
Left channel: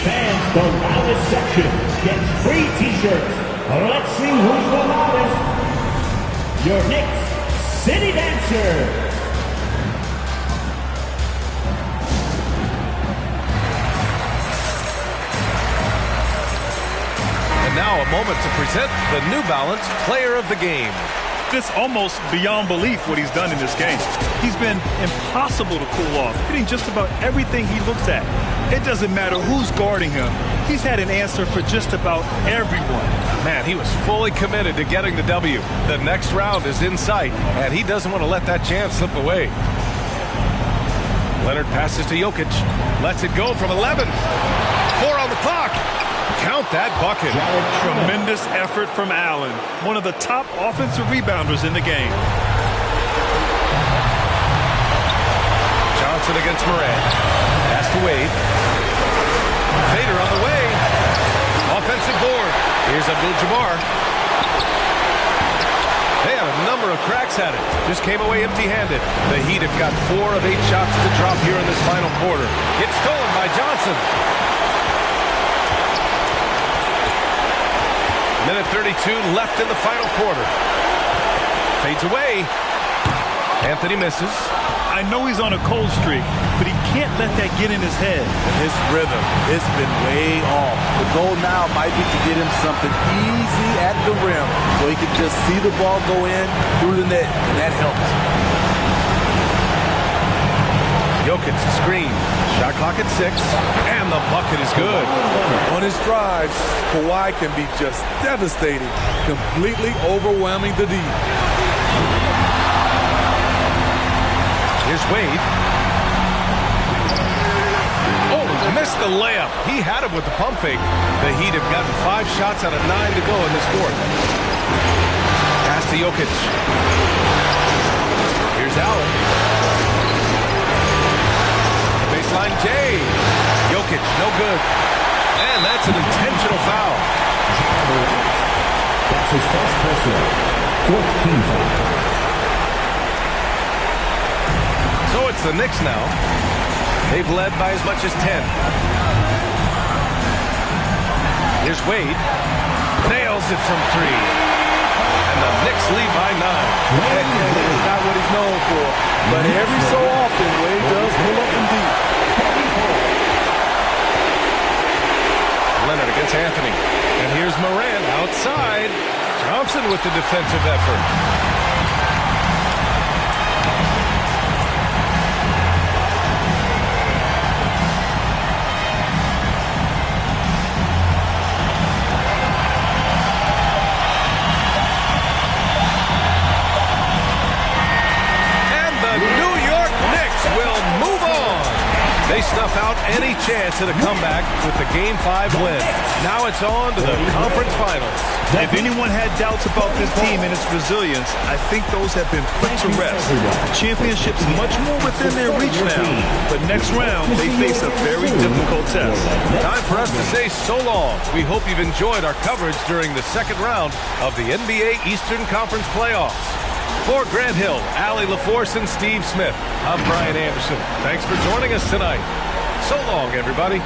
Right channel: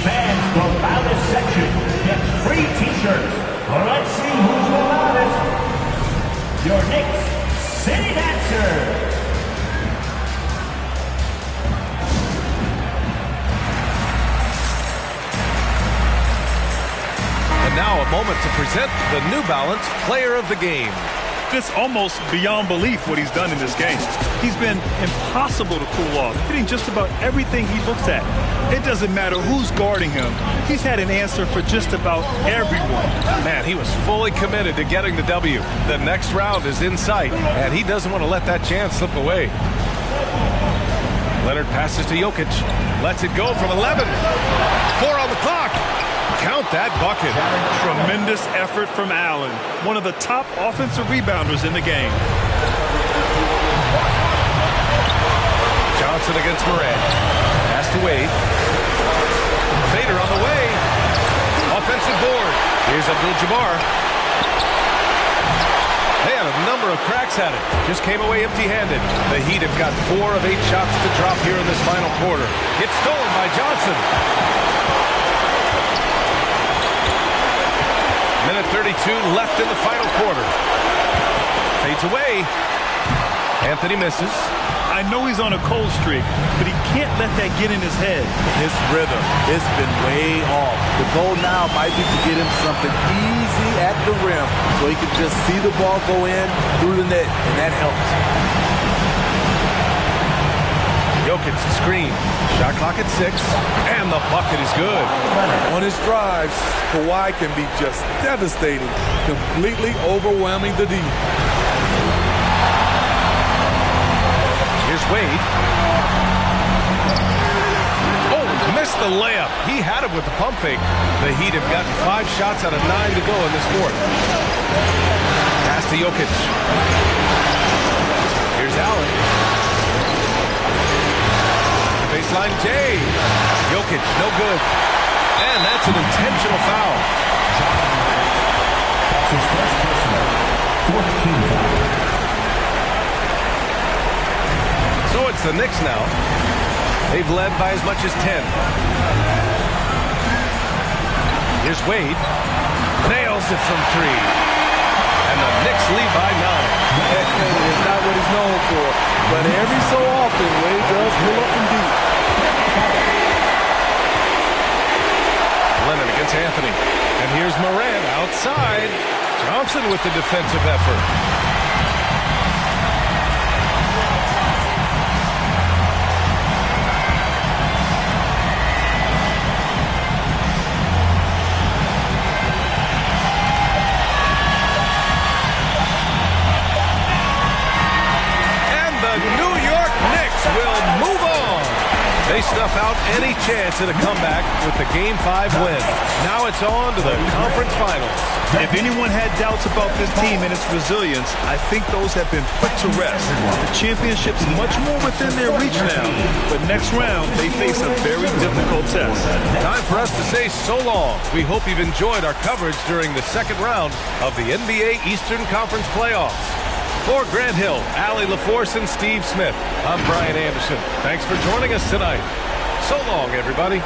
Fans, the loudest section gets free t-shirts. Let's see who's the loudest. Your Knicks City Dancer. And now a moment to present the New Balance Player of the Game. It's almost beyond belief what he's done in this game. He's been impossible to cool off, hitting just about everything he looks at. It doesn't matter who's guarding him. He's had an answer for just about everyone. Man, he was fully committed to getting the W. The next round is in sight, and he doesn't want to let that chance slip away. Leonard passes to Jokic. Lets it go from 11. 4 on the clock. Count that bucket. Tremendous effort from Allen, one of the top offensive rebounders in the game. Johnson against Morant. Pass to Wade. Fader on the way. Offensive board. Here's Abdul-Jabbar. They had a number of cracks at it. Just came away empty-handed. The Heat have got 4 of 8 shots to drop here in this final quarter. It's stolen by Johnson. Minute 32 left in the final quarter. Fades away. Anthony misses. I know he's on a cold streak, but he can't let that get in his head. His rhythm, it's been way off. The goal now might be to get him something easy at the rim so he can just see the ball go in through the net, and that helps. Jokic screen. Shot clock at 6, and the bucket is good. On his drives, Kawhi can be just devastating, completely overwhelming the D. Here's Wade. Oh, missed the layup. He had it with the pump fake. The Heat have gotten 5 shots out of 9 to go in this fourth. Pass to Jokic. Here's Allen. Baseline J. Jokic, no good. And that's an intentional foul. That's his first personal. 4th team foul. So it's the Knicks now. They've led by as much as 10. Here's Wade. Nails it from 3. And the Knicks lead by 9. It's not what he's known for, but every so often, Wade does pull up from deep. Leonard against Anthony. And here's Morant outside. Johnson with the defensive effort. And the New York Knicks will move on They snuff out any chance at a comeback with the Game 5 win. Now it's on to the conference finals. If anyone had doubts about this team and its resilience, I think those have been put to rest. The championship's much more within their reach now, but next round they face a very difficult test. Time for us to say so long. We hope you've enjoyed our coverage during the second round of the NBA Eastern Conference playoffs. For Grant Hill, Allie LaForce, and Steve Smith, I'm Brian Anderson. Thanks for joining us tonight. So long, everybody.